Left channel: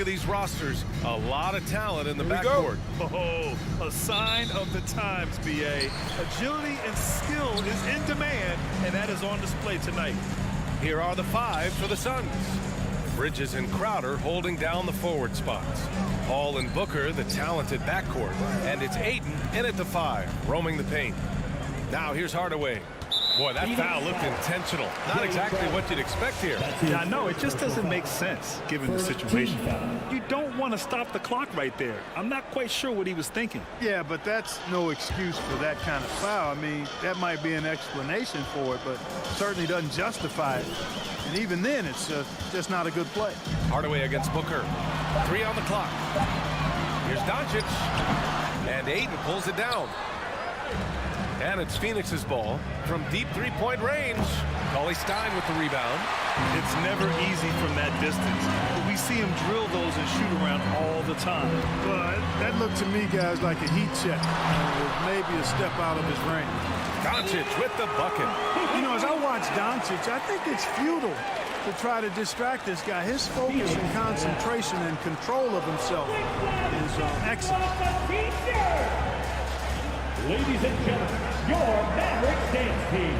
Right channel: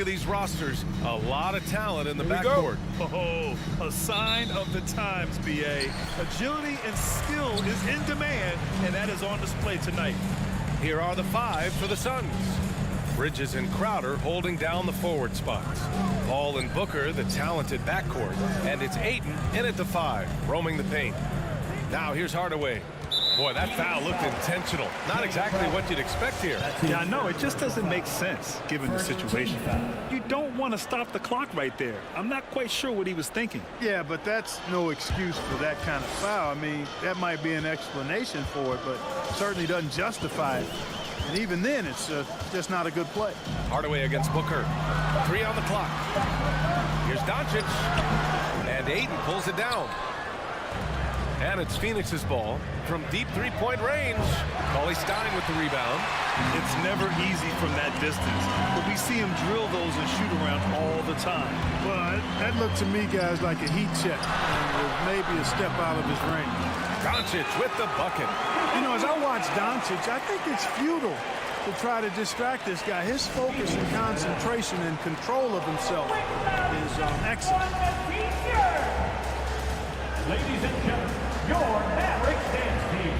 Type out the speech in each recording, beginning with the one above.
look at these rosters. A lot of talent in the backcourt. Oh, a sign of the times, B.A. Agility and skill is in demand, and that is on display tonight. Here are the five for the Suns. Bridges and Crowder holding down the forward spots. Paul and Booker, the talented backcourt. And it's Ayton in at the five, roaming the paint. Now here's Hardaway. Boy, that foul looked intentional. Not exactly what you'd expect here. Yeah, I know. It just doesn't make sense, given the situation. You don't want to stop the clock right there. I'm not quite sure what he was thinking. Yeah, but that's no excuse for that kind of foul. I mean, that might be an explanation for it, but certainly doesn't justify it. And even then, it's just not a good play. Hardaway against Booker. 3 on the clock. Here's Doncic. And Ayton pulls it down. And it's Phoenix's ball from deep three-point range. Cauley Stein with the rebound. It's never easy from that distance, but we see him drill those and shoot around all the time. Well, that looked to me, guys, like a heat check. And it was maybe a step out of his range. Doncic with the bucket. You know, as I watch Doncic, I think it's futile to try to distract this guy. His focus and concentration and control of himself is excellent. Ladies and gentlemen, your Mavericks dance team.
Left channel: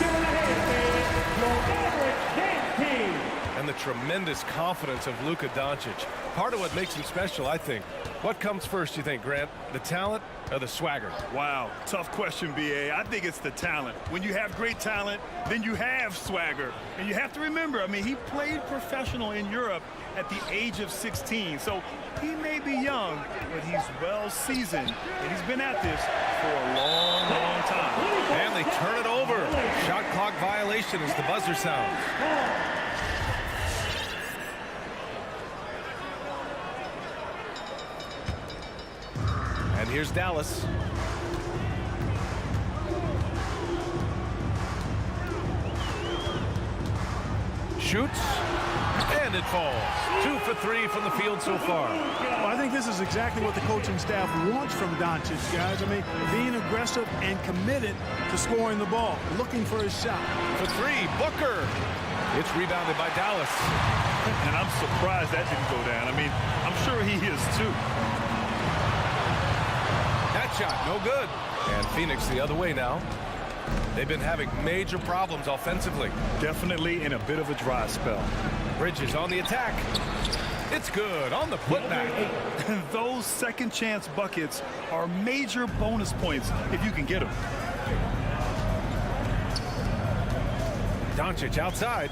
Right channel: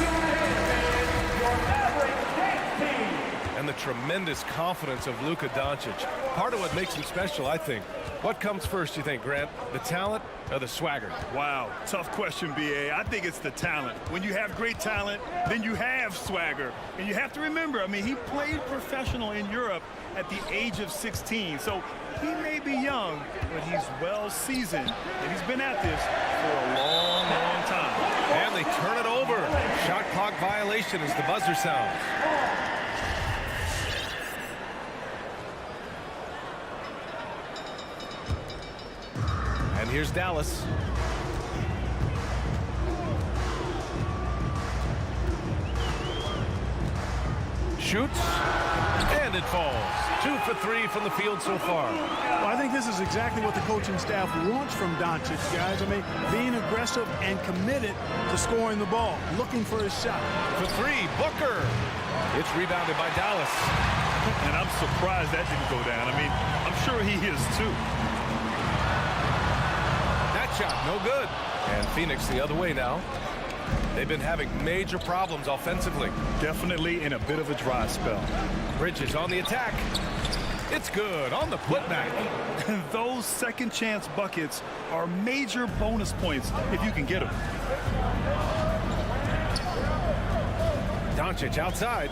Your Mavericks dance team. And the tremendous confidence of Luka Doncic. Part of what makes him special, I think. What comes first, you think, Grant? The talent or the swagger? Wow, tough question, B.A. I think it's the talent. When you have great talent, then you have swagger. And you have to remember, I mean, he played professional in Europe at the age of 16. So he may be young, but he's well seasoned. And he's been at this for a long, long time. And they turn it over. Shot clock violation as the buzzer sounds. And here's Dallas. Shoots, and it falls. 2 for 3 from the field so far. Well, I think this is exactly what the coaching staff wants from Doncic, guys. I mean, being aggressive and committed to scoring the ball, looking for his shot. For 3, Booker. It's rebounded by Dallas. And I'm surprised that didn't go down. I mean, I'm sure he is too. That shot, no good. And Phoenix the other way now. They've been having major problems offensively. Definitely in a bit of a dry spell. Bridges on the attack. It's good on the putback. Those second chance buckets are major bonus points if you can get them. Doncic outside.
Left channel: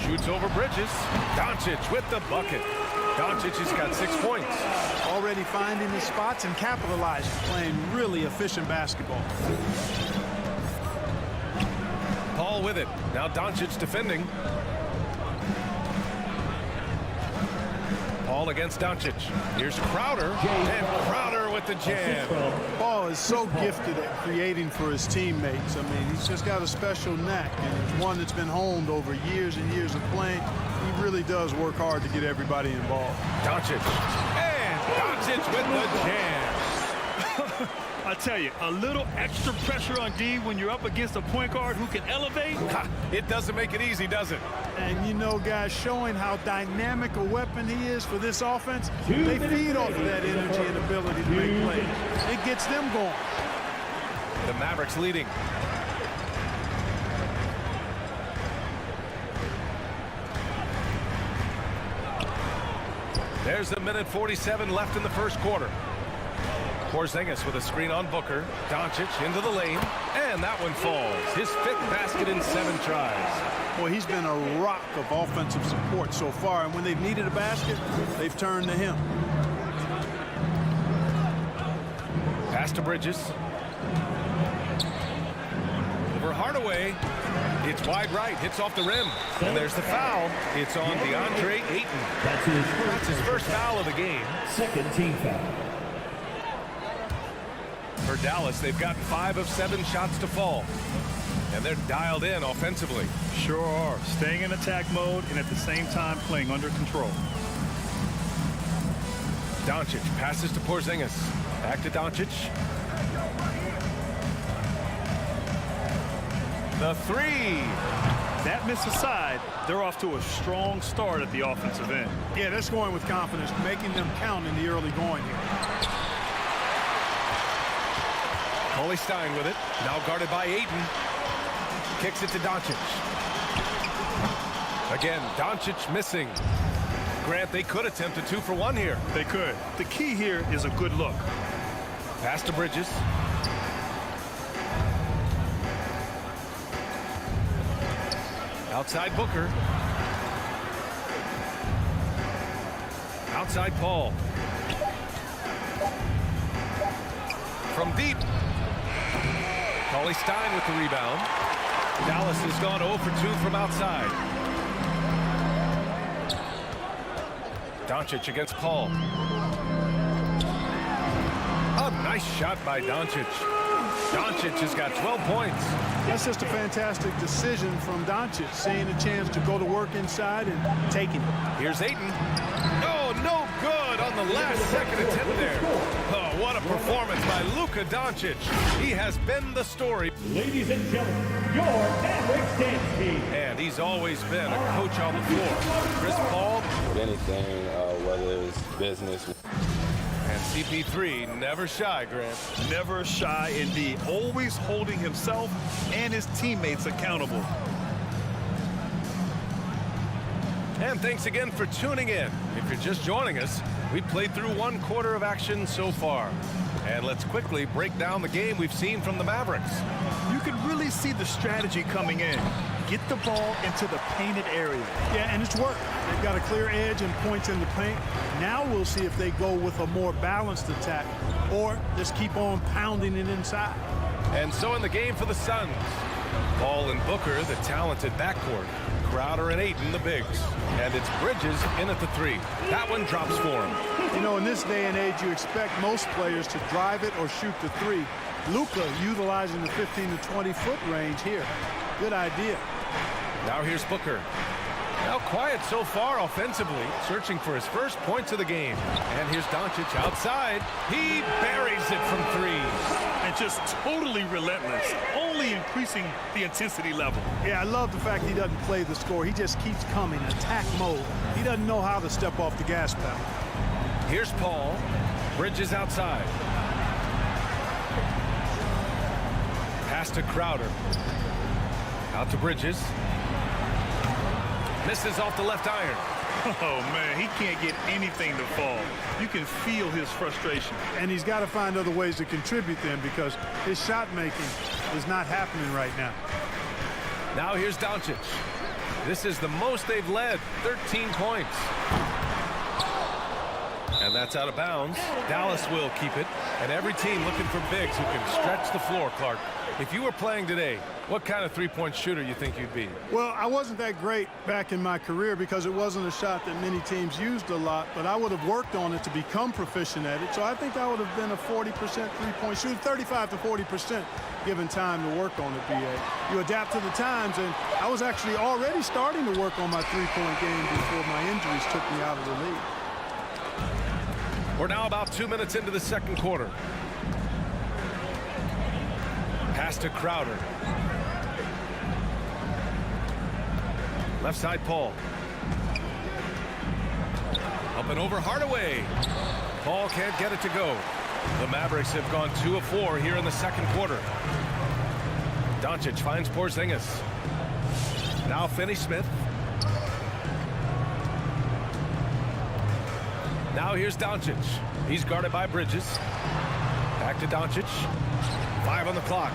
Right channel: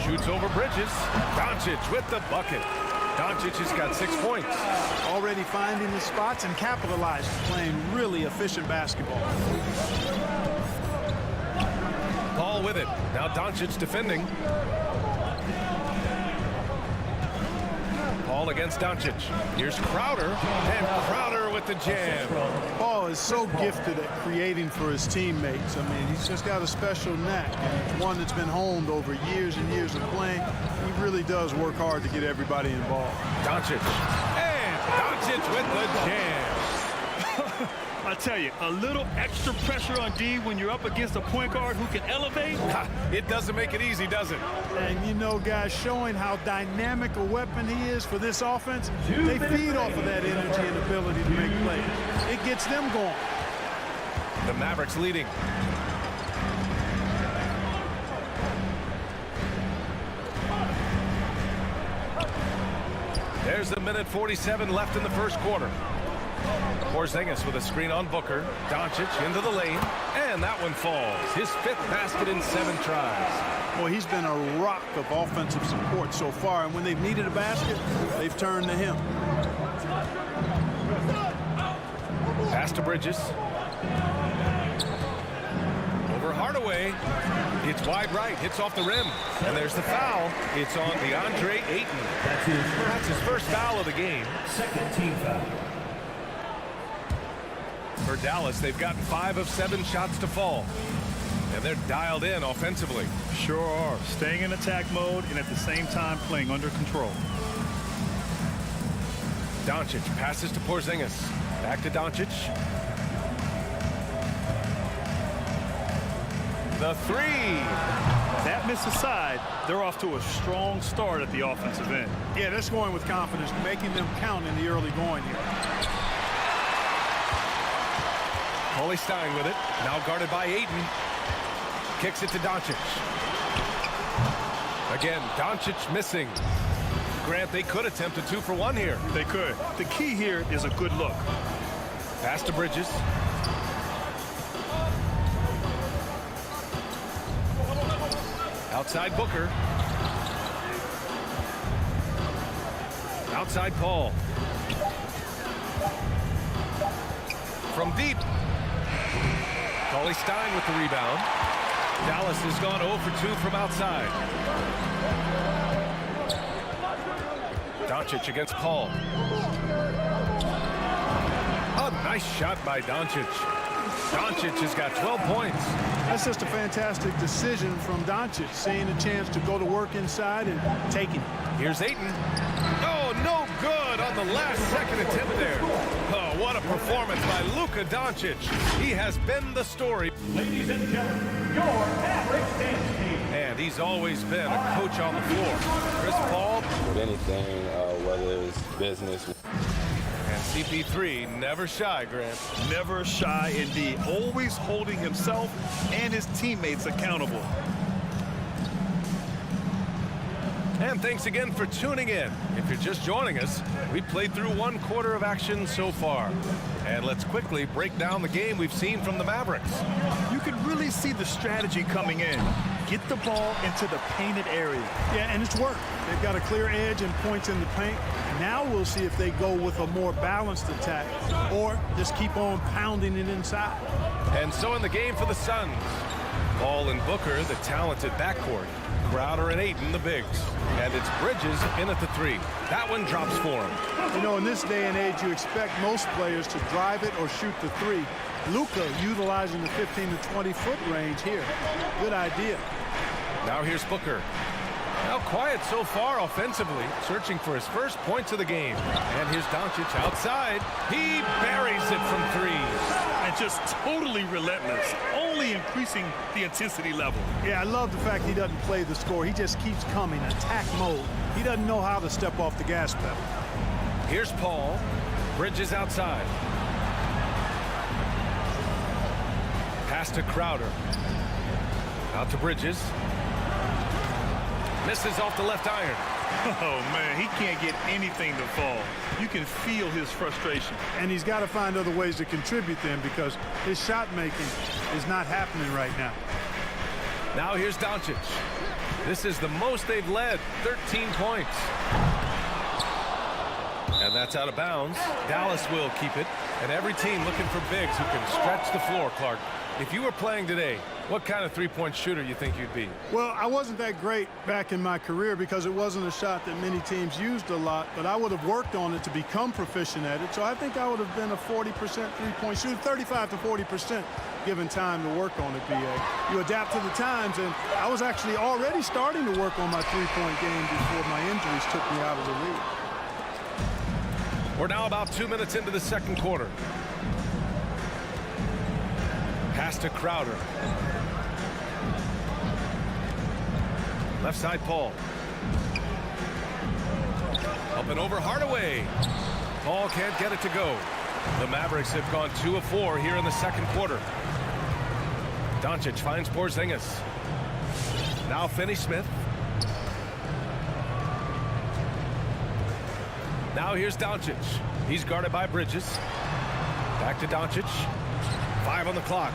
Shoots over Bridges. Doncic with the bucket. Doncic has got 6 points. Already finding the spots and capitalizing, playing really efficient basketball. Paul with it. Now Doncic defending. Paul against Doncic. Here's Crowder. And Crowder with the jam. Paul is so gifted at creating for his teammates. I mean, he's just got a special knack, and it's one that's been honed over years and years of playing. He really does work hard to get everybody involved. Doncic. And Doncic with the jam. I tell you, a little extra pressure on D when you're up against a point guard who can elevate. It doesn't make it easy, does it? And you know, guys, showing how dynamic a weapon he is for this offense, they feed off of that energy and ability to make plays. It gets them going. The Mavericks leading. There's a minute 47 left in the first quarter. Porzingis with a screen on Booker. Doncic into the lane. And that one falls. His 5th basket in 7 tries. Boy, he's been a rock of offensive support so far. And when they've needed a basket, they've turned to him. Pass to Bridges. Over Hardaway. It's wide right. Hits off the rim. And there's the foul. It's on DeAndre Ayton. That's his first foul of the game. Second team foul. For Dallas, they've gotten 5 of 7 shots to fall. And they're dialed in offensively. Sure are. Staying in attack mode and at the same time playing under control. Doncic passes to Porzingis. Back to Doncic. The three. That miss aside, they're off to a strong start at the offensive end. Yeah, they're scoring with confidence, making them count in the early going here. Cauley Stein with it. Now guarded by Ayton. Kicks it to Doncic. Again, Doncic missing. Grant, they could attempt a 2 for 1 here. They could. The key here is a good look. Pass to Bridges. Outside Booker. Outside Paul. From deep. Cauley Stein with the rebound. Dallas has gone 0 for 2 from outside. Doncic against Paul. A nice shot by Doncic. Doncic has got 12 points. That's just a fantastic decision from Doncic, seeing a chance to go to work inside and taking it. Here's Ayton. Oh, no good on the last second attempt there. Oh, what a performance by Luka Doncic. He has been the story. Ladies and gentlemen, your Mavericks dance team. And he's always been a coach on the floor. Chris Paul. With anything, whether it's business. And CP3 never shy, Grant. Never shy indeed. Always holding himself and his teammates accountable. And thanks again for tuning in. If you're just joining us, we played through 1 quarter of action so far. And let's quickly break down the game we've seen from the Mavericks. You can really see the strategy coming in. Get the ball into the painted area. Yeah, and it's worked. They've got a clear edge and points in the paint. Now we'll see if they go with a more balanced attack or just keep on pounding it inside. And so in the game for the Suns, Paul and Booker, the talented backcourt. Crowder and Ayton, the bigs. And it's Bridges in at the 3. That one drops for him. You know, in this day and age, you expect most players to drive it or shoot the 3. Luka utilizing the 15 to 20-foot range here. Good idea. Now here's Booker. Now quiet so far offensively, searching for his first points of the game. And here's Doncic outside. He buries it from 3. And just totally relentless, only increasing the intensity level. Yeah, I love the fact he doesn't play the score. He just keeps coming, attack mode. He doesn't know how to step off the gas pedal. Here's Paul. Bridges outside. Pass to Crowder. Out to Bridges. Misses off the left iron. Oh, man, he can't get anything to fall. You can feel his frustration. And he's got to find other ways to contribute then because his shot making is not happening right now. Now here's Doncic. This is the most they've led, 13 points. And that's out of bounds. Dallas will keep it. And every team looking for bigs who can stretch the floor, Clark. If you were playing today, what kind of three-point shooter you think you'd be? Well, I wasn't that great back in my career because it wasn't a shot that many teams used a lot, but I would have worked on it to become proficient at it. So I think I would have been a 40% three-point shooter, 35 to 40% given time to work on it, BA. You adapt to the times, and I was actually already starting to work on my three-point game before my injuries took me out of the league. We're now about 2 minutes into the second quarter. Pass to Crowder. Left side, Paul. Up and over Hardaway. Paul can't get it to go. The Mavericks have gone 2 of 4 here in the second quarter. Doncic finds Porzingis. Now Finney-Smith. Now here's Doncic. He's guarded by Bridges. Back to Doncic. 5 on the clock.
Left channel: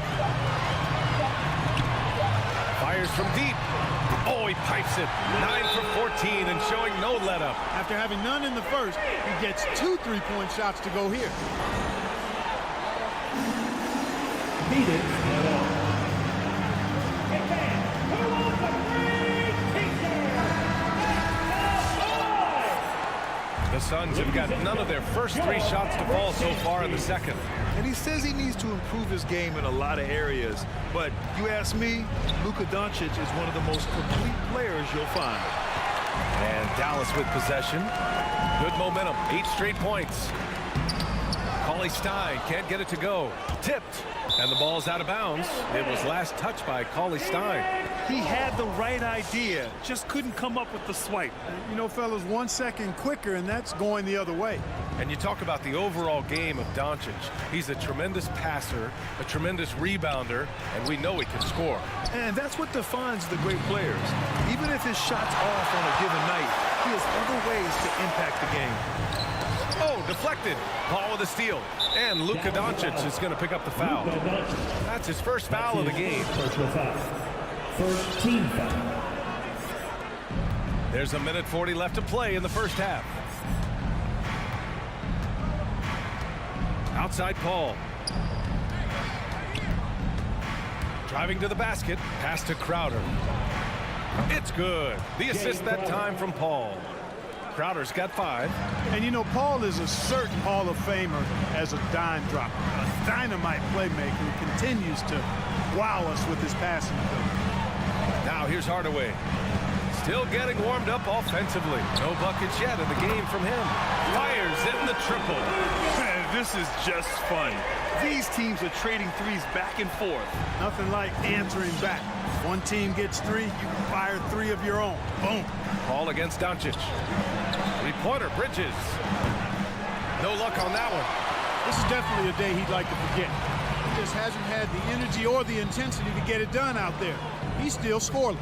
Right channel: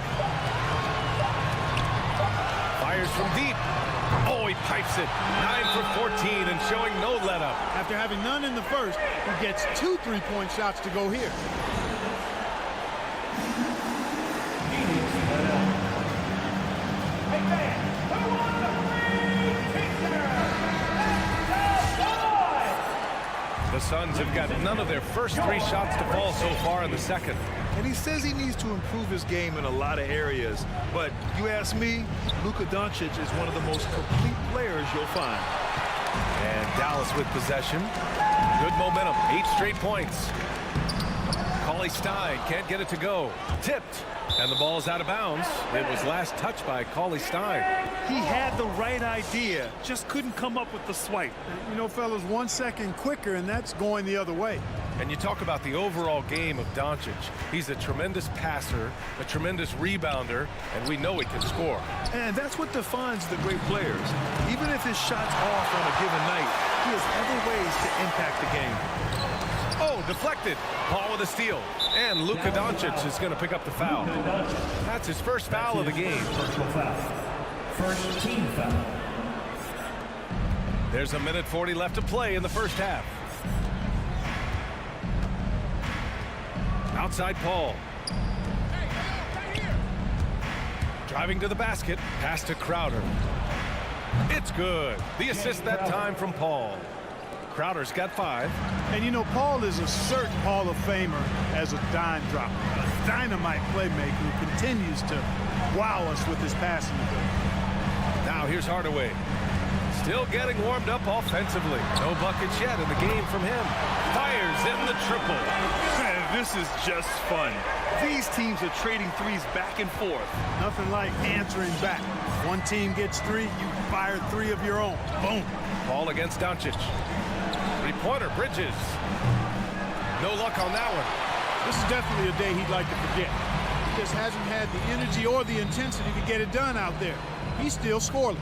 Fires from deep. Oh, he pipes it. 9 for 14 and showing no let-up. After having none in the first, he gets 2 three-point shots to go here. Phoenix let up. Hey, man, who wants a free picture? The Suns have got none of their first 3 shots to fall so far in the second. And he says he needs to improve his game in a lot of areas. But you ask me, Luka Doncic is one of the most complete players you'll find. And Dallas with possession. Good momentum. 8 straight points. Cauley Stein can't get it to go. Tipped. And the ball's out of bounds. It was last touched by Cauley Stein. He had the right idea, just couldn't come up with the swipe. You know, fellas, 1 second quicker, and that's going the other way. And you talk about the overall game of Doncic. He's a tremendous passer, a tremendous rebounder, and we know he can score. And that's what defines the great players. Even if his shot's off on a given night, he has other ways to impact the game. Oh, deflected. Paul with a steal. And Luka Doncic is going to pick up the foul. That's his first foul of the game. Personal foul. First team foul. There's 1:40 left to play in the first half. Outside Paul. Driving to the basket. Pass to Crowder. It's good. The assist that time from Paul. Crowder's got 5. And you know, Paul is a certain Hall of Famer as a dime dropper, a dynamite playmaker who continues to wow us with his passing ability. Now here's Hardaway. Still getting warmed up offensively. No buckets yet in the game from him. Fires in the triple. Man, this is just fun. These teams are trading threes back and forth. Nothing like answering back. One team gets 3, you fire 3 of your own. Boom. Paul against Doncic. Three-pointer, Bridges. No luck on that one. This is definitely a day he'd like to forget. He just hasn't had the energy or the intensity to get it done out there. He's still scoreless.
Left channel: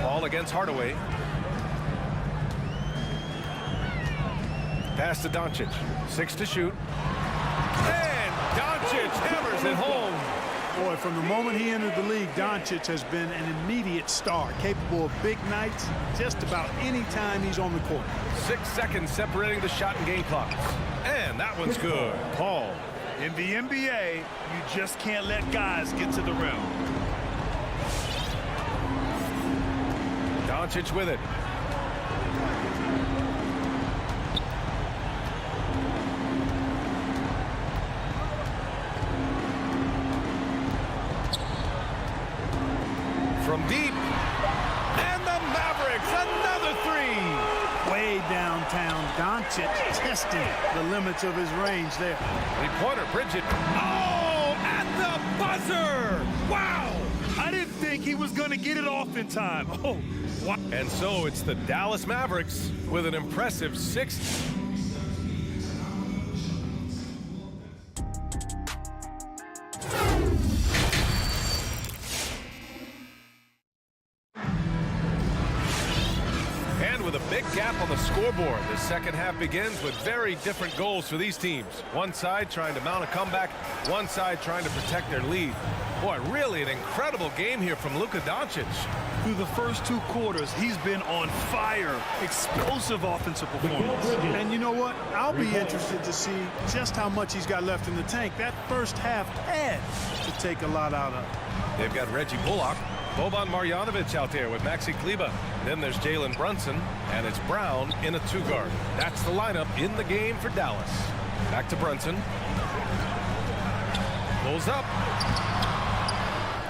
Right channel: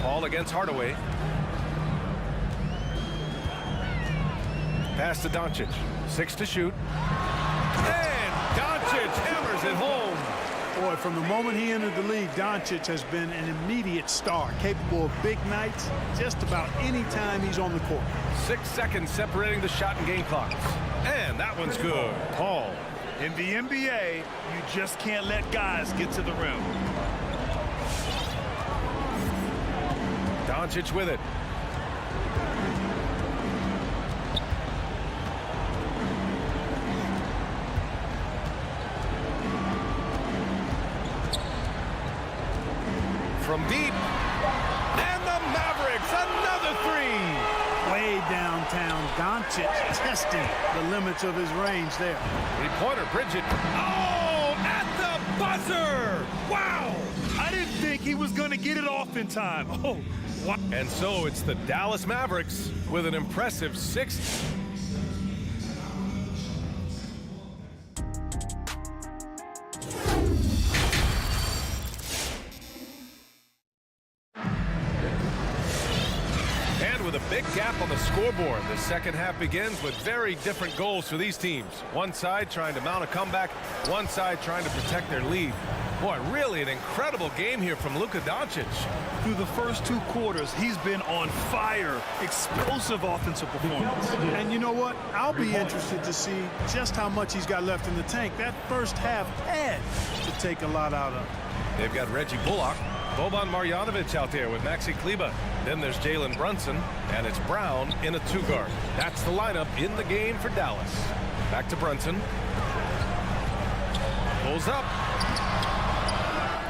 Paul against Hardaway. Pass to Doncic. 6 to shoot. And Doncic hammers it home. Boy, from the moment he entered the league, Doncic has been an immediate star, capable of big nights just about any time he's on the court. 6 seconds separating the shot and game clocks. And that one's good. Paul. In the NBA, you just can't let guys get to the rim. Doncic with it. From deep. And the Mavericks, another 3. Way downtown, Doncic testing the limits of his range there. Three-pointer, Bridget. Oh, at the buzzer. Wow. I didn't think he was going to get it off in time. Oh, wow. And so it's the Dallas Mavericks with an impressive 6th. And with a big gap on the scoreboard, the second half begins with very different goals for these teams. One side trying to mount a comeback, one side trying to protect their lead. Boy, really an incredible game here from Luka Doncic. Through the first 2 quarters, he's been on fire. Explosive offensive performance. And you know what? I'll be interested to see just how much he's got left in the tank. That first half had to take a lot out of. They've got Reggie Bullock, Boban Marjanovic out there with Maxi Kleber. Then there's Jalen Brunson, and it's Brown in a 2-guard. That's the lineup in the game for Dallas. Back to Brunson. Pulls up.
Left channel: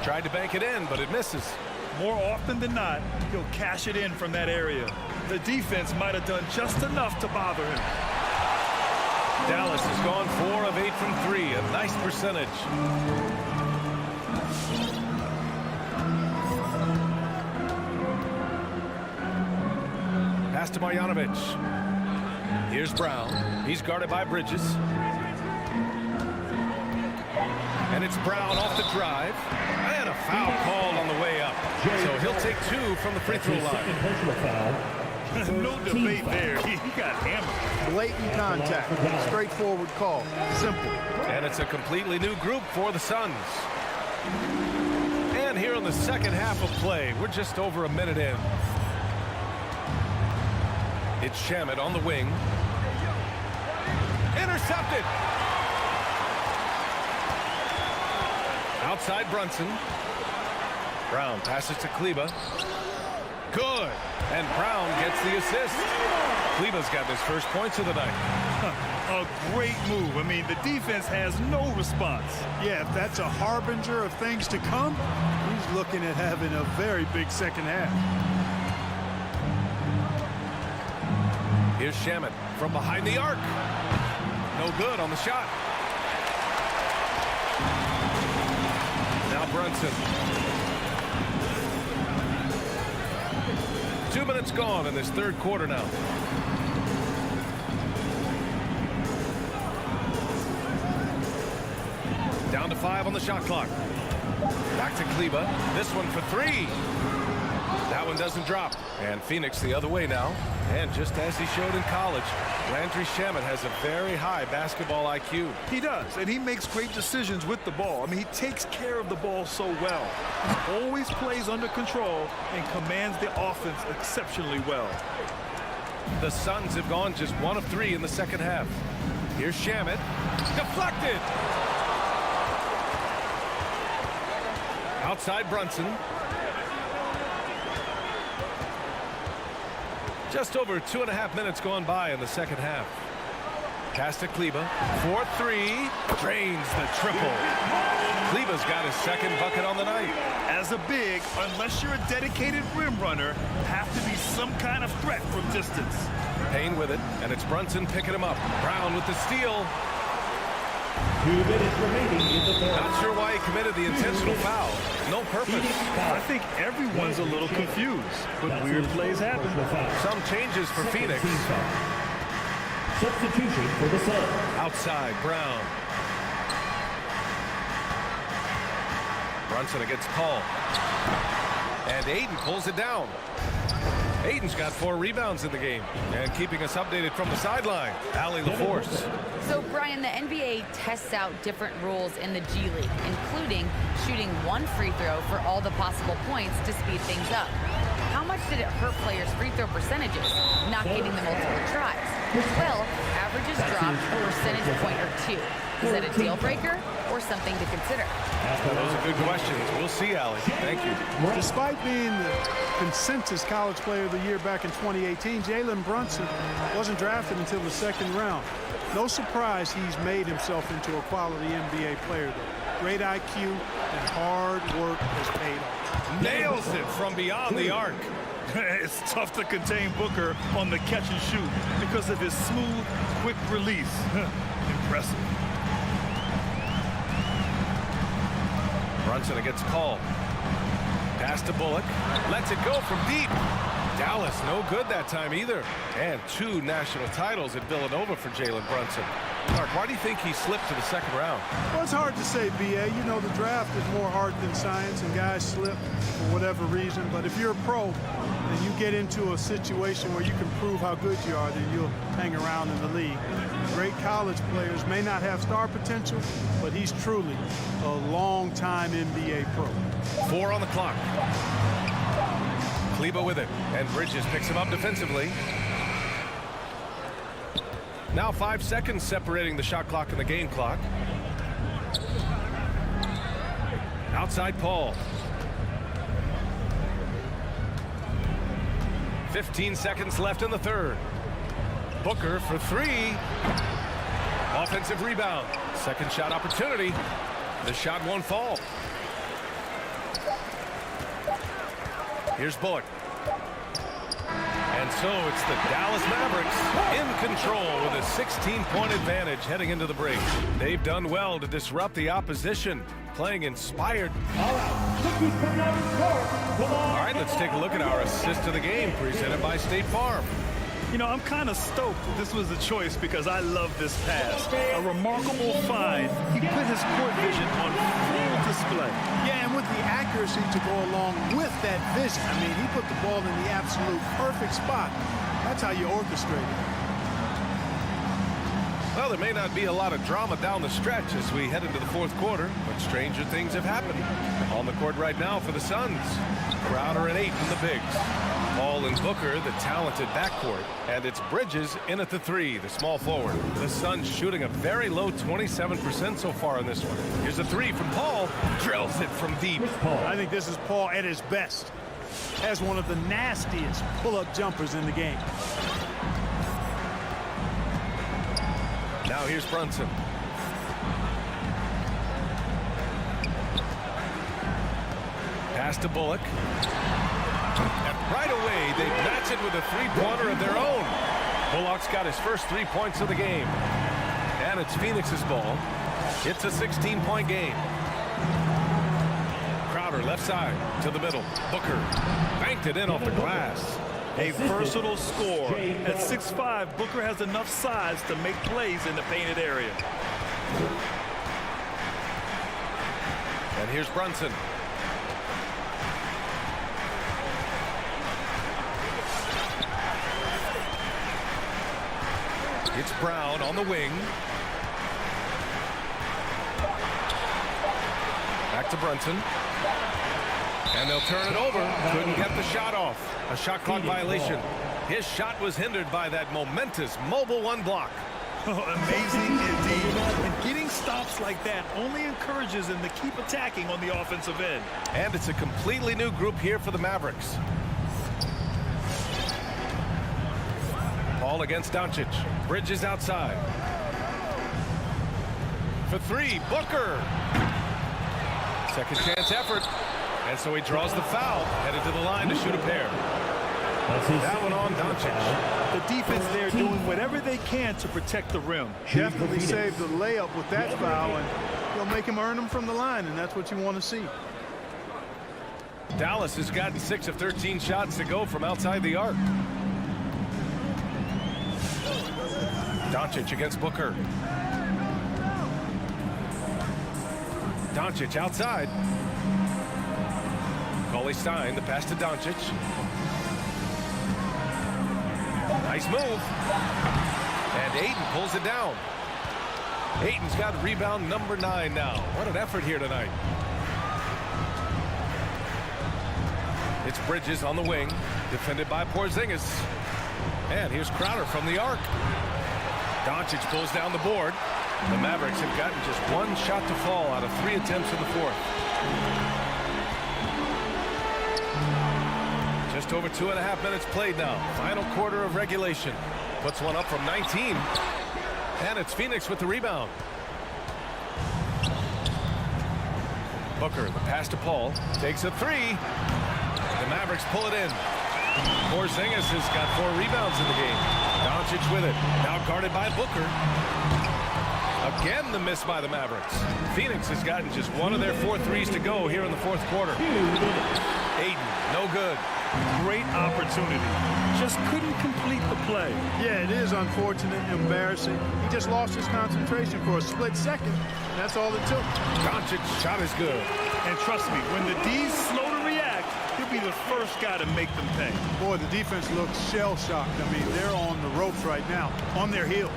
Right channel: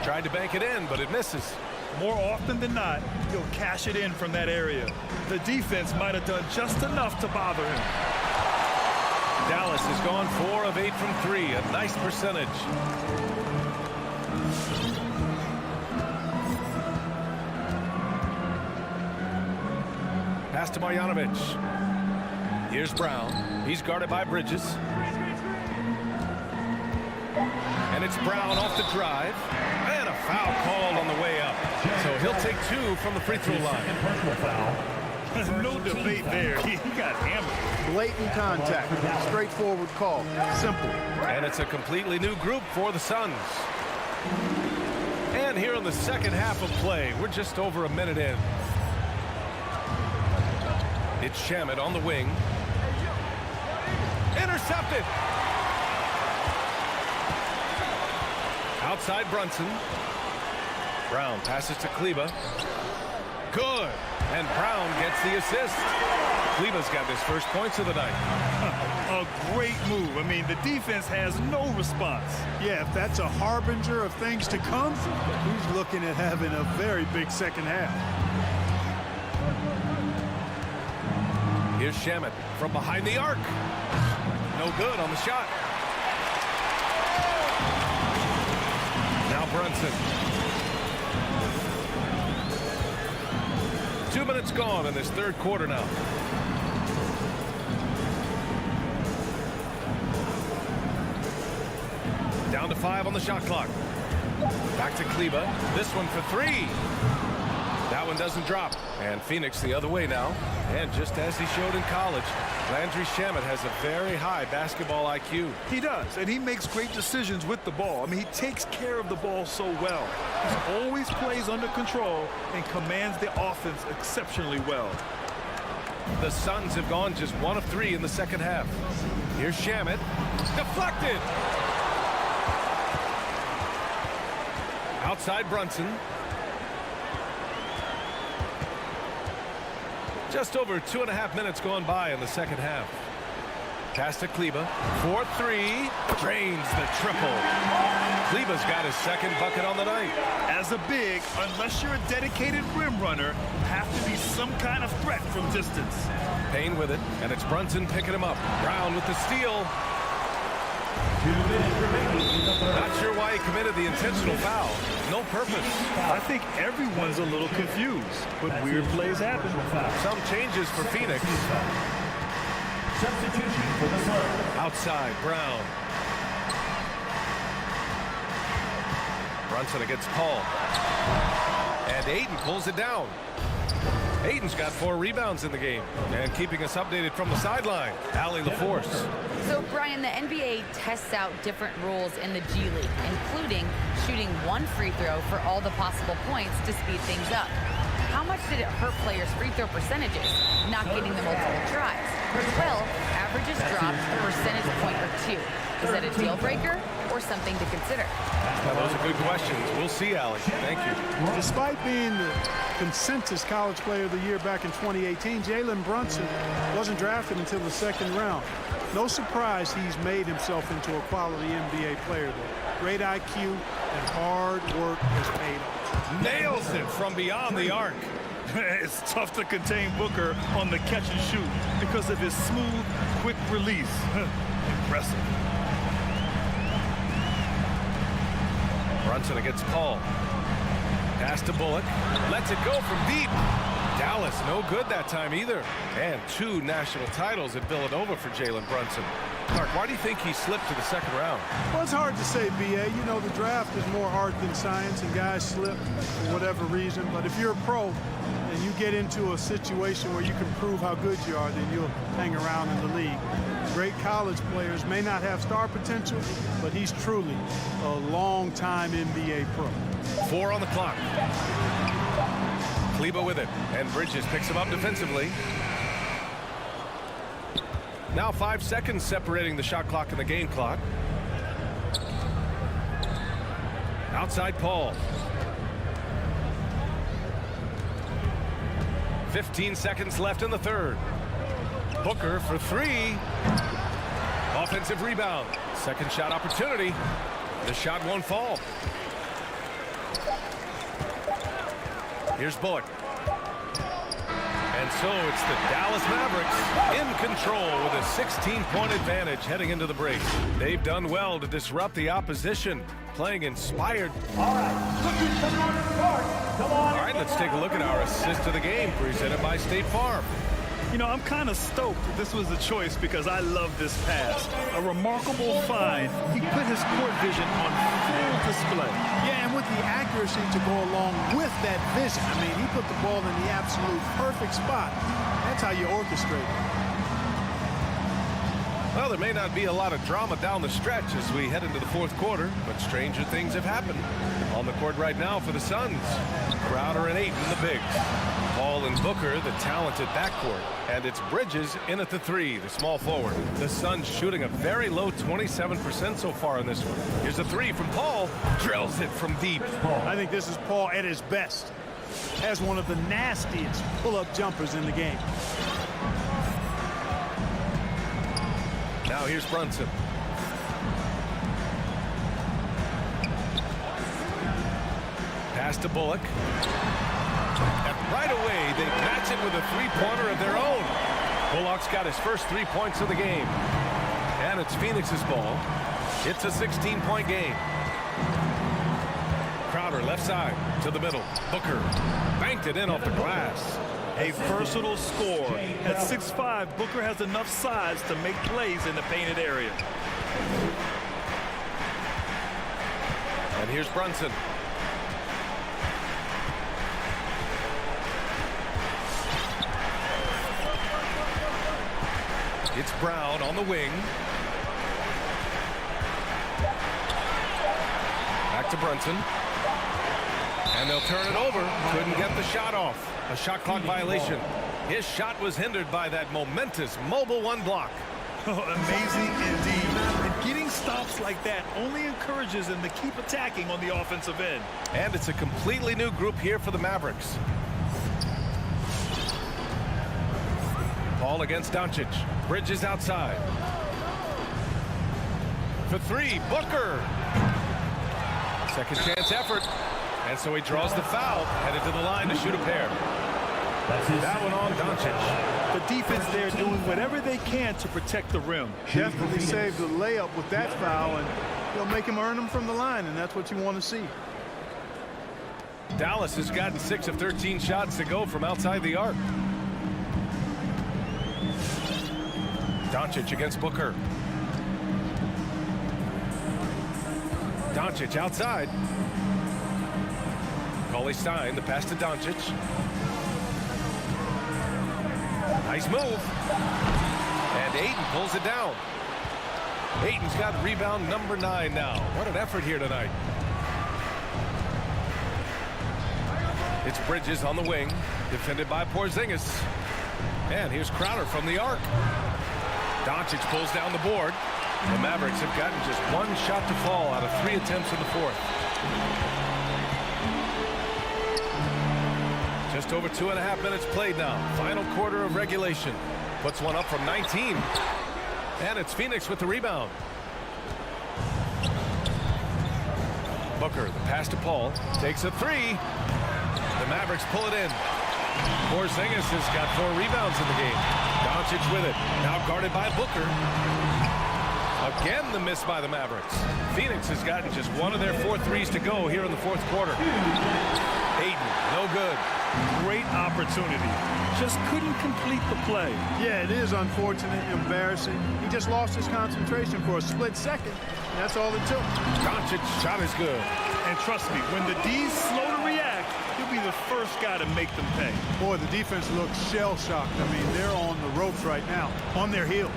Tried to bank it in, but it misses. More often than not, he'll cash it in from that area. The defense might have done just enough to bother him. Dallas has gone 4 of 8 from 3, a nice percentage. Pass to Marjanovic. Here's Brown. He's guarded by Bridges. And it's Brown off the drive. And a foul called on the way up. So he'll take 2 from the free throw line. Personal foul. No debate there. He got hammered. Blatant contact. Straightforward call. Simple. And it's a completely new group for the Suns. And here in the second half of play, we're just over a minute in. It's Shamet on the wing. Intercepted. Outside Brunson. Brown passes to Kleber. Good. And Brown gets the assist. Kleber's got his first points of the night. A great move. I mean, the defense has no response. Yeah, if that's a harbinger of things to come, he's looking at having a very big second half. Here's Shamet from behind the arc. No good on the shot. Now Brunson. 2 minutes gone in this third quarter now. Down to 5 on the shot clock. Back to Kleber. This one for 3. That one doesn't drop. And Phoenix the other way now. And just as he showed in college, Landry Shamet has a very high basketball IQ. He does, and he makes great decisions with the ball. I mean, he takes care of the ball so well. He always plays under control and commands the offense exceptionally well. The Suns have gone just 1 of 3 in the second half. Here's Shamet. Deflected. Outside Brunson. Just over 2.5 minutes gone by in the second half. Pass to Kleber. 4-3. Drains the triple. Kleber's got his second bucket on the night. As a big, unless you're a dedicated rim runner, have to be some kind of threat from distance. Payne with it, and it's Brunson picking him up. Brown with the steal. 2 minutes remaining in the third. Not sure why he committed the intentional foul. No purpose. I think everyone's a little confused, but weird plays happen. Some changes for Phoenix. Substitution for the Suns. Outside, Brown. Brunson against Paul. And Ayton pulls it down. Ayton's got 4 rebounds in the game. And keeping us updated from the sideline, Allie LaForce. So, Brian, the NBA tests out different rules in the G League, including shooting 1 free throw for all the possible points to speed things up. How much did it hurt players' free throw percentages, not getting the multiple tries? Well, averages dropped a percentage point or 2. Is that a deal breaker or something to consider? Now, those are good questions. We'll see, Allie. Thank you. Despite being the consensus college player of the year back in 2018, Jalen Brunson wasn't drafted until the second round. No surprise he's made himself into a quality NBA player, though. Great IQ and hard work has paid off. Nails it from beyond the arc. It's tough to contain Booker on the catch and shoot because of his smooth, quick release. Impressive. Brunson against Paul. Pass to Bullock. Lets it go from deep. Dallas no good that time either. And 2 national titles at Villanova for Jalen Brunson. Clark, why do you think he slipped to the second round? Well, it's hard to say, B.A. You know, the draft is more art than science, and guys slip for whatever reason. But if you're a pro and you get into a situation where you can prove how good you are, then you'll hang around in the league. Great college players may not have star potential, but he's truly a long-time NBA pro. 4 on the clock. Kleber with it, and Bridges picks him up defensively. Now 5 seconds separating the shot clock and the game clock. Outside Paul. 15 seconds left in the third. Booker for 3. Offensive rebound. Second shot opportunity. The shot won't fall. Here's Bullock. And so it's the Dallas Mavericks in control with a 16-point advantage heading into the break. They've done well to disrupt the opposition, playing inspired. All right, rookies coming out of the court. Come on. All right, let's take a look at our assist of the game presented by State Farm. You know, I'm kind of stoked that this was a choice because I love this pass. A remarkable find. He put his court vision on full display. Yeah, and with the accuracy to go along with that vision. I mean, he put the ball in the absolute perfect spot. That's how you orchestrate it. Well, there may not be a lot of drama down the stretch as we head into the fourth quarter, but stranger things have happened. On the court right now for the Suns, Crowder and Ayton, the bigs. Paul and Booker, the talented backcourt. And it's Bridges in at the 3, the small forward. The Suns shooting a very low 27% so far in this one. Here's a 3 from Paul. Drills it from deep. I think this is Paul at his best. Has one of the nastiest pull-up jumpers in the game. Now here's Brunson. Pass to Bullock. And right away, they match it with a 3-pointer of their own. Bullock's got his first 3 points of the game. And it's Phoenix's ball. It's a 16-point game. Crowder left side to the middle. Booker banked it in off the glass. A versatile scorer. At 6'5", Booker has enough size to make plays in the painted area. And here's Brunson. It's Brown on the wing. Back to Brunson. And they'll turn it over. Couldn't get the shot off. A shot clock violation. His shot was hindered by that momentous mobile one block. Oh, amazing indeed. And getting stops like that only encourages them to keep attacking on the offensive end. And it's a completely new group here for the Mavericks. Paul against Doncic. Bridges outside. For three, Booker. Second chance effort. And so he draws the foul, headed to the line to shoot a pair. That one on Doncic. The defense there doing whatever they can to protect the rim. Definitely saved the layup with that foul, and he'll make him earn them from the line, and that's what you want to see. Dallas has gotten 6 of 13 shots to go from outside the arc. Doncic against Booker. Doncic outside. Cauley-Stein, the pass to Doncic. Nice move. And Ayton pulls it down. Ayton's got rebound number 9 now. What an effort here tonight. It's Bridges on the wing, defended by Porzingis. And here's Crowder from the arc. Doncic pulls down the board. The Mavericks have gotten just 1 shot to fall out of 3 attempts in the fourth. Just over 2.5 minutes played now. Final quarter of regulation. Puts one up from 19. And it's Phoenix with the rebound. Booker, the pass to Paul. Takes a 3. The Mavericks pull it in. Porzingis has got 4 rebounds in the game. Doncic with it. Now guarded by Booker. Again, the miss by the Mavericks. Phoenix has gotten just 1 of their 4 threes to go here in the fourth quarter. Ayton, no good. Great opportunity. Just couldn't complete the play. Yeah, it is unfortunate, embarrassing. He just lost his concentration for a split second, and that's all it took. Doncic's shot is good. And trust me, when the D's slow to react, he'll be the first guy to make them pay. Boy, the defense looks shell-shocked. I mean, they're on the ropes right now, on their heels.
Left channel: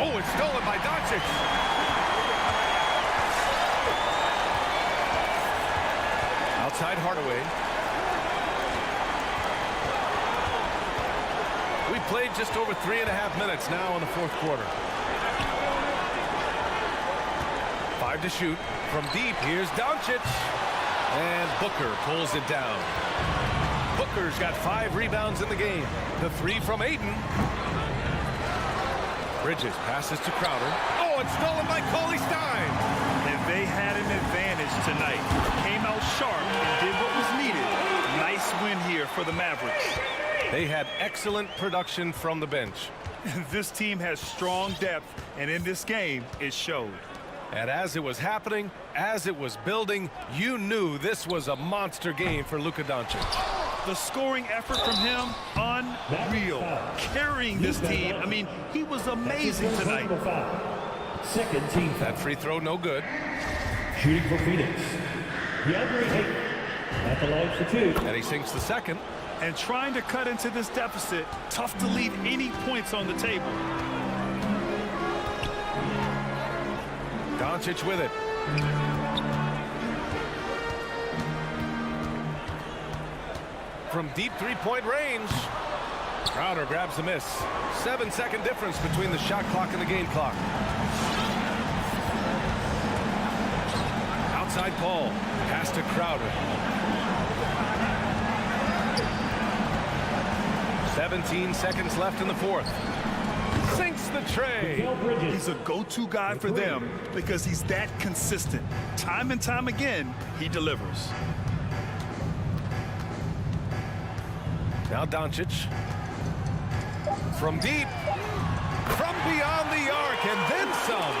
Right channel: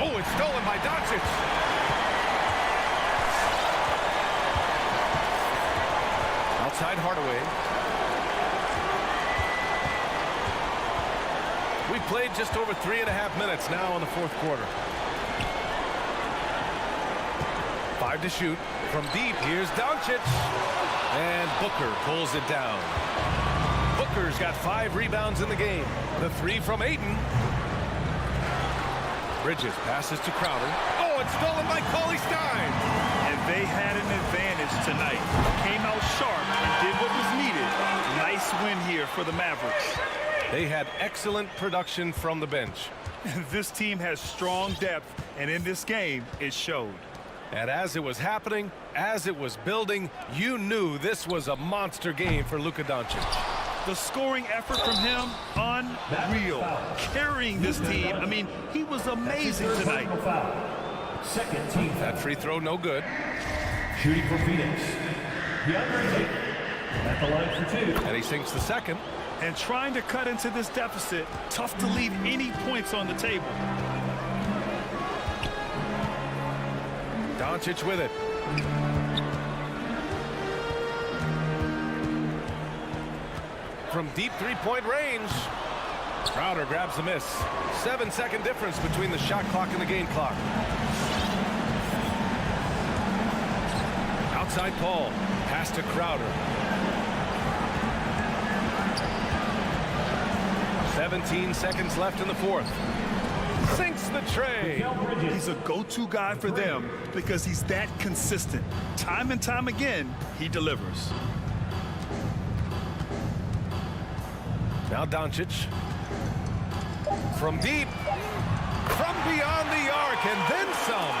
Oh, it's stolen by Doncic. Outside Hardaway. We played just over 3.5 minutes now in the fourth quarter. 5 to shoot. From deep, here's Doncic. And Booker pulls it down. Booker's got 5 rebounds in the game. The 3 from Ayton. Bridges passes to Crowder. Oh, it's stolen by Cauley-Stein. And they had an advantage tonight. Came out sharp and did what was needed. Nice win here for the Mavericks. They had excellent production from the bench. This team has strong depth, and in this game, it showed. And as it was happening, as it was building, you knew this was a monster game for Luka Doncic. The scoring effort from him, unreal. Carrying this team. I mean, he was amazing tonight. Second team foul. That free throw, no good. Shooting for Phoenix, DeAndre Ayton at the line for 2. And he sinks the second. And trying to cut into this deficit, tough to leave any points on the table. Doncic with it. From deep three-point range. Crowder grabs the miss. 7-second difference between the shot clock and the game clock. Outside Paul. Pass to Crowder. 17 seconds left in the fourth. Sinks the tray. He's a go-to guy for them because he's that consistent. Time and time again, he delivers. Now Doncic. From deep, from beyond the arc, and then some.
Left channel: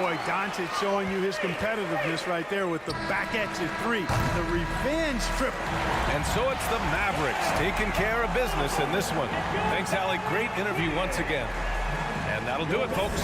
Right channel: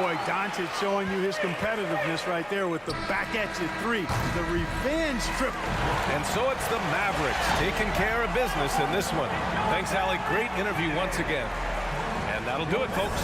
Boy, Doncic showing you his competitiveness right there with the back at you three, the revenge triple. And so it's the Mavericks taking care of business in this one. Thanks, Allie. Great interview once again. And that'll do it, folks.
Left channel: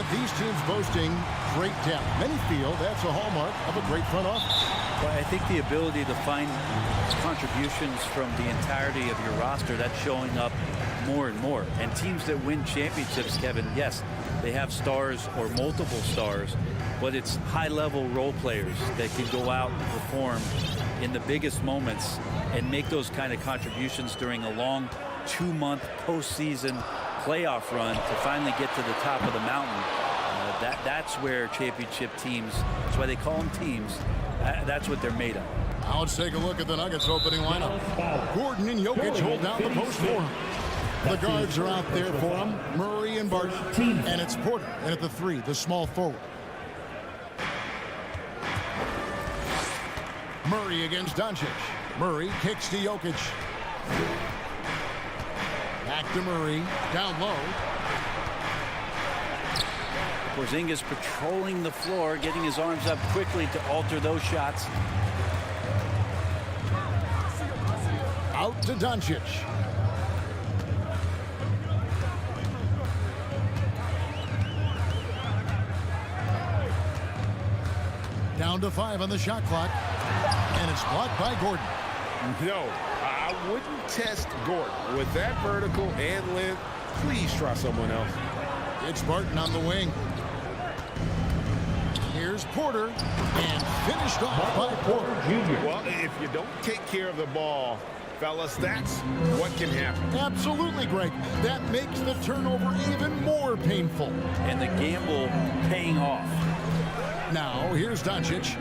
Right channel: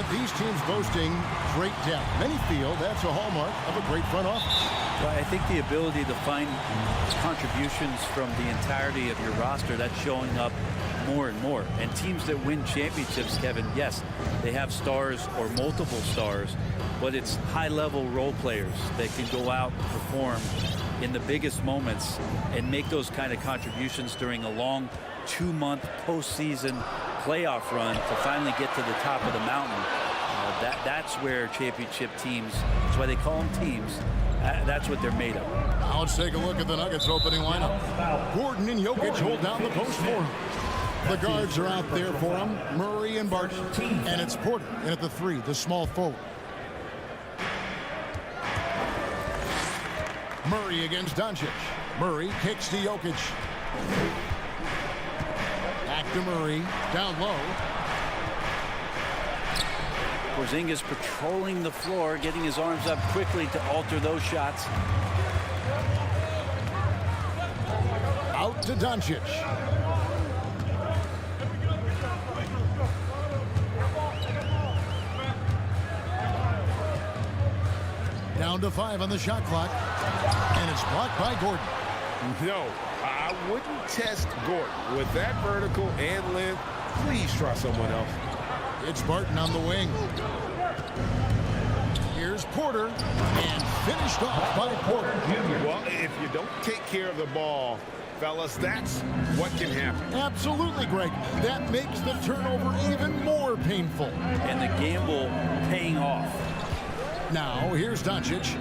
Brent, these teams boasting great depth. Many feel that's a hallmark of a great front office. Well, I think the ability to find contributions from the entirety of your roster, that's showing up more and more. And teams that win championships, Kevin, yes, they have stars or multiple stars, but it's high-level role players that can go out and perform in the biggest moments and make those kind of contributions during a long 2-month postseason playoff run to finally get to the top of the mountain. That's where championship teams, that's why they call them teams, that's what they're made of. Now let's take a look at the Nuggets opening lineup. Gordon and Jokic hold down the post for him. The guards are out there for him, Murray and Barton. And it's Porter in at the 3, the small forward. Murray against Doncic. Murray kicks to Jokic. Back to Murray, down low. Porzingis patrolling the floor, getting his arms up quickly to alter those shots. Out to Doncic. Down to 5 on the shot clock. And it's blocked by Gordon. No, I wouldn't test Gordon. With that vertical and length, please try someone else. It's Barton on the wing. Here's Porter, and finished off by Porter. Well, if you don't take care of the ball, fellas, that's what can happen. Absolutely, Greg. That makes the turnover even more painful. And the gamble paying off. Now, here's Doncic.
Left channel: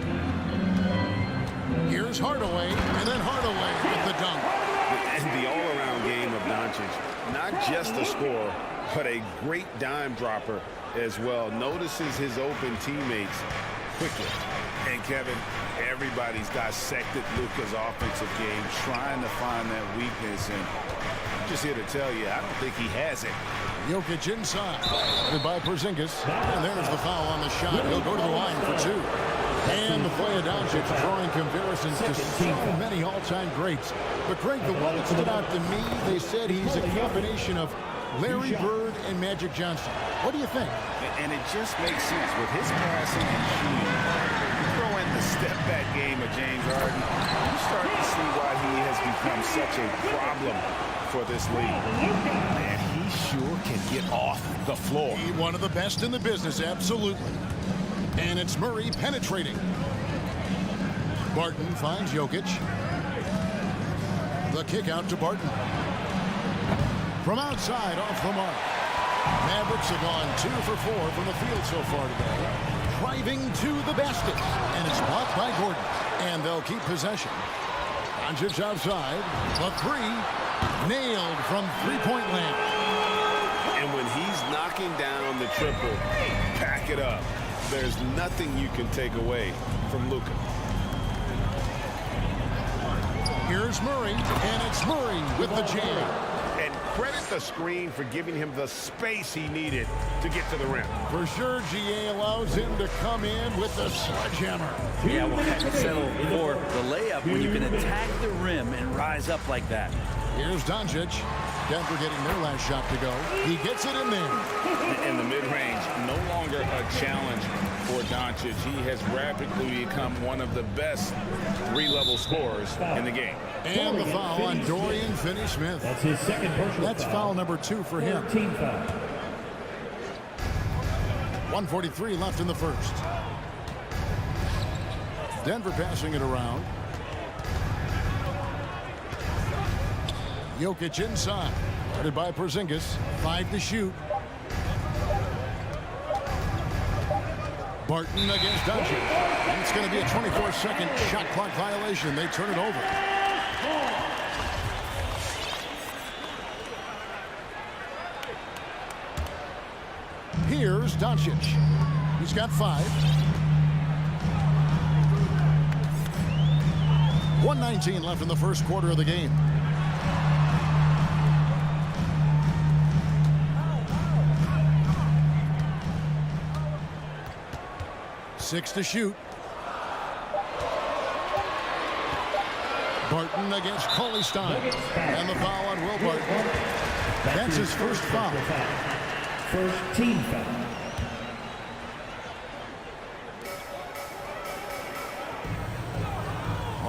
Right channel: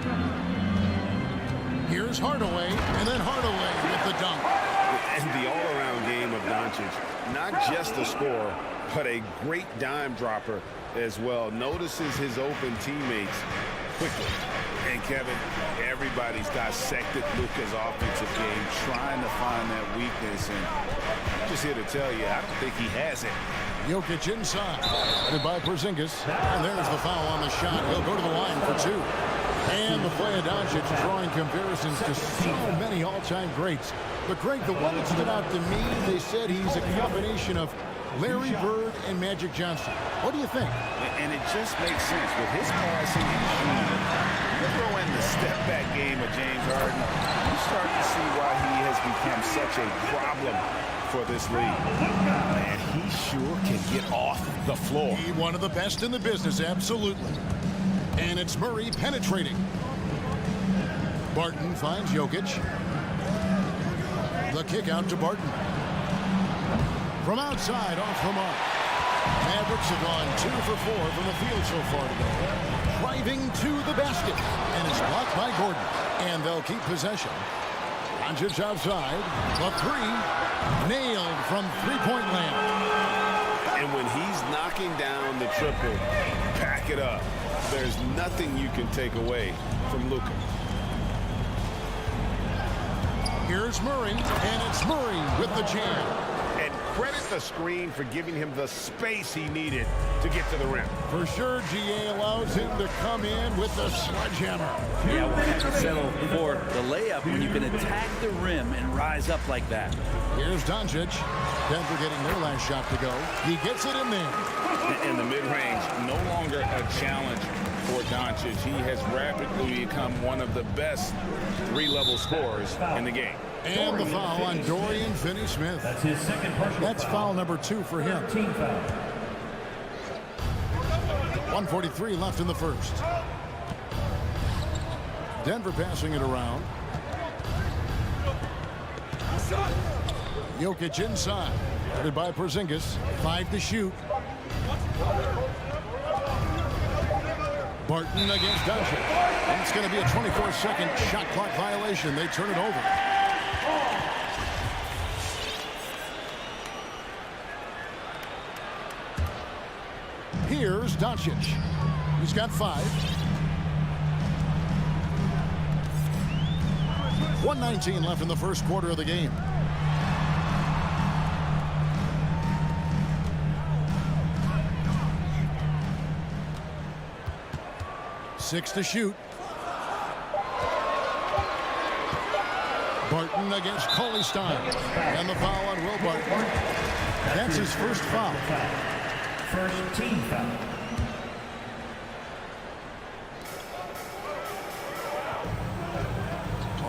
Here's Hardaway, and then Hardaway with the dunk. And the all-around game of Doncic, not just a scorer, but a great dime dropper as well. Notices his open teammates quickly. And Kevin, everybody's dissected Luka's offensive game, trying to find that weakness. And I'm just here to tell you, I don't think he has it. Jokic inside, headed by Porzingis. And there's the foul on the shot. He'll go to the line for 2. And the play of Doncic drawing comparisons to so many all-time greats. But, Greg, the one that stood out to me, they said he's a combination of Larry Bird and Magic Johnson. What do you think? And it just makes sense. With his passing and shooting, you throw in the step-back game of James Harden, you start to see why he has become such a problem for this league. Man, he sure can get off the floor. One of the best in the business, absolutely. And it's Murray penetrating. Barton finds Jokic. The kick out to Barton. From outside, off the mark. Mavericks have gone 2 for 4 from the field so far today. Driving to the basket. And it's blocked by Gordon. And they'll keep possession. Doncic outside. The 3. Nailed from three-point land. And when he's knocking down the triple, pack it up. There's nothing you can take away from Luka. Here's Murray, and it's Murray with the jam. And credit the screen for giving him the space he needed to get to the rim. For sure, GA allows him to come in with the sledgehammer. Yeah, we'll have to settle for the layup when you can attack the rim and rise up like that. Here's Doncic. Denver getting their last shot to go. He gets it in there. In the mid-range, no longer a challenge for Doncic. He has rapidly become one of the best 3-level scorers in the game. And the foul on Dorian Finney-Smith. That's his second personal That's foul number 2 for him. Team foul. 1:43 left in the first. Denver passing it around. Jokic inside. Guarded by Porzingis. 5 to shoot. Barton against Doncic. And it's going to be a 24-second shot clock violation. They turn it over. Here's Doncic. He's got 5. 1:19 left in the first quarter of the game. Six to shoot. Barton against Cauley-Stein. And the foul on Will Barton. That's his first foul. First team foul.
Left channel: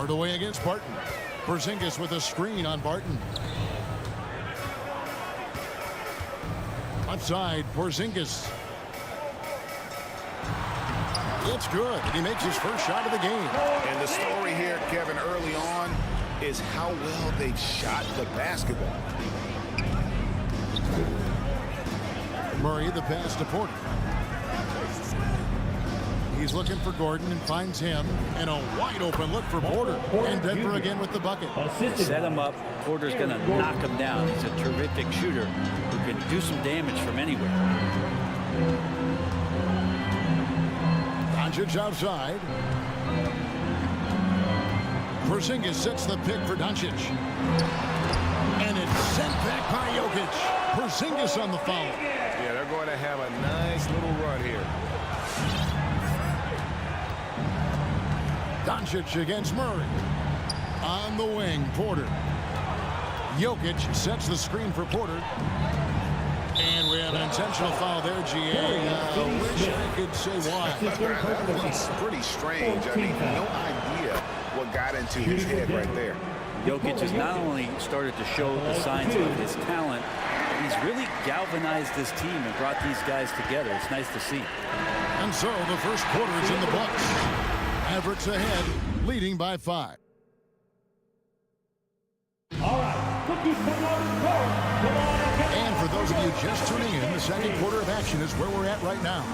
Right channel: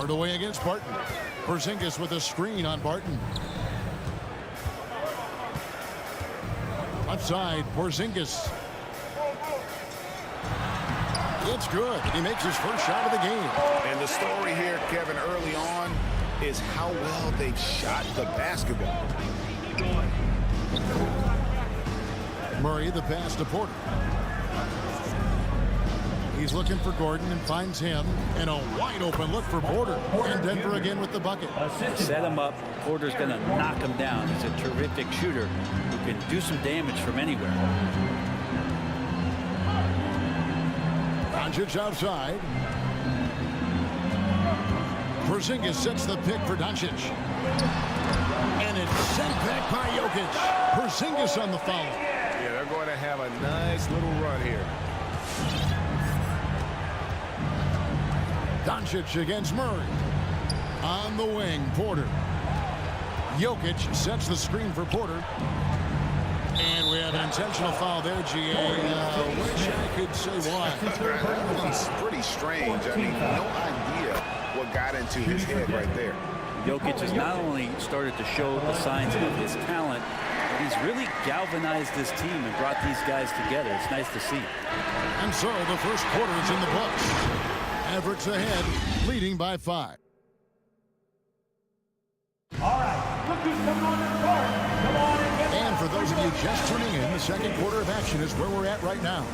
Hardaway against Barton. Porzingis with a screen on Barton. Left side, Porzingis. It's good. He makes his first shot of the game. And the story here, Kevin, early on is how well they've shot the basketball. Murray, the pass to Porter. He's looking for Gordon and finds him. And a wide open look for Porter. And Denver again with the bucket. Set him up. Porter's going to knock him down. He's a terrific shooter who can do some damage from anywhere. Doncic outside. Porzingis sets the pick for Doncic. And it's sent back by Jokic. Porzingis on the foul. Yeah, they're going to have a nice little run here. Doncic against Murray. On the wing, Porter. Jokic sets the screen for Porter. And we have an intentional foul there, GA. Wish I could say why. That was pretty strange. I mean, no idea what got into his head right there. Jokic has not only started to show the signs of his talent, but he's really galvanized this team and brought these guys together. It's nice to see. And so the first quarter is in the books. Mavericks ahead, leading by 5. All right, look who's coming on the court. Come on and get And for those of you just tuning in, the second quarter of action is where we're at right now.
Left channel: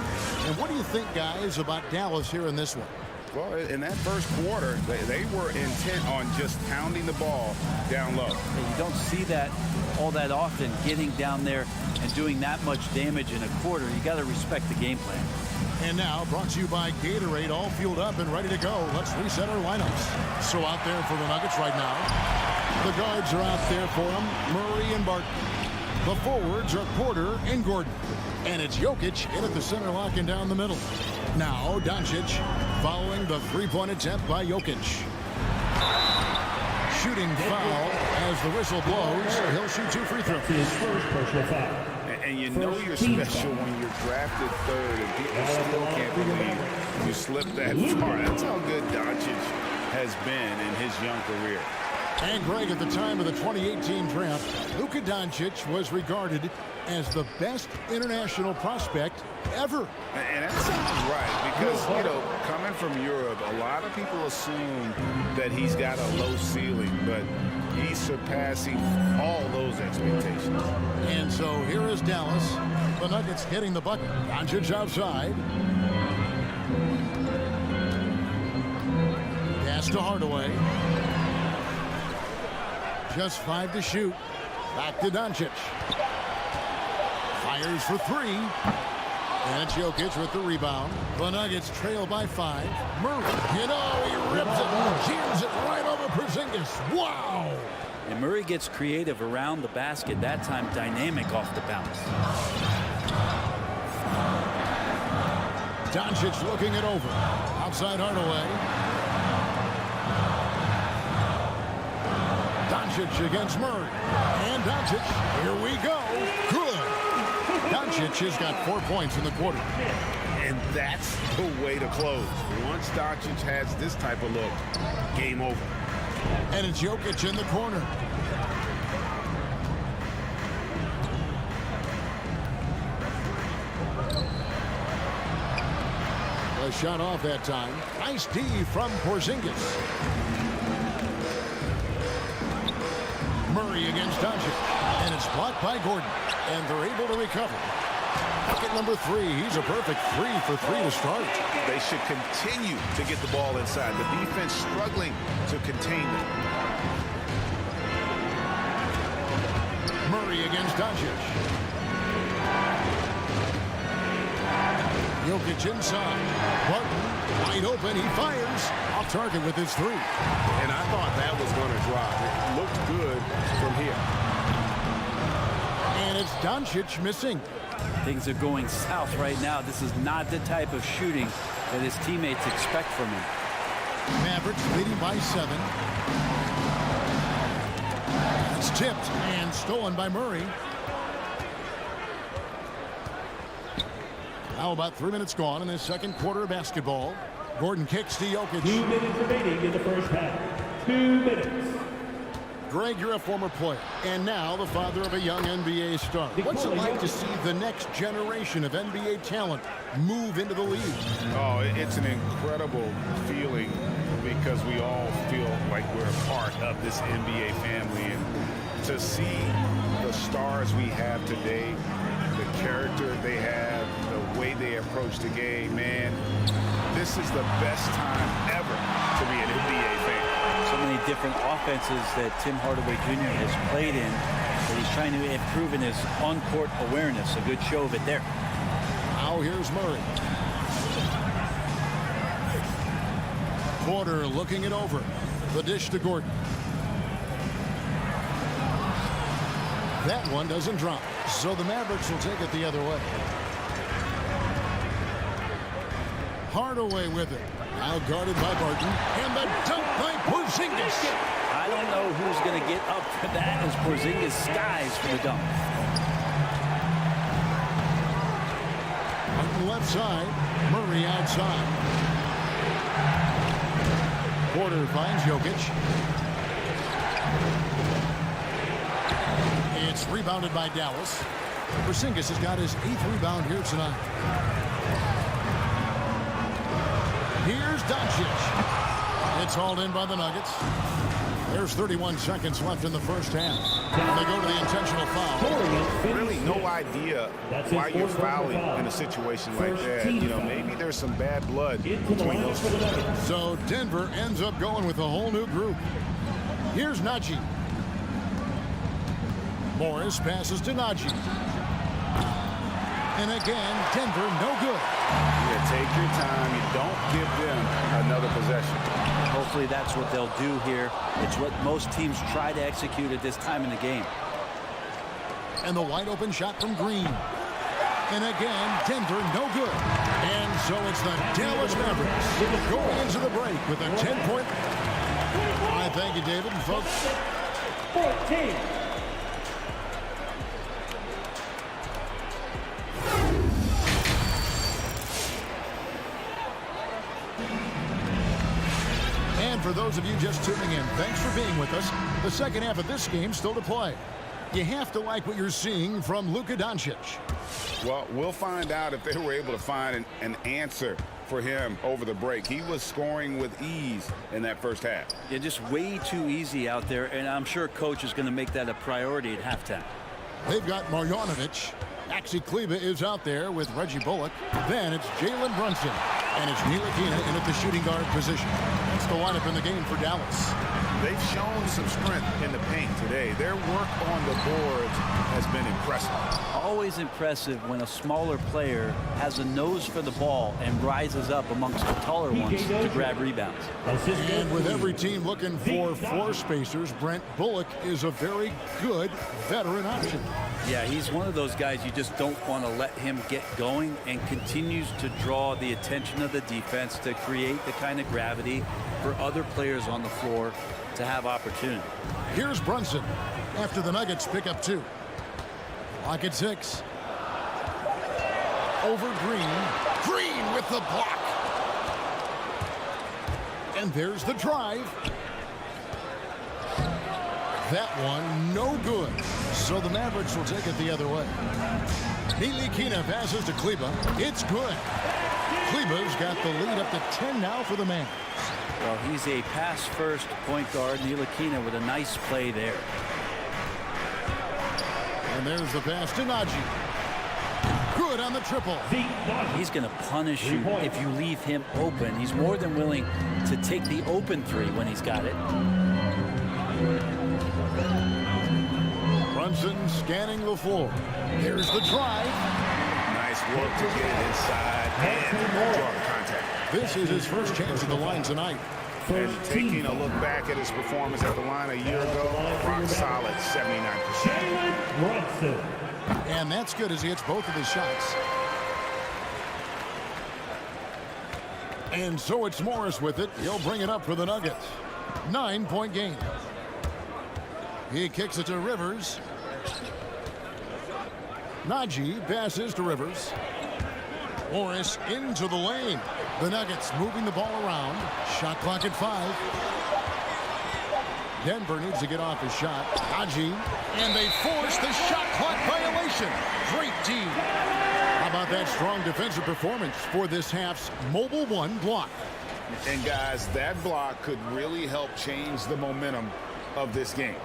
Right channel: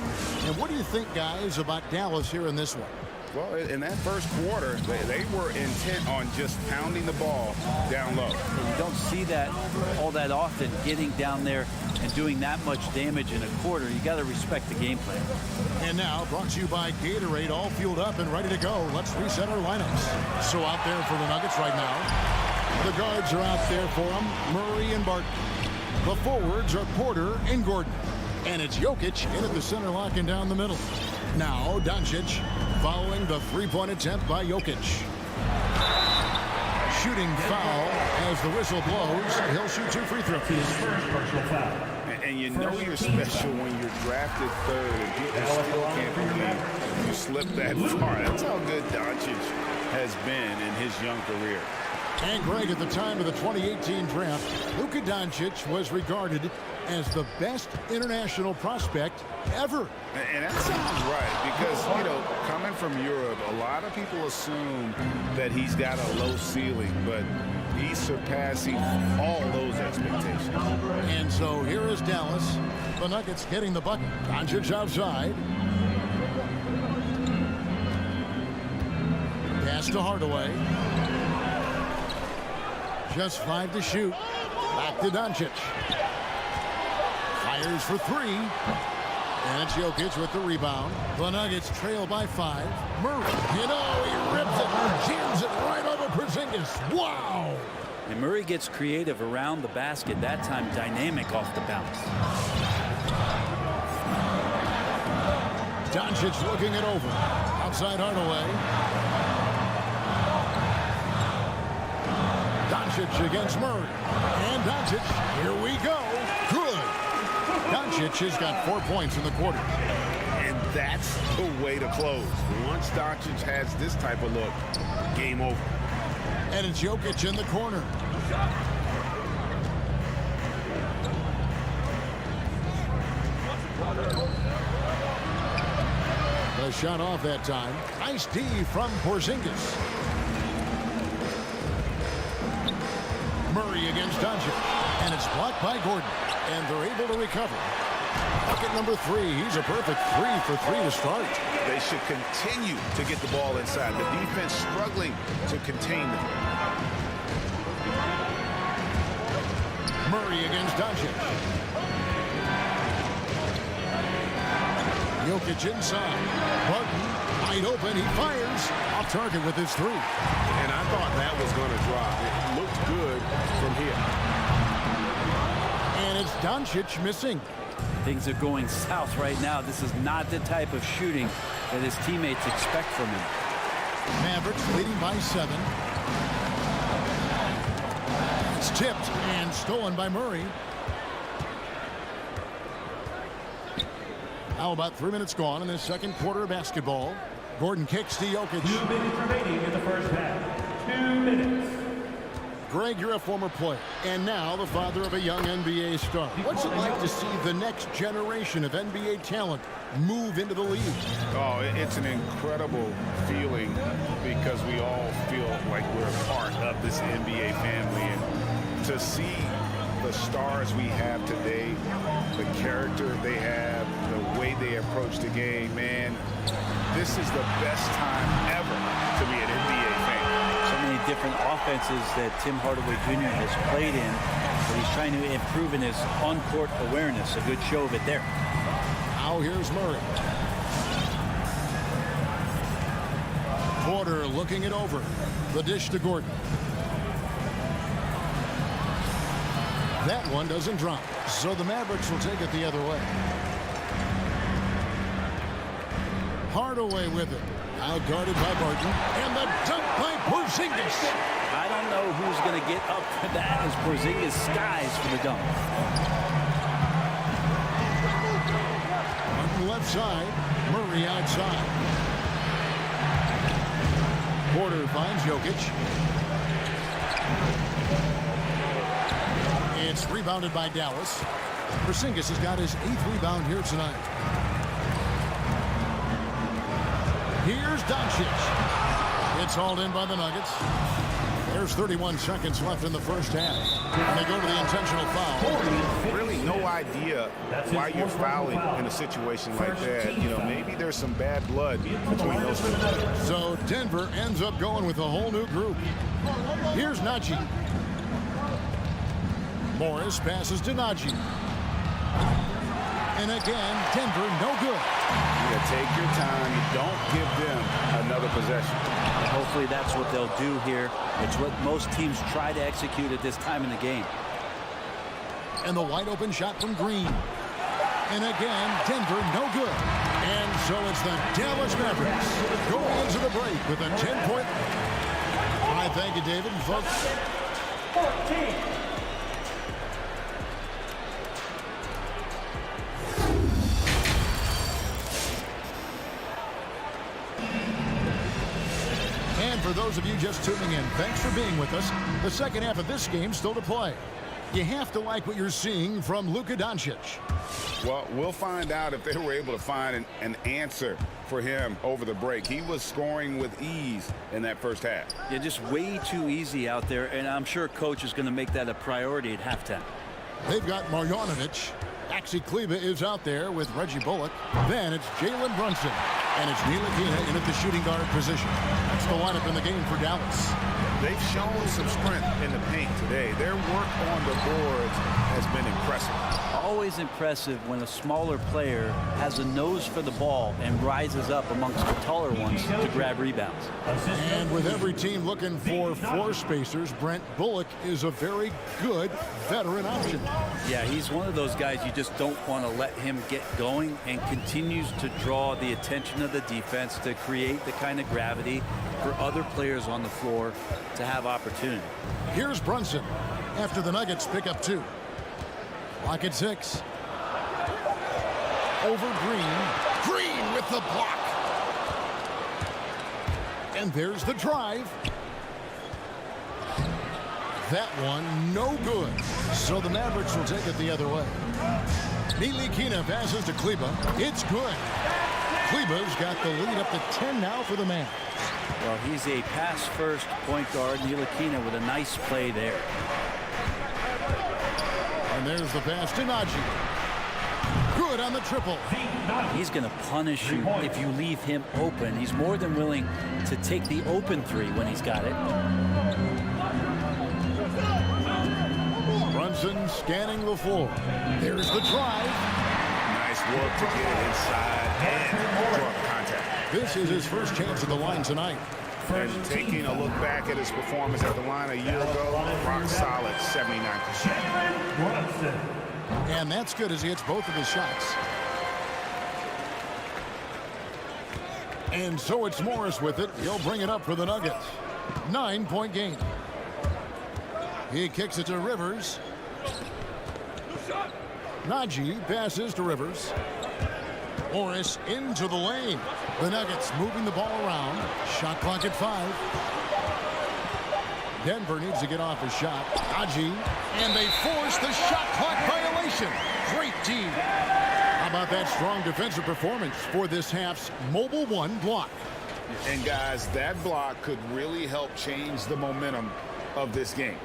And what do you think, guys, about Dallas here in this one? Well, in that first quarter, they were intent on just pounding the ball down low. And you don't see that all that often, getting down there and doing that much damage in a quarter. You got to respect the game plan. And now, brought to you by Gatorade, all fueled up and ready to go. Let's reset our lineups. So out there for the Nuggets right now. The guards are out there for them, Murray and Barton. The forwards are Porter and Gordon. And it's Jokic in at the center, locking down the middle. Now, Doncic following the three-point attempt by Jokic. Shooting foul as the whistle blows. He'll shoot 2 free throws. his first personal foul. And you know you're special when you're drafted third and people still can't believe you slipped that far. That's how good Doncic has been in his young career. And Greg, at the time of the 2018 draft, Luka Doncic was regarded as the best international prospect ever. And that sounds right because, you know, coming from Europe, a lot of people assume that he's got a low ceiling, but he's surpassing all those expectations. And so here is Dallas. The Nuggets getting the bucket. Doncic outside. Pass to Hardaway. Just 5 to shoot. Back to Doncic. Fires for 3. And it's Jokic with the rebound. The Nuggets trail by 5. Murray, you know, he rips it, jams it right over Porzingis. Wow! And Murray gets creative around the basket, that time dynamic off the bounce. Doncic looking it over. Outside Hardaway. Doncic against Murray. And Doncic, here we go. Good. Doncic has got 4 points in the quarter. And that's the way to close. Once Doncic has this type of look, game over. And it's Jokic in the corner. The shot off that time. Nice D from Porzingis. Murray against Doncic. And it's blocked by Gordon. And they're able to recover. Bucket number 3. He's a perfect 3 for 3 to start. They should continue to get the ball inside. The defense struggling to contain them. Murray against Doncic. Jokic inside. Barton wide open. He fires. Off target with his 3. And I thought that was going to drop. It looked good from here. And it's Doncic missing. Things are going south right now. This is not the type of shooting that his teammates expect from him. Mavericks leading by 7. It's tipped and stolen by Murray. Now about 3 minutes gone in this second quarter of basketball. Gordon kicks to Jokic. 2 minutes remaining in the first half. minutes. Greg, you're a former player, and now the father of a young NBA star. What's it like to see the next generation of NBA talent move into the league? Oh, it's an incredible feeling because we all feel like we're a part of this NBA family. And to see the stars we have today, the character they have, the way they approach the game, man, this is the best time ever to be an NBA fan. So many different offenses that Tim Hardaway Jr. has played in, that he's trying to improve in his on-court awareness. A good show of it there. Now here's Murray. Porter looking it over. The dish to Gordon. That one doesn't drop, so the Mavericks will take it the other way. Hardaway with it. Now guarded by Barton. And the dunk by Porzingis. I don't know who's going to get up for that as Porzingis skies for the dunk. Barton left side. Murray outside. Porter finds Jokic. It's rebounded by Dallas. Porzingis has got his 8th rebound here tonight. Here's Doncic. It's hauled in by the Nuggets. There's 31 seconds left in the first half. And they go to the intentional foul. Really no idea why you're fouling in a situation like that. You know, maybe there's some bad blood between those two. So Denver ends up going with a whole new group. Here's Najee. Morris passes to Najee. And again, Denver no good. Yeah, take your time. You don't give them another possession. Hopefully that's what they'll do here. It's what most teams try to execute at this time in the game. And the wide open shot from Green. And again, Denver no good. And so it's the Dallas Mavericks going into the break with a 10-point. I thank you, David, and folks. 14. And for those of you just tuning in, thanks for being with us. The second half of this game still to play. You have to like what you're seeing from Luka Doncic. Well, we'll find out if they were able to find an answer for him over the break. He was scoring with ease in that first half. Yeah, just way too easy out there, and I'm sure coach is going to make that a priority at halftime. They've got Marjanovic. Maxi Kleber is out there with Reggie Bullock. Then it's Jalen Brunson. And it's Ntilikina in at the shooting guard position. That's the lineup in the game for Dallas. They've shown some strength in the paint today. Their work on the boards has been impressive. Always impressive when a smaller player has a nose for the ball and rises up amongst the taller ones to grab rebounds. And with every team looking for floor spacers, Brent Bullock is a very good veteran option. Yeah, he's one of those guys you just don't want to let him get going, and continues to draw the attention of the defense to create the kind of gravity for other players on the floor to have opportunity. Here's Brunson after the Nuggets pick up 2. Clock at 6. Over Green. Green with the block. And there's the drive. That one no good. So the Mavericks will take it the other way. Ntilikina passes to Kleber. It's good. Kleber's got the lead up to 10 now for the Mavs. Well, he's a pass-first point guard. Ntilikina with a nice play there. And there's the pass to Najee. Good on the triple. He's going to punish you if you leave him open. He's more than willing to take the open three when he's got it. Brunson scanning the floor. There's the drive. Nice work to get it inside and draw the contact. This is his first chance at the line tonight. And taking a look back at his performance at the line a year ago, rock solid 79%. Brunson. And that's good as he hits both of his shots. And so it's Morris with it. He'll bring it up for the Nuggets. 9-point game. He kicks it to Rivers. Najee passes to Rivers. Morris into the lane. The Nuggets moving the ball around. Shot clock at 5. Denver needs to get off his shot. Najee, and they force the shot clock violation. Great D. How about that strong defensive performance for this half's Mobile One block? And guys, that block could really help change the momentum of this game.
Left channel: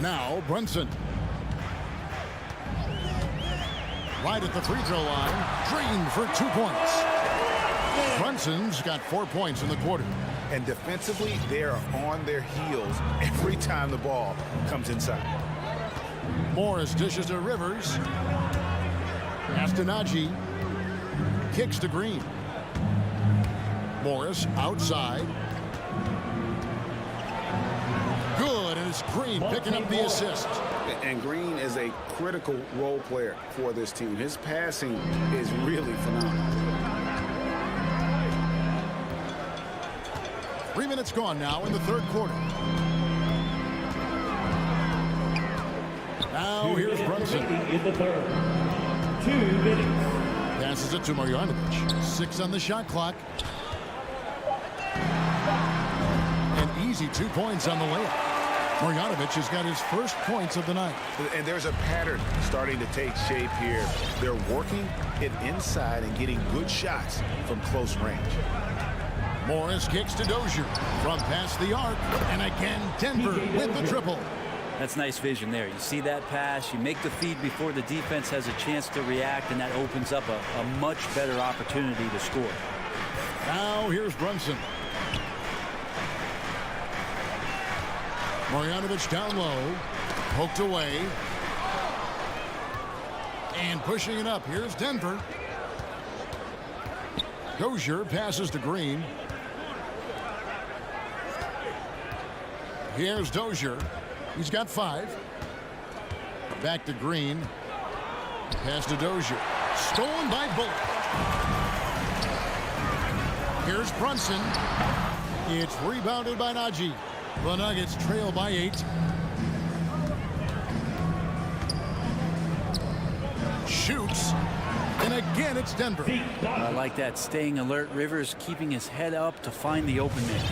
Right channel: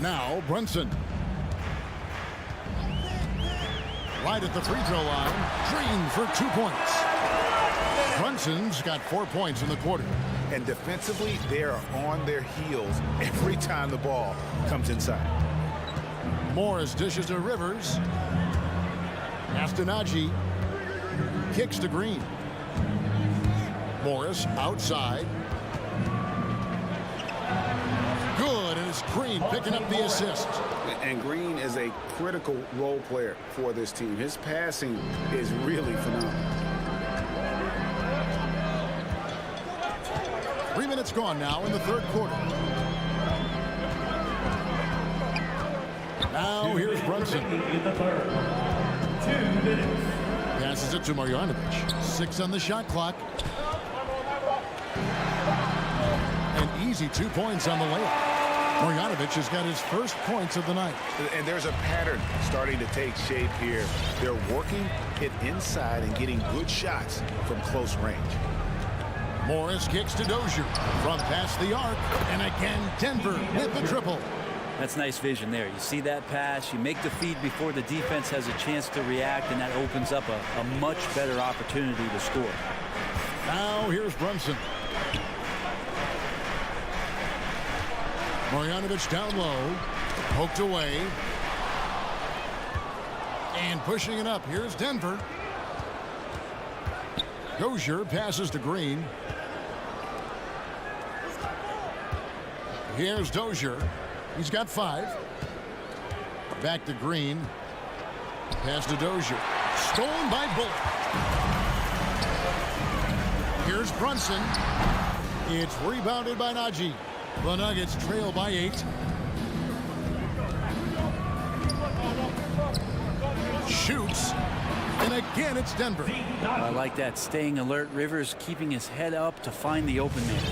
Now Brunson. Right at the free throw line. Green for 2 points. Brunson's got 4 points in the quarter. And defensively, they are on their heels every time the ball comes inside. Morris dishes to Rivers. Pass to Najee. Kicks to Green. Morris outside. Good, and it's Green picking up the assist. And Green is a critical role player for this team. His passing is really phenomenal. 3 minutes gone now in the third quarter. Now here's Brunson. In the third. 2 minutes. Passes it to Marjanovic. 6 on the shot clock. An easy 2 points on the layup. Marjanovic has got his first points of the night. And there's a pattern starting to take shape here. They're working it inside and getting good shots from close range. Morris kicks to Dozier from past the arc. And again, Denver with the triple. That's nice vision there. You see that pass, you make the feed before the defense has a chance to react, and that opens up a much better opportunity to score. Now here's Brunson. Marjanovic down low. Poked away. And pushing it up. Here's Denver. Dozier passes to Green. Here's Dozier. He's got 5. Back to Green. Pass to Dozier. Stolen by Bullock. Here's Brunson. It's rebounded by Najee. The Nuggets trail by 8. Shoots. And again, it's Denver. I like that. Staying alert. Rivers keeping his head up to find the open man.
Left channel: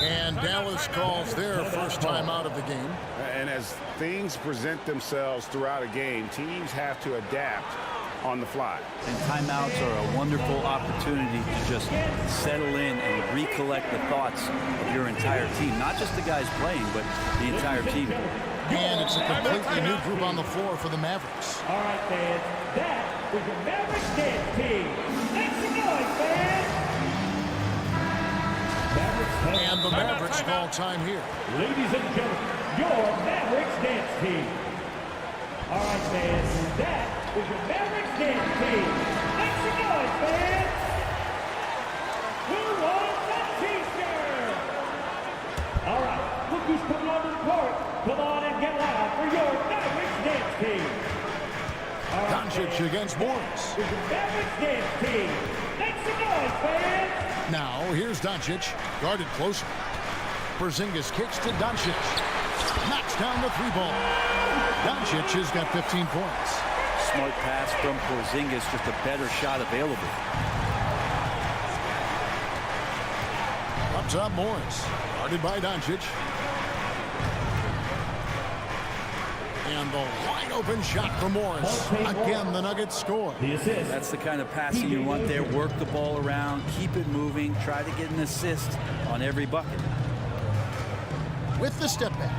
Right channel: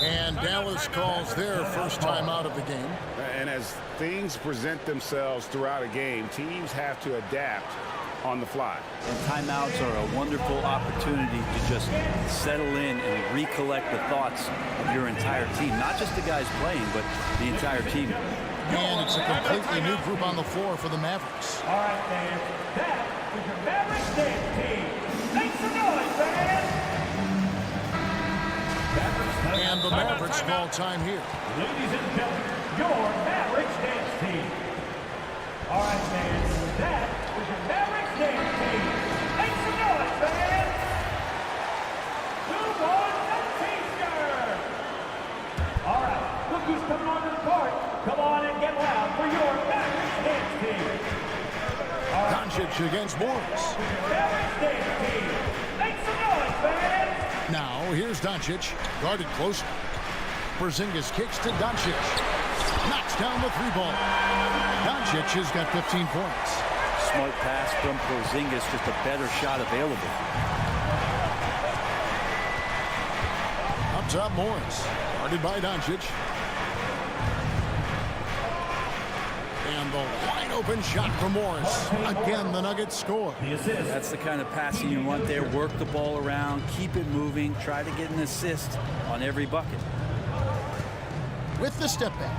And Dallas calls their first time out of the game. And as things present themselves throughout a game, teams have to adapt on the fly. And timeouts are a wonderful opportunity to just settle in and recollect the thoughts of your entire team. Not just the guys playing, but the entire team. And it's a completely new group on the floor for the Mavericks. All right, fans. That was your Mavericks dance team. Make some noise, fans. And the Mavericks call time here. Ladies and gentlemen, your Mavericks dance team. All right, fans. That was your Mavericks dance team. Make some noise, fans. Who wants a t-shirt? All right, look who's coming onto the court. Come on and get loud for your Mavericks dance team. All right, Doncic against Morris. your Mavericks dance team. Make some noise, fans. Now here's Doncic, guarded closely. Porzingis kicks to Doncic. Knocks down the 3 ball. Doncic has got 15 points. Smart pass from Porzingis, just a better shot available. Up top, Morris. Guarded by Doncic. And the wide open shot from Morris. Again, the Nuggets score. The assist. That's the kind of passing you want there. Work the ball around, keep it moving, try to get an assist on every bucket. With the step back.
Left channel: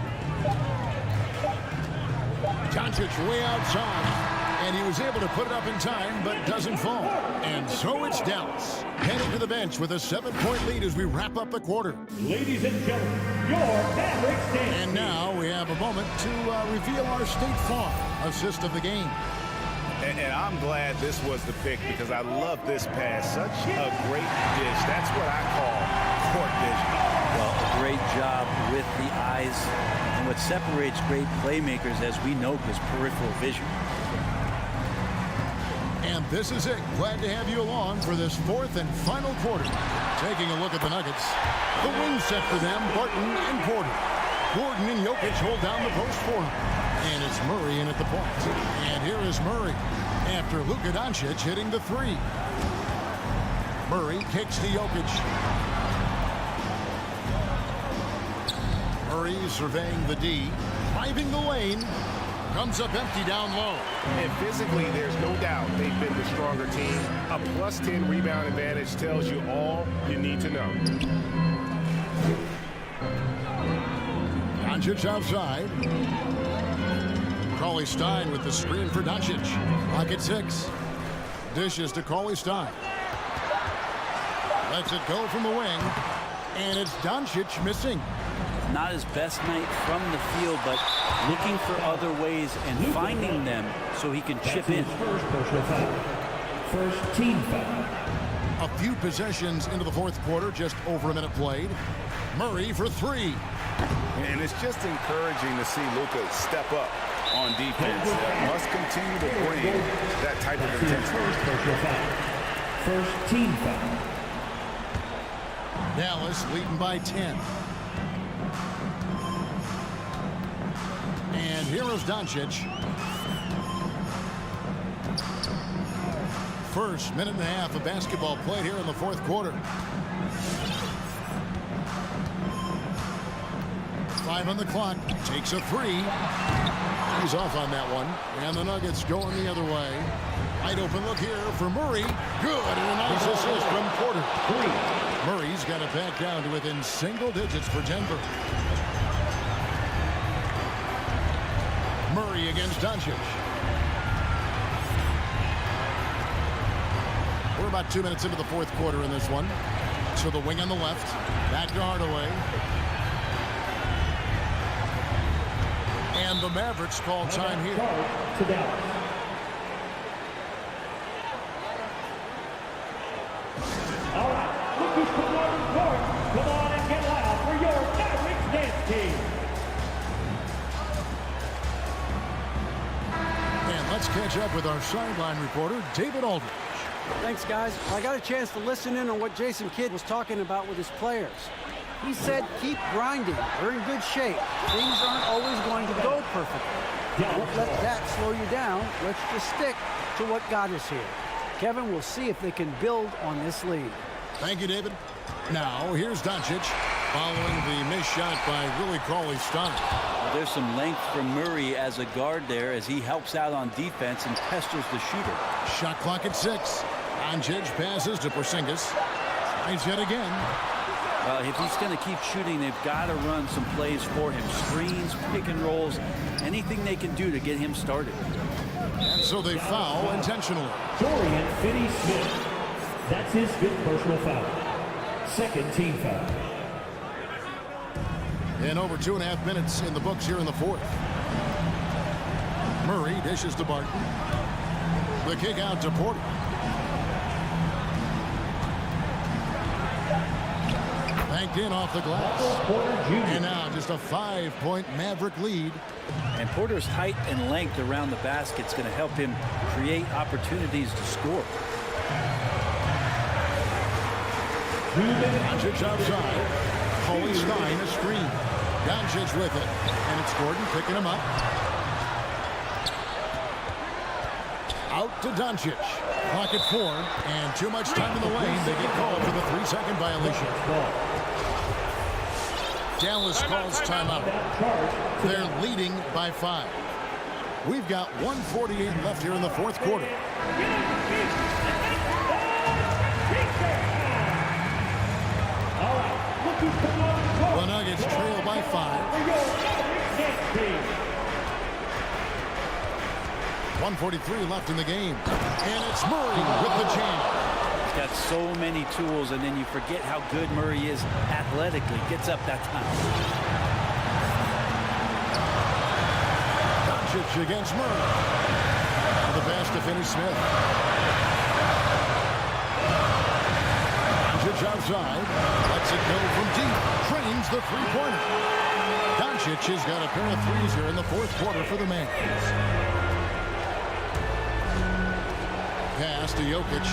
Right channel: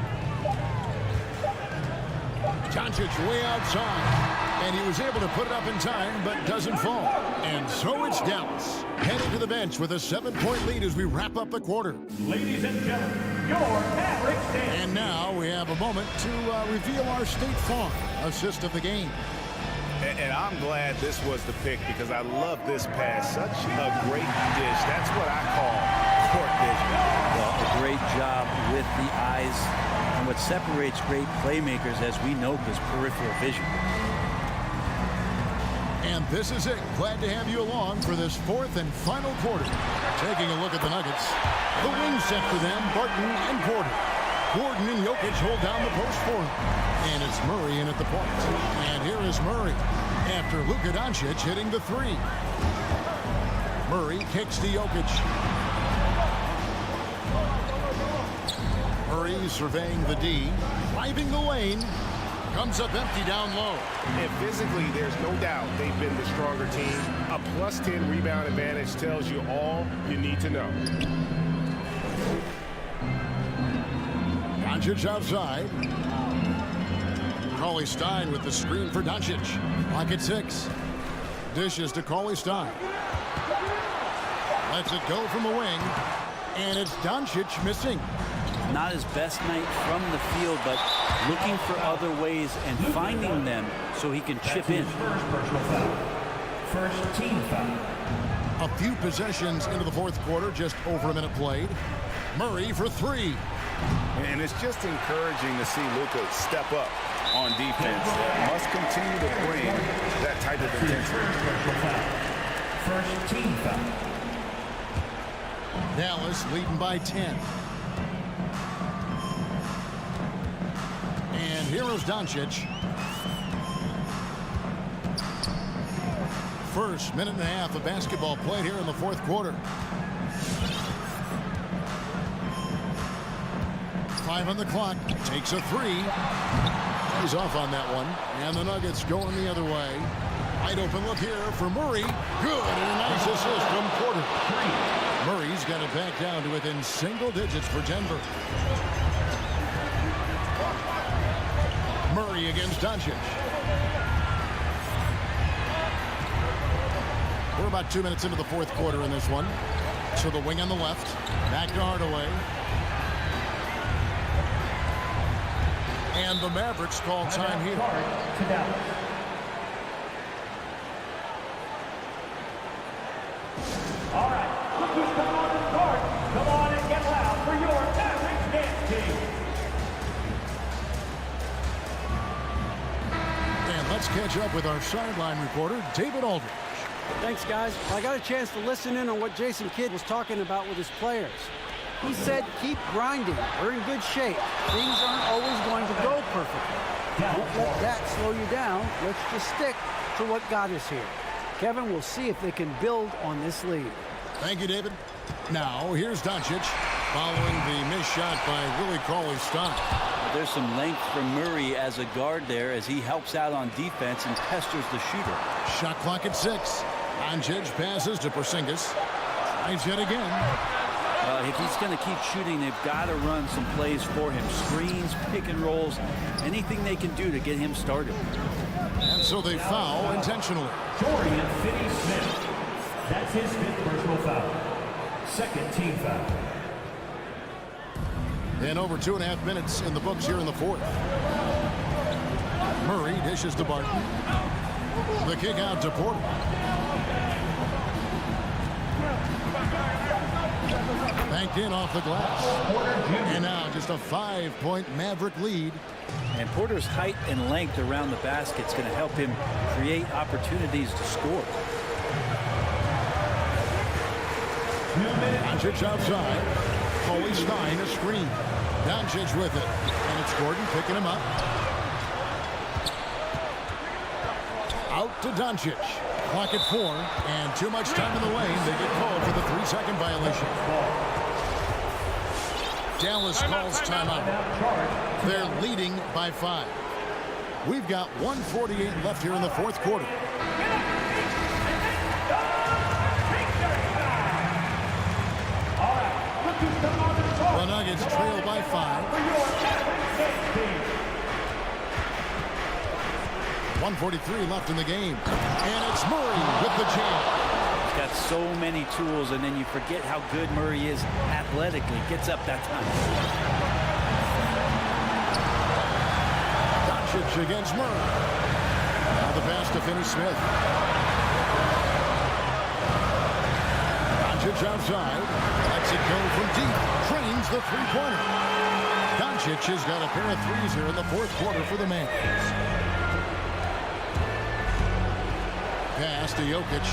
Doncic way outside. And he was able to put it up in time, but doesn't fall. And so it's Dallas heading to the bench with a 7-point lead as we wrap up the quarter. Ladies and gentlemen, your Mavericks dance. And now we have a moment to reveal our State Farm assist of the game. And I'm glad this was the pick because I love this pass. Such a great dish. That's what I call court vision. Well, a great job with the eyes. And what separates great playmakers, as we know, is peripheral vision. And this is it. Glad to have you along for this 4th and final quarter. Taking a look at the Nuggets. The wing set for them, Barton and Porter. Gordon and Jokic hold down the post for him. And it's Murray in at the point. And here is Murray after Luka Doncic hitting the 3. Murray kicks to Jokic. Murray surveying the D, driving the lane, comes up empty down low. And physically, there's no doubt they've been the stronger team. A +10 rebound advantage tells you all you need to know. Doncic outside. Cauley-Stein with the screen for Doncic. Clock at 6. Dishes to Cauley-Stein. Lets it go from the wing. And it's Doncic missing. Not his best night from the field, but looking for other ways and finding them so he can chip in. First personal foul. First team foul. A few possessions into the fourth quarter, just over a minute played. Murray for 3. And it's just encouraging to see Luka step up on defense. Must continue to bring that type of intensity. First personal foul. First team foul. Dallas leading by 10. And here is Doncic. First minute and a half of basketball played here in the fourth quarter. 5 on the clock. Takes a 3. He's off on that one. And the Nuggets going the other way. Wide open look here for Murray. Good, and a nice assist from Porter. 3. Murray's got it back down to within single digits for Denver. Murray against Doncic. We're about 2 minutes into the fourth quarter in this one. So the wing on the left. Back to Hardaway. And the Mavericks call time here. To Dallas. All right, look who's coming on the court. Come on and get loud for your Mavericks dance team. And let's catch up with our sideline reporter, David Aldridge. Thanks, guys. I got a chance to listen in on what Jason Kidd was talking about with his players. He said, keep grinding. We're in good shape. Things aren't always going to go perfectly. Don't let that slow you down. Let's just stick to what got us here. Kevin, we'll see if they can build on this lead. Thank you, David. Now, here's Doncic following the missed shot by Willie Cauley-Stein. Well, there's some length from Murray as a guard there as he helps out on defense and pesters the shooter. Shot clock at 6. Doncic passes to Porzingis. Tries yet again. If he's going to keep shooting, they've got to run some plays for him. Screens, pick and rolls, anything they can do to get him started. And so they foul intentionally. Dorian Finney-Smith. That's his 5th personal foul. Second team foul. And over 2.5 minutes in the books here in the fourth. Murray dishes to Barton. The kick out to Porter. Banked in off the glass. And now just a 5-point Maverick lead. And Porter's height and length around the basket is going to help him create opportunities to score. Doncic outside. Cauley-Stein a screen. Doncic with it. And it's Gordon picking him up. Out to Doncic. Clock at 4. And too much time in the lane. They get called for the 3-second violation. Dallas calls timeout. They're leading by 5. We've got 1:48 left here in the fourth quarter. The Nuggets trail by 5. 1:43 left in the game. And it's Murray with the jam. He's got so many tools, and then you forget how good Murray is athletically. Gets up that time. Doncic against Murray. Now the pass to Finney-Smith. Doncic outside. Lets it go from deep. Trains the three-pointer. Doncic has got a pair of threes here in the fourth quarter for the Mavs. Pass to Jokic.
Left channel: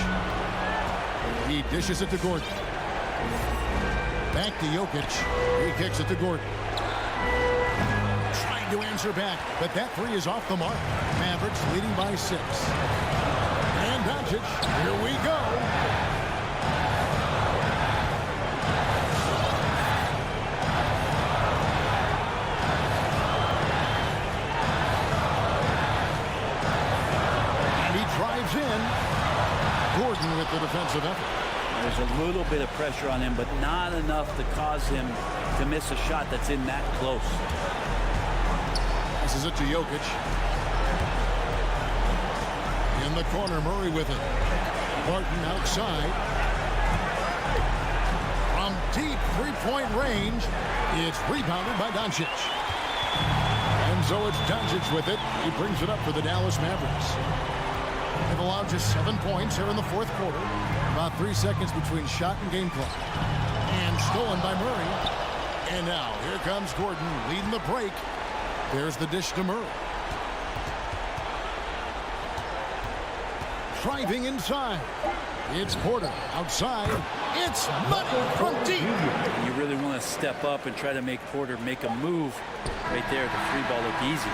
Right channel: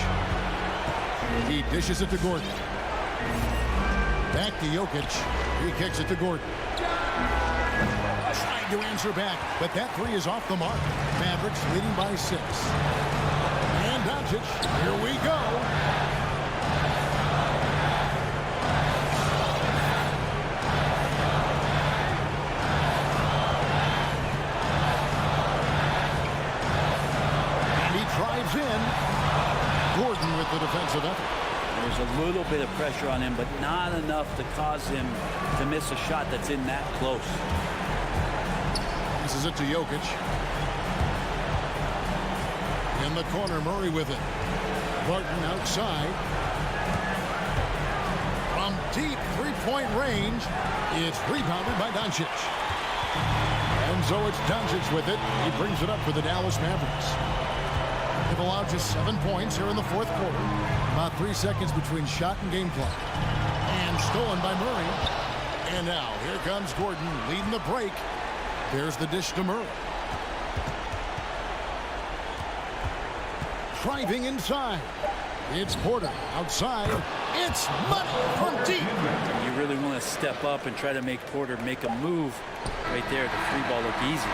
He dishes it to Gordon. Back to Jokic. He kicks it to Gordon. Trying to answer back, but that 3 is off the mark. Mavericks leading by 6. And Doncic, here we go. moves in. Gordon with the defensive effort. There's a little bit of pressure on him, but not enough to cause him to miss a shot that's in that close. Passes it to Jokic. In the corner, Murray with it. Barton outside. From deep three-point range, it's rebounded by Doncic. And so it's Doncic with it. He brings it up for the Dallas Mavericks. They've allowed just 7 points here in the fourth quarter. About 3 seconds between shot and game clock. And stolen by Murray. And now here comes Gordon leading the break. There's the dish to Murray. Driving inside. It's Porter outside. It's money from deep. And you really want to step up and try to make Porter make a move. Right there, the three ball looked easy.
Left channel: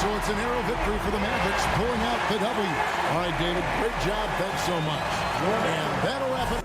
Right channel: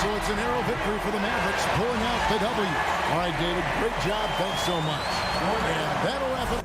So it's a narrow victory for the Mavericks, pulling out the W. All right, David, great job. Thanks so much. And that'll wrap it.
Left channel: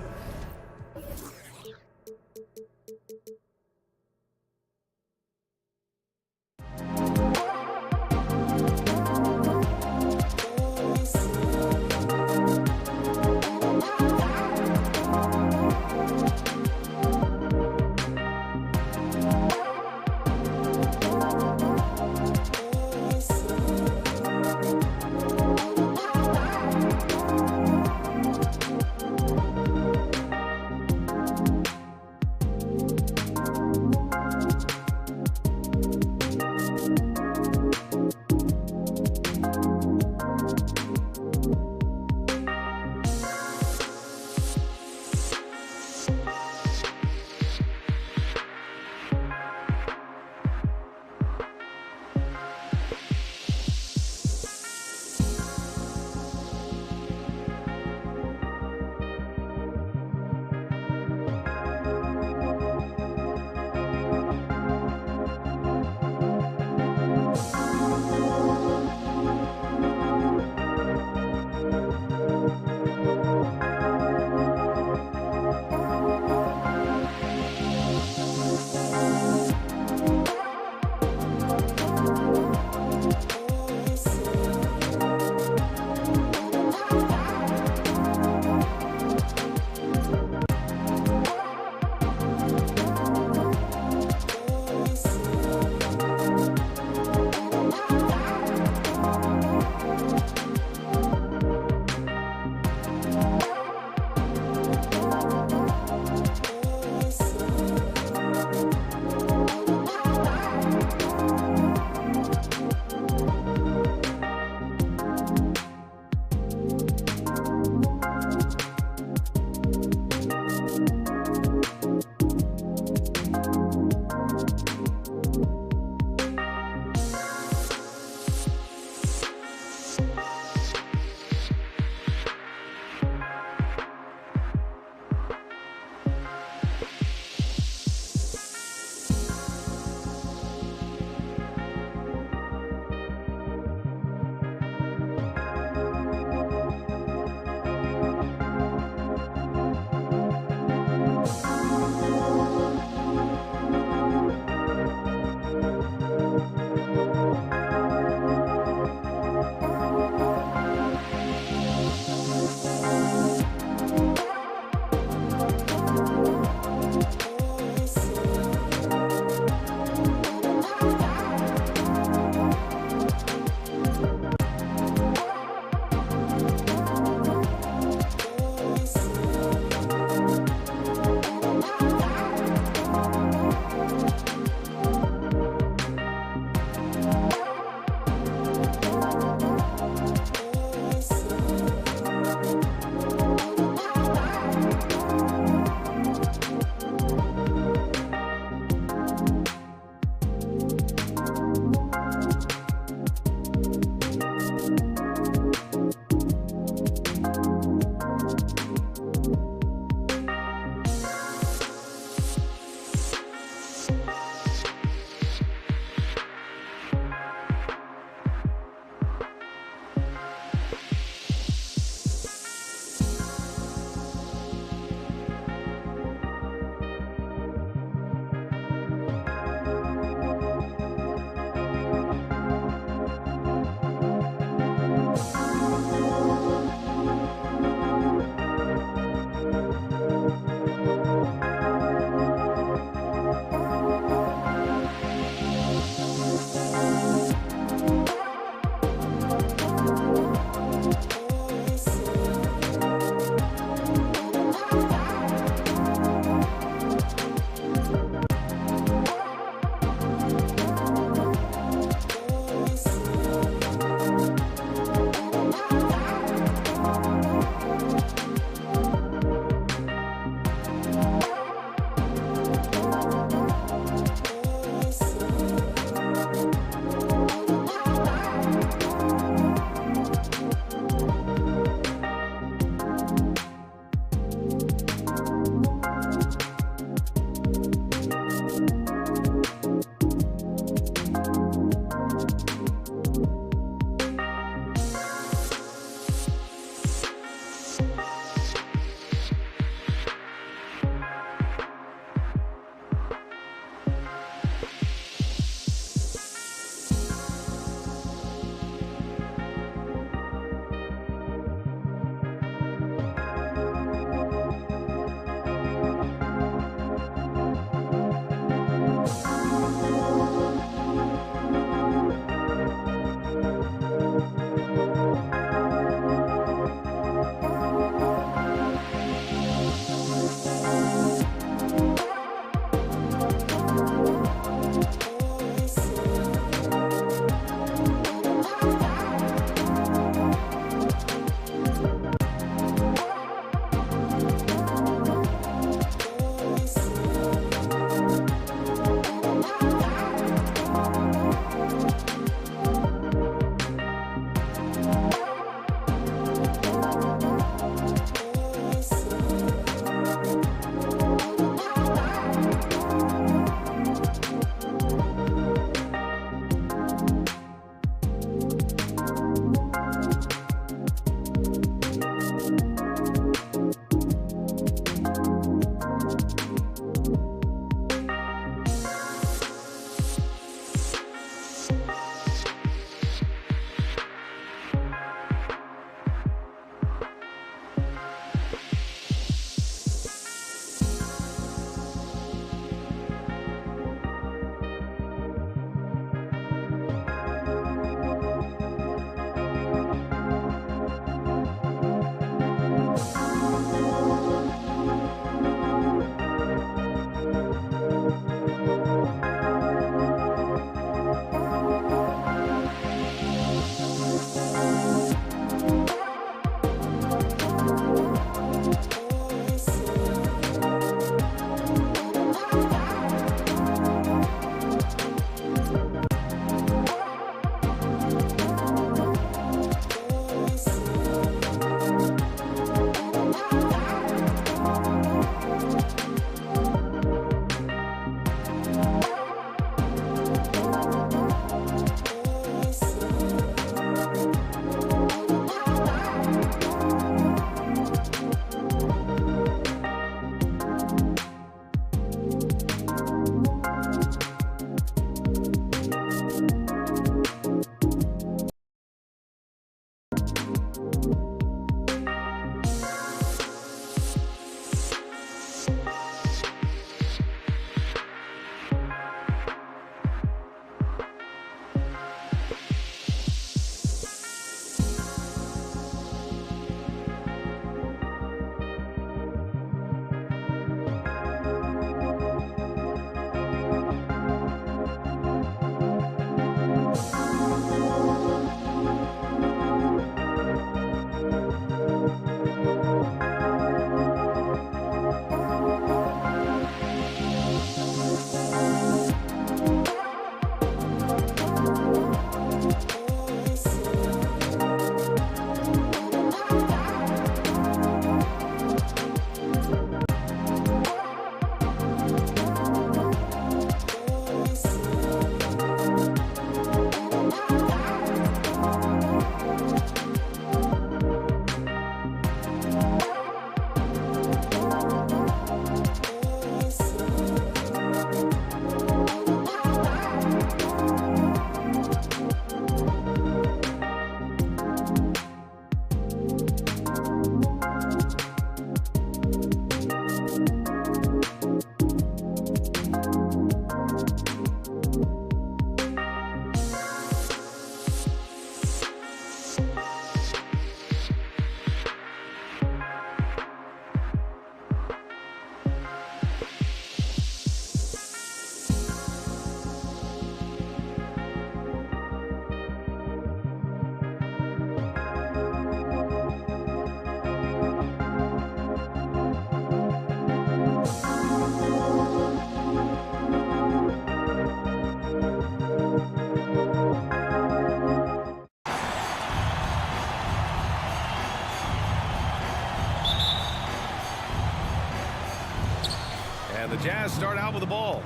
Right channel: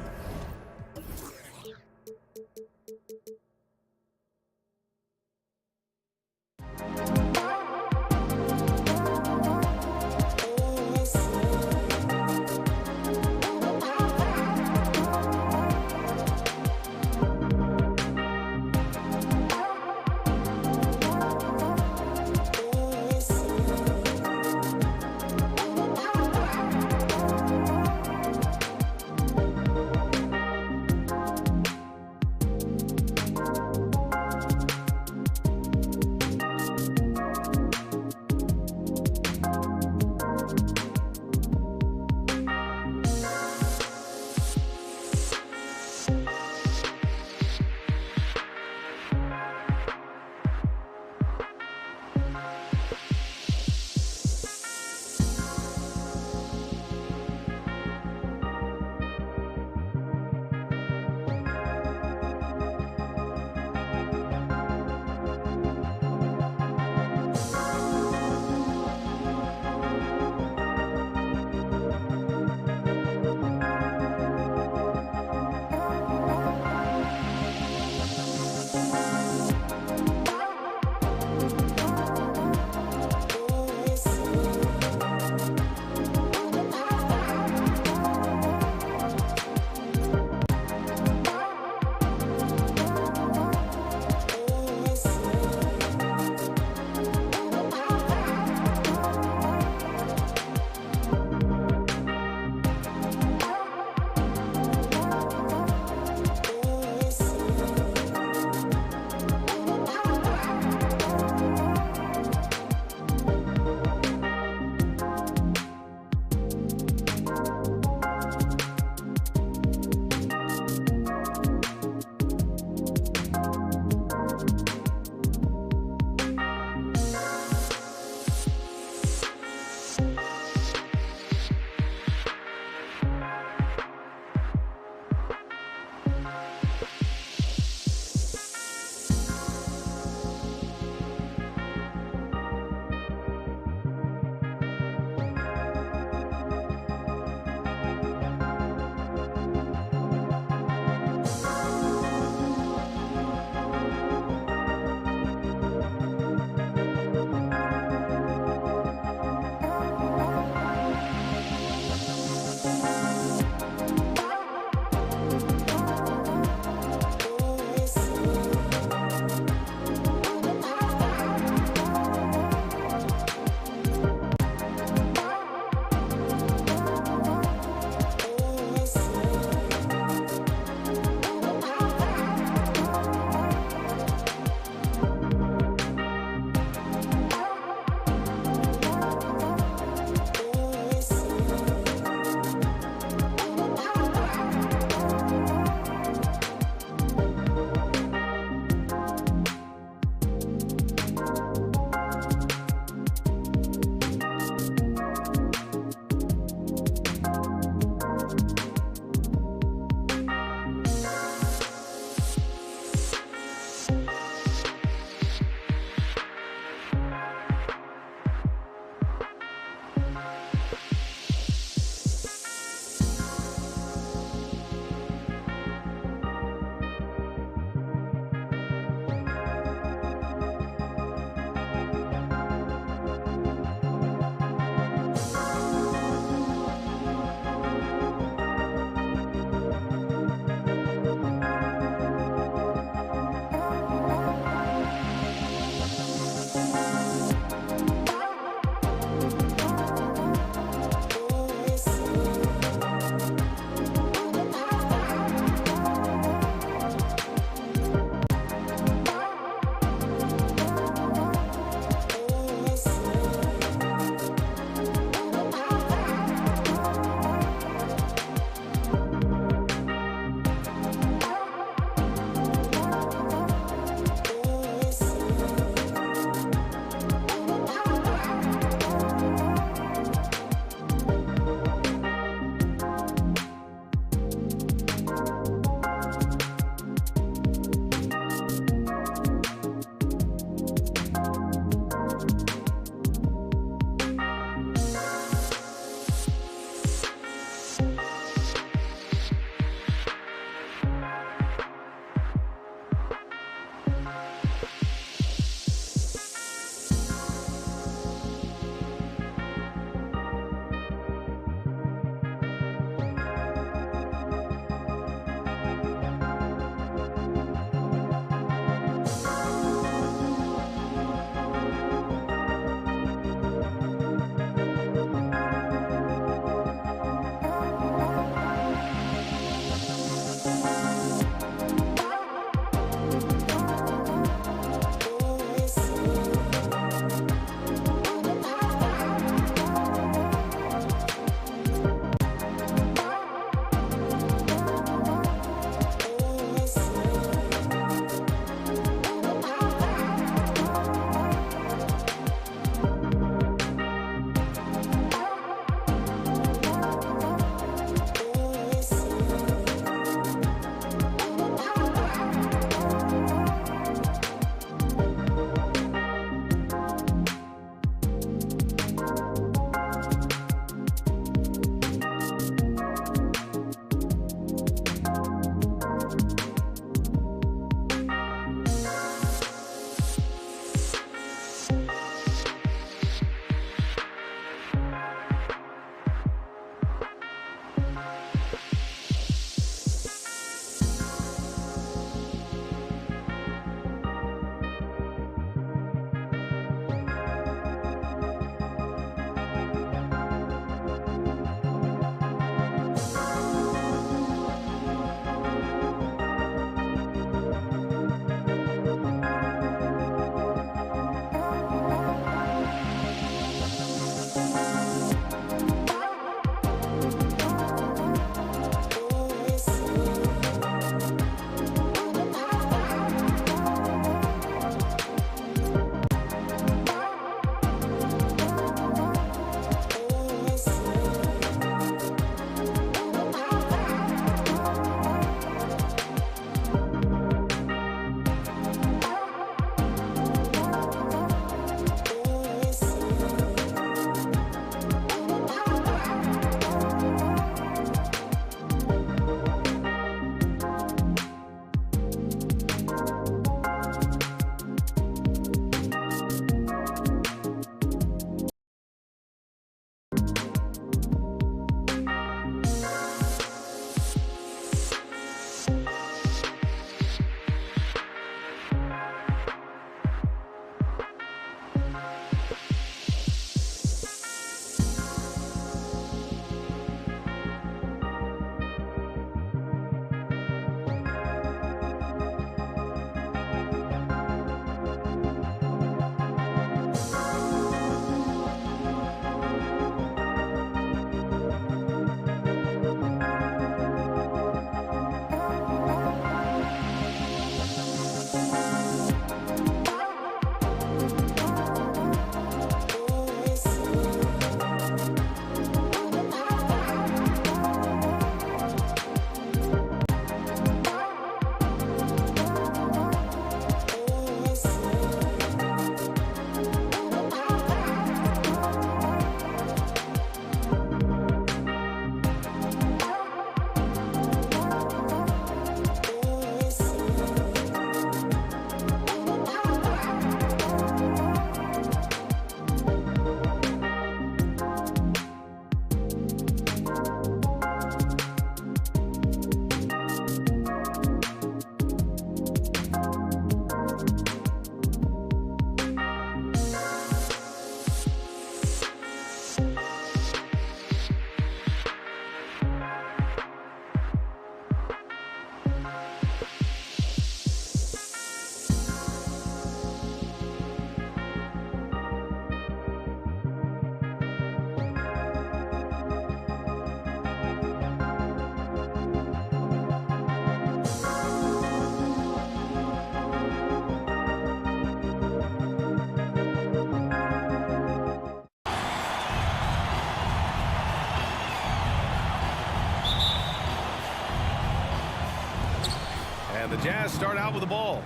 And the Jazz start out with the ball.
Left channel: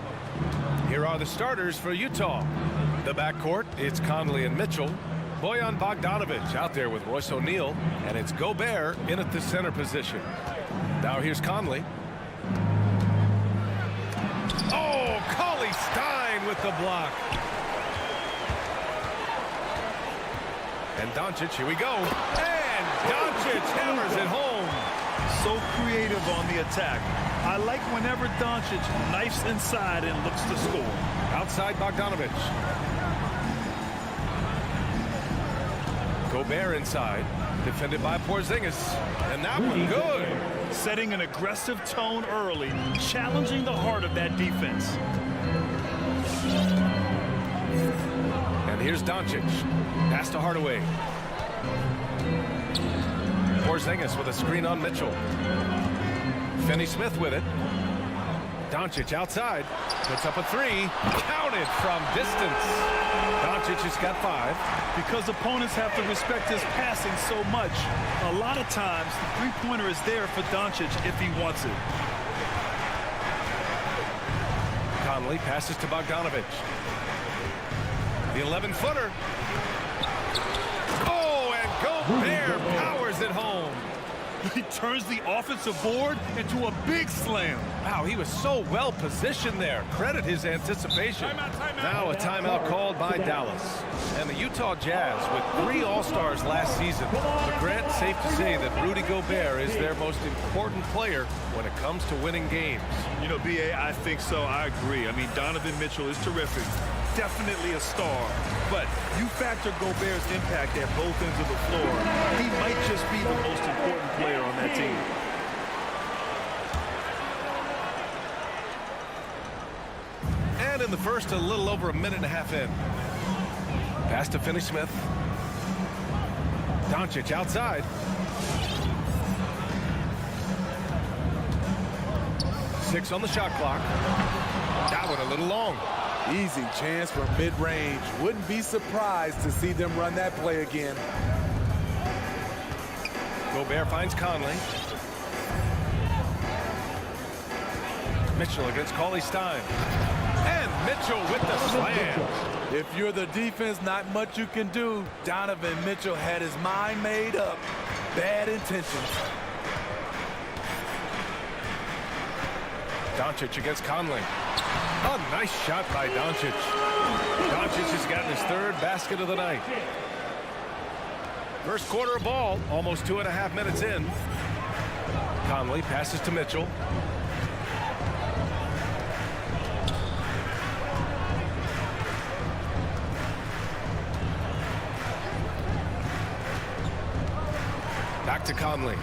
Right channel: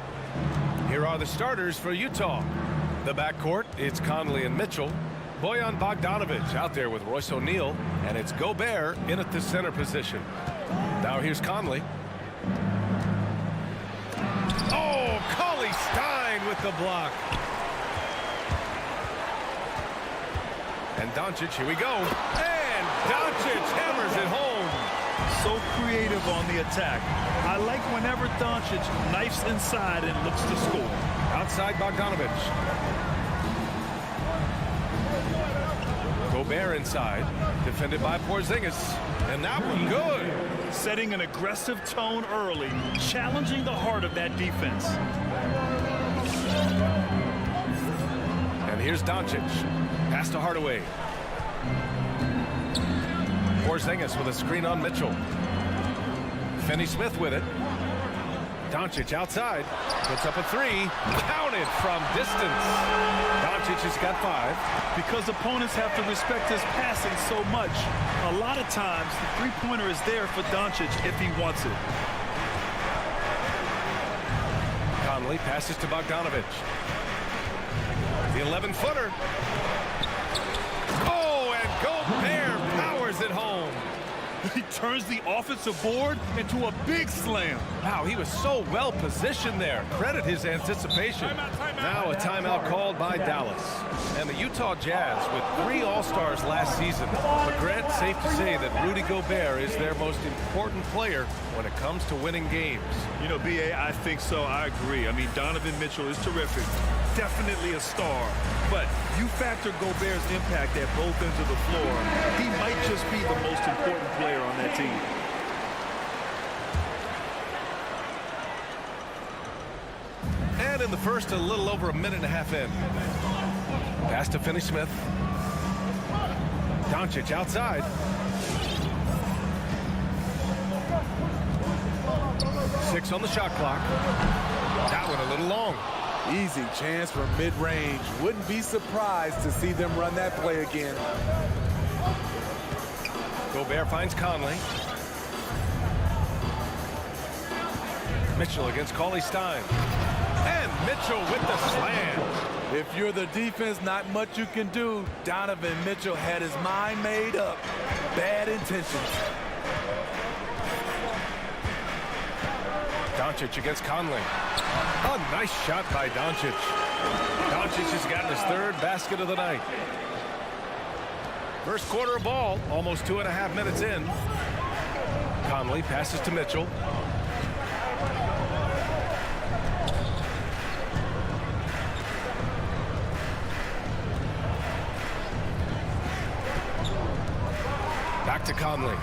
Here are the starters for Utah. The backcourt, it's Conley and Mitchell. Bojan Bogdanovic out there with Royce O'Neal. And it's Gobert in at the center position. Now here's Conley. Oh, Cauley-Stein with the block. And Doncic, here we go. And Doncic hammers it home. So creative on the attack. I like whenever Doncic knifes inside and looks to score. Outside Bogdanovic. Gobert inside. Defended by Porzingis. And that one good. Setting an aggressive tone early. Challenging the heart of that defense. And here's Doncic. Pass to Hardaway. Porzingis with a screen on Mitchell. Finney-Smith with it. Doncic outside. Puts up a three. Counted from distance. Doncic has got 5. Because opponents have to respect his passing so much, a lot of times the three-pointer is there for Doncic if he wants it. Conley passes to Bogdanovic. The 11-footer. Oh, and Gobert powers it home. He turns the offensive board into a big slam. Wow, he was so well positioned there. Credit his anticipation. Timeout. Now a timeout called by Dallas. And the Utah Jazz with 3 All-Stars last season. But Grant, safe to say that Rudy Gobert is their most important player when it comes to winning games. You know, B.A., I think so. I agree. I mean, Donovan Mitchell is terrific. Definitely a star. But you factor Gobert's impact at both ends of the floor, he might just be the most important player on that team. And in the first, a little over a minute and a half in. Pass to Finney-Smith. Doncic outside. Six on the shot clock. That one a little long. Easy chance for mid-range. Wouldn't be surprised to see them run that play again. Gobert finds Conley. Mitchell against Cauley-Stein. And Mitchell with the slam. If you're the defense, not much you can do. Donovan Mitchell had his mind made up. Bad intentions. Doncic against Conley. A nice shot by Doncic. Doncic has gotten his 3rd basket of the night. First quarter of ball, almost 2.5 minutes in. Conley passes to Mitchell. Back to Conley.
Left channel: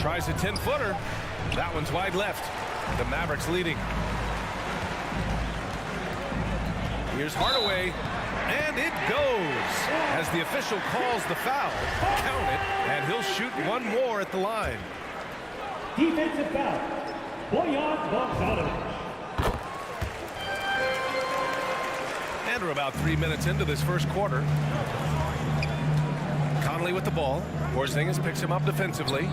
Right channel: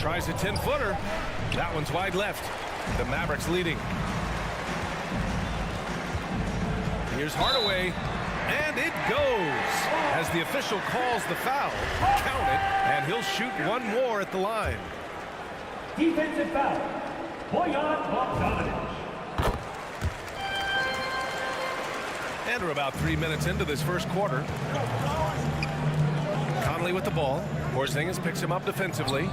Tries a 10-footer. That one's wide left. The Mavericks leading. Here's Hardaway. And it goes. As the official calls the foul. Count it. And he'll shoot one more at the line. Defensive foul. Bojan Bogdanovic. And we're about 3 minutes into this first quarter. Conley with the ball. Porzingis picks him up defensively.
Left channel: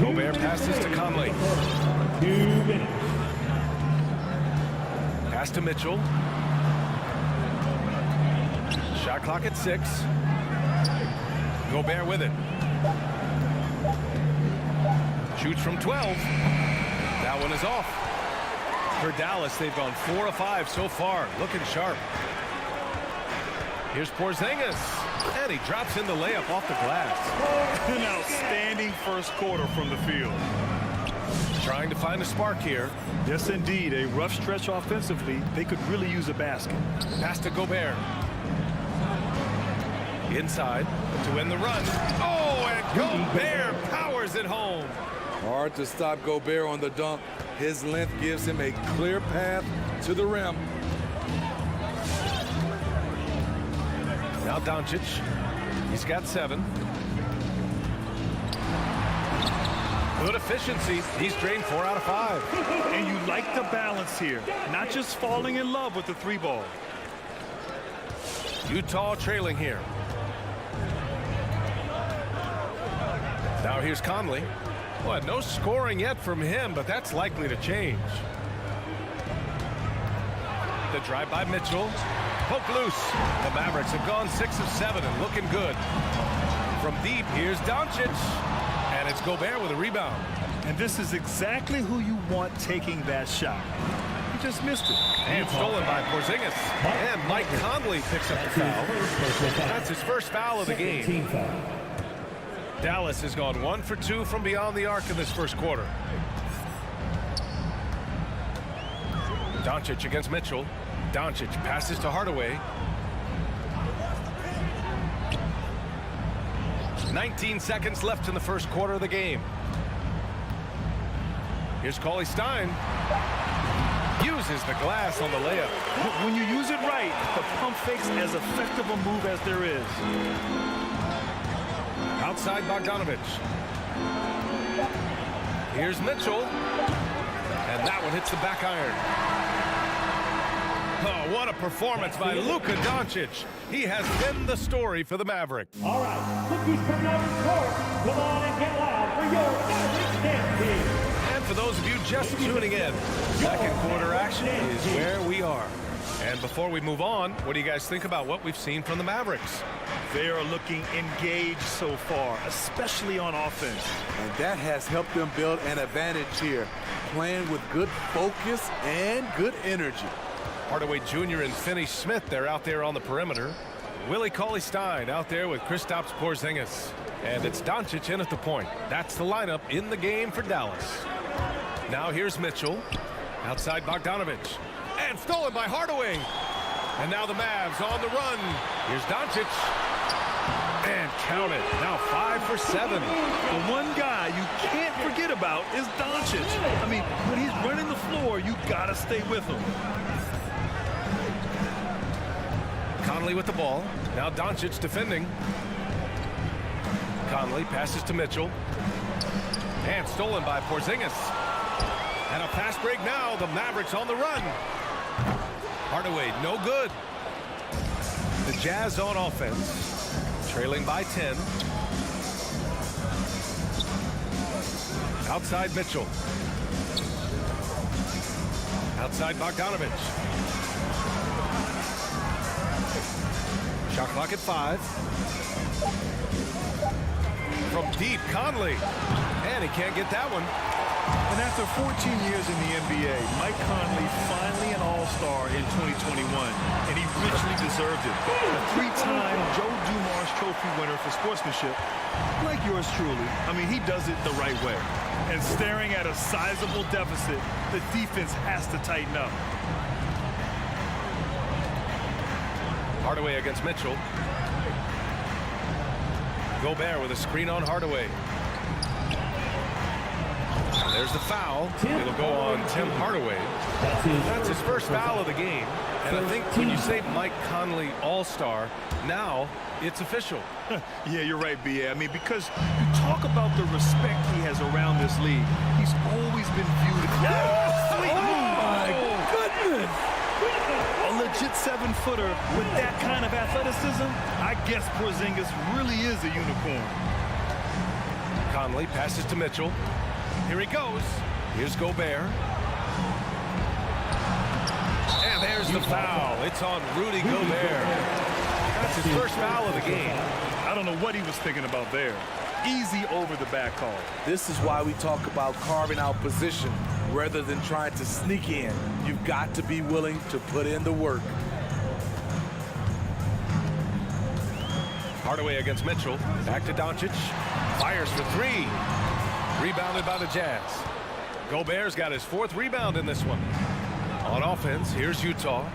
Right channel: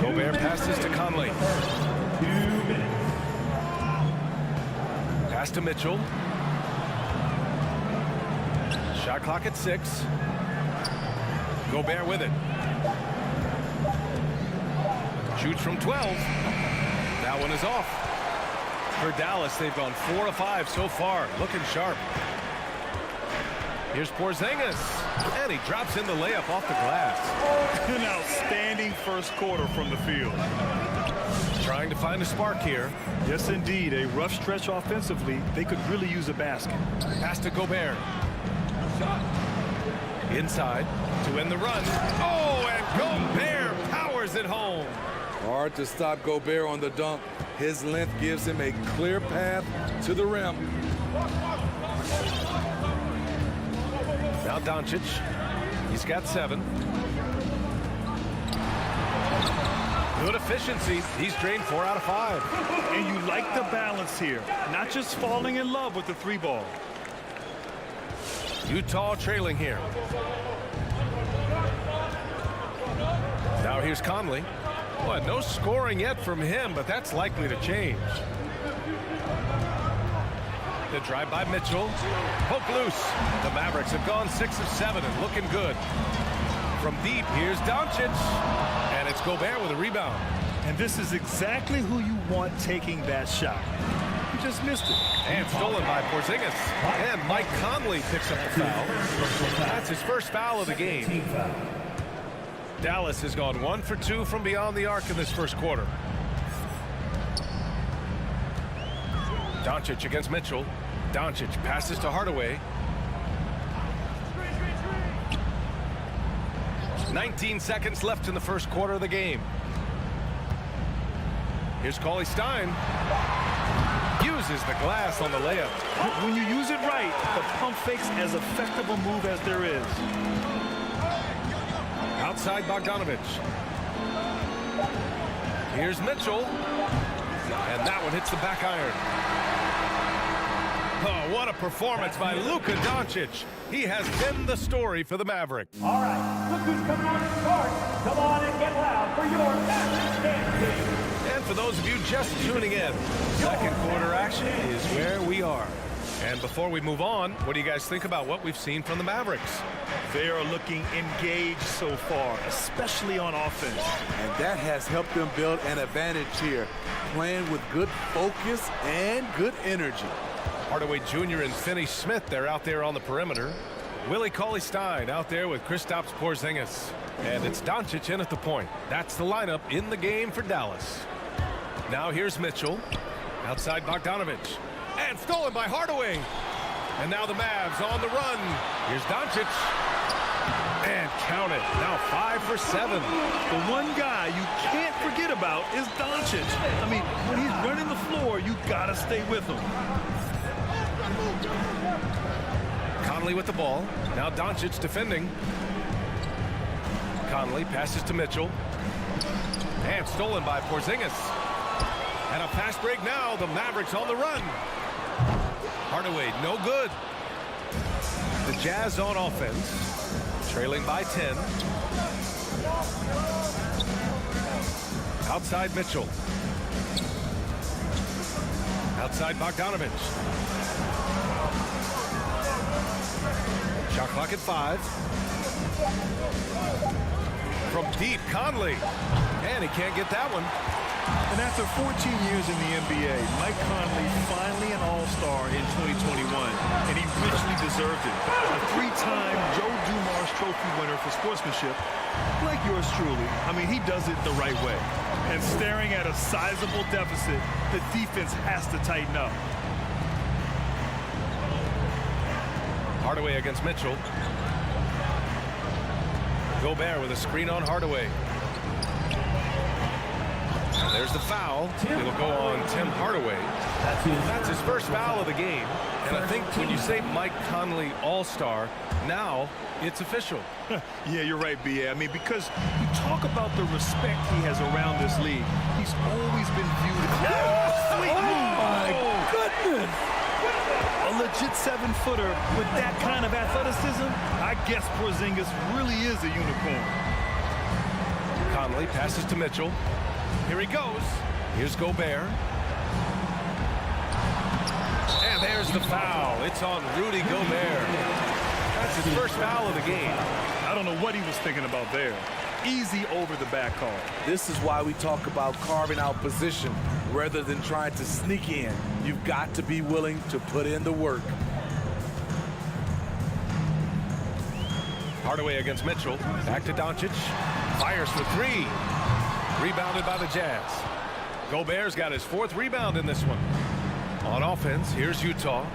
Gobert passes to Conley. 2 minutes. Pass to Mitchell. Shot clock at 6. Gobert with it. Shoots from 12. That one is off. For Dallas, they've gone 4 of 5 so far. Looking sharp. Here's Porzingis. And he drops in the layup off the glass. An outstanding first quarter from the field. Trying to find a spark here. Yes, indeed. A rough stretch offensively. They could really use a basket. Pass to Gobert. Inside to end the run. Oh, and Gobert powers it home. Hard to stop Gobert on the dunk. His length gives him a clear path to the rim. Now Doncic. He's got 7. Good efficiency. He's drained 4 out of 5. And you like the balance here. Not just falling in love with the 3-ball. Utah trailing here. Now here's Conley. Well, no scoring yet from him, but that's likely to change. The drive by Mitchell. Poke loose. The Mavericks have gone 6 of 7 and looking good. From deep, here's Doncic. And it's Gobert with a rebound. And this is exactly who you want taking that shot. He just missed it. And stolen by Porzingis. And Mike Conley picks up the foul. That's his first foul of the game. Dallas has gone 1 for 2 from beyond the arc in this first quarter. Doncic against Mitchell. Doncic passes to Hardaway. 19 seconds left in the first quarter of the game. Here's Cauley-Stein. Uses the glass on the layup. When you use it right, the pump fake's as effective a move as there is. Outside Bogdanovich. Here's Mitchell. And that one hits the back iron. Oh, what a performance by Luka Doncic. He has been the story for the Mavericks. All right, look who's coming on the court. Come on and get loud for your Mavericks dance team. And for those of you just tuning in, second quarter action is where we are. And before we move on, what do you guys think about what we've seen from the Mavericks? They are looking engaged so far, especially on offense. And that has helped them build an advantage here, playing with good focus and good energy. Hardaway Jr. and Finney-Smith, they're out there on the perimeter. Willie Cauley-Stein out there with Kristaps Porzingis. And it's Doncic in at the point. That's the lineup in the game for Dallas. Now here's Mitchell. Outside Bogdanovich. And stolen by Hardaway. And now the Mavs on the run. Here's Doncic. And count it. Now 5 for 7. The one guy you can't forget about is Doncic. I mean, when he's running the floor, you gotta stay with him. Conley with the ball. Now Doncic defending. Conley passes to Mitchell. And stolen by Porzingis. And a fast break now. The Mavericks on the run. Hardaway, no good. The Jazz on offense. Trailing by 10. Outside Mitchell. Outside Bogdanovich. Shot clock at 5. From deep, Conley. And he can't get that one. And after 14 years in the NBA, Mike Conley finally an all-star in 2021, and he richly deserved it. A 3-time Joe Dumars Trophy winner for sportsmanship, like yours truly. I mean, he does it the right way. And staring at a sizable deficit, the defense has to tighten up. Hardaway against Mitchell. Gobert with a screen on Hardaway. There's the foul. It'll go on Tim Hardaway. That's his first foul of the game. And I think when you say Mike Conley All-Star, now it's official. Yeah, you're right, B.A. I mean, because you talk about the respect he has around this league. He's always been viewed as sweet move. My goodness. A legit 7-footer with that kind of athleticism, I guess Porzingis really is a unicorn. Conley passes to Mitchell. Here he goes. Here's Gobert. And there's the foul. It's on Rudy Gobert. That's his first foul of the game. I don't know what he was thinking about there. Easy over the back call. This is why we talk about carving out position rather than trying to sneak in. You've got to be willing to put in the work. Hardaway against Mitchell. Back to Doncic. Fires for 3. Rebounded by the Jazz. Gobert's got his 4th rebound in this one. On offense, here's Utah.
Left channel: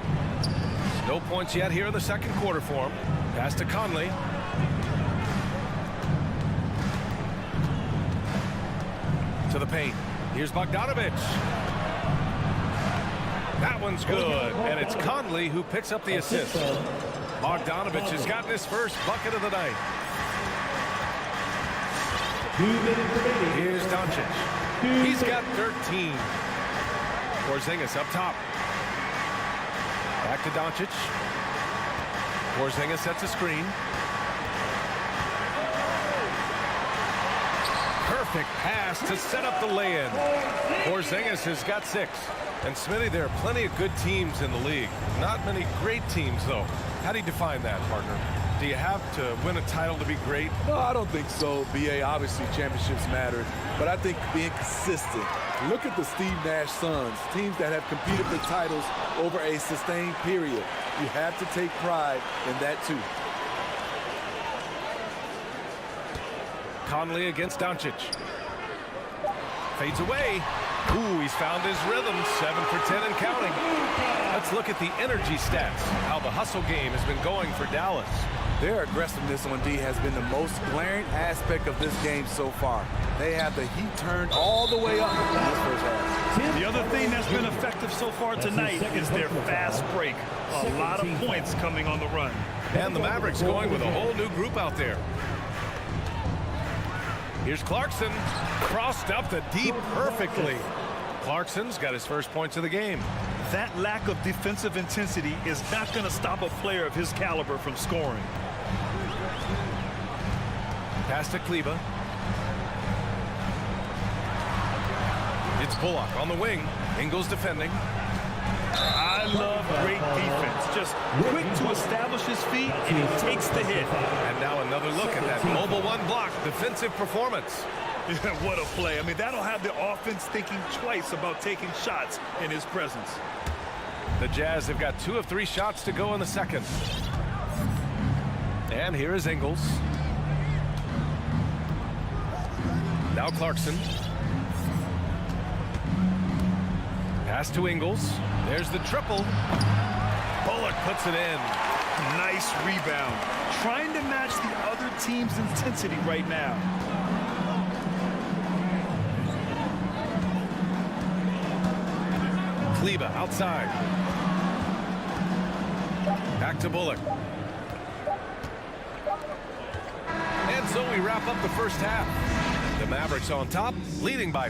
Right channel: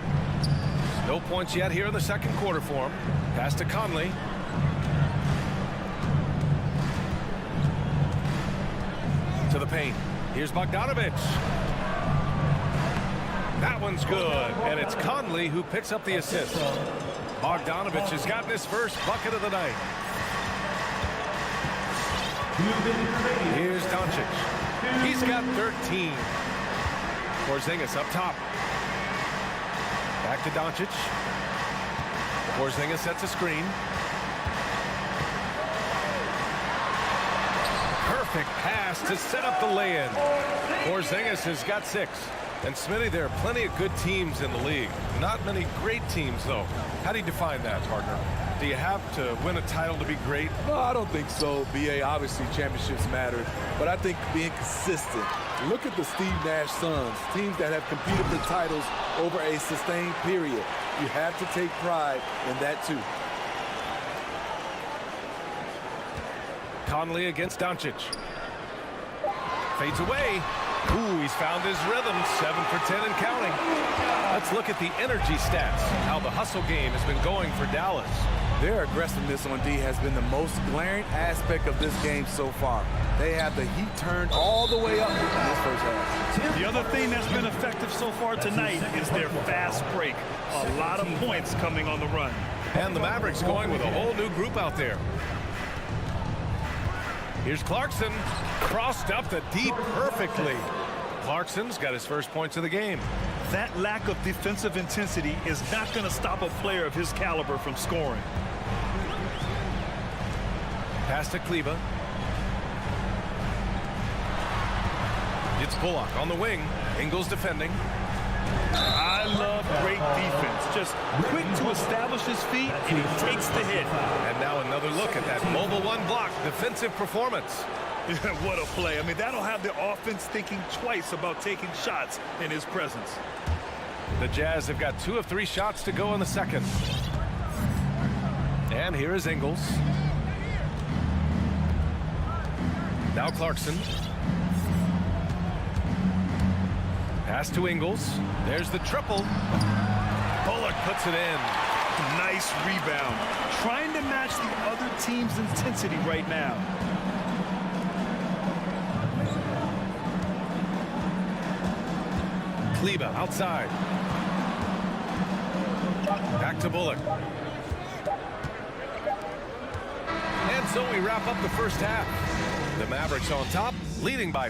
No points yet here in the second quarter for him. Pass to Conley. To the paint. Here's Bogdanovich. That one's good. And it's Conley who picks up the assist. Bogdanovich has gotten his first bucket of the night. Here's Doncic. He's got 13. Porzingis up top. Back to Doncic. Porzingis sets a screen. Perfect pass to set up the lay-in. Porzingis has got 6. And Smitty, there are plenty of good teams in the league. Not many great teams, though. How do you define that, partner? Do you have to win a title to be great? No, I don't think so, B.A. Obviously, championships matter. But I think being consistent. Look at the Steve Nash Suns, teams that have competed for titles over a sustained period. You have to take pride in that, too. Conley against Doncic. Fades away. Ooh, he's found his rhythm. 7 for 10 and counting. Let's look at the energy stats, how the hustle game has been going for Dallas. Their aggressiveness on D has been the most glaring aspect of this game so far. They have the heat turned all the way up in this first half. The other thing that's been effective so far tonight is their fast break. A lot of points coming on the run. And the Mavericks going with a whole new group out there. Here's Clarkson, crossed up the deep perfectly. Clarkson's got his first points of the game. That lack of defensive intensity is not going to stop a player of his caliber from scoring. Pass to Kleber. It's Bullock on the wing. Ingles defending. I love great defense. Just quick to establish his feet, and he takes the hit. And now another look at that mobile one block defensive performance. What a play. I mean, that'll have the offense thinking twice about taking shots in his presence. The Jazz have got 2 of 3 shots to go in the second. And here is Ingles. Now Clarkson. Pass to Ingles. There's the triple. Bullock puts it in. Nice rebound. Trying to match the other team's intensity right now. Kleber outside. Back to Bullock. And so we wrap up the first half. The Mavericks on top, leading by...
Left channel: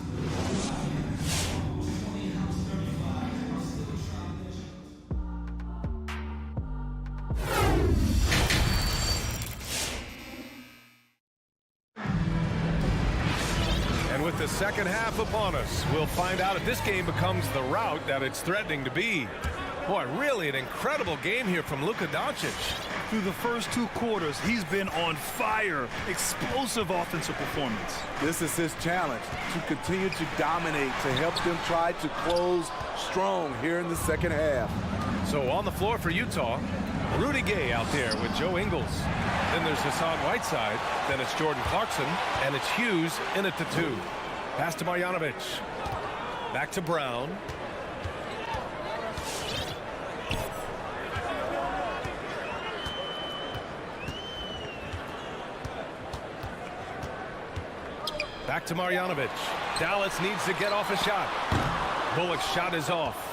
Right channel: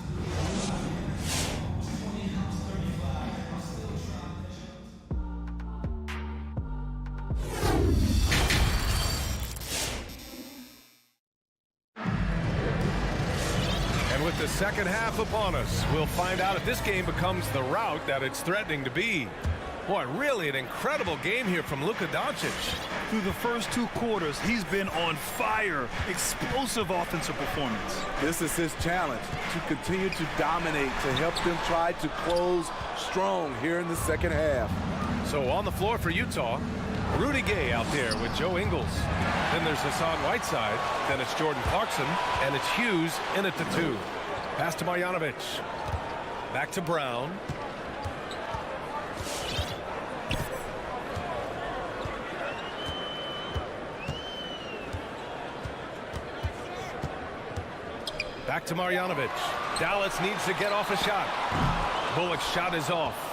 And with the second half upon us, we'll find out if this game becomes the rout that it's threatening to be. Boy, really an incredible game here from Luka Doncic. Through the first 2 quarters, he's been on fire. Explosive offensive performance. This is his challenge, to continue to dominate, to help them try to close strong here in the second half. So on the floor for Utah, Rudy Gay out there with Joe Ingles. Then there's Hassan Whiteside. Then it's Jordan Clarkson. And it's Hughes in at the 2. Pass to Marjanovic. Back to Brown. Back to Marjanovic. Dallas needs to get off a shot. Bullock's shot is off.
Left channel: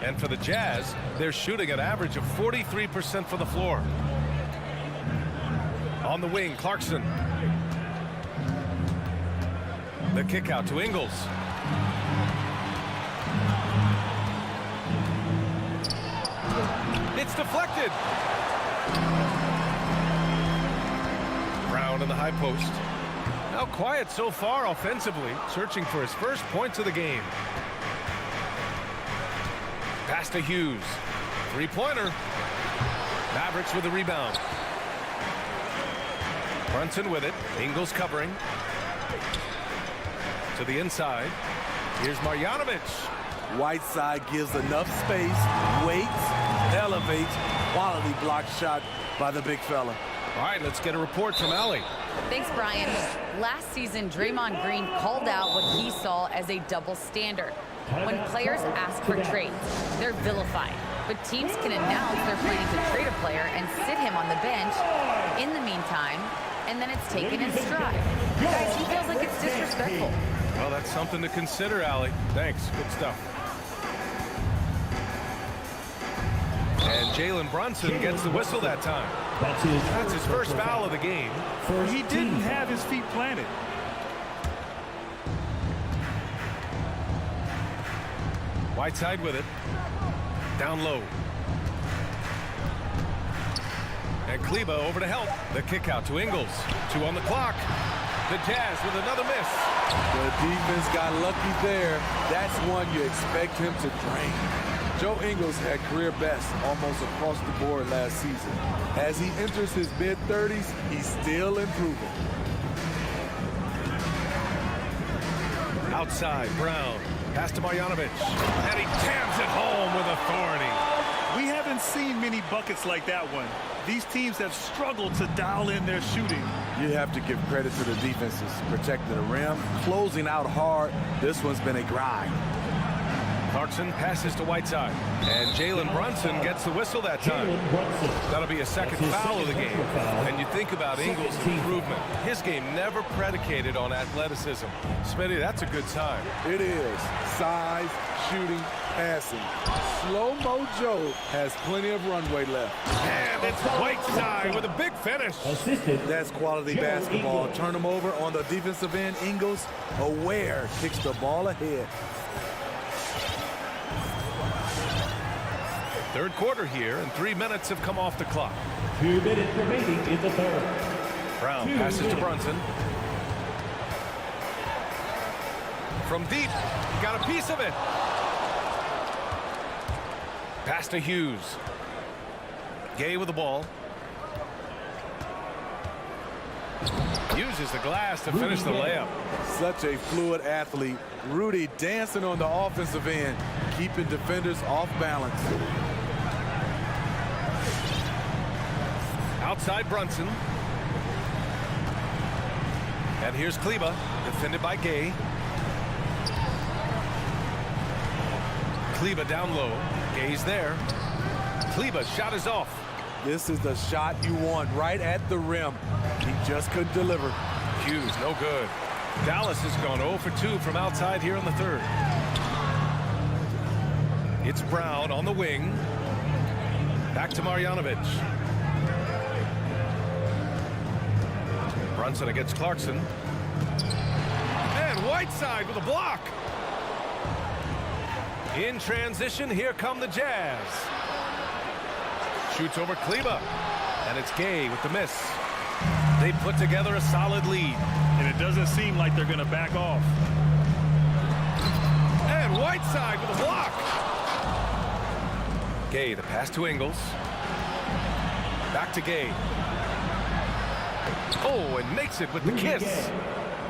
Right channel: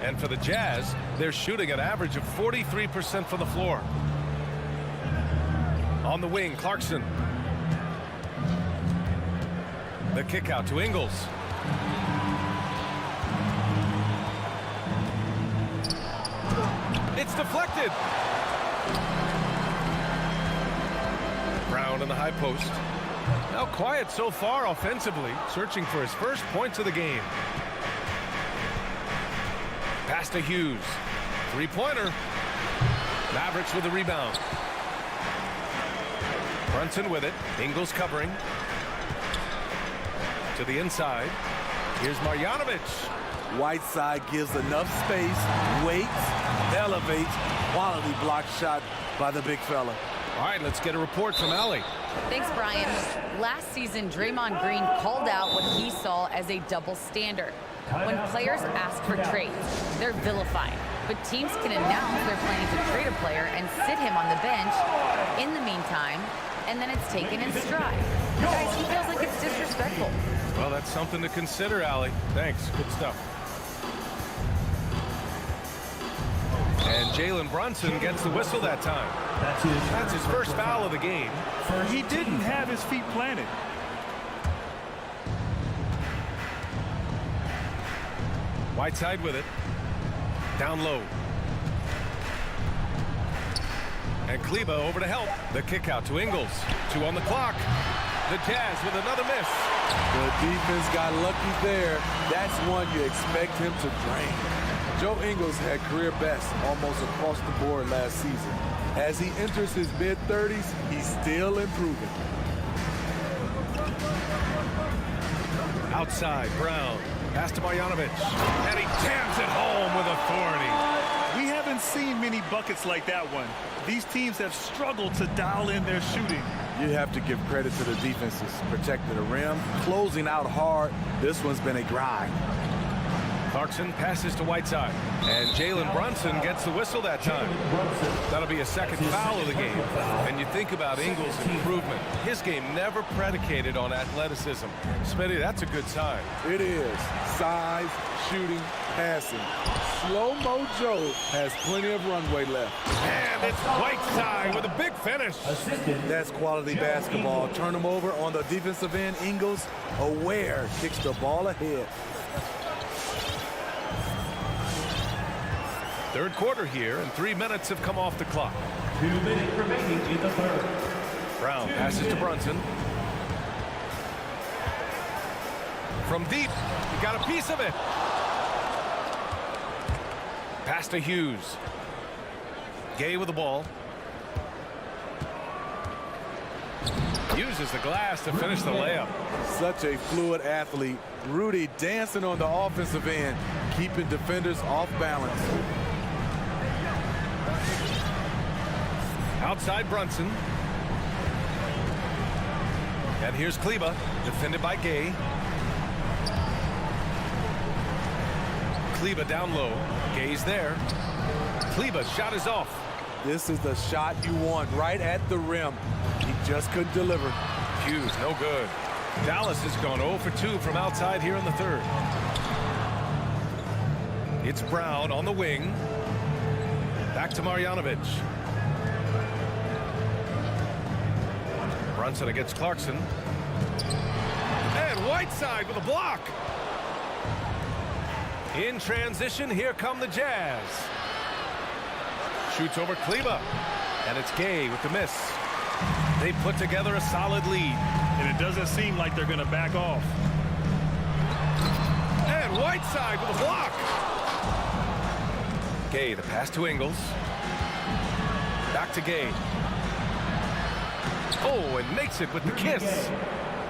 And for the Jazz, they're shooting an average of 43% from the floor. On the wing, Clarkson. The kick out to Ingles. It's deflected. Brown in the high post. Now quiet so far offensively, searching for his first points of the game. Pass to Hughes. 3-pointer. Mavericks with the rebound. Brunson with it. Ingles covering. To the inside. Here's Marjanovic. Whiteside gives enough space, waits, elevates. Quality block shot by the big fella. All right, let's get a report from Allie. Thanks, Brian. Last season, Draymond Green called out what he saw as a double standard. When players ask for trades, they're vilified. But teams can announce they're planning to trade a player and sit him on the bench in the meantime, and then it's taken in stride. Guys, he feels like it's disrespectful. Well, that's something to consider, Allie. Thanks. Good stuff. And Jalen Brunson gets the whistle that time. That's his first foul of the game. He didn't have his feet planted. Whiteside with it. Down low. And Kleber over to help. The kick out to Ingles. 2 on the clock. The Jazz with another miss. The defense got lucky there. That's one you expect him to drain. Joe Ingles had career best almost across the board last season. As he enters his mid-30s, he's still improving. Outside, Brown. Pass to Marjanovic. And he jams it home with authority. We haven't seen many buckets like that one. These teams have struggled to dial in their shooting. You have to give credit to the defenses, protecting the rim, closing out hard. This one's been a grind. Clarkson passes to Whiteside. And Jalen Brunson gets the whistle that time. That'll be a second foul of the game. And you think about Ingles' improvement. His game never predicated on athleticism. Smitty, that's a good sign. It is. Size, shooting, passing. Slow-mo Joe has plenty of runway left. And it's Whiteside with a big finish. That's quality basketball. Turn him over on the defensive end. Ingles, aware, kicks the ball ahead. Third quarter here, and 3 minutes have come off the clock. 2 minutes remaining in the third. Brown passes to Brunson. From deep, he got a piece of it. Pass to Hughes. Gay with the ball. Uses the glass to finish the layup. Such a fluid athlete. Rudy dancing on the offensive end, keeping defenders off balance. Outside Brunson. And here's Kleber, defended by Gay. Kleber down low. Gay's there. Kleber's shot is off. This is the shot you want, right at the rim. He just couldn't deliver. Hughes, no good. Dallas has gone 0 for 2 from outside here in the third. It's Brown on the wing. Back to Marjanovic. Brunson against Clarkson. And Whiteside with a block. In transition, here come the Jazz. Shoots over Kleber. And it's Gay with the miss. They put together a solid lead. And it doesn't seem like they're going to back off. And Whiteside with a block. Gay, the pass to Ingles. Back to Gay. Oh, and makes it with the kiss.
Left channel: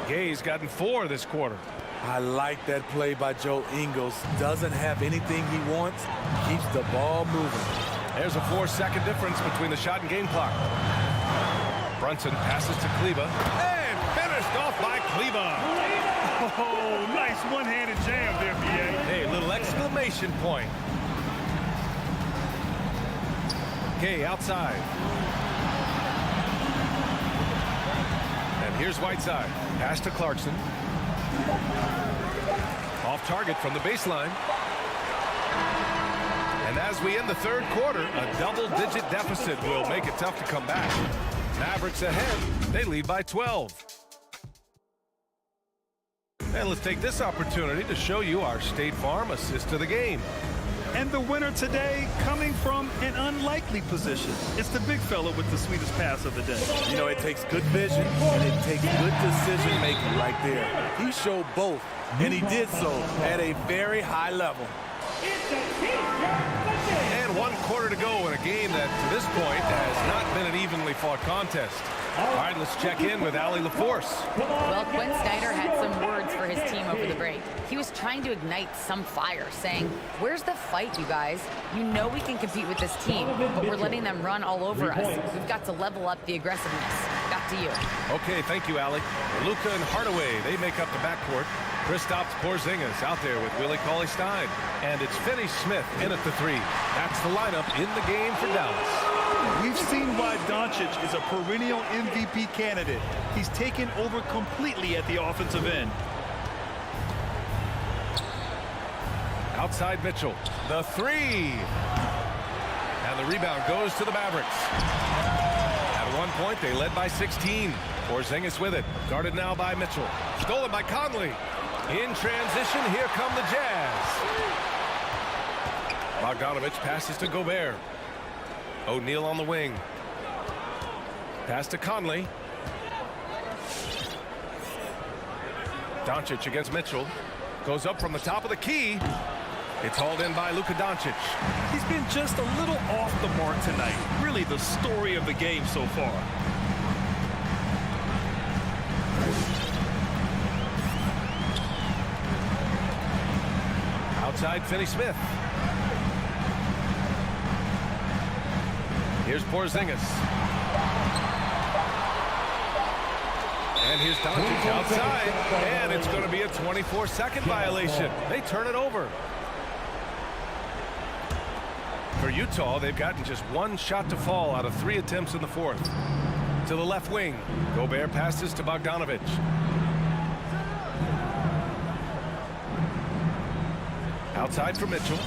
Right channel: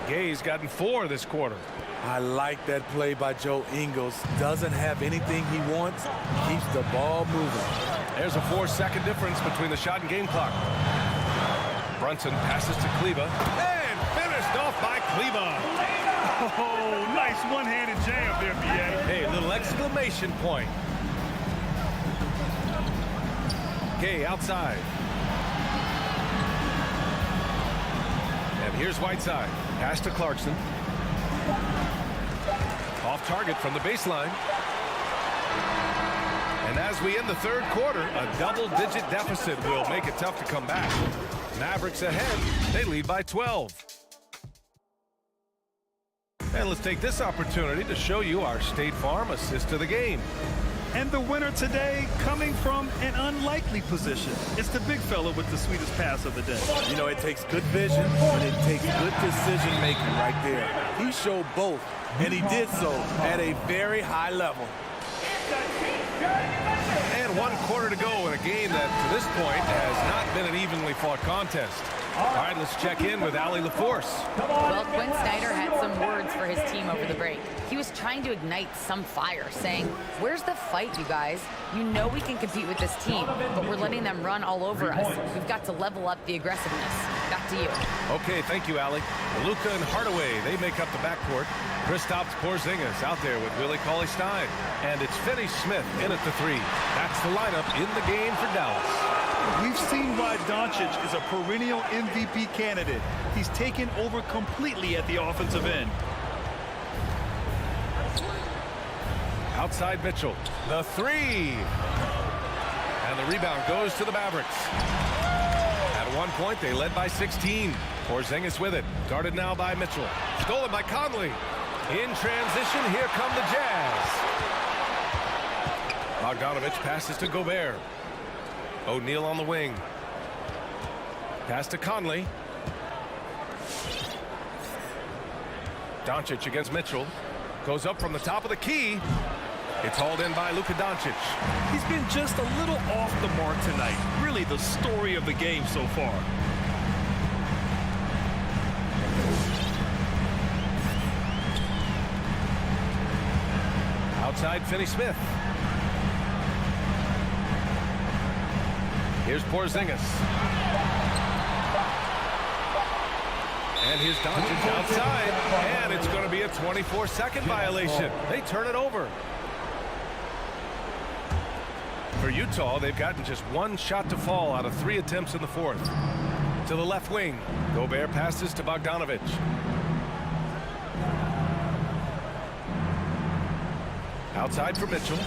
Gay's gotten 4 this quarter. I like that play by Joe Ingles. Doesn't have anything he wants. Keeps the ball moving. There's a 4-second difference between the shot and game clock. Brunson passes to Kleber. And finished off by Kleber. Oh, nice one-handed jam there, B.A. Hey, little exclamation point. Gay outside. And here's Whiteside. Pass to Clarkson. Off target from the baseline. And as we end the third quarter, a double-digit deficit will make it tough to come back. Mavericks ahead. They lead by 12. And let's take this opportunity to show you our State Farm assist of the game. And the winner today coming from an unlikely position. It's the big fella with the sweetest pass of the day. You know, it takes good vision and it takes good decision making right there. He showed both, and he did so at a very high level. And 1 quarter to go in a game that, to this point, has not been an evenly fought contest. All right, let's check in with Allie LaForce. Well, Quinn Snyder had some words for his team over the break. He was trying to ignite some fire, saying, "Where's the fight, you guys? You know we can compete with this team, but we're letting them run all over us. We've got to level up the aggressiveness." Back to you. Okay, thank you, Allie. Luka and Hardaway, they make up the backcourt. Kristaps Porzingis out there with Willie Cauley-Stein. And it's Finney-Smith in at the 3. That's the lineup in the game for Dallas. We've seen why Doncic is a perennial MVP candidate. He's taken over completely at the offensive end. Outside Mitchell, the 3. And the rebound goes to the Mavericks. At one point, they led by 16. Porzingis with it, guarded now by Mitchell. Stolen by Conley. In transition, here come the Jazz. Bogdanovich passes to Gobert. O'Neal on the wing. Pass to Conley. Doncic against Mitchell. Goes up from the top of the key. It's hauled in by Luka Doncic. He's been just a little off the mark tonight. Really the story of the game so far. Outside, Finney-Smith. Here's Porzingis. And here's Doncic outside. And it's going to be a 24-second violation. They turn it over. For Utah, they've gotten just one shot to fall out of 3 attempts in the fourth. To the left wing, Gobert passes to Bogdanovic. Outside for Mitchell.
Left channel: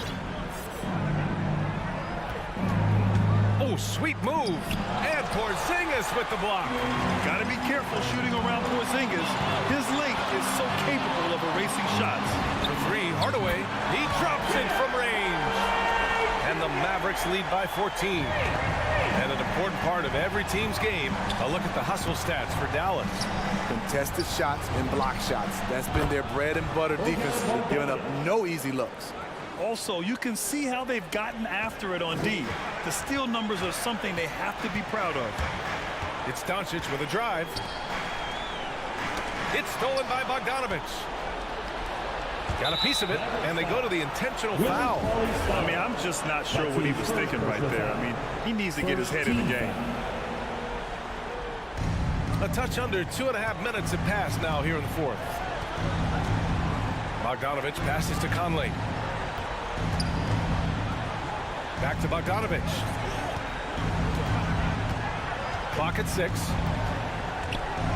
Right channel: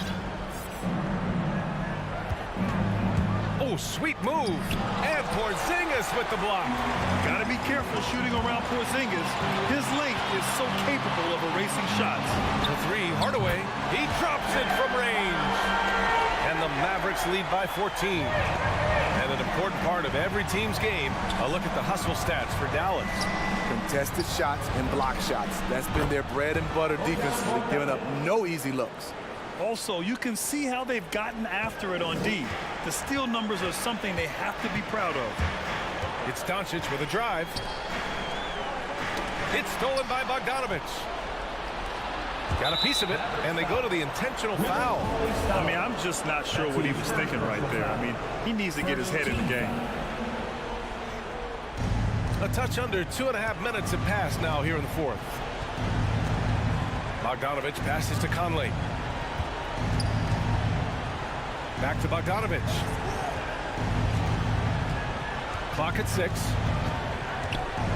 Oh, sweet move. And Porzingis with the block. Got to be careful shooting around Porzingis. His length is so capable of erasing shots. For 3, Hardaway. He drops it from range. And the Mavericks lead by 14. And an important part of every team's game, a look at the hustle stats for Dallas. Contested shots and block shots. That's been their bread and butter defensively, giving up no easy looks. Also, you can see how they've gotten after it on D. The steal numbers are something they have to be proud of. It's Doncic with a drive. It's stolen by Bogdanovic. Got a piece of it, and they go to the intentional foul. I mean, I'm just not sure what he was thinking right there. I mean, he needs to get his head in the game. A touch under 2.5 minutes have passed now here in the fourth. Bogdanovic passes to Conley. Back to Bogdanovic. Clock at 6.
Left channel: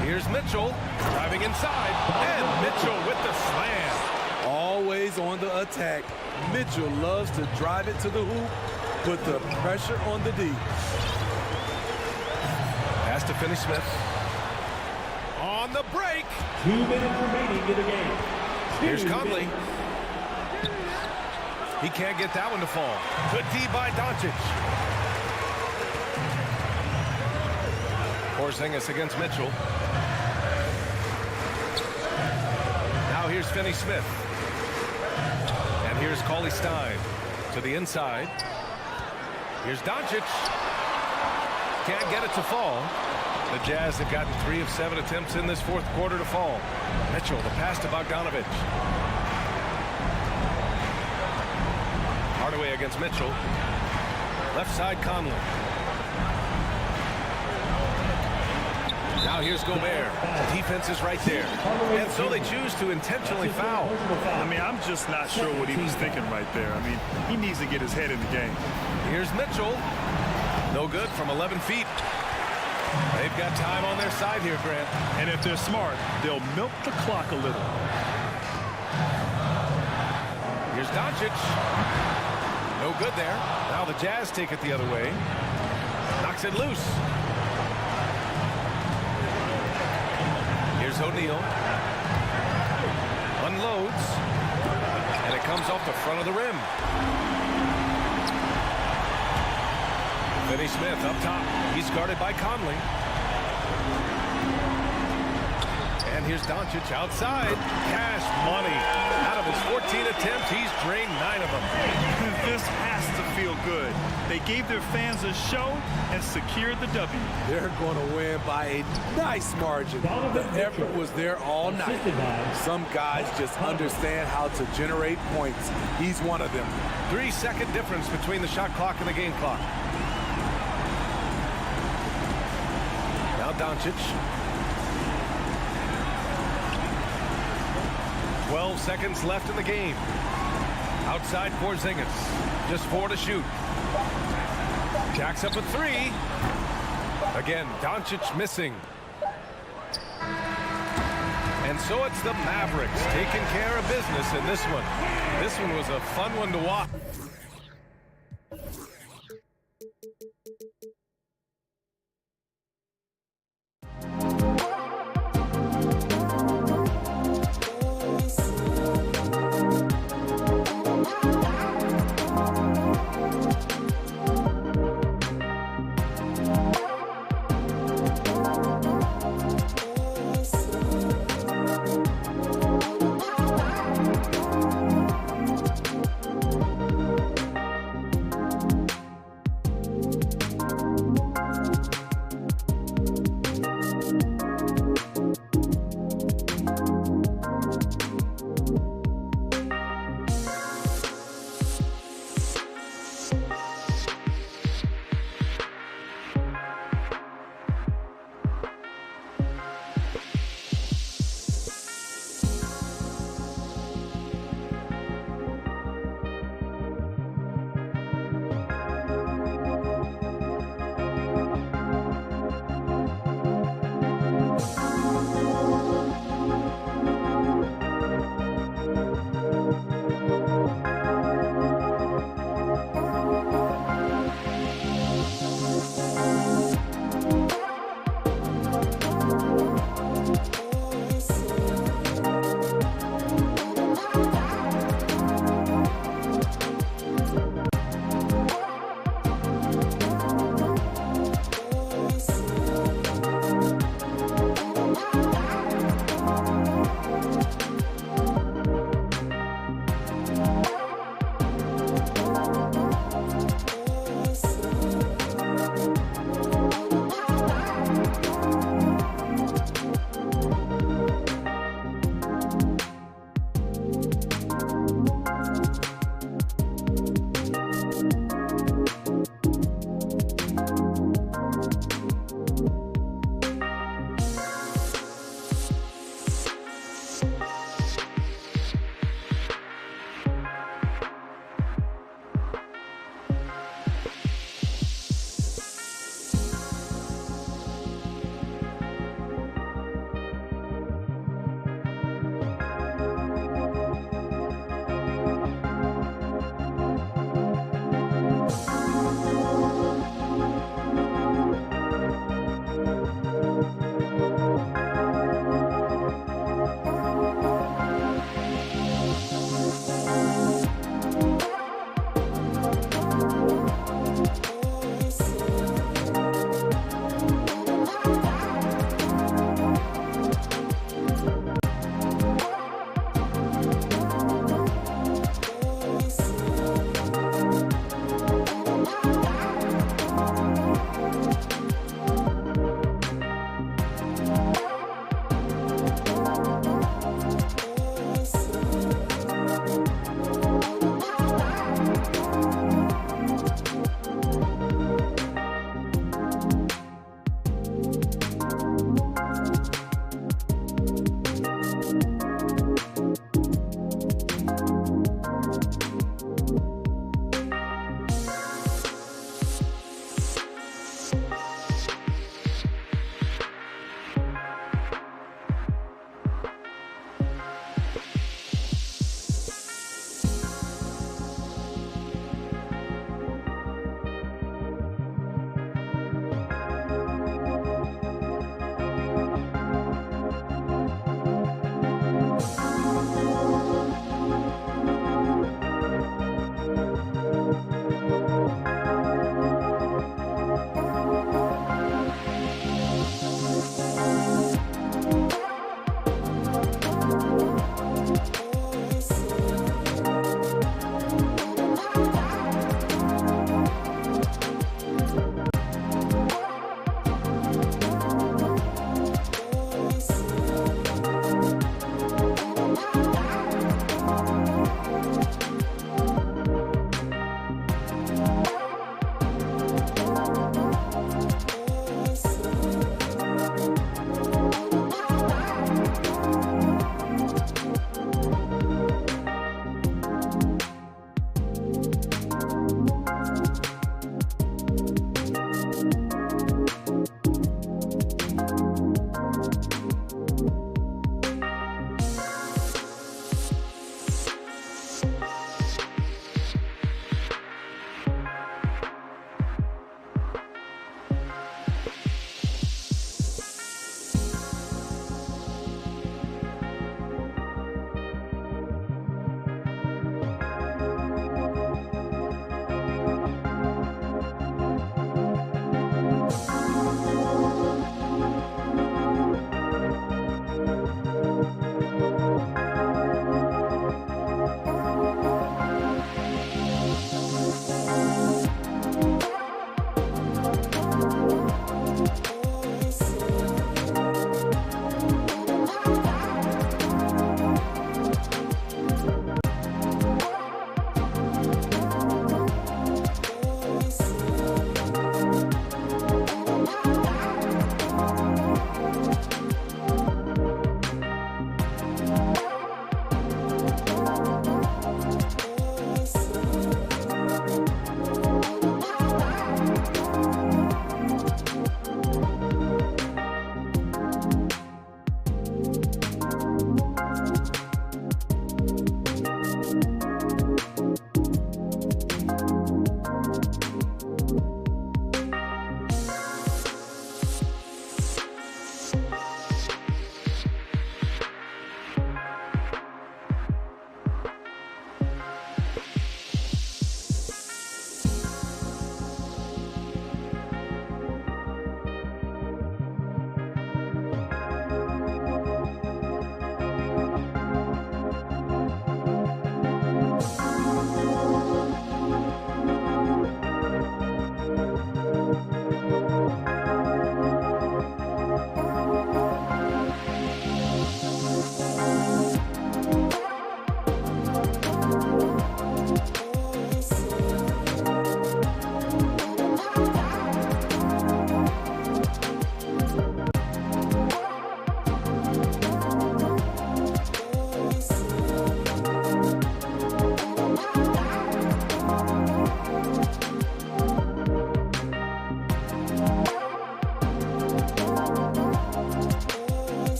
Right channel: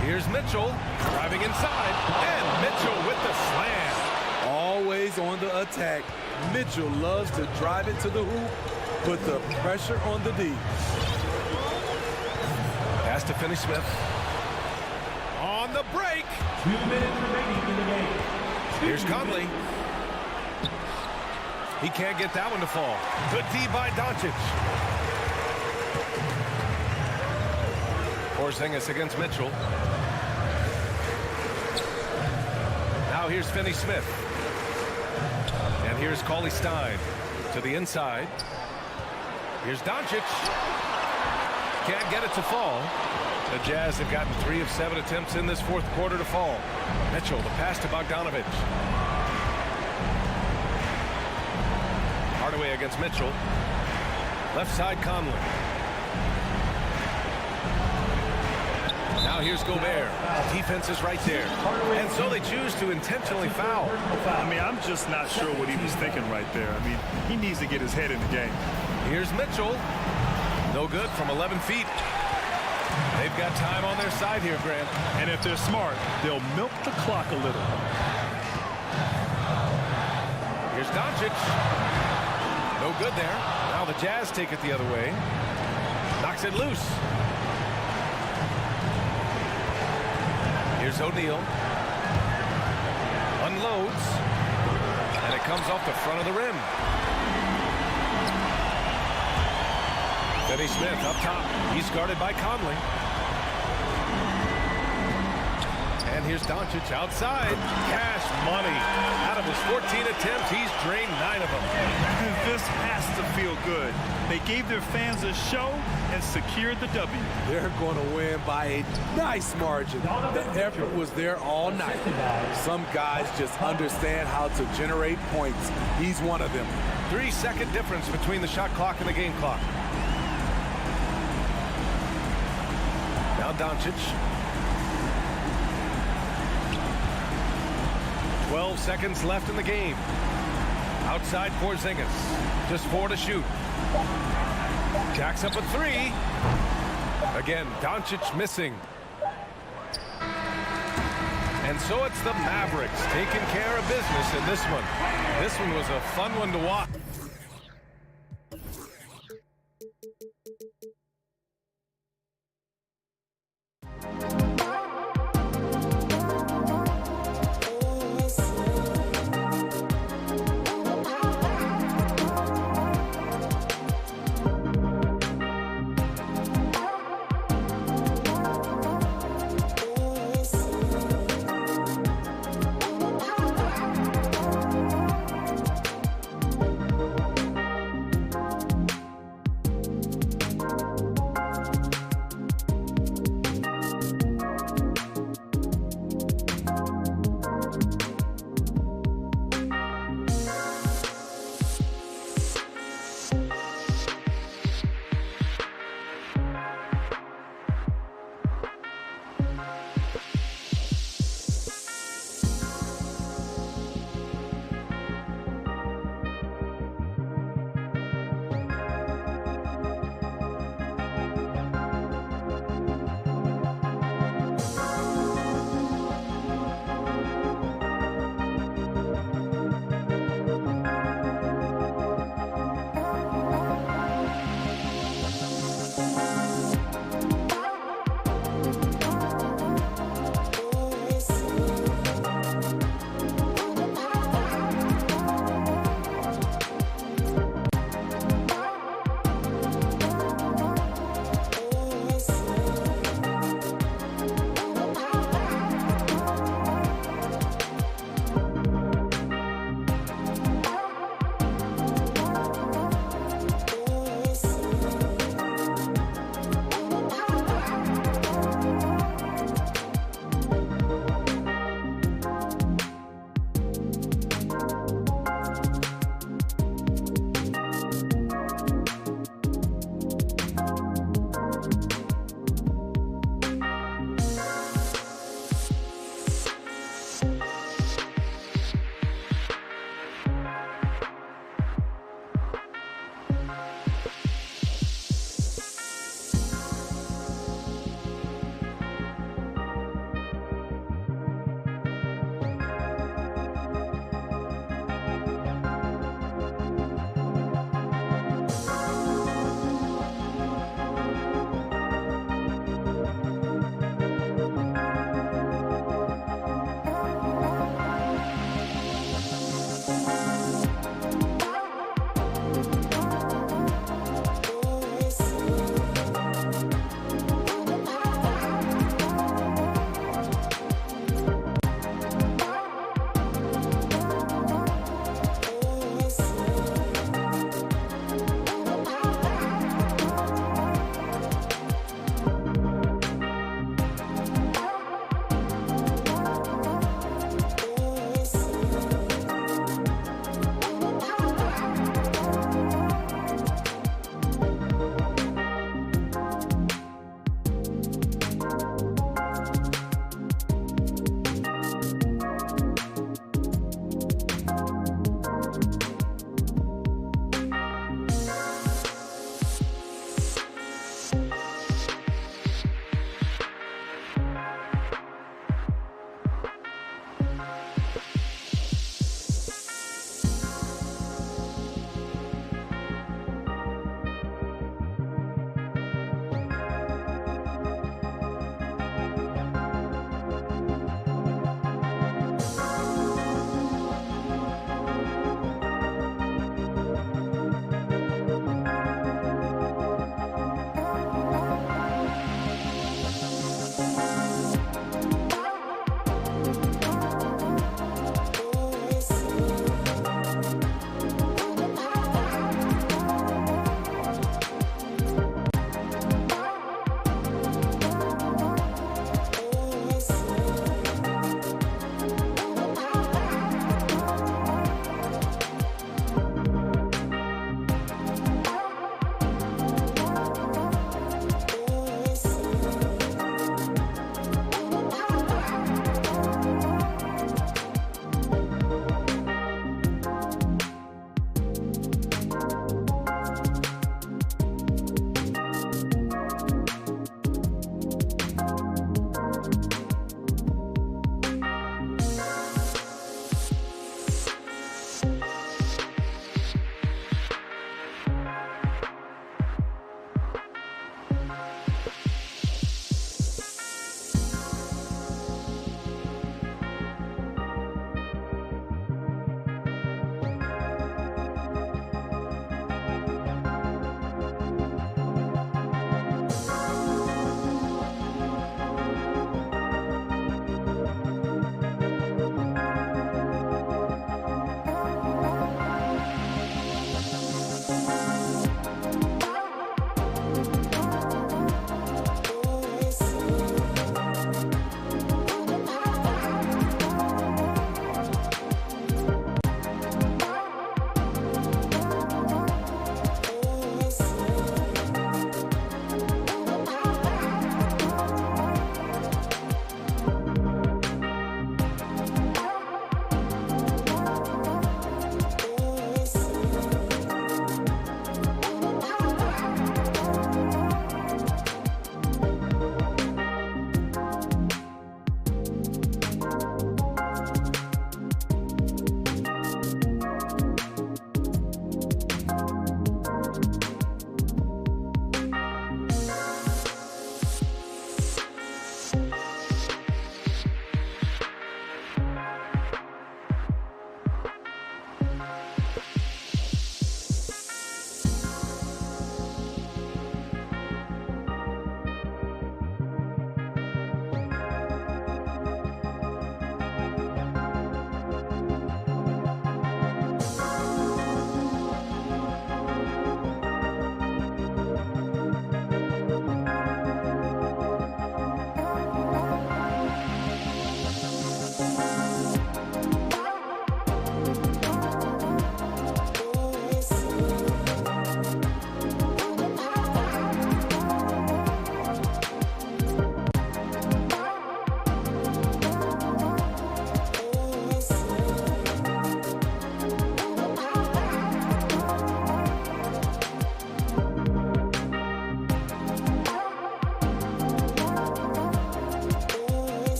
Here's Mitchell driving inside, and Mitchell with the slam. Always on the attack. Mitchell loves to drive it to the hoop, put the pressure on the D. Pass to Finney-Smith. On the break. 2 minutes remaining in the game. Here's Conley. He can't get that one to fall. Good D by Doncic. Porzingis against Mitchell. Now here's Finney-Smith. And here's Cauley-Stein to the inside. Here's Doncic. Can't get it to fall. The Jazz have gotten 3 of 7 attempts in this fourth quarter to fall. Mitchell, the pass to Bogdanovic. Hardaway against Mitchell. Left side, Conley. Now here's Gobert. Defense is right there. And so they choose to intentionally foul. I mean, I'm just not sure what he was thinking right there. I mean, he needs to get his head in the game. Here's Mitchell. No good from 11 feet. They've got time on their side here, Grant. And if they're smart, they'll milk the clock a little. Here's Doncic. No good there. Now the Jazz take it the other way. Knocks it loose. Here's O'Neal. Unloads. And it comes off the front of the rim. Finney-Smith up top. He's guarded by Conley. And here's Doncic outside. Cash money. Out of his 14 attempts, he's drained 9 of them. This has to feel good. They gave their fans a show and secured the W. They're going to win by a nice margin. The effort was there all night. Some guys just understand how to generate points. He's one of them. 3-second difference between the shot clock and the game clock. Now Doncic. 12 seconds left in the game. Outside Porzingis. Just 4 to shoot. Jacks up a 3. Again, Doncic missing. And so it's the Mavericks taking care of business in this one. This one was a fun one to watch.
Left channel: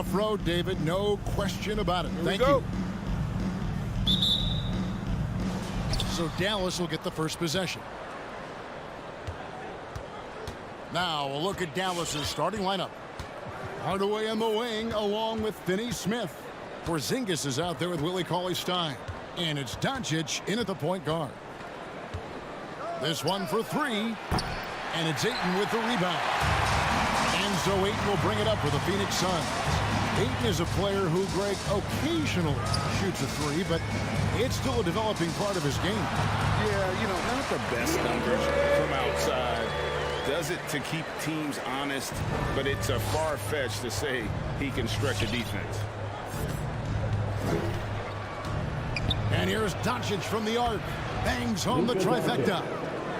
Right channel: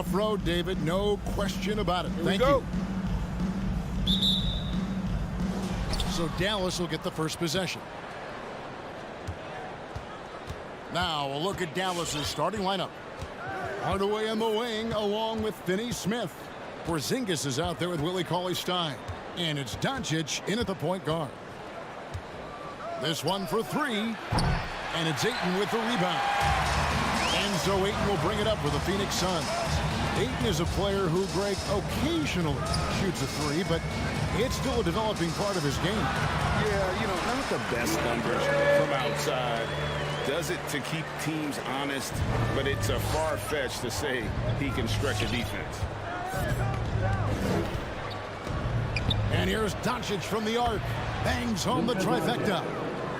Tough road, David. No question about it. Thank you. So Dallas will get the first possession. Now a look at Dallas's starting lineup. Hardaway on the wing along with Finney Smith. Porzingis is out there with Willie Cauley-Stein. And it's Doncic in at the point guard. This one for three. And it's Ayton with the rebound. And so Ayton will bring it up for the Phoenix Suns. Ayton is a player who, Greg, occasionally shoots a three, but it's still a developing part of his game. Yeah, you know, not the best numbers from outside. Does it to keep teams honest, but it's a far-fetched to say he can stretch a defense. And here's Doncic from the arc. Bangs home the trifecta.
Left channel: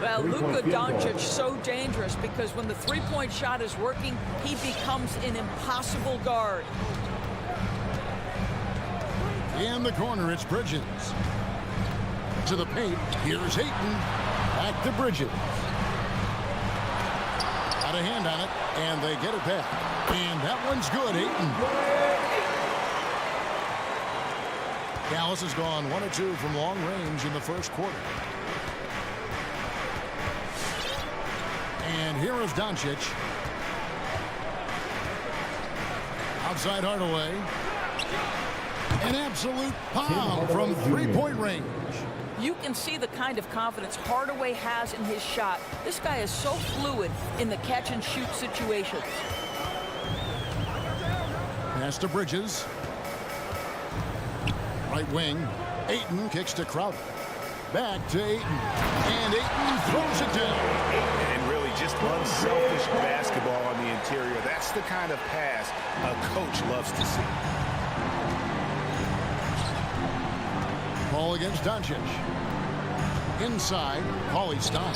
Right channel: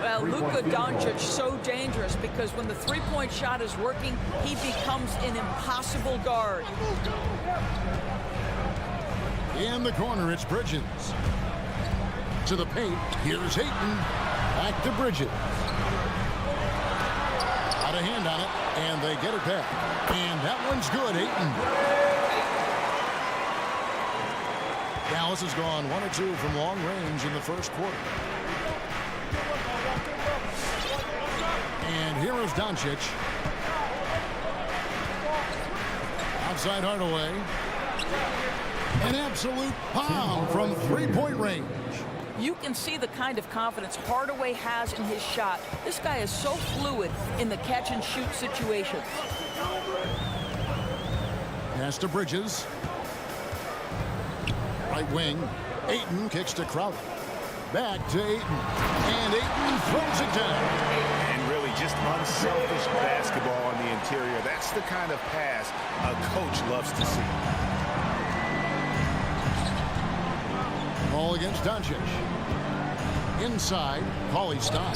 Well, Luka Doncic so dangerous because when the three-point shot is working, he becomes an impossible guard. In the corner, it's Bridges. To the paint, here's Ayton. Back to Bridges. Got a hand on it, and they get it back. And that one's good, Ayton. Dallas has gone 1 of 2 from long range in the first quarter. And here is Doncic. Outside Hardaway. An absolute bomb from three-point range. You can see the kind of confidence Hardaway has in his shot. This guy is so fluid in the catch-and-shoot situations. Pass to Bridges. Right wing. Ayton kicks to Crowder. Back to Ayton. And Ayton throws it down. And really just unselfish basketball on the interior. That's the kind of pass a coach loves to see. Ball against Doncic. Inside, Cauley-Stein.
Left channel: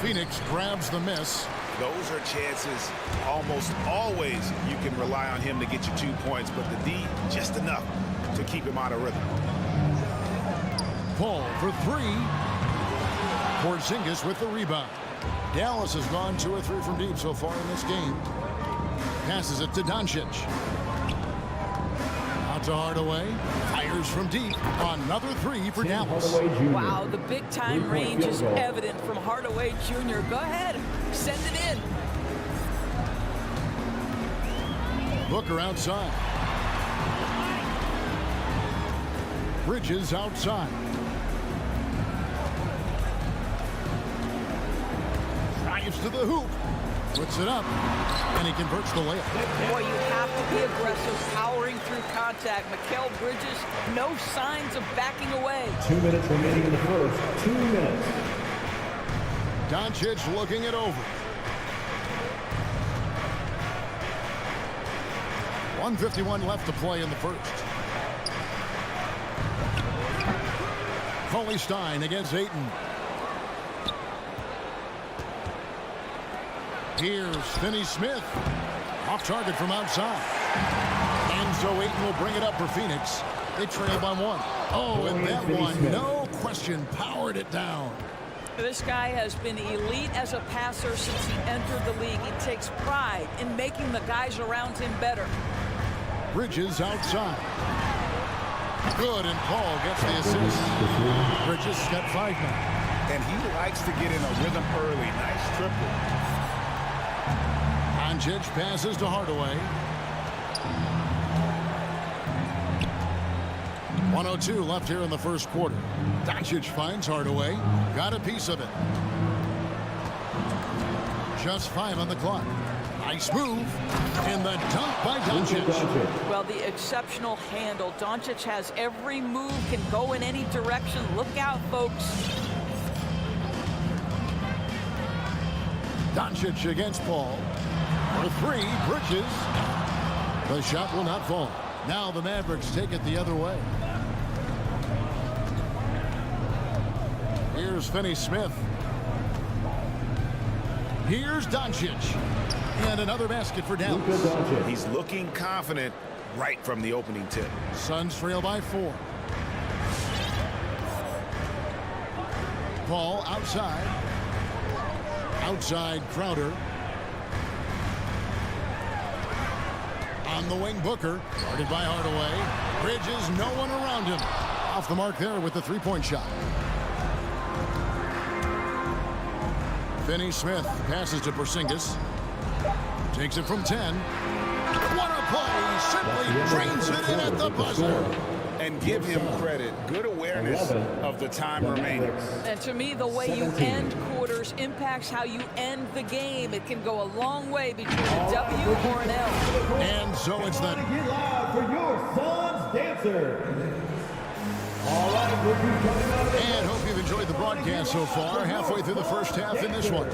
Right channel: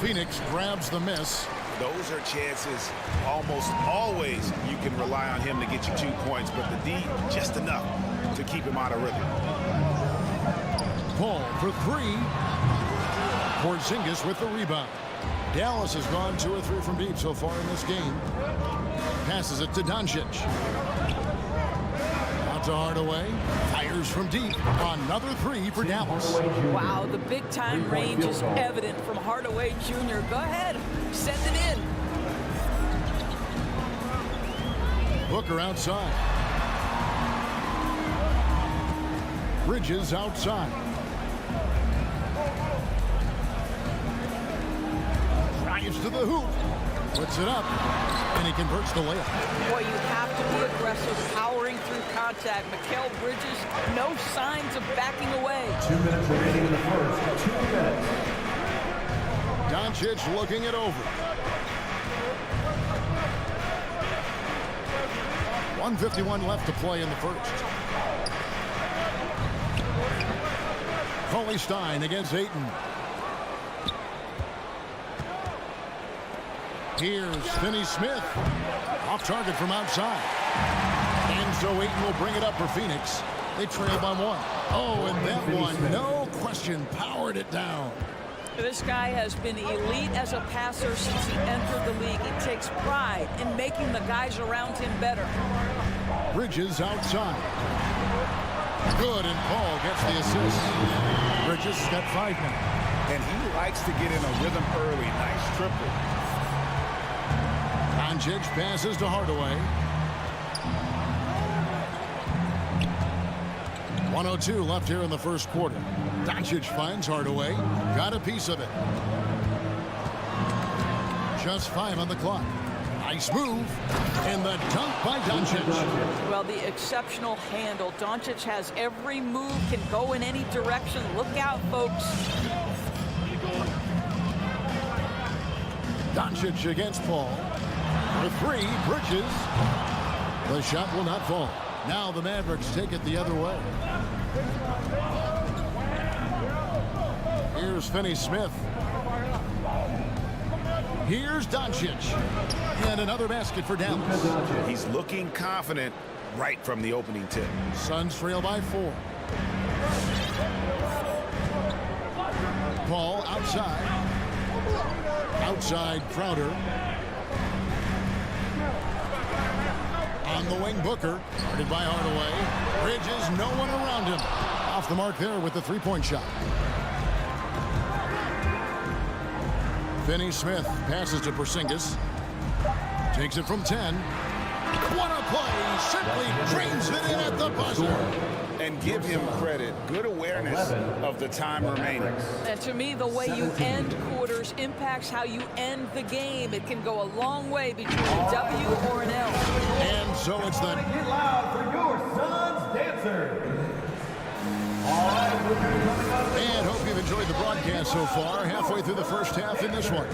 Phoenix grabs the miss. Those are chances almost always you can rely on him to get you 2 points, but the D just enough to keep him out of rhythm. Paul for three. Porzingis with the rebound. Dallas has gone 2 or 3 from deep so far in this game. Passes it to Doncic. Out to Hardaway. Fires from deep. Another 3 for Dallas. Wow, the big-time range is evident from Hardaway Jr. Go ahead, send it in. Booker outside. Bridges outside. Drives to the hoop. Puts it up. And he converts the layup. Boy, you have to be aggressive, powering through contact. Mikal Bridges, no signs of backing away. 2 minutes remaining in the first. 2 minutes. Doncic looking it over. 1:51 left to play in the first. Cauley-Stein against Ayton. Here's Finney Smith. Off target from outside. And so Ayton will bring it up for Phoenix. They trail by 1. Oh, and that one, no question, powered it down. This guy has been elite as a passer since he entered the league. He takes pride in making the guys around him better. Bridges outside. Good, and Paul gets the assist. Bridges has got 5 now. And he likes to get in a rhythm early. Nice triple. Doncic passes to Hardaway. 1:02 left here in the first quarter. Doncic finds Hardaway. Got a piece of it. Just 5 on the clock. Nice move. And the dunk by Doncic. Well, the exceptional handle. Doncic has every move, can go in any direction. Look out, folks. Doncic against Paul. For 3, Bridges. The shot will not fall. Now the Mavericks take it the other way. Here's Finney Smith. Here's Doncic. And another basket for Dallas. He's looking confident right from the opening tip. Suns trail by 4. Paul outside. Outside Crowder. On the wing, Booker. Guarded by Hardaway. Bridges, no one around him. Off the mark there with the three-point shot. Finney-Smith passes to Porzingis. Takes it from 10. What a play! Simply drains it in at the buzzer. And give him credit. Good awareness of the time remaining. And to me, the way you end quarters impacts how you end the game. It can go a long way between a W or an L. And so it's the... Get loud for your son's dancer. All right, and hope you've enjoyed the broadcast so far. Halfway through the first half in this one.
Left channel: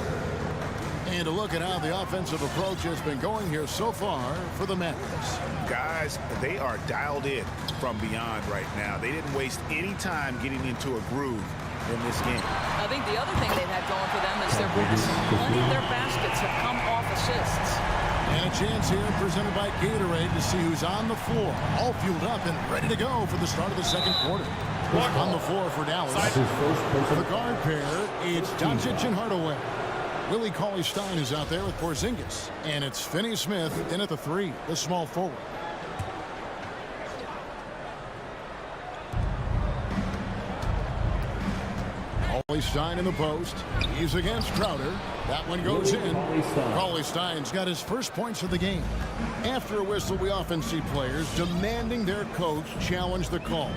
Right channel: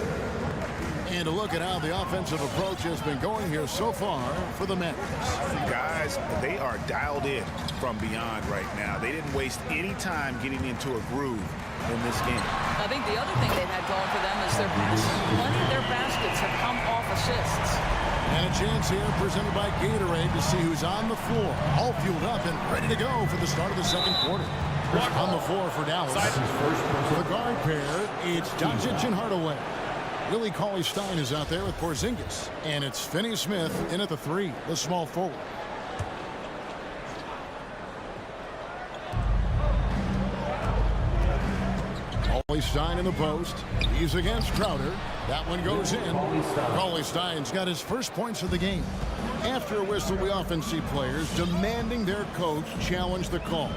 And a look at how the offensive approach has been going here so far for the Mavericks. Guys, they are dialed in from beyond right now. They didn't waste any time getting into a groove in this game. I think the other thing they've had going for them is their passing. Plenty of their baskets have come off assists. And a chance here presented by Gatorade to see who's on the floor. All fueled up and ready to go for the start of the second quarter. On the floor for Dallas. The guard pair, it's Doncic and Hardaway. Willie Cauley-Stein is out there with Porzingis. And it's Finney-Smith in at the 3, the small forward. Cauley-Stein in the post. He's against Crowder. That one goes in. Cauley-Stein's got his first points of the game. After a whistle, we often see players demanding their coach challenge the call.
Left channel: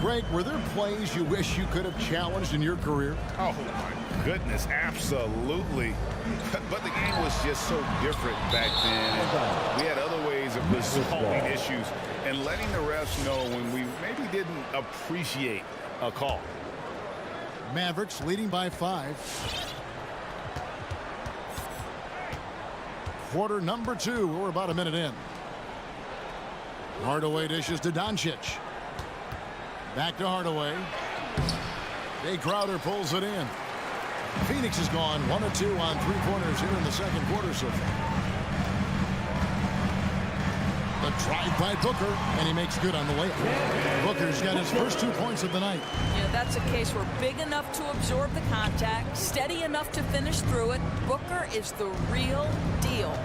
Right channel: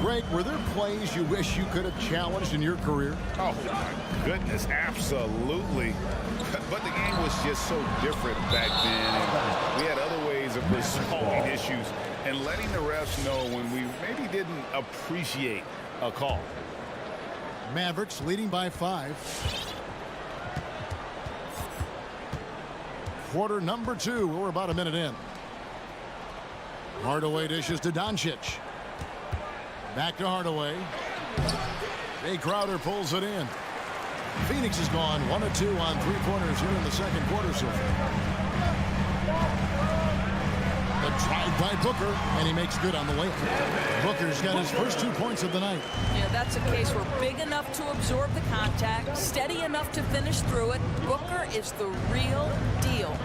Greg, were there plays you wish you could have challenged in your career? Oh, my goodness, absolutely. But the game was just so different back then, and we had other ways of resolving issues and letting the refs know when we maybe didn't appreciate a call. Mavericks leading by 5. Quarter number 2. We're about a minute in. Hardaway dishes to Doncic. Back to Hardaway. Jay Crowder pulls it in. Phoenix has gone 1 of 2 on three-pointers here in the second quarter so far. The drive by Booker, and he makes good on the layup. Booker's got his first 2 points of the night. Yeah, that's a case where big enough to absorb the contact, steady enough to finish through it. Booker is the real deal.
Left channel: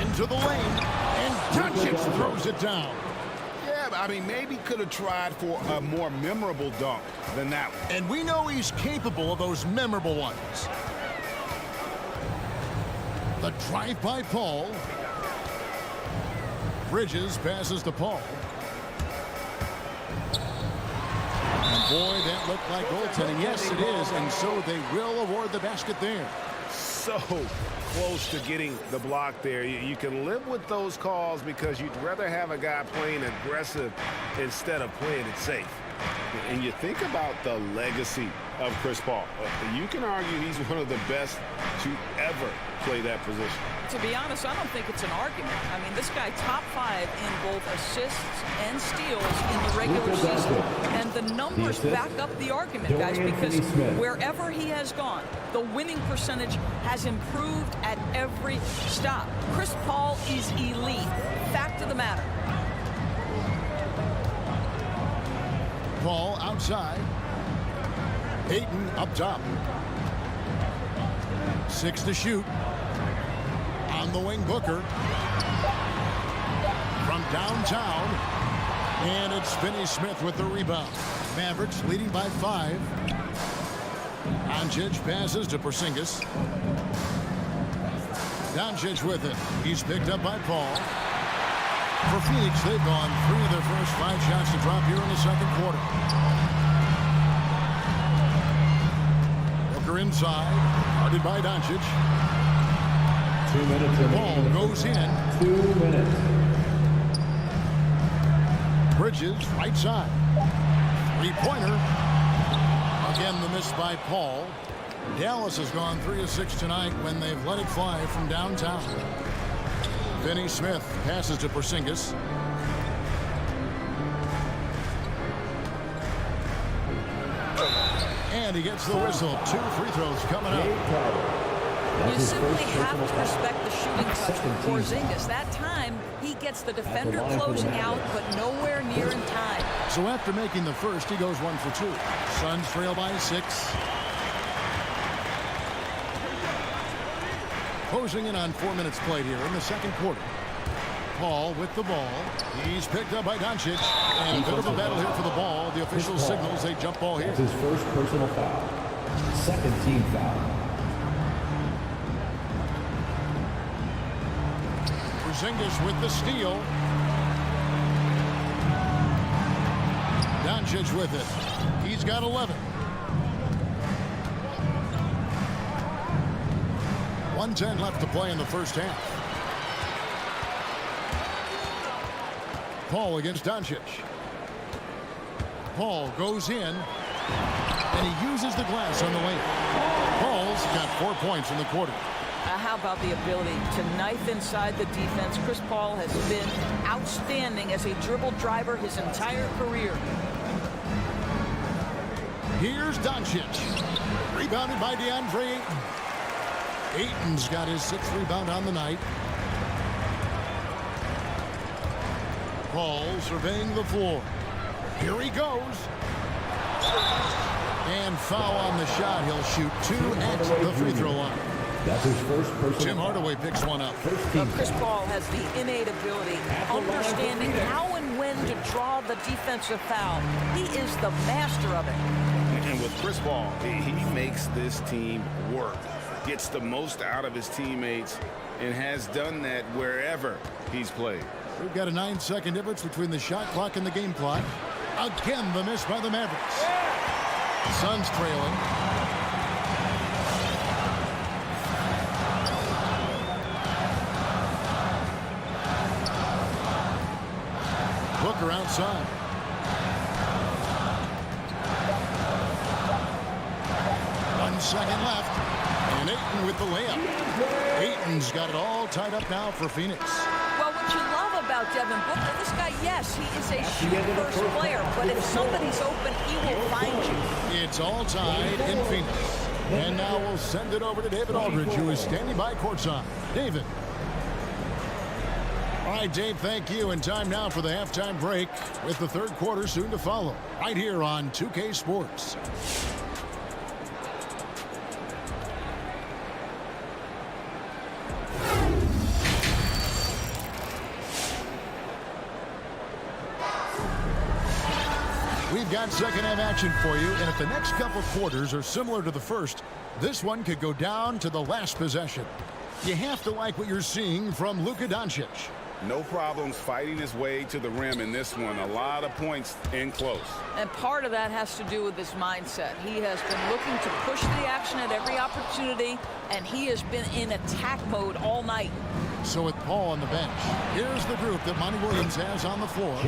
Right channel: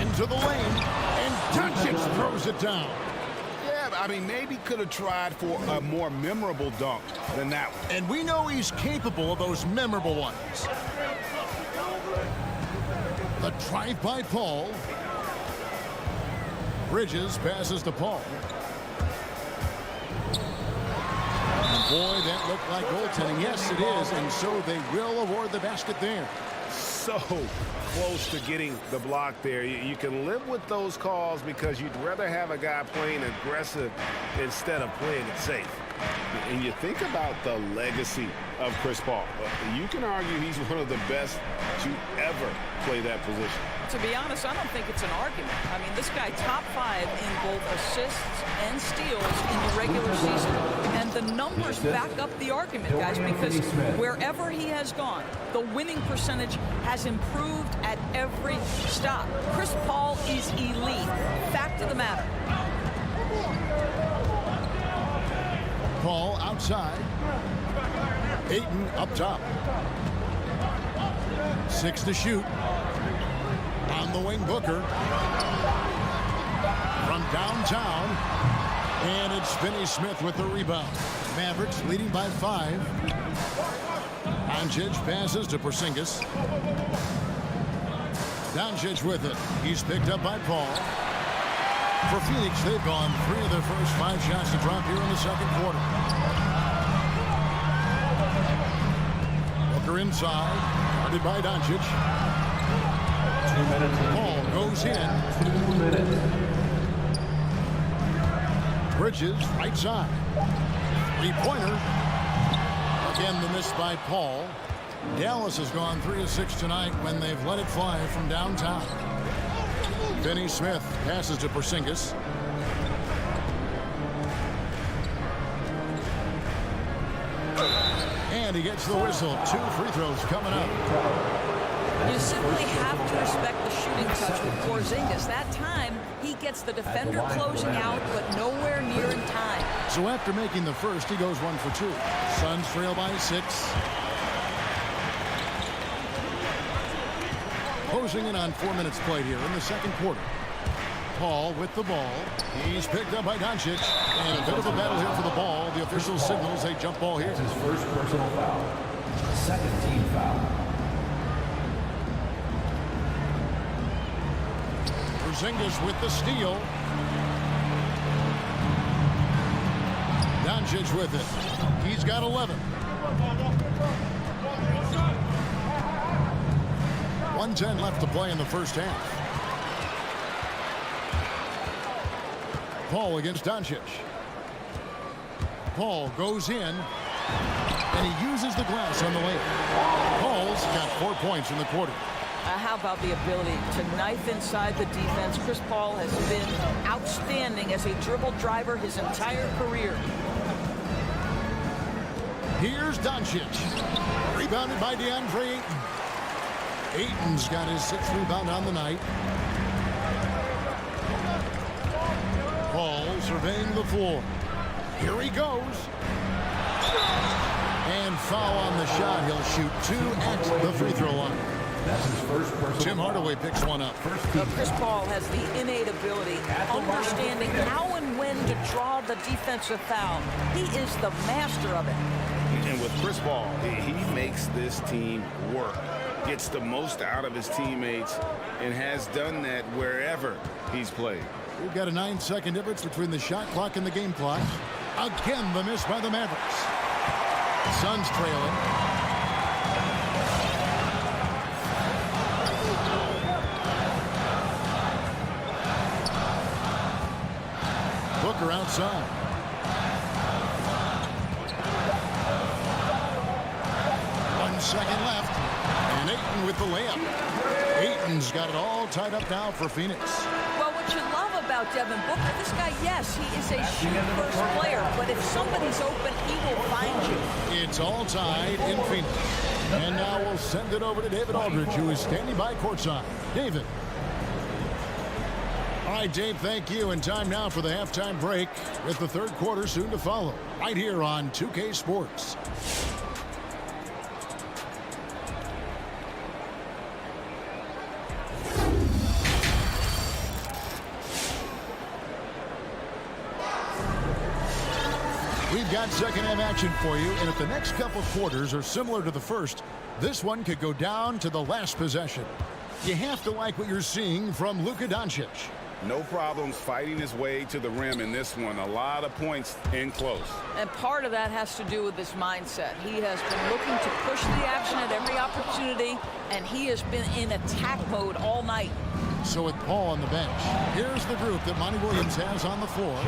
Into the lane, and Doncic throws it down. Yeah, I mean, maybe could have tried for a more memorable dunk than that one. And we know he's capable of those memorable ones. The drive by Paul. Bridges passes to Paul. And boy, that looked like goaltending. Yes, it is, and so they will award the basket there. So close to getting the block there. You can live with those calls because you'd rather have a guy playing aggressive instead of playing it safe. And you think about the legacy of Chris Paul. You can argue he's one of the best to ever play that position. To be honest, I don't think it's an argument. I mean, this guy top 5 in both assists and steals in the regular season. And the numbers back up the argument, guys, because wherever he has gone, the winning percentage has improved at every stop. Chris Paul is elite. Fact of the matter. Paul outside. Ayton up top. 6 to shoot. On the wing, Booker. From downtown. And it's Finney-Smith with the rebound. Mavericks leading by 5. Doncic passes to Porzingis. Doncic with it. He's picked up by Paul. For Phoenix, they've gone 3 of their first 5 shots to drop here in the second quarter. Booker inside, guarded by Doncic. 2 minutes. Ball goes in. 2 minutes. Bridges, right side. 3-pointer. Again, the miss by Paul. Dallas has gone 3 of 6 tonight when they've let it fly from downtown. Finney-Smith passes to Porzingis. And he gets the whistle. 2 free throws coming up. You simply have to respect the shooting touch with Porzingis. That time, he gets the defender closing out, but nowhere near in time. So after making the first, he goes 1 for 2. Suns trail by 6. Closing in on 4 minutes played here in the second quarter. Paul with the ball. He's picked up by Doncic. And a bit of a battle here for the ball. The official signals a jump ball here. That's his first personal foul. Second team foul. Porzingis with the steal. Doncic with it. He's got 11. 1:10 left to play in the first half. Paul against Doncic. Paul goes in, and he uses the glass on the layup. Paul's got 4 points in the quarter. How about the ability to knife inside the defense? Chris Paul has been outstanding as a dribble driver his entire career. Here's Doncic. Rebounded by DeAndre Ayton. Ayton's got his 6th rebound on the night. Paul surveying the floor. Here he goes. And foul on the shot. He'll shoot 2 at the free throw line. That's his first personal Tim foul. Hardaway picks one up. Chris Paul has the innate ability, understanding how and when to draw the defensive foul. He is the master of it. And with Chris Paul, he makes this team work, gets the most out of his teammates, and has done that wherever he's played. We've got a 9-second difference between the shot clock and the game clock. Again, the miss by the Mavericks. Suns trailing. Booker outside. One second left. And Ayton with the layup. Ayton's got it all tied up now for Phoenix. Well, what you love about Devin Booker, this guy, yes, he is a shoot-first player, but if somebody's open, he will find you. It's all tied in Phoenix. And now we'll send it over to David Aldridge, who is standing by courtside. David. All right, Dave, thank you. And time now for the halftime break with the third quarter soon to follow right here on 2K Sports. We've got second half action for you, and if the next couple quarters are similar to the first, this one could go down to the last possession. You have to like what you're seeing from Luka Doncic. No problems fighting his way to the rim in this one. A lot of points in close. And part of that has to do with his mindset. He has been looking to push the action at every opportunity, and he has been in attack mode all night. So with Paul on the bench, here's the group that Monty Williams has on the floor.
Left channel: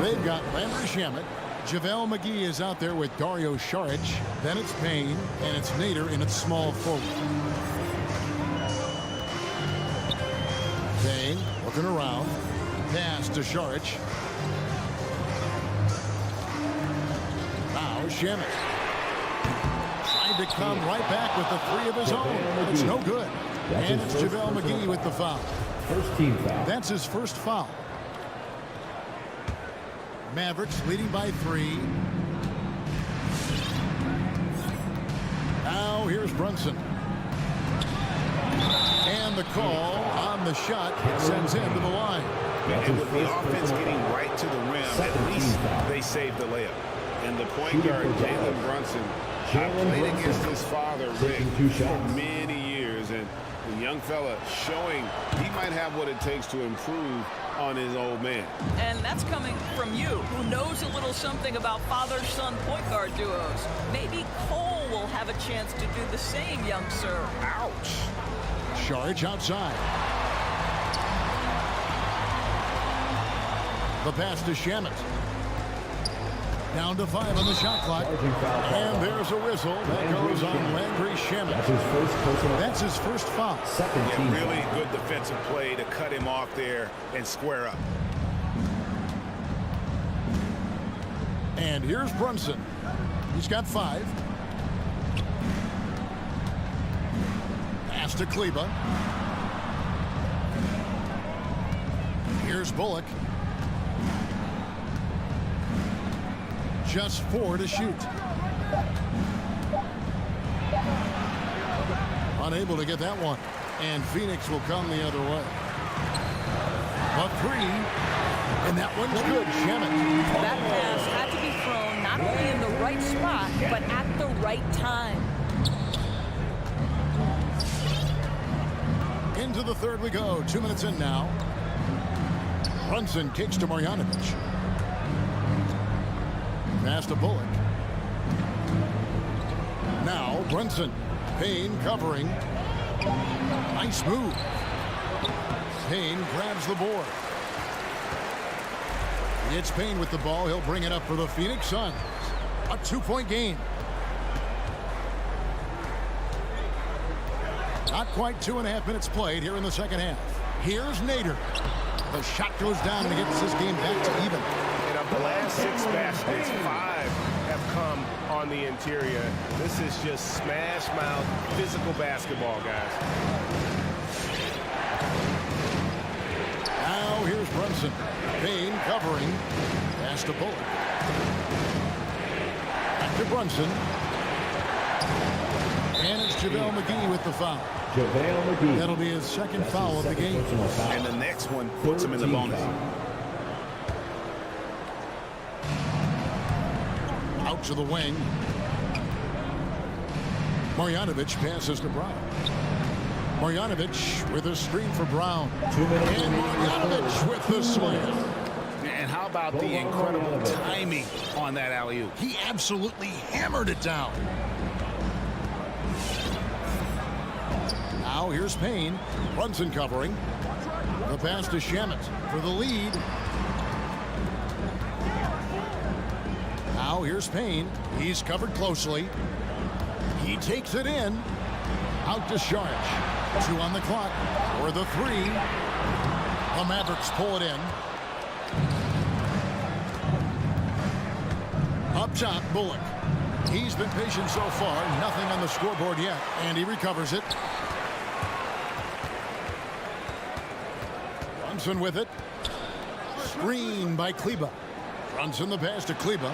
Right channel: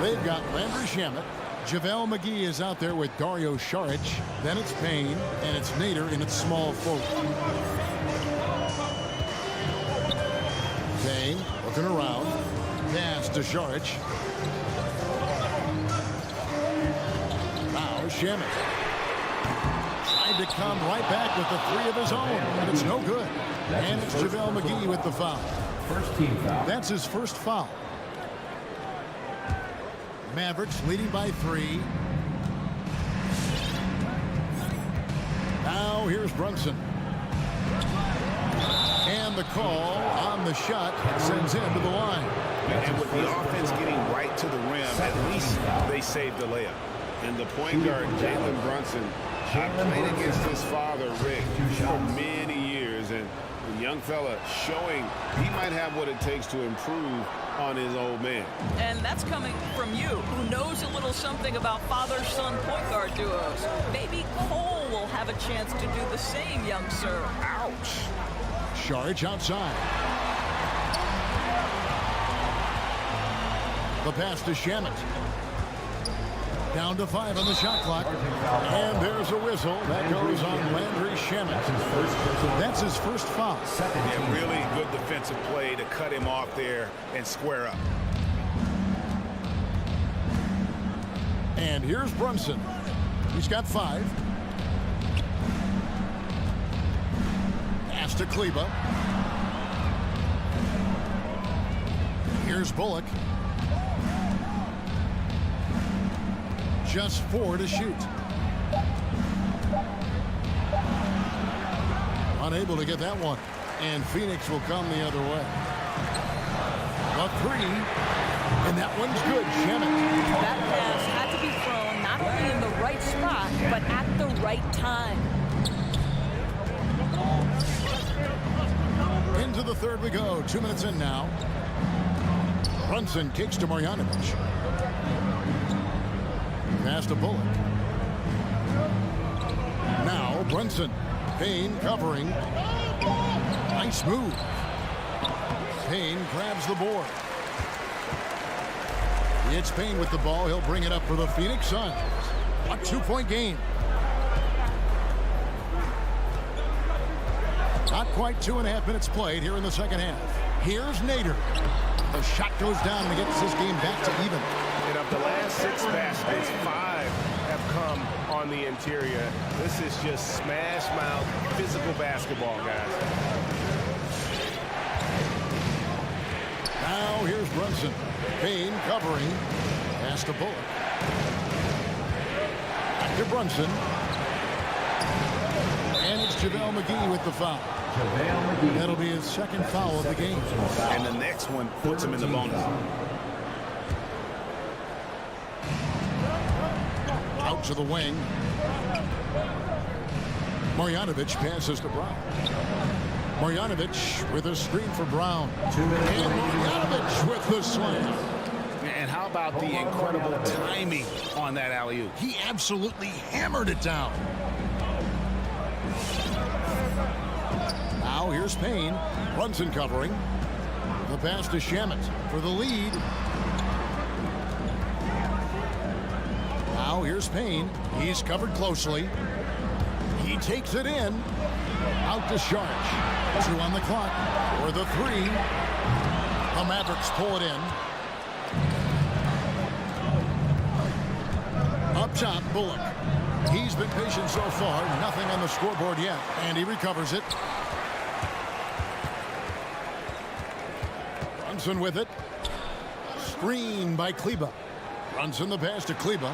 They've got Landry Shamet. JaVale McGee is out there with Dario Saric. Then it's Payne, and it's Nader in its small forward. Payne looking around. Pass to Saric. Now Shamet. Tried to come right back with the 3 of his own, and it's no good. And it's JaVale McGee with the foul. First team foul. That's his first foul. Mavericks leading by 3. Now here's Brunson. And the call on the shot sends him to the line. And with the offense getting right to the rim, at least they saved the layup. And the point guard, Jalen Brunson, I played against his father, Rick, for many years. And the young fella showing he might have what it takes to improve on his old man. And that's coming from you, who knows a little something about father-son point guard duos. Maybe Cole will have a chance to do the same, young sir. Ouch. Saric outside. The pass to Shamet. Down to 5 on the shot clock. And there's a whistle. That goes on Landry Shamet. That's his first foul. Yeah, really good defensive play to cut him off there and square up. And here's Brunson. He's got 5. Pass to Kleba. Here's Bullock. Just 4 to shoot. Unable to get that one. And Phoenix will come the other way. A three. And that one's good. Shamet. That pass had to be thrown not only in the right spot, but at the right time. Into the third we go. 2 minutes in now. Brunson kicks to Marjanovic. Pass to Bullock. Now Brunson. Payne covering. Nice move. Payne grabs the board. It's Payne with the ball. He'll bring it up for the Phoenix Suns. A 2-point game. Not quite 2.5 minutes played here in the second half. Here's Nader. The shot goes down and he gets this game back to even. And of the last 6 baskets, 5 have come on the interior. This is just smash mouth physical basketball, guys. Now here's Brunson. Payne covering. Pass to Bullock. Back to Brunson. And it's JaVale McGee with the foul. JaVale McGee. That'll be his second foul of the game. And the next one puts him in the bonus. Out to the wing. Marjanovic passes to Brown. Marjanovic with a screen for Brown. 2 minutes. And Marjanovic with the slam. And how about the incredible timing on that alley-oop? He absolutely hammered it down. Now here's Payne. Brunson covering. The pass to Shamet for the lead. Now here's Payne. He's covered closely. He takes it in. Out to Saric. 2 on the clock. For the 3. The Mavericks pull it in. Up top, Bullock. He's been patient so far. Nothing on the scoreboard yet. And he recovers it. Brunson with it. Screen by Kleber. Brunson the pass to Kleber.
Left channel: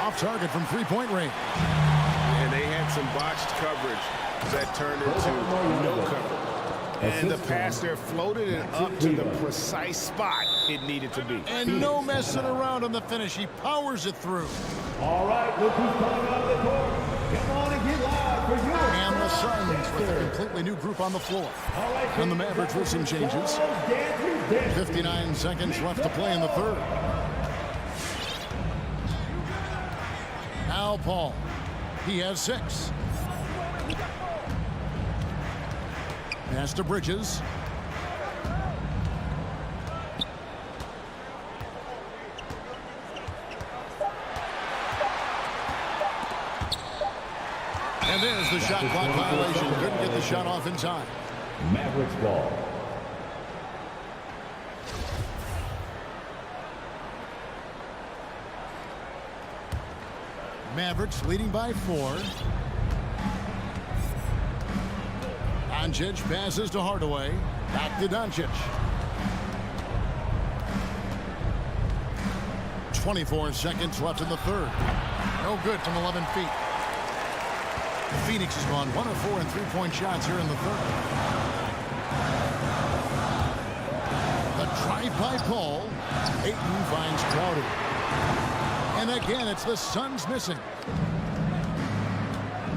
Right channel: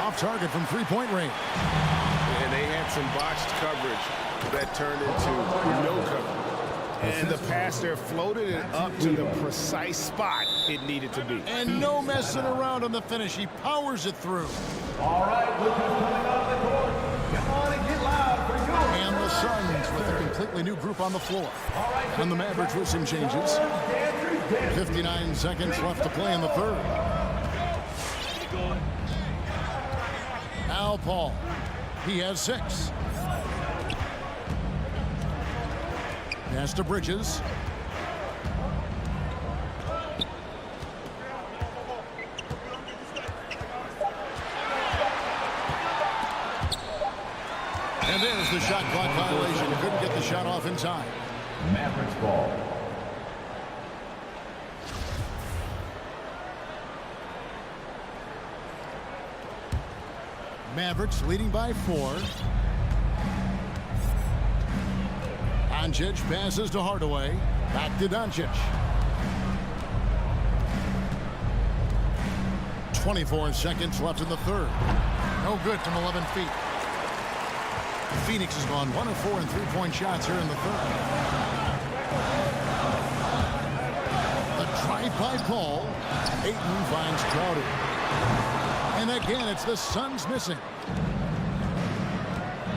Off target from 3-point range. And they had some botched coverage that turned into no coverage. And the pass there floated it up to the precise spot it needed to be. And no messing around on the finish. He powers it through. All right, look who's coming on the court. Come on and get loud for your... And the Suns with a completely new group on the floor. All right, And the Mavericks with some changes. 59 seconds left to play in the third. Now Paul. He has 6. Pass to Bridges. And there's the shot clock violation. Couldn't get the shot off in time. Mavericks ball. Mavericks leading by 4. Doncic passes to Hardaway. Back to Doncic. 24 seconds left in the third. No good from 11 feet. Phoenix has gone 1 of 4 in 3-point shots here in the third. The drive by Paul. Ayton finds Crowder. And again, it's the Suns missing.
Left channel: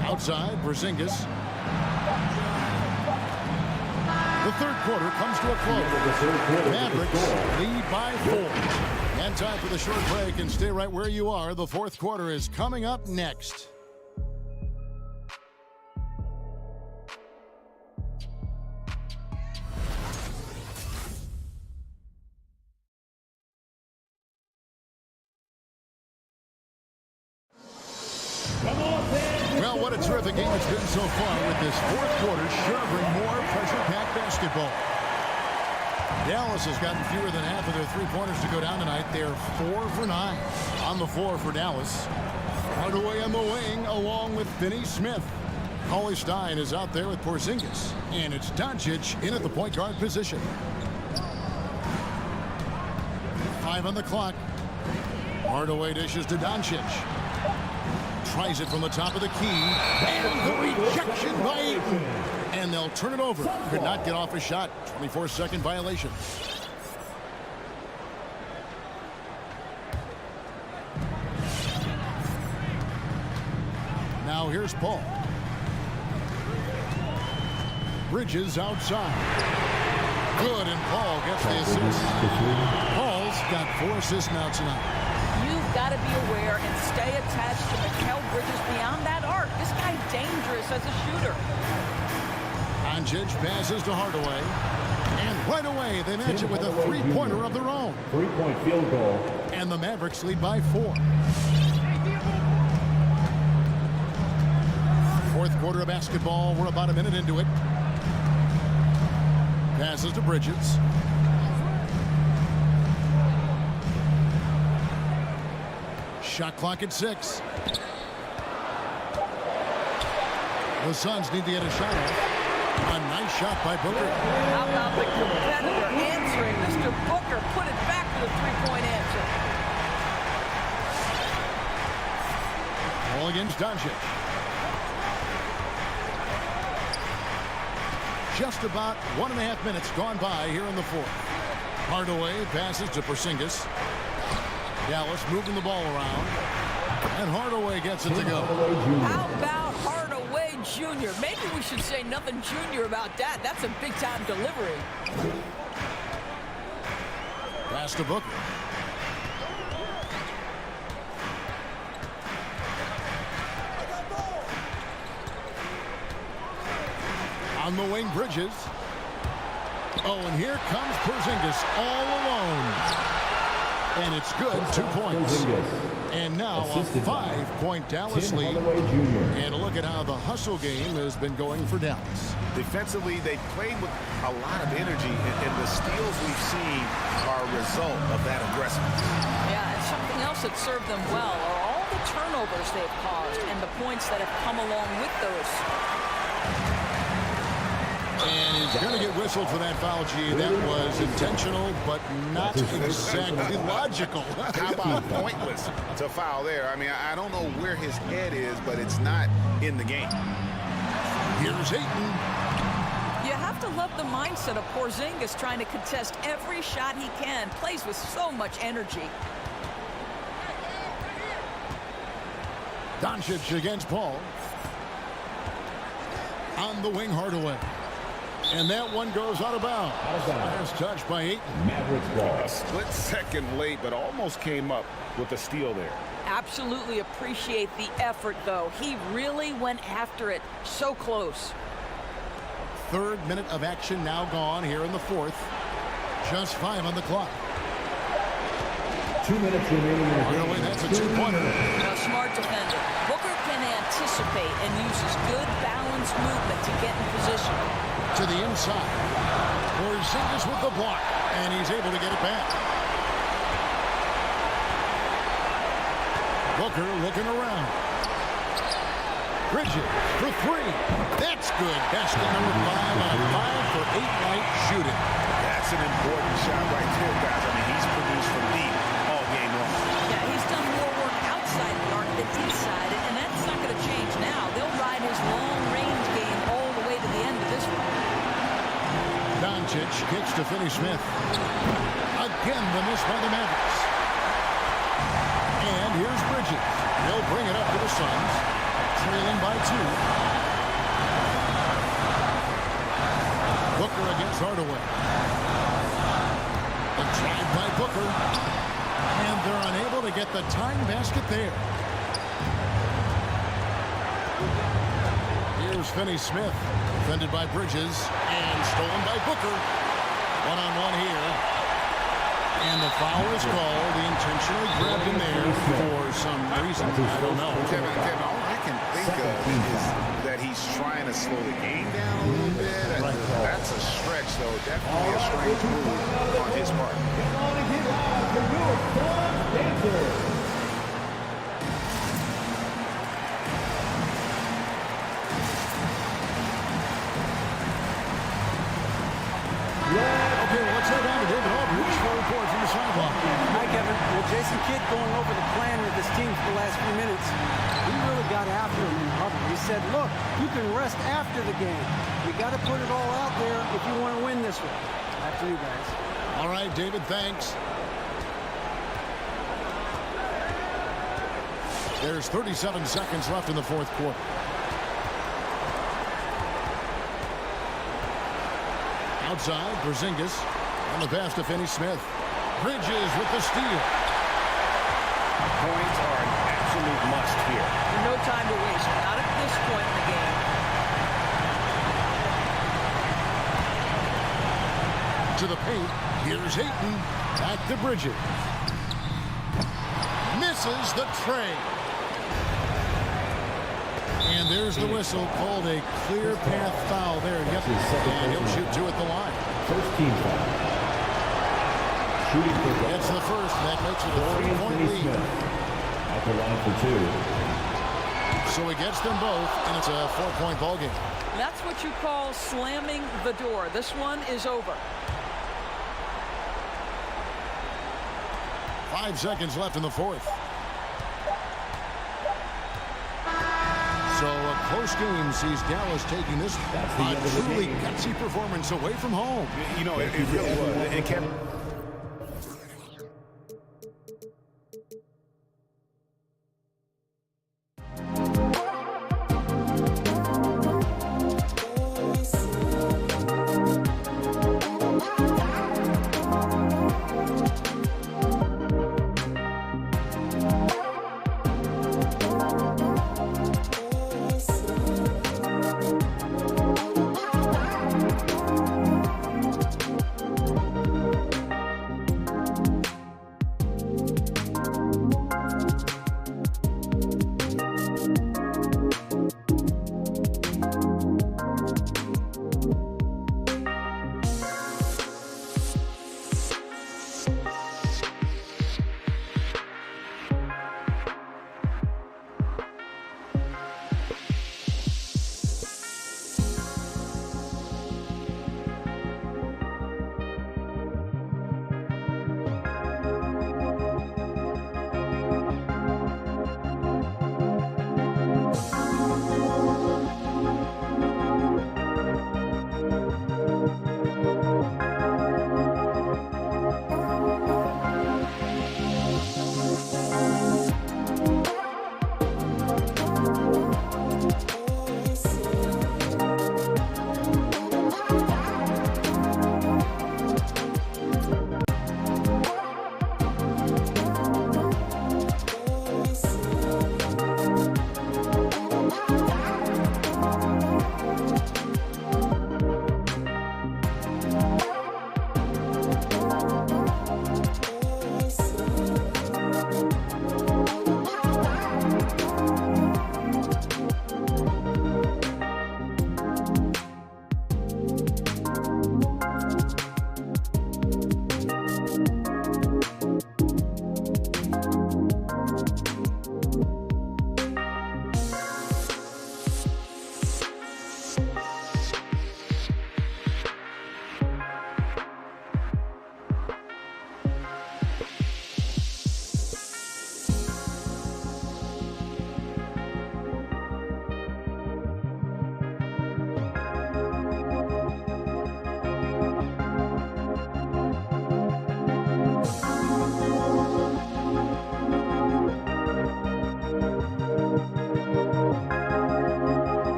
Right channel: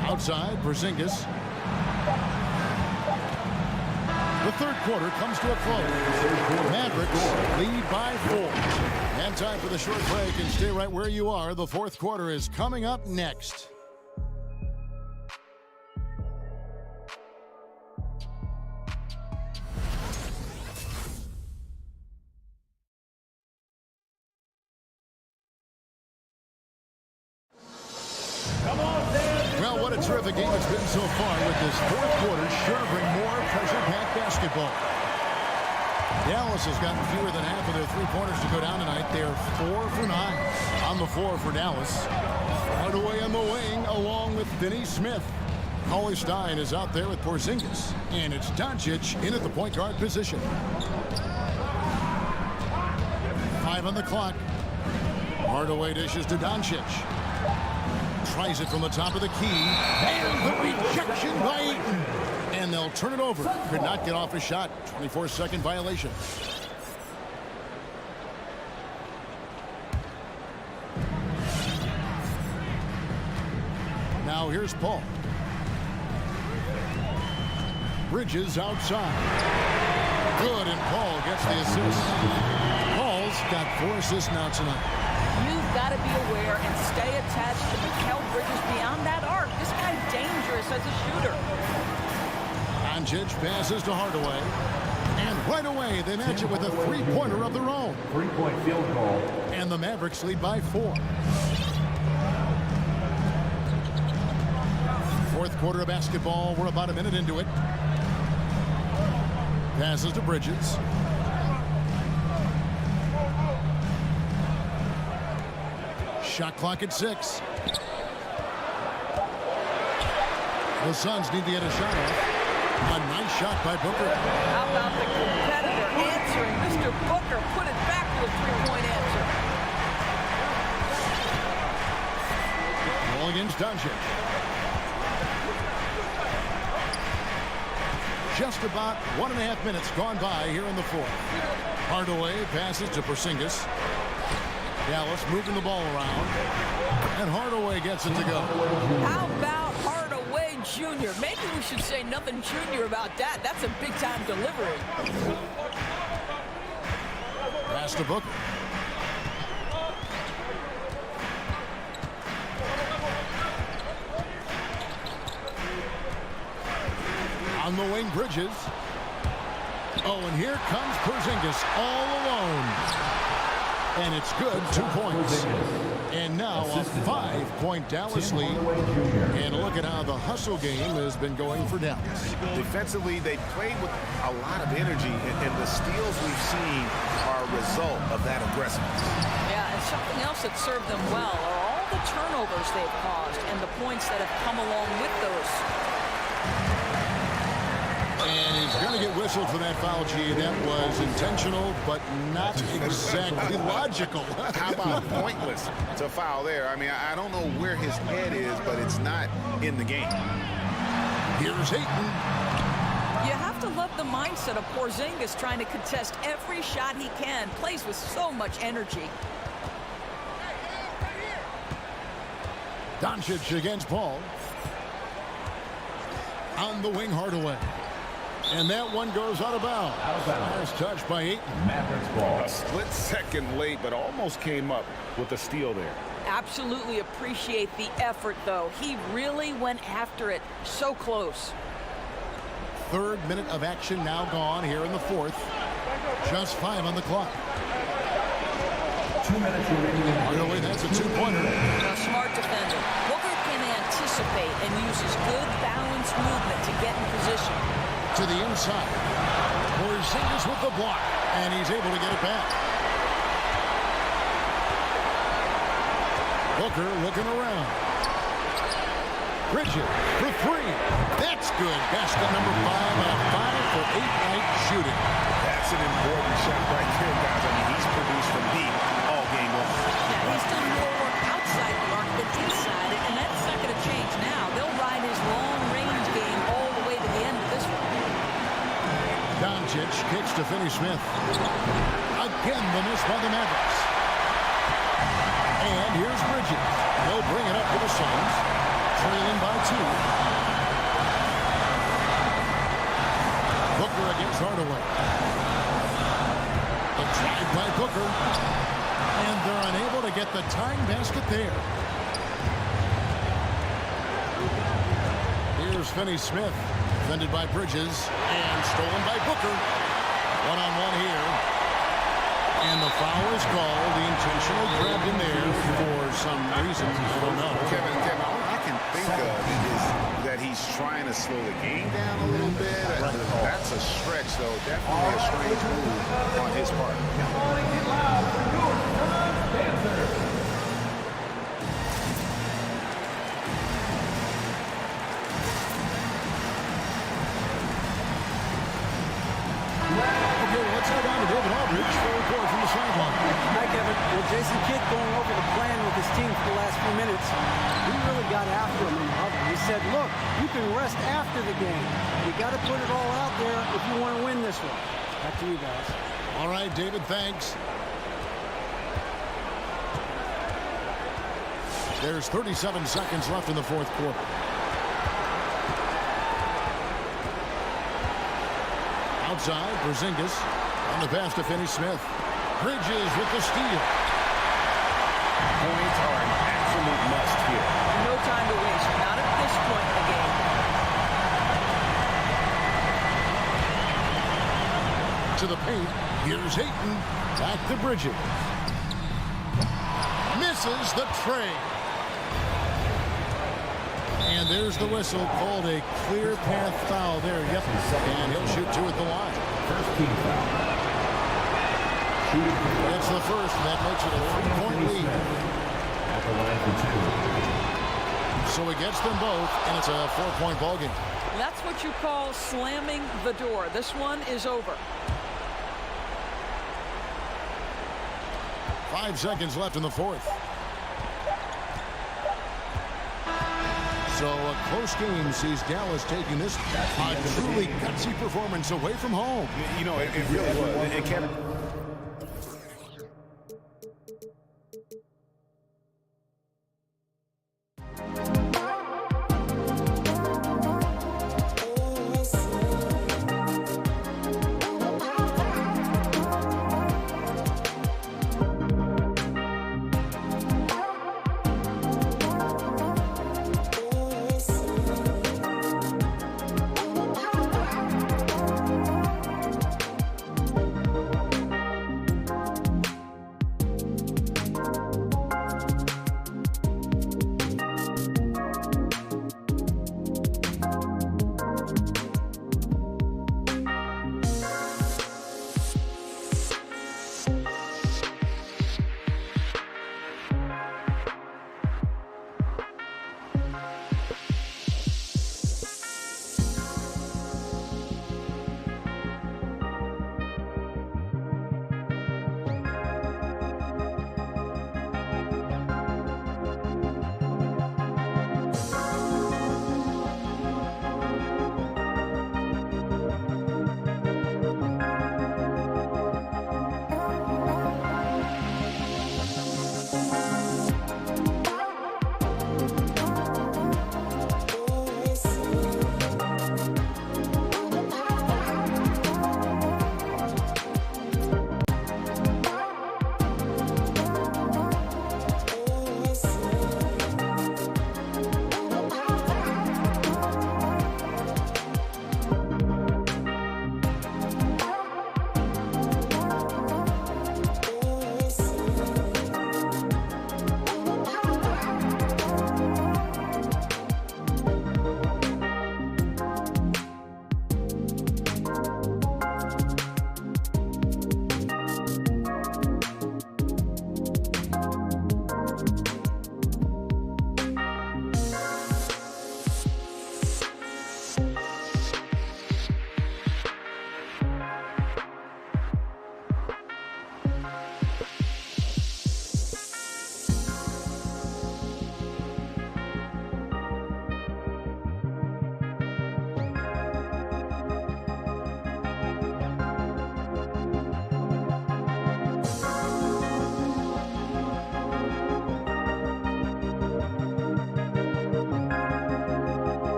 Outside, Porzingis. The third quarter comes to a close. Mavericks lead by 4. And time for the short break, and stay right where you are. The fourth quarter is coming up next. Well, what a terrific game it's been so far, with this fourth quarter sure to bring more pressure-packed basketball. Dallas has gotten fewer than half of their three-pointers to go down tonight. They're 4 for 9 on the floor for Dallas. Hardaway on the wing along with Finney-Smith. Cauley-Stein is out there with Porzingis. And it's Doncic in at the point guard position. 5 on the clock. Hardaway dishes to Doncic. Tries it from the top of the key. And the rejection by Ayton. And they'll turn it over. Could not get off a shot. 24-second violation. Now here's Paul. Bridges outside. Good, and Paul gets the assist. Paul's got 4 assists now tonight. You've got to be aware and stay attached to Mikal Bridges beyond that arc. This guy's dangerous as a shooter. Doncic passes to Hardaway. And right away, they match it with a three-pointer of their own. 3-point field goal. And the Mavericks lead by 4. Fourth quarter of basketball. We're about a minute into it. Passes to Bridges. Shot clock at 6. The Suns need to get a shot off. A nice shot by Booker. How about the competitor answering? Mr. Booker put it back with a 3-point answer. Ball against Doncic. Just about 1.5 minutes gone by here in the fourth. Hardaway passes to Porzingis. Dallas moving the ball around. And Hardaway gets it to go. How about Hardaway Jr.? Maybe we should say nothing junior about that. That's a big-time delivery. Pass to Booker. On the wing, Bridges. Oh, and here comes Porzingis all alone. And it's good, 2 points. And now a 5-point Dallas lead. And look at how the hustle game has been going for Dallas. Defensively, they played with a lot of energy, and the steals we've seen are a result of that aggressiveness. Yeah, and something else that served them well are all the turnovers they've caused and the points that have come along with those. And he's going to get whistled for that foul, G. That was intentional, but not exactly logical. How about pointless to foul there? I mean, I don't know where his head is, but it's not in the game. Here's Ayton. You have to love the mindset of Porzingis trying to contest every shot he can. Plays with so much energy. Doncic against Paul. On the wing, Hardaway. And that one goes out of bounds. Last touch by Ayton. Mavericks ball. A split second late, but almost came up with a steal there. Absolutely appreciate the effort, though. He really went after it. So close. Third minute of action now gone here in the fourth. Just 5 on the clock. 2 minutes remaining in the game. Hardaway, that's a 2-pointer. A smart defender. Booker can anticipate and uses good balanced movement to get in position. To the inside. Porzingis with the block, and he's able to get it back. Booker looking around. Bridges for 3. That's good. Basket number 5 on a 5-for-8 night shooting. That's an important shot right there, guys. I mean, he's produced from deep all game long. Yeah, he's done more work outside the arc than inside it, and that's not going to change now. They'll ride his long-range game all the way to the end of this one. Doncic kicks to Finney-Smith. Again, the miss by the Mavericks. And here's Bridges. He'll bring it up to the Suns, trailing by 2. Booker against Hardaway. The drive by Booker. And they're unable to get the tying basket there. Here's Finney-Smith. Defended by Bridges and stolen by Booker. One-on-one here. And the foul is called. He intentionally grabbed him there for some reason. I don't know. Kevin, all I can think of is that he's trying to slow the game down a little bit. That's a stretch, though. Definitely a strange move on his part. Okay, well, let's head down to David Aldridge for a report from the sideline. Hi, Kevin. Well, Jason Kidd going over the plan with his team for the last few minutes. He really got after him in the huddle. He said, look, you can rest after the game. You got to put it all out there if you want to win this one. Back to you guys. All right, David, thanks. There's 37 seconds left in the fourth quarter. Outside, Porzingis on the pass to Finney-Smith. Bridges with the steal. Points are an absolute must here. No time to waste. Not at this point in the game. To the paint. Here's Ayton. Back to Bridges. Misses the tray. And there's the whistle, called a clear path foul there. Yep. And he'll shoot two at the line. First team foul. Shooting for it's the first, and that makes it a 3-point lead. At the line for two. So he gets them both, and it's a 4-point ball game. That's what you call slamming the door. This one is over. 5 seconds left in the fourth. So a close game sees Dallas taking this truly gutsy performance away from home. You know, it really was. It kept...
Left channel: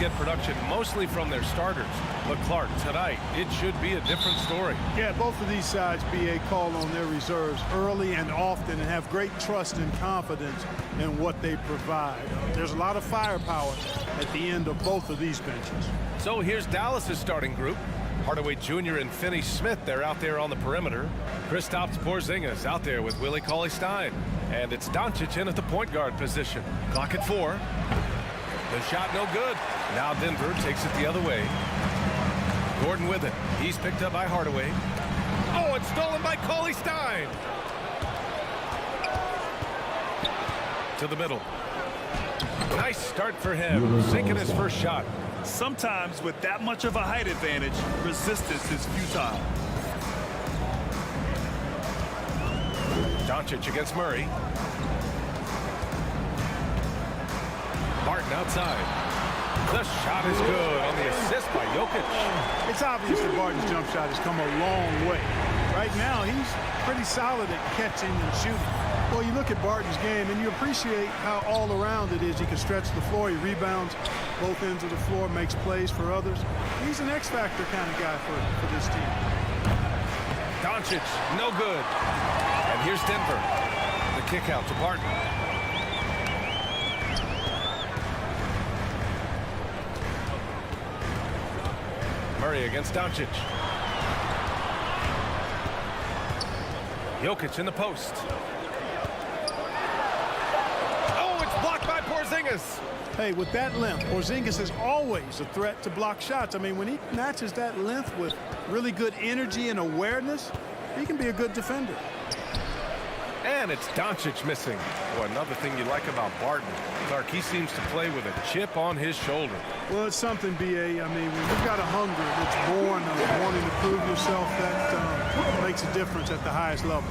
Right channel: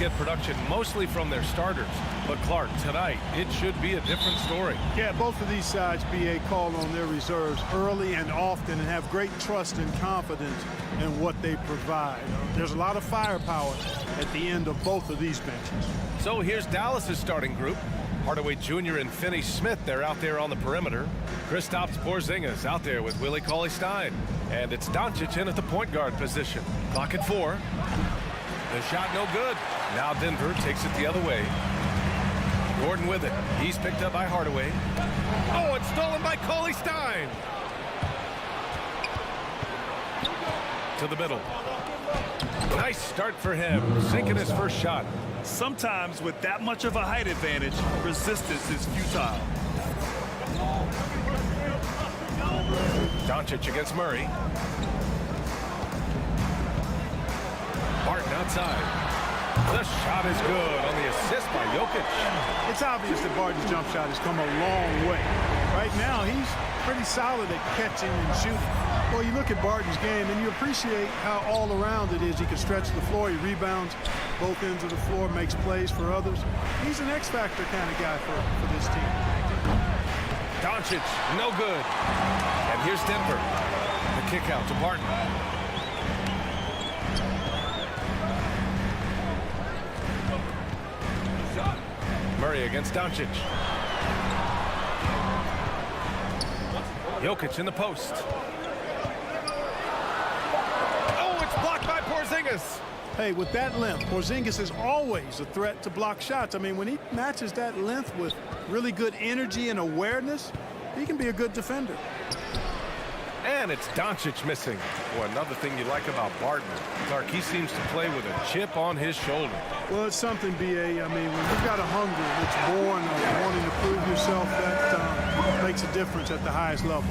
get production mostly from their starters. But Clark, tonight, it should be a different story. Yeah, both of these sides, BA, call on their reserves early and often and have great trust and confidence in what they provide. There's a lot of firepower at the end of both of these benches. So here's Dallas's starting group. Hardaway Jr. and Finney Smith, they're out there on the perimeter. Kristaps Porzingis out there with Willie Cauley-Stein. And it's Doncic in at the point guard position. Clock at 4. The shot no good. Now Denver takes it the other way. Gordon with it. He's picked up by Hardaway. Oh, it's stolen by Cauley-Stein. To the middle. Nice start for him. Sinking his first shot. Sometimes with that much of a height advantage, resistance is futile. Doncic against Murray. Barton outside. The shot is good on the assist by Jokic. It's obvious that Barton's jump shot has come a long way. Right now, he's pretty solid at catching and shooting. Well, you look at Barton's game, and you appreciate how all-around it is. He can stretch the floor. He rebounds both ends of the floor, makes plays for others. He's an X-factor kind of guy for this team. Doncic, no good. And here's Denver. The kick out to Barton. Murray against Doncic. Jokic in the post. Oh, it's blocked by Porzingis. Hey, with that length, Porzingis is always a threat to block shots. I mean, when he matches that length with really good energy and awareness, he can be a good defender. And it's Doncic missing. Well, another thing you like about Barton, Clark, he seems to play with a chip on his shoulder. Well, it's something, B.A. I mean, when you've got a hunger that's born of wanting to prove yourself, that makes a difference at the highest level.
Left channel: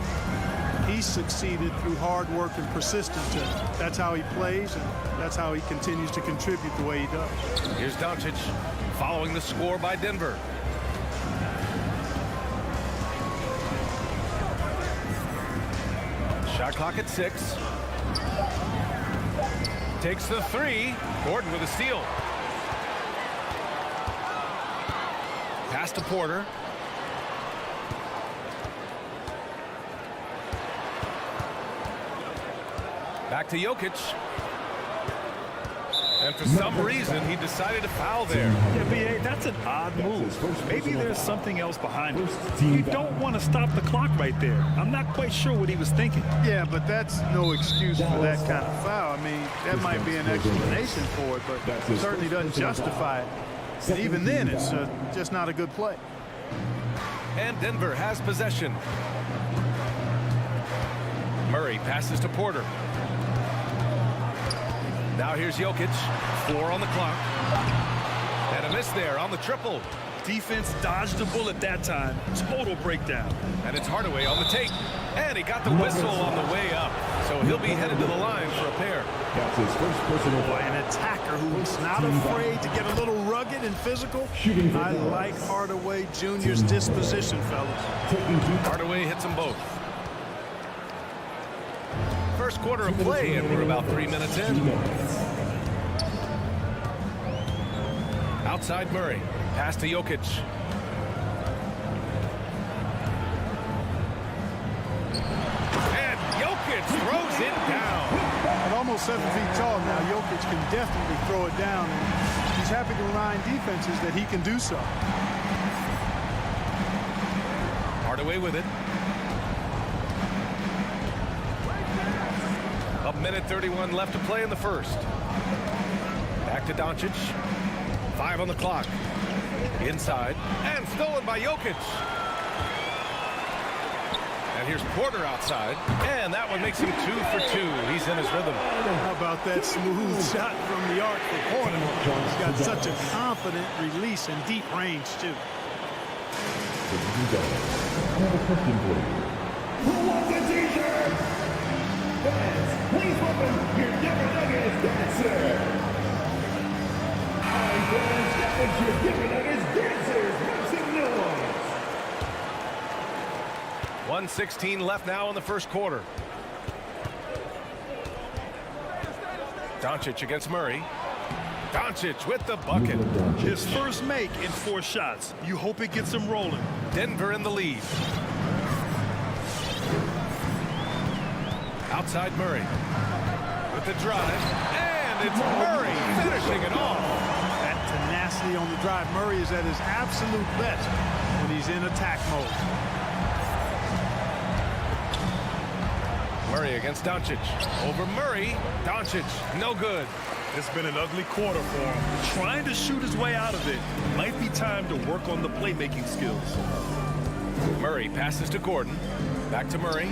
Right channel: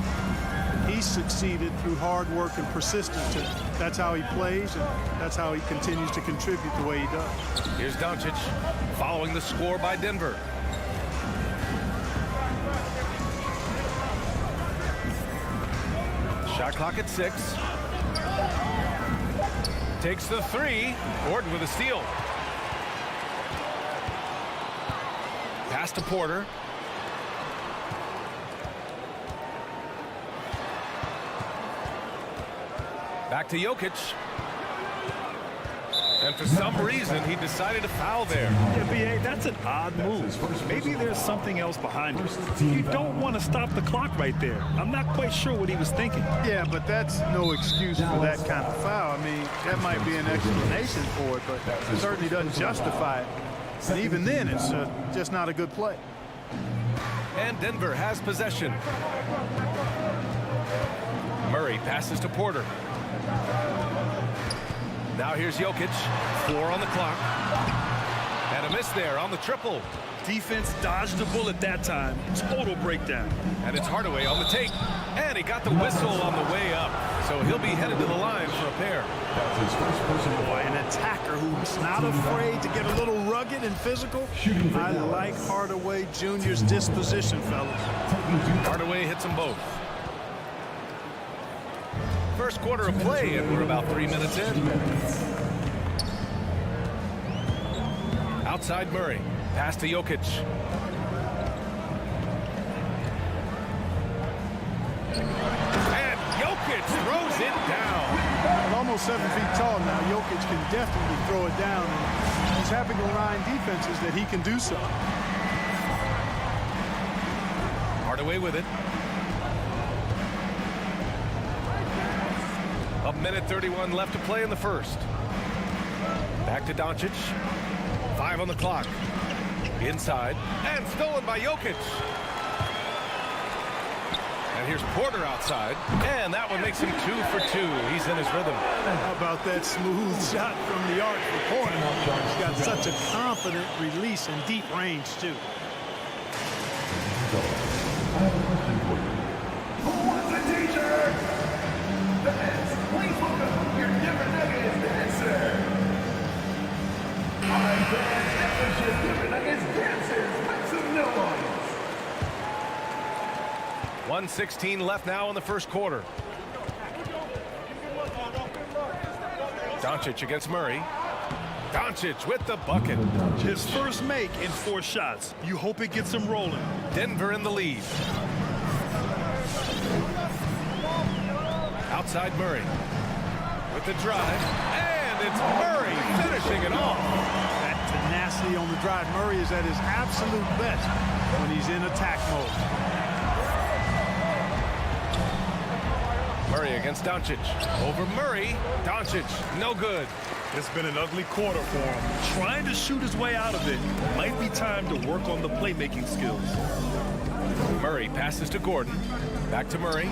He's succeeded through hard work and persistence, and that's how he plays, and that's how he continues to contribute the way he does. Here's Doncic following the score by Denver. Shot clock at 6. Takes the 3. Gordon with a steal. Pass to Porter. Back to Jokic. And for some reason, he decided to foul there. Yeah, B.A., that's an odd move. Maybe there's something else behind it. You don't want to stop the clock right there. I'm not quite sure what he was thinking. Yeah, but that's no excuse for that kind of foul. I mean, that might be an explanation for it, but it certainly doesn't justify it. And even then, it's just not a good play. And Denver has possession. Murray passes to Porter. Now here's Jokic. 4 on the clock. And a miss there on the triple. Defense dodged a bullet that time. Total breakdown. And it's Hardaway on the take. And he got the whistle on the way up. So he'll be headed to the line for a pair. That's his first personal. Boy, an attacker who's not afraid to get a little rugged and physical. I like Hardaway Jr.'s disposition, fellas. Hardaway hits them both. First quarter of play, and we're about 3 minutes in. Outside Murray. Pass to Jokic. And Jokic throws it down. At almost 7 feet tall now, Jokic can definitely throw it down, and he's happy to remind defenses that he can do so. Hardaway with it. A minute 31 left to play in the first. Back to Doncic. 5 on the clock. Inside. And stolen by Jokic. And here's Porter outside. And that one makes him 2 for 2. He's in his rhythm. How about that smooth shot from the arc for Porter? He's got such a confident release and deep range, too. I have a question for you. Who wants a t-shirt? Fans, please welcome your Denver Nuggets dancer. All right, fans, that was your Denver Nuggets dancers. Make some noise. 1:16 left now in the first quarter. Doncic against Murray. Doncic with the bucket. His first make in 4 shots. You hope it gets him rolling. Denver in the lead. Outside Murray with the drive, and it's Murray finishing it off. That tenacity on the drive. Murray is at his absolute best when he's in attack mode. Murray against Doncic. Over Murray. Doncic, no good. It's been an ugly quarter for him. Trying to shoot his way out of it. Might be time to work on the playmaking skills. Murray passes to Gordon. Back to Murray.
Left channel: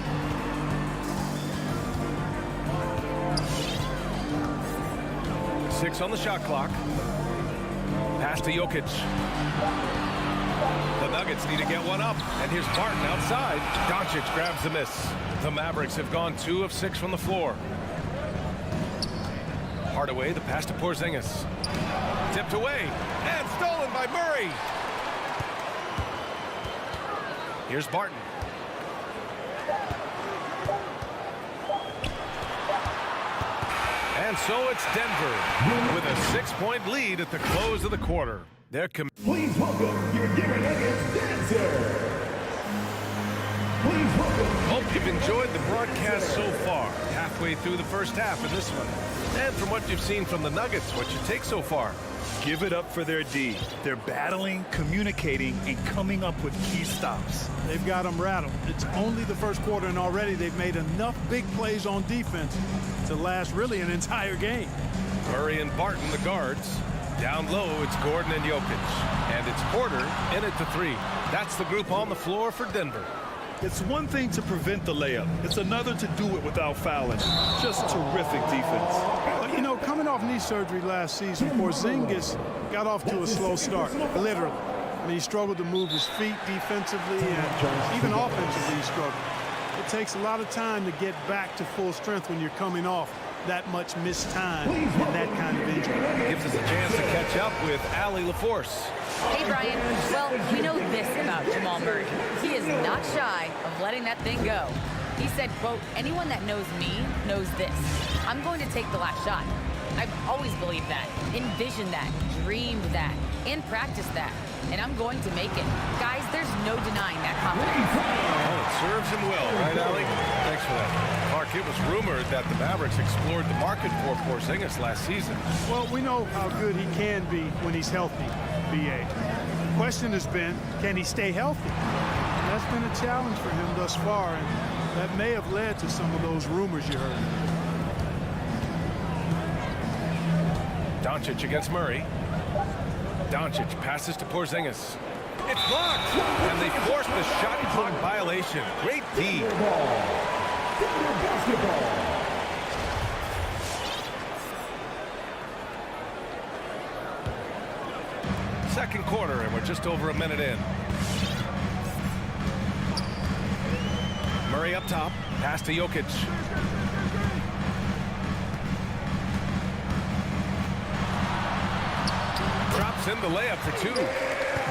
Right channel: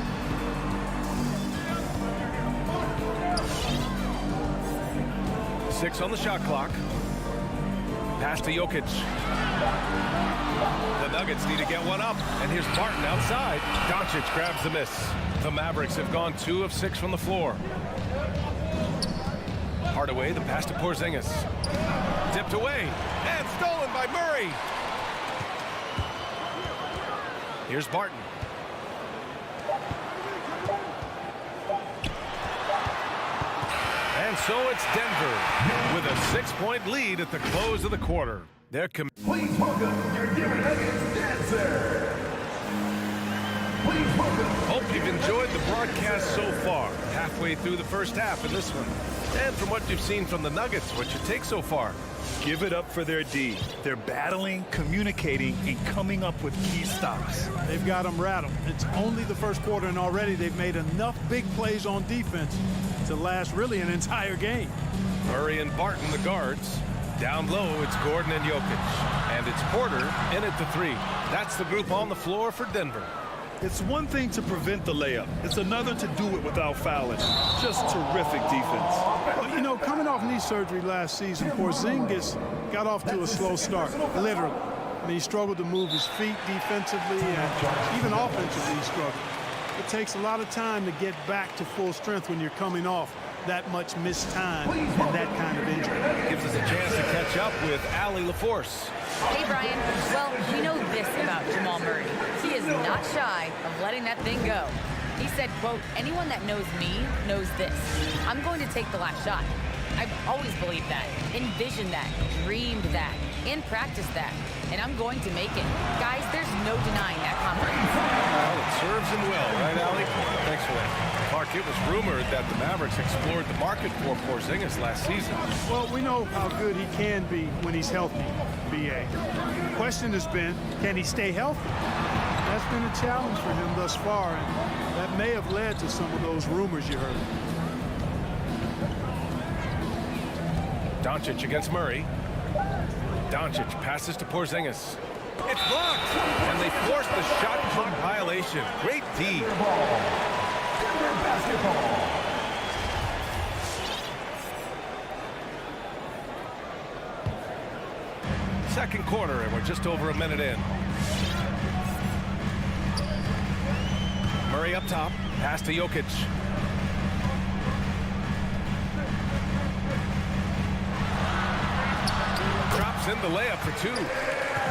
Six on the shot clock. Pass to Jokic. The Nuggets need to get one up. And here's Barton outside. Doncic grabs the miss. The Mavericks have gone 2 of 6 from the floor. Hardaway, the pass to Porzingis. Tipped away and stolen by Murray. Here's Barton. And so it's Denver with a 6-point lead at the close of the quarter. Please welcome your Denver Nuggets dancer. Please welcome. Hope you've enjoyed the broadcast so far. Halfway through the first half in this one. And from what you've seen from the Nuggets, what's your take so far? Give it up for their D. They're battling, communicating, and coming up with key stops. They've got them rattled. It's only the first quarter, and already they've made enough big plays on defense to last really an entire game. Murray and Barton, the guards. Down low, it's Gordon and Jokic. And it's Porter in at the 3. That's the group on the floor for Denver. It's one thing to prevent the layup. It's another to do it without fouling. Just terrific defense. Well, you know, coming off knee surgery last season, Porzingis got off to a slow start, literally. I mean, he struggled to move his feet defensively, and even offensively he struggled. It takes a lot of time to get back to full strength when you're coming off that much missed time and that kind of injury. Gives us a chance to catch up with Allie LaForce. Hey, Brian. Well, we know this about Jamal Murray. He is not shy of letting that thing go. He said, quote, anyone that knows me knows this. I'm going to take the last shot. I've always believed that, envisioned that, dreamed that, and practiced that. And I'm going to make it. Guys, there's no denying that confidence. Well, it serves him well, right, Allie? Thanks for that. Clark, it was rumored that the Mavericks explored the market for Porzingis last season. Well, we know how good he can be when he's healthy, B.A. The question has been, can he stay healthy? And that's been a challenge for him thus far, and that may have led to some of those rumors you heard. Doncic against Murray. Doncic passes to Porzingis. It's blocked, and they force the shot clock violation. Great D. Denver basketball. Second quarter, and we're just over a minute in. Murray up top, pass to Jokic. Drops in the layup for 2.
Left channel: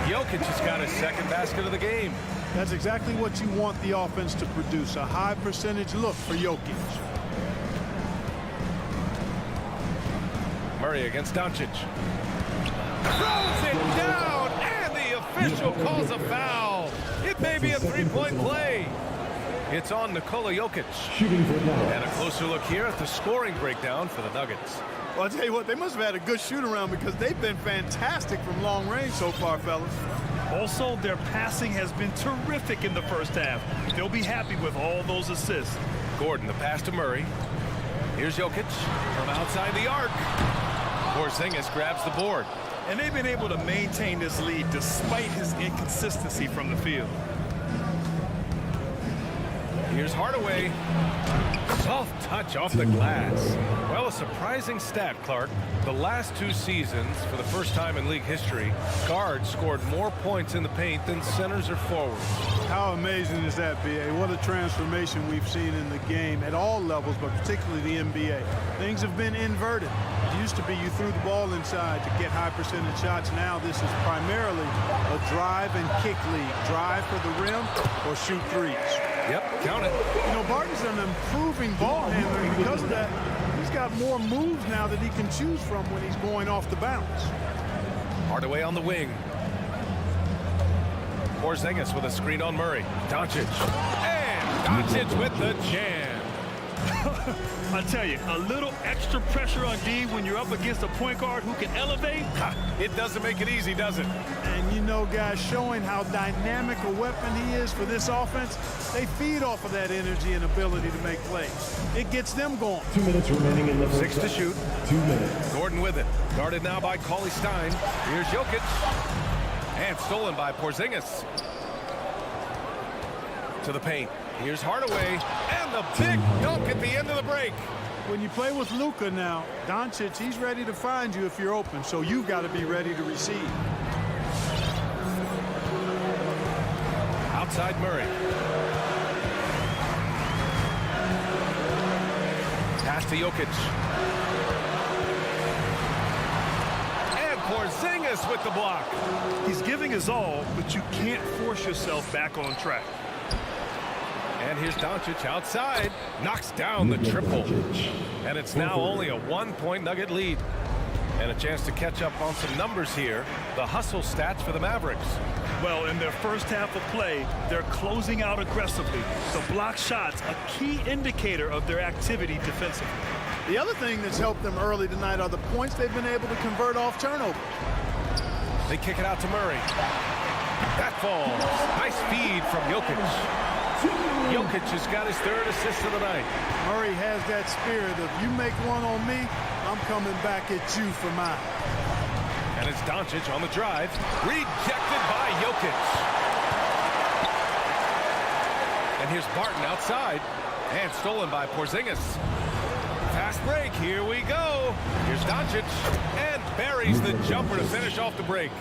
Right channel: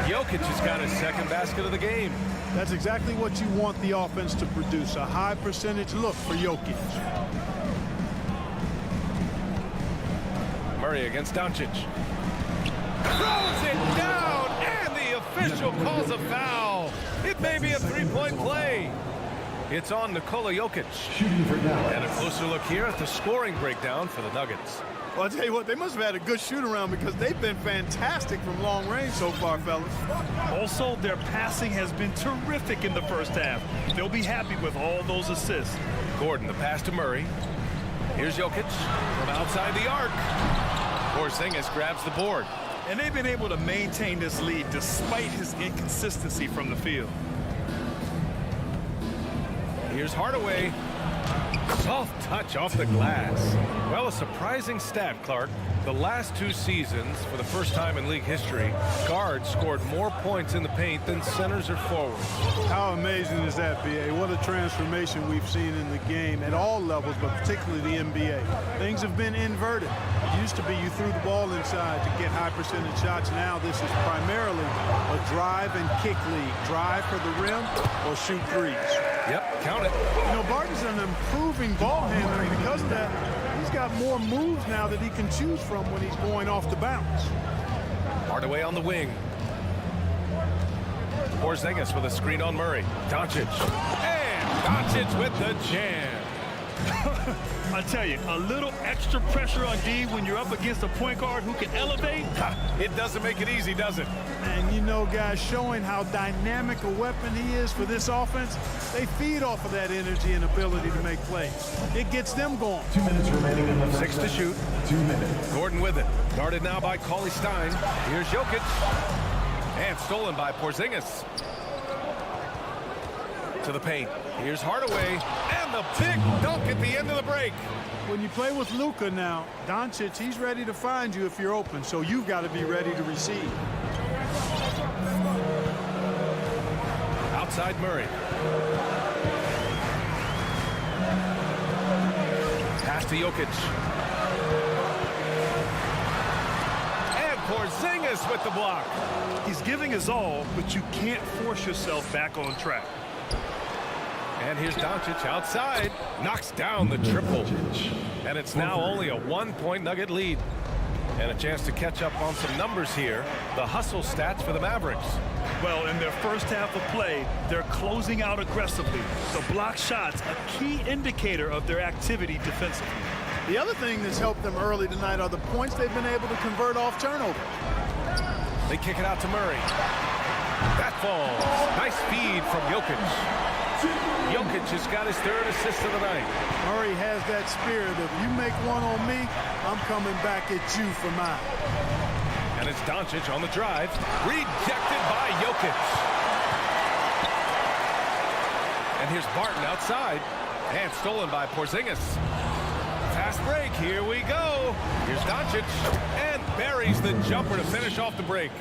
Jokic has got his second basket of the game. That's exactly what you want the offense to produce, a high percentage look for Jokic. Murray against Doncic. Throws it down, and the official calls a foul. It may be a 3-point play. It's on Nikola Jokic. And a closer look here at the scoring breakdown for the Nuggets. Well, I'll tell you what, they must have had a good shoot-around because they've been fantastic from long range so far, fellas. Also, their passing has been terrific in the first half. They'll be happy with all those assists. Gordon, the pass to Murray. Here's Jokic from outside the arc. Porzingis grabs the board. And they've been able to maintain this lead despite his inconsistency from the field. Here's Hardaway. Soft touch off the glass. Well, a surprising stat, Clark. The last 2 seasons, for the first time in league history, guards scored more points in the paint than centers or forwards. How amazing is that, B.A.? What a transformation we've seen in the game at all levels, but particularly the NBA. Things have been inverted. It used to be you threw the ball inside to get high percentage shots. Now this is primarily a drive and kick league. Drive for the rim or shoot threes. Yep, Count it. You know, Barton's an improving ball handler, and because of that, he's got more moves now that he can choose from when he's going off the bounce. Hardaway on the wing. Porzingis with a screen on Murray. Doncic. And Doncic with the jam. I tell you, a little extra pressure on D when you're up against a point guard who can elevate. It doesn't make it easy, does it? And you know, guys, showing how dynamic a weapon he is for this offense, they feed off of that energy and ability to make plays. It gets them going. 2 minutes remaining in the first 6 to set. shoot. 2 minutes. Gordon with it. Guarded now by Cauley Stein. Here's Jokic. And stolen by Porzingis. To the paint. Here's Hardaway. And the big dunk at the end of the break. When you play with Luka now, Doncic, he's ready to find you if you're open, so you've got to be ready to receive. Outside Murray. Pass to Jokic. And Porzingis with the block. He's giving his all, but you can't force yourself back on track. And here's Doncic outside. Knocks down the triple. And it's now only a 1-point Nugget lead. And a chance to catch up on some numbers here. The hustle stats for the Mavericks. Well, in their first half of play, they're closing out aggressively. The block shots, a key indicator of their activity defensively. The other thing that's helped them early tonight are the points they've been able to convert off turnovers. They kick it out to Murray. That falls. Nice feed from Jokic. Jokic has got his third assist of the night. Murray has that spirit of, you make one on me, I'm coming back at you for mine. And it's Doncic on the drive. Rejected by Jokic. And here's Barton outside. And stolen by Porzingis. Fast break. Here we go. Here's Doncic. And buries the jumper to finish off the break.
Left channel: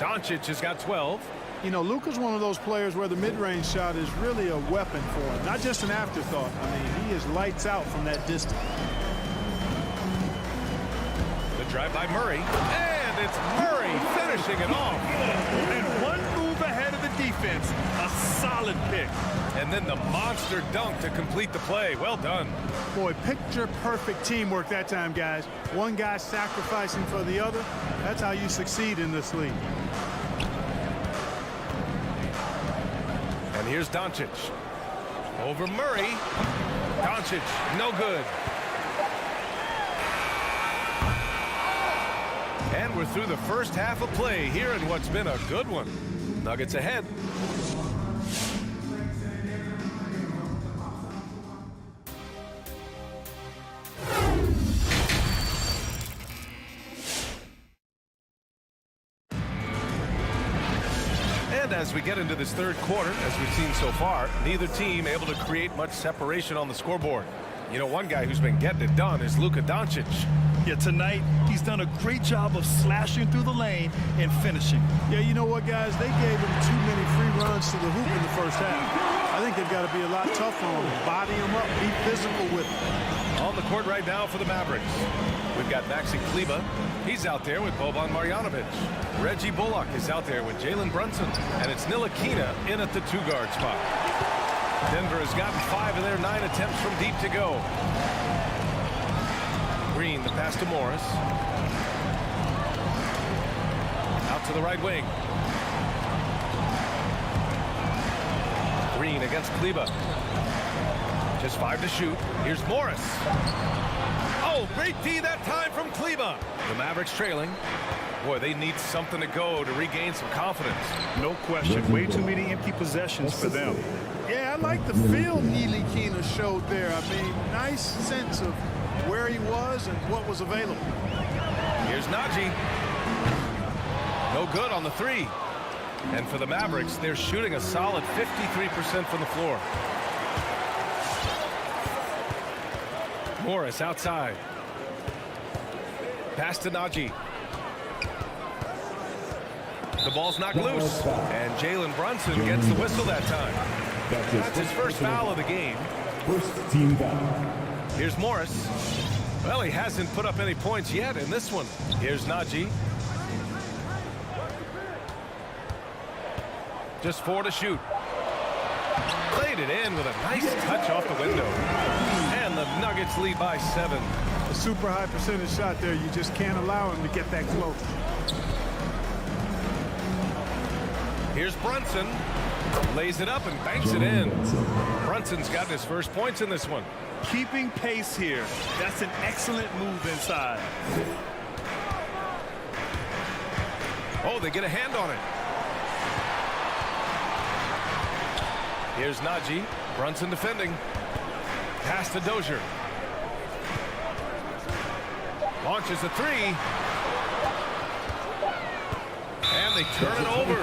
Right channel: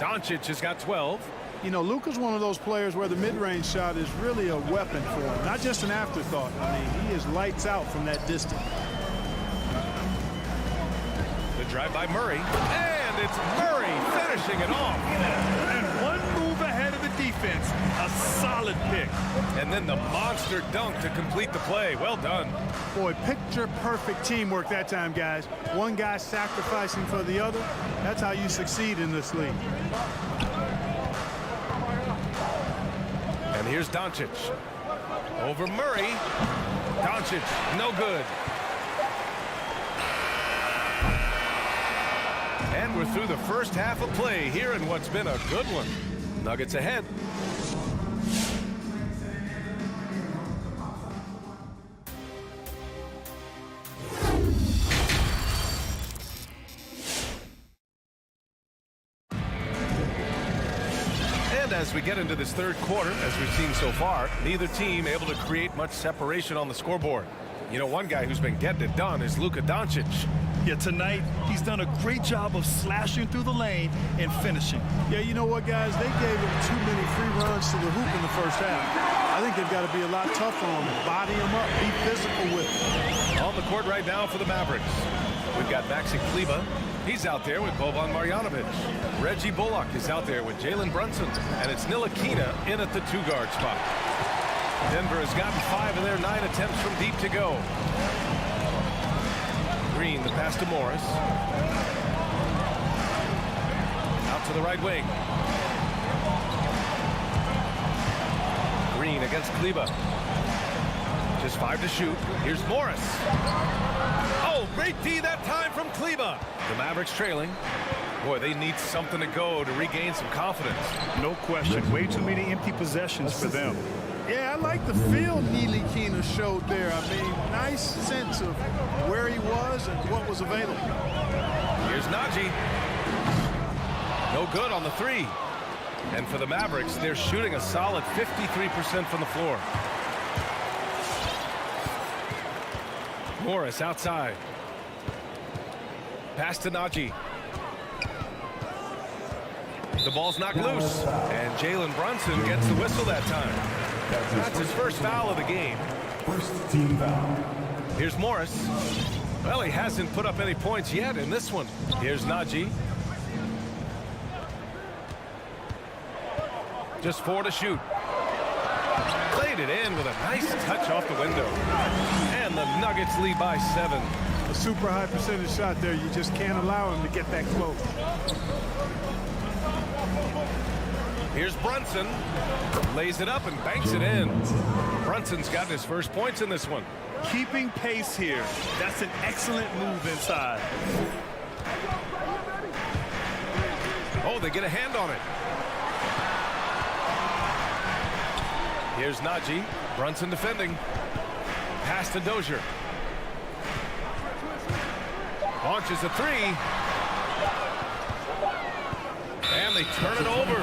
Doncic has got 12. You know, Luka's one of those players where the mid-range shot is really a weapon for him, not just an afterthought. I mean, he is lights out from that distance. The drive by Murray. And it's Murray finishing it off. And one move ahead of the defense. A solid pick. And then the monster dunk to complete the play. Well done. Boy, picture-perfect teamwork that time, guys. One guy sacrificing for the other. That's how you succeed in this league. And here's Doncic. Over Murray. Doncic, no good. And we're through the first half of play here in what's been a good one. Nuggets ahead. And as we get into this third quarter, as we've seen so far, neither team able to create much separation on the scoreboard. You know, one guy who's been getting it done is Luka Doncic. Yeah, tonight, he's done a great job of slashing through the lane and finishing. Yeah, you know what, guys? They gave him too many free runs to the hoop in the first half. I think they've got to be a lot tougher on him. Body him up, be physical with him. On the court right now for the Mavericks, we've got Maxi Kleber. He's out there with Boban Marjanovic. Reggie Bullock is out there with Jalen Brunson. And it's Ntilikina in at the two-guard spot. Denver has gotten 5 of their 9 attempts from deep to go. Green, the pass to Morris. Out to the right wing. Green against Kleber. Just 5 to shoot. Here's Morris. Oh, great D that time from Kleber. The Mavericks trailing. Boy, they need something to go to regain some confidence. No question. Way too many empty possessions for them. Yeah, I like the feel Ntilikina showed there. I mean, nice sense of where he was and what was available. Here's Naji. No good on the 3. And for the Mavericks, they're shooting a solid 53% from the floor. Morris outside. Pass to Naji. The ball's knocked loose. And Jalen Brunson gets the whistle that time. That's his first foul of the game. First team foul. Here's Morris. Well, he hasn't put up any points yet in this one. Here's Naji. Just 4 to shoot. Played it in with a nice touch off the window. And the Nuggets lead by 7. A super high percentage shot there. You just can't allow him to get that close. Here's Brunson. Lays it up and banks it in. Brunson's gotten his first points in this one. Keeping pace here. That's an excellent move inside. Oh, they get a hand on it. Here's Najee. Brunson defending. Pass to Dozier. Launches a 3. And they turn it over.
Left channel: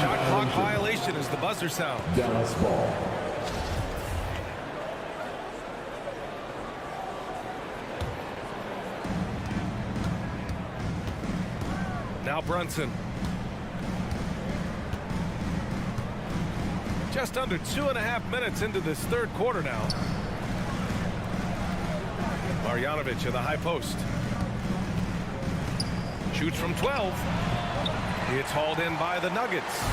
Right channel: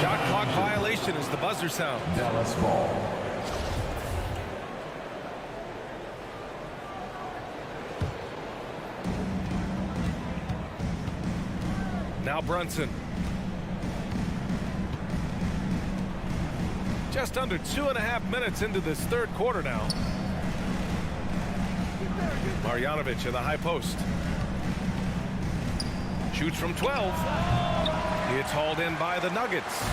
Shot clock violation as the buzzer sounds. Dallas ball. Now Brunson. Just under 2.5 minutes into this third quarter now. Marjanovic in the high post. Shoots from 12. It's hauled in by the Nuggets.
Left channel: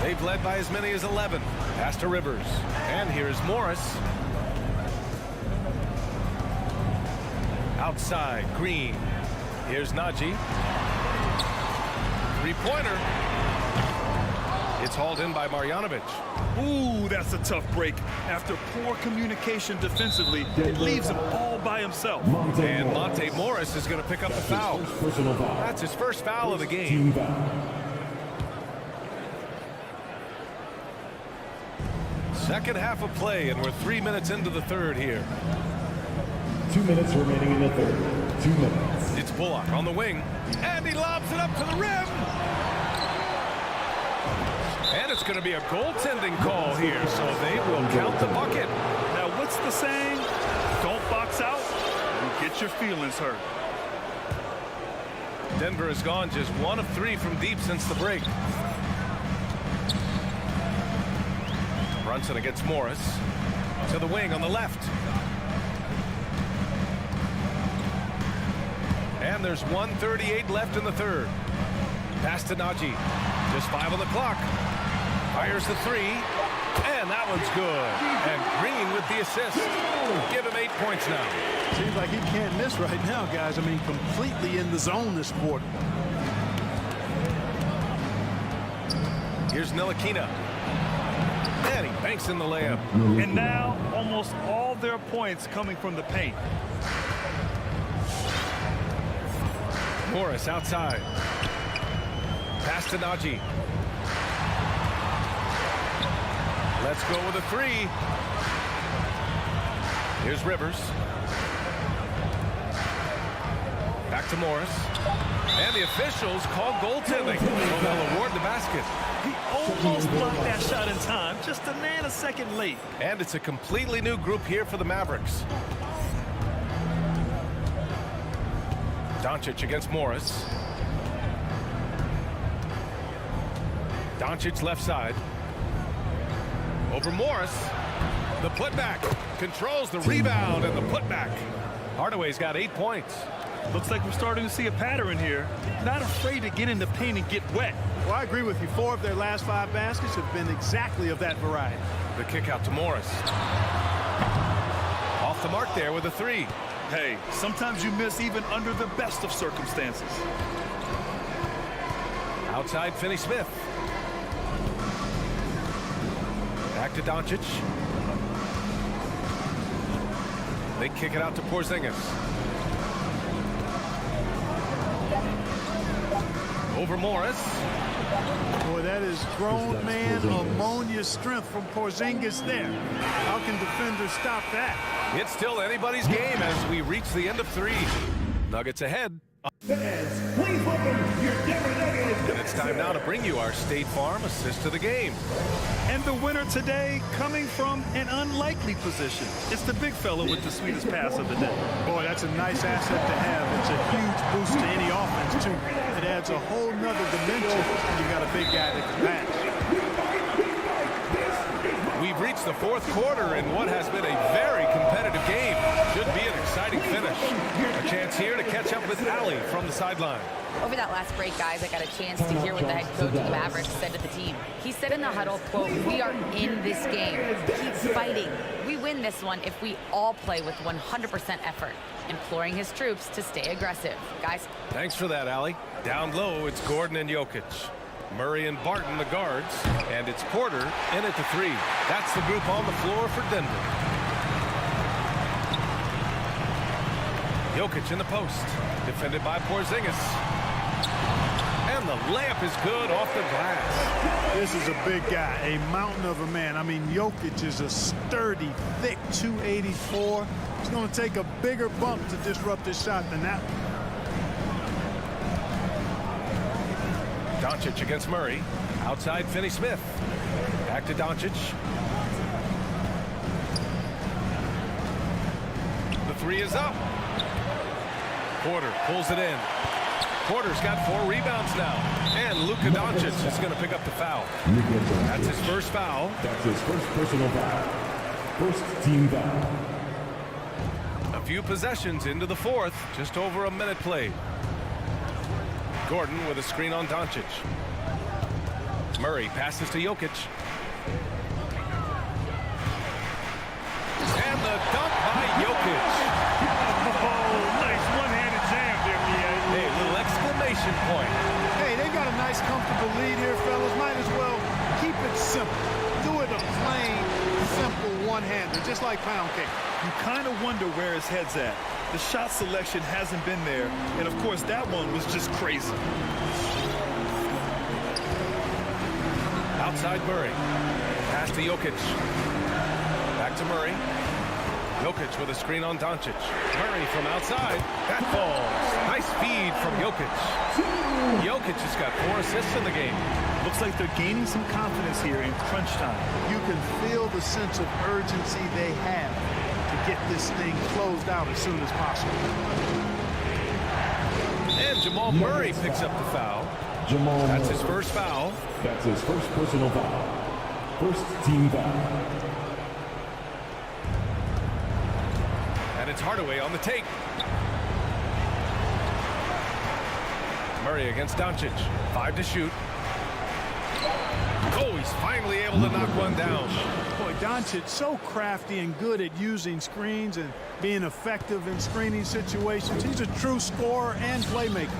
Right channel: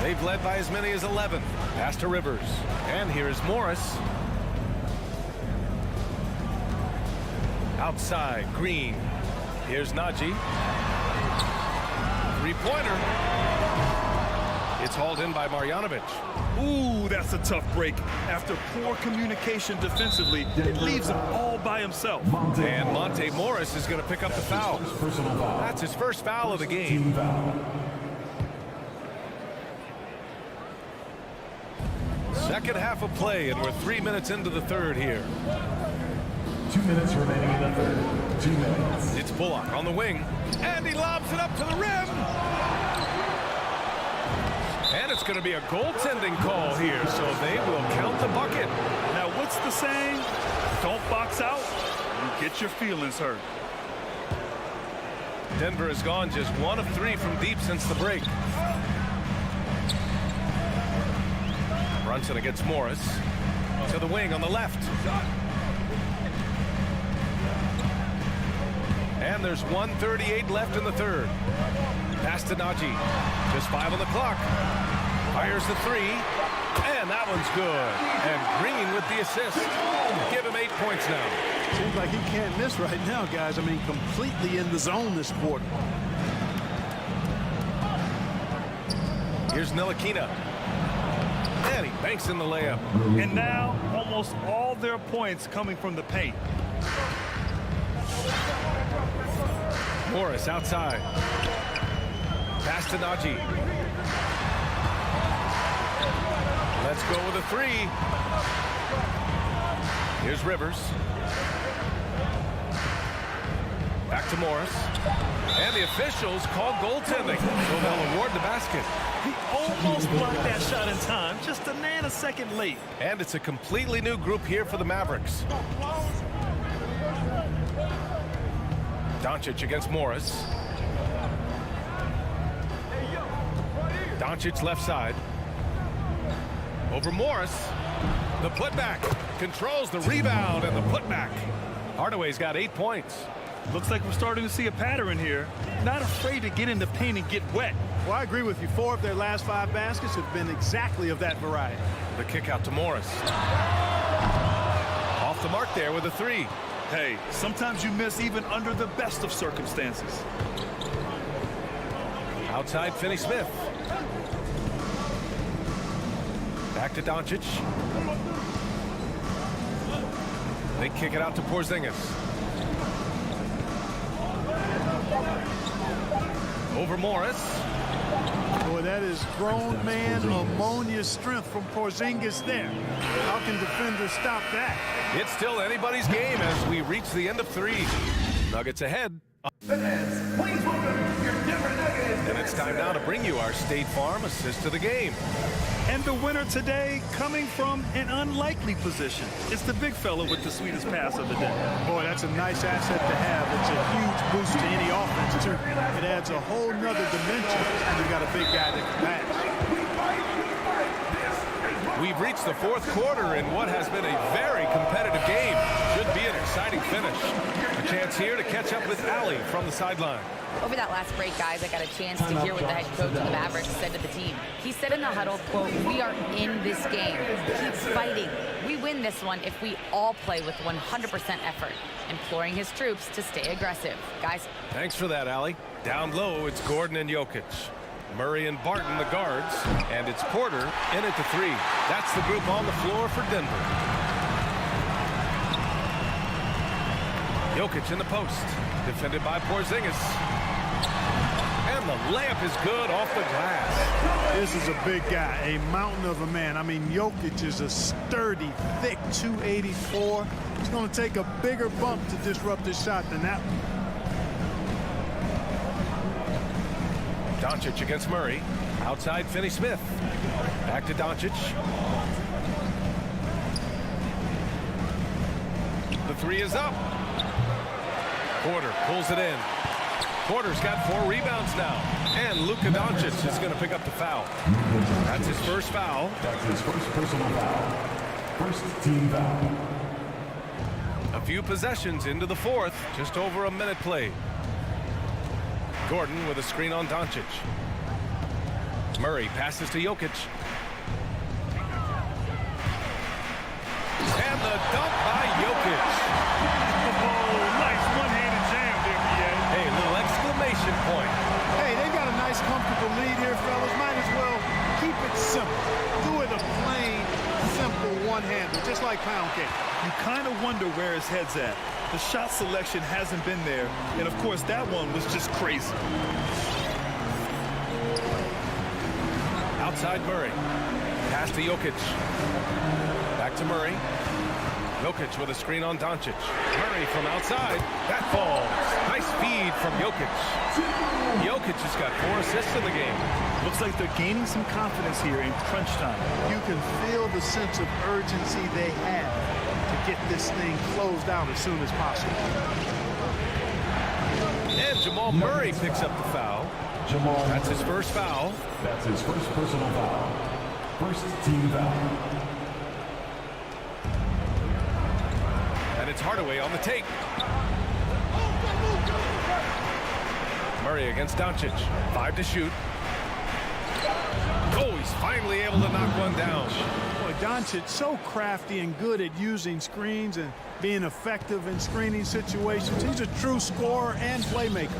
They've led by as many as 11. Pass to Rivers. And here's Morris. Outside, Green. Here's Najee. Three-pointer. It's hauled in by Marjanovic. Ooh, that's a tough break. After poor communication defensively, it leaves him all by himself. And Monte Morris is going to pick up the foul. That's his first foul of the game. Second half of play, and we're 3 minutes into the third here. 2 minutes remaining in the third. 2 minutes. It's Bullock on the wing, and he lobs it up to the rim. And it's going to be a goaltending call here, so they will count the bucket. Now, what's the saying? Don't box out, you get your feelings hurt. Denver has gone just 1 of 3 from deep since the break. Brunson against Morris. To the wing on the left. And there's 1:38 left in the third. Pass to Najee. Just 5 on the clock. Fires the 3. And that one's good. And Green with the assist. Give him 8 points now. Seems like he can't miss right now, guys. I mean, completely in the zone this quarter. Here's Ntilikina. And he banks in the layup. And now, almost all their points coming from the paint. Morris outside. Pass to Najee. Let's go with a 3. Here's Rivers. Back to Morris. And the officials call goaltending, so they'll award the basket. He almost blocked that shot in time, just a nanosecond late. And it's a completely new group here for the Mavericks. Doncic against Morris. Doncic left side. Over Morris. The putback. Controls the rebound and the putback. Hardaway's got 8 points. Looks like we're starting to see a pattern here. Not afraid to get in the paint and get wet. Well, I agree with you. 4 of their last 5 baskets have been exactly of that variety. The kick out to Morris. Off the mark there with a 3. Hey, sometimes you miss even under the best of circumstances. Outside Finney-Smith. Back to Doncic. They kick it out to Porzingis. Over Morris. Boy, that is grown man ammonia strength from Porzingis there. How can defenders stop that? It's still anybody's game as we reach the end of 3. Nuggets ahead. Fans, please welcome your Denver Nuggets. And it's time now to bring you our State Farm assist to the game. And the winner today coming from an unlikely position. It's the big fella with the sweetest pass of the day. Boy, that's a nice asset to have. It's a huge boost to any offense, too. It adds a whole nother dimension. You've got a big guy that can pass. We fight. This is We've reached the fourth quarter in what has been a very competitive game. Should be an exciting finish. A chance here to catch up with Allie from the sideline. Over that last break, guys, I got a chance to hear what the head coach of the Mavericks said to the team. He said in the huddle, quote, "We are in this game. Keep fighting. We win this one if we all play with 100% effort," imploring his troops to stay aggressive. Guys. Thanks for that, Allie. Down low, it's Gordon and Jokic. Murray and Barton, the guards. And it's Porter in at the 3. That's the group on the floor for Denver. Jokic in the post. Defended by Porzingis. And the layup is good off the glass. This is a big guy, a mountain of a man. I mean, Jokic is a sturdy, thick 284. It's going to take a bigger bump to disrupt his shot than that one. Doncic against Murray. Outside Finney-Smith. Back to Doncic. The 3 is up. Porter pulls it in. Porter's got 4 rebounds now. And Luka Doncic is going to pick up the foul. That's his first foul. That's his first personal foul. First team foul. A few possessions into the fourth. Just over a minute played. Gordon with a screen on Doncic. Murray passes to Jokic. And the dunk by Jokic. Oh, nice one-handed jam there, B.A. Hey, little exclamation point. Hey, they've got a nice, comfortable lead here, fellas. Might as well keep it simple. Do it a plain, simple one-hander, just like pound cake. You kind of wonder where his head's at. The shot selection hasn't been there, and of course that one was just crazy. Outside Murray. Pass to Jokic. Back to Murray. Jokic with a screen on Doncic. Murray from outside. That falls. Nice feed from Jokic. Jokic has got 4 assists in the game. Looks like they're gaining some confidence here in crunch time. You can feel the sense of urgency they have to get this thing closed out as soon as possible. And Jamal Murray picks up the foul. That's his first foul. That's his first personal foul. First team foul. And it's Hardaway on the take. Murray against Doncic. 5 to shoot. Oh, he's finally able to knock one down. Boy, Doncic so crafty and good at using screens and being effective in screening situations. He's a true scorer and playmaker.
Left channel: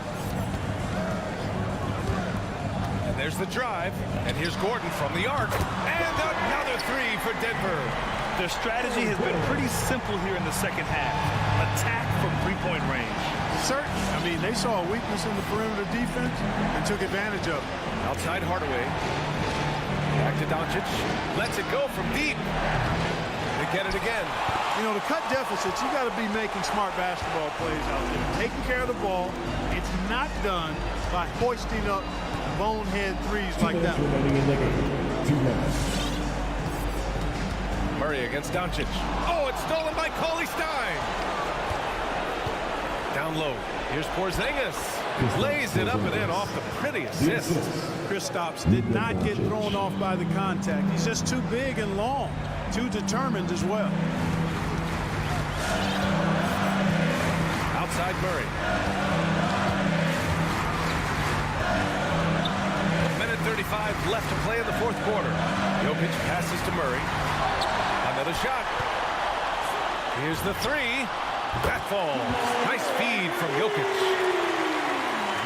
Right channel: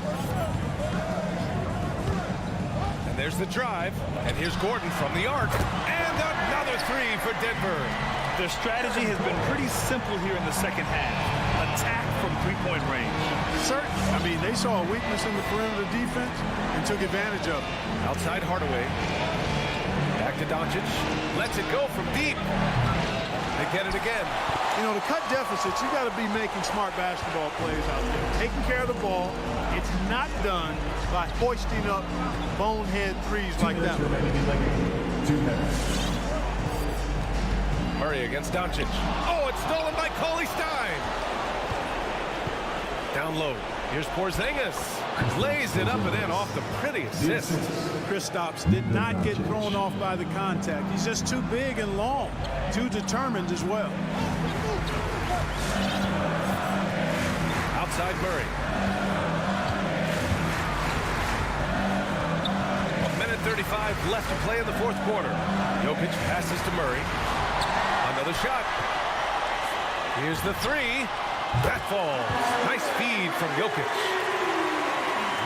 And there's the drive. And here's Gordon from the arc. And another 3 for Denver. Their strategy has been pretty simple here in the second half. Attack from three-point range. Certainly. I mean, they saw a weakness in the perimeter defense and took advantage of it. Outside Hardaway. Back to Doncic. Lets it go from deep. They get it again. You know, to cut deficits, you got to be making smart basketball plays out there. Taking care of the ball. It's not done by hoisting up bonehead threes like that. Remaining in the game. 2 minutes. Murray against Doncic. Oh, it's stolen by Cauley Stein. Down low. Here's Porzingis. Lays it up and in off the pretty assist. Kristaps did not get thrown off by the contact. He's just too big and long. Too determined as well. Outside Murray. 1:35 left to play in the fourth quarter. Jokic passes to Murray. Another shot. Here's the 3. That falls. Nice feed from Jokic.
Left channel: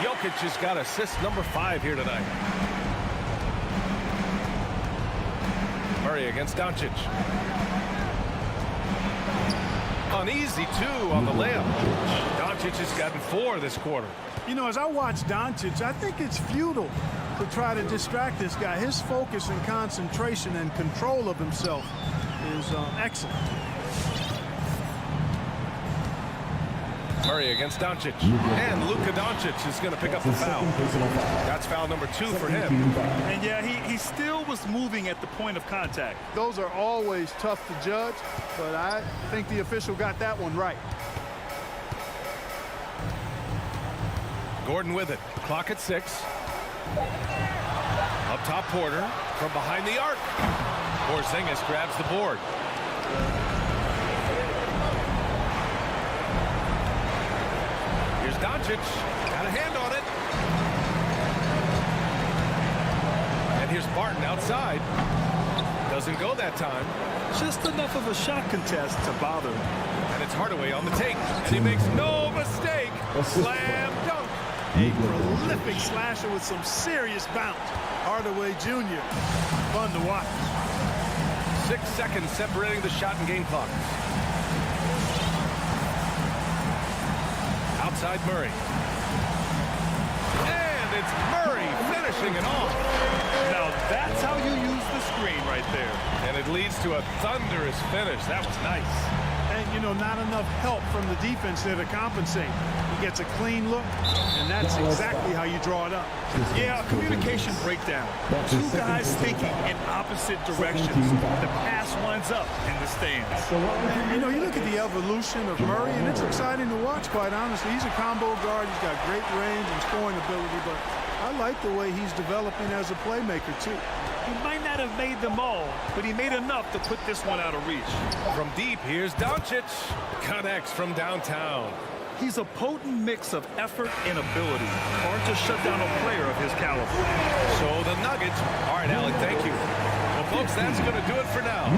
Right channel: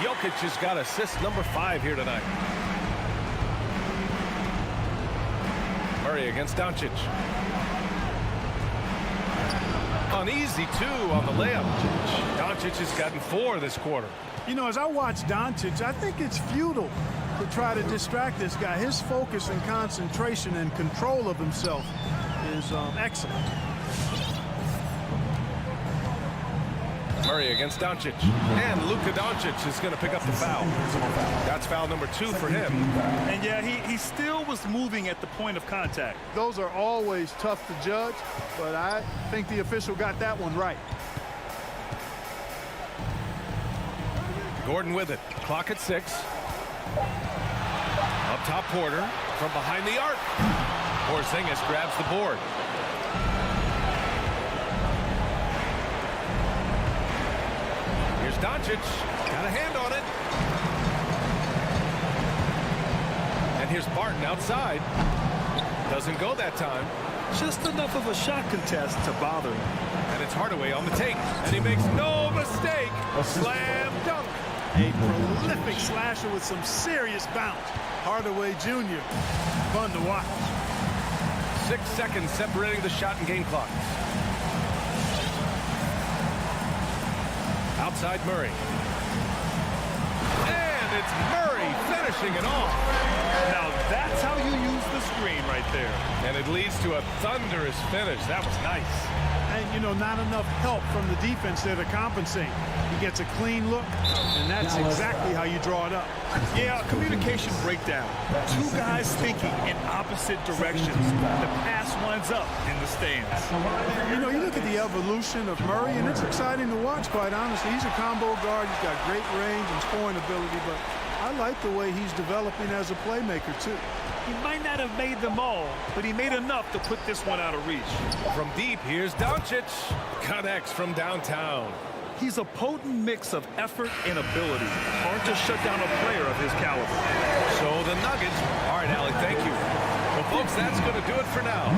Jokic has got assist number 5 here tonight. Murray against Doncic. An easy 2 on the layup. Doncic has gotten 4 this quarter. You know, as I watch Doncic, I think it's futile to try to distract this guy. His focus and concentration and control of himself is excellent. Murray against Doncic. And Luka Doncic is going to pick up the foul. That's foul number 2 for him. And yeah, he still was moving at the point of contact. Those are always tough to judge, but I think the official got that one right. Gordon with it. Clock at 6. Up top Porter from behind the arc. Porzingis grabs the board. Here's Doncic. Got a hand on it. And here's Barton outside. Doesn't go that time. Just enough of a shot contest to bother him. And it's Hardaway on the take. And he makes no mistake. Slam dunk. A prolific slasher with some serious bounce. Hardaway Jr. Fun to watch. 6 seconds separating the shot and game clock. Outside Murray. And it's Murray finishing it off. Now that's how you use the screen right there. And it leads to a thunderous finish. That was nice. And, you know, not enough help from the defense there to compensate. He gets a clean look, and that's exactly how you draw it up. Yeah, a communication breakdown. Two guys thinking in opposite directions. The pass winds up in the stands. You know, you look at the evolution of Murray, and it's exciting to watch, quite honestly. He's a combo guard. He's got great range and scoring ability, but I like the way he's developing as a playmaker, too. He might not have made them all, but he made enough to put this one out of reach. From deep, here's Doncic. Connects from downtown. He's a potent mix of effort and ability. Hard to shut down a player of his caliber. So the Nuggets. All right, Allie, thank you. Well, folks, that's going to do it for now.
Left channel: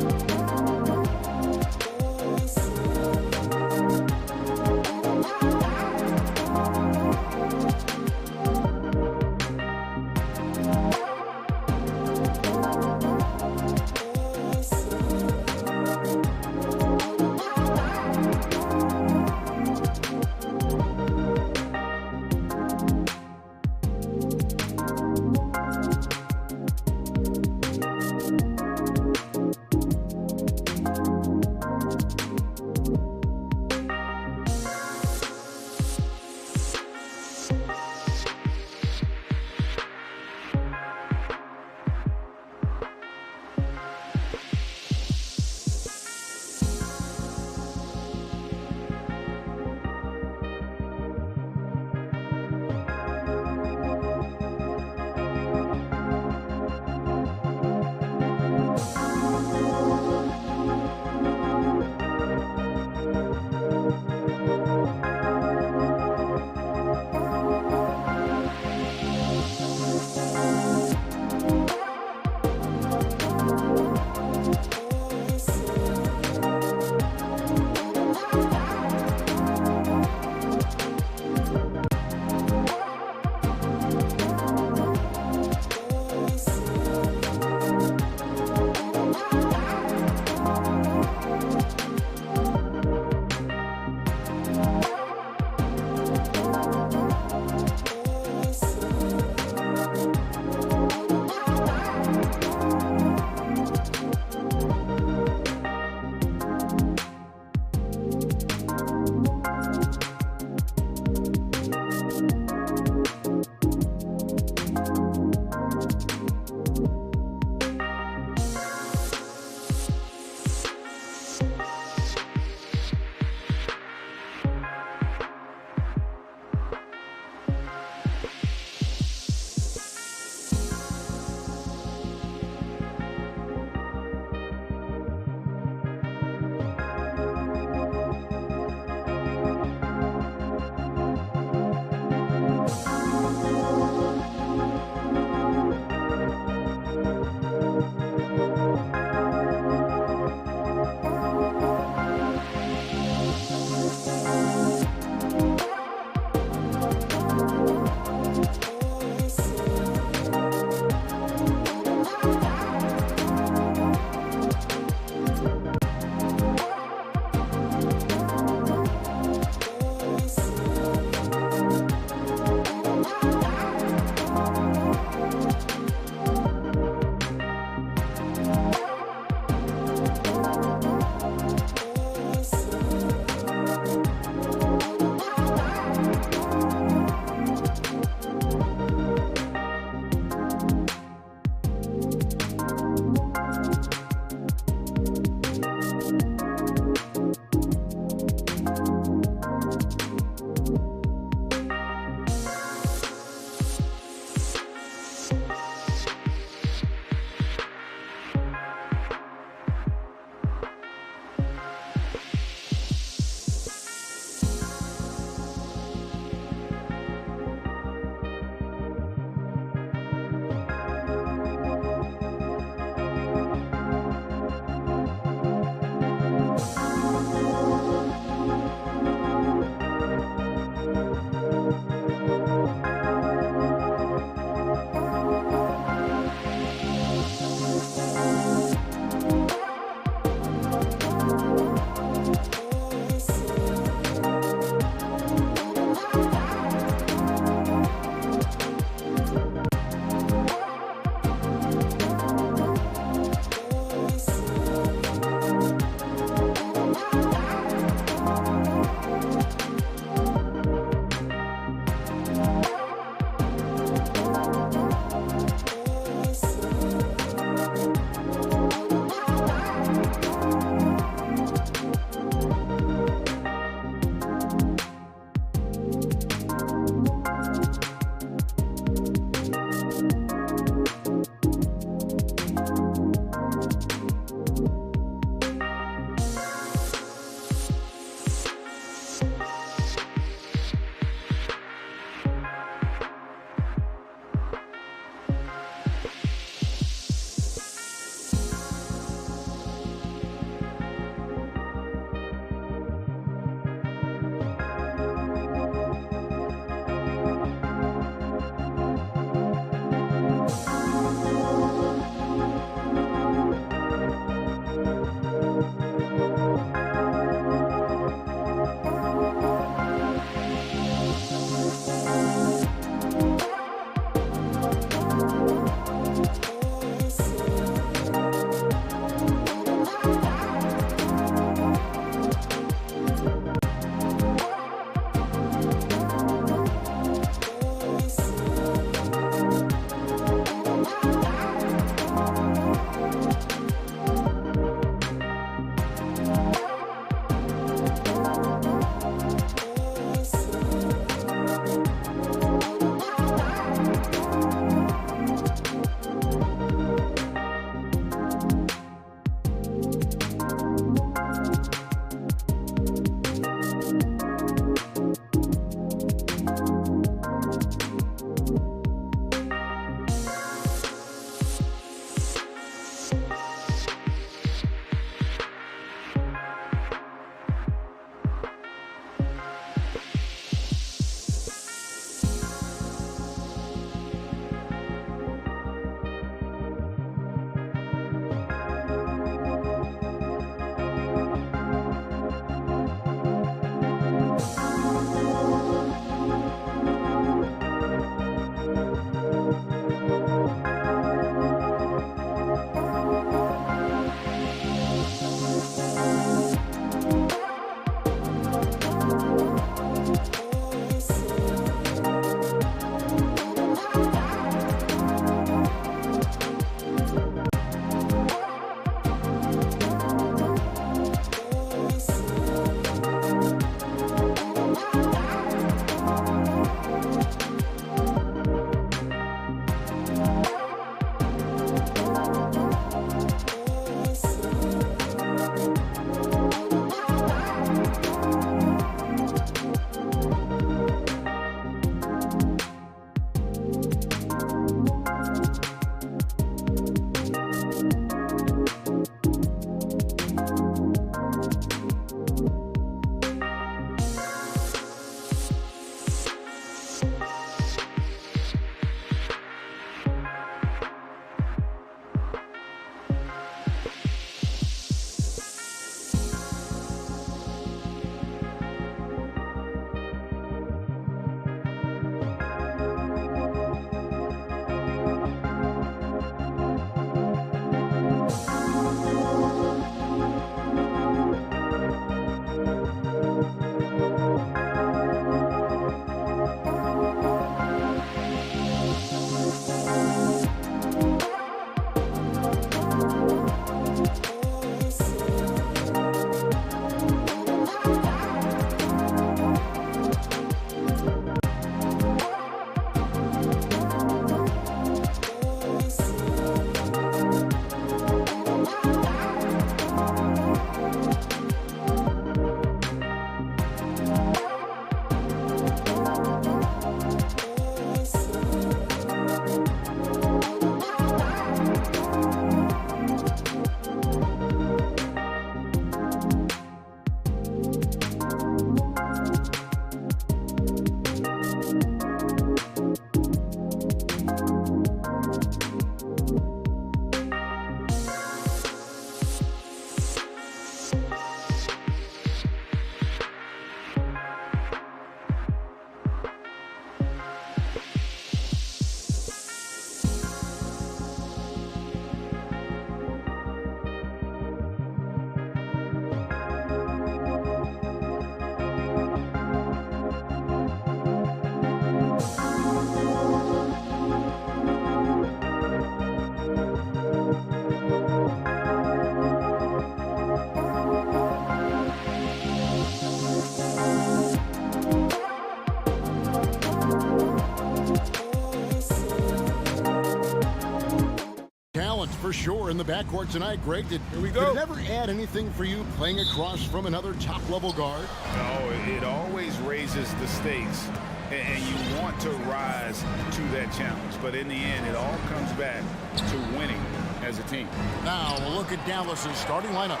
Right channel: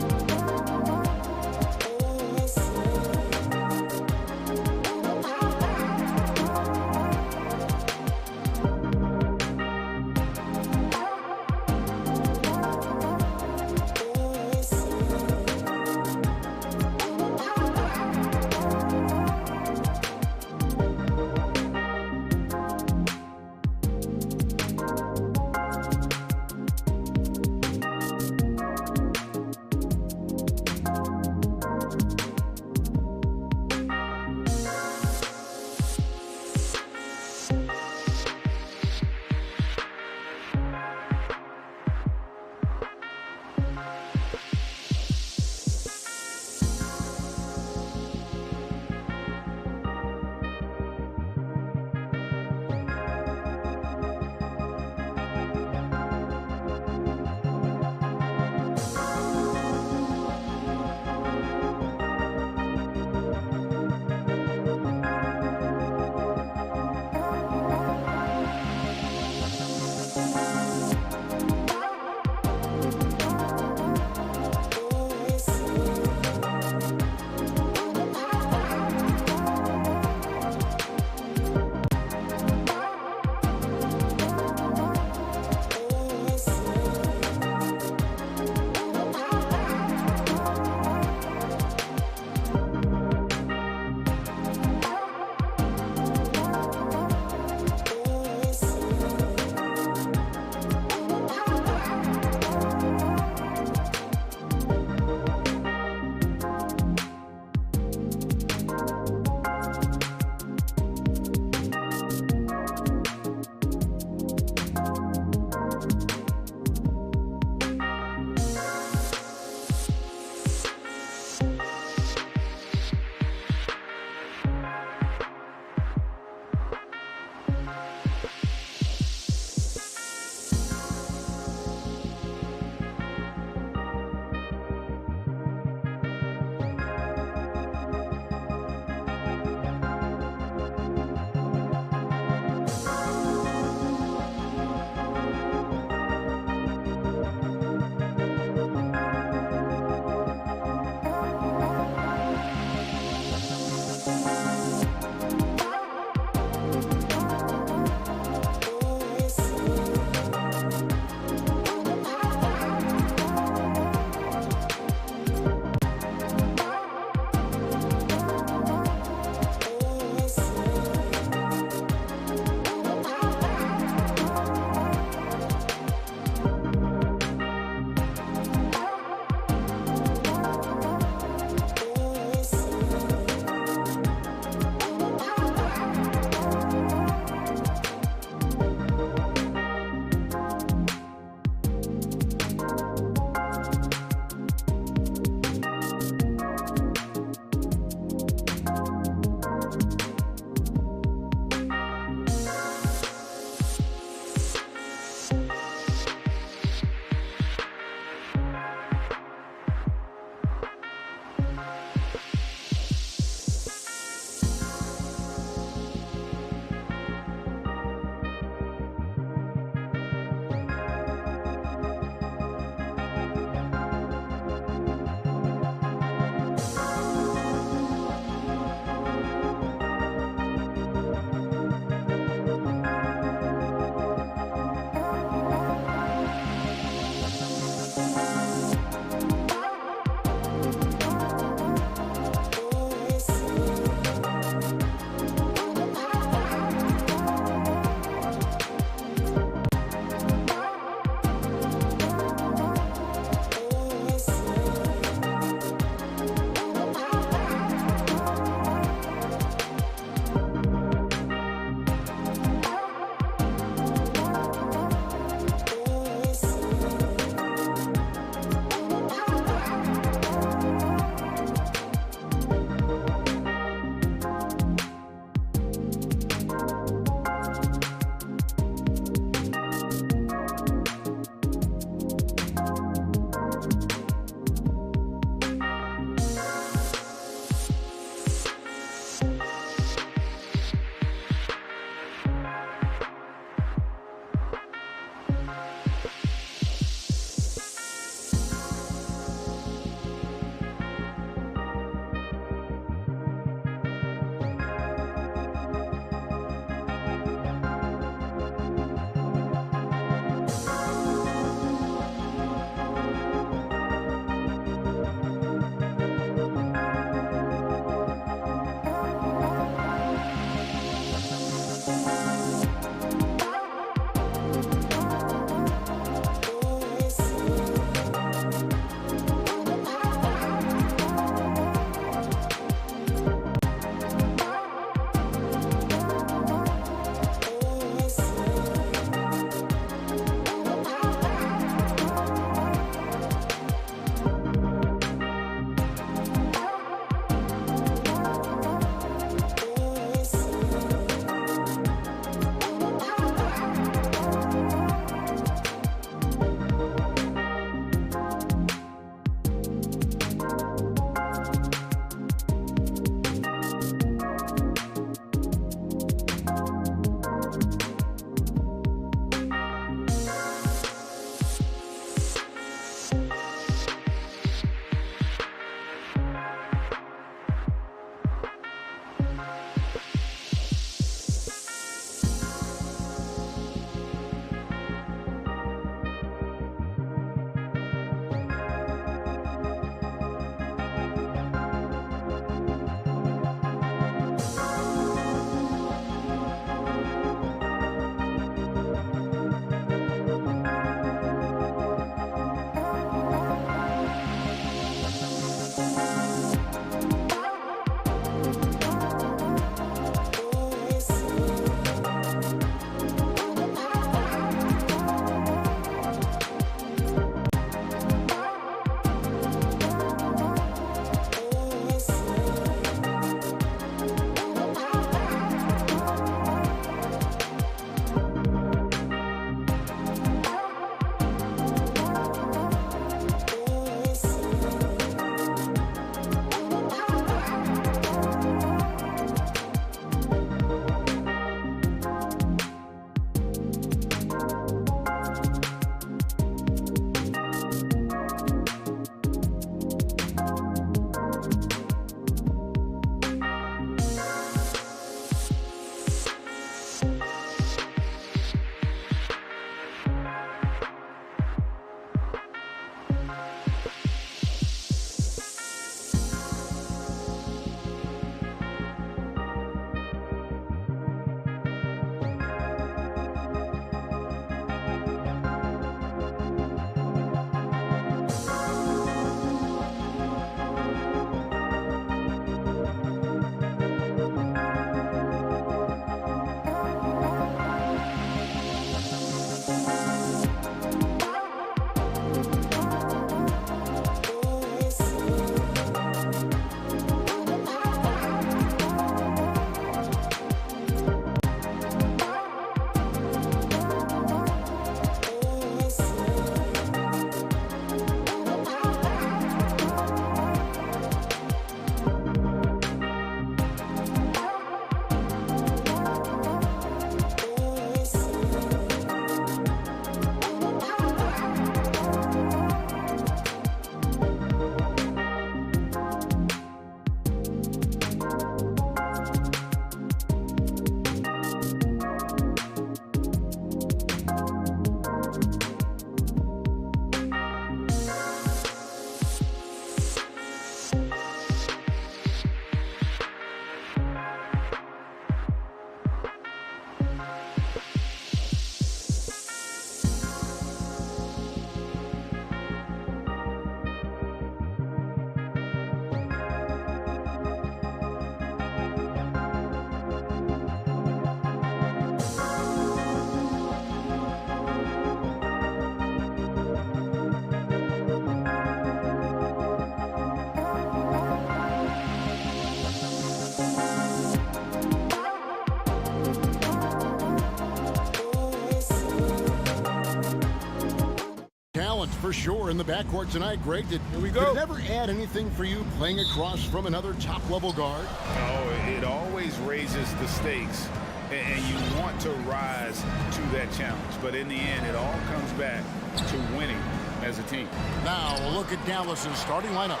talent for sure in the backcourt tonight, Greg. Did it ever add anything for you playing across from another top-level guard? No, it always raises the stakes, and you want to rise to that challenge. But in the end, it all comes back to winning as a team. Now we'll look at Dallas's starting lineup.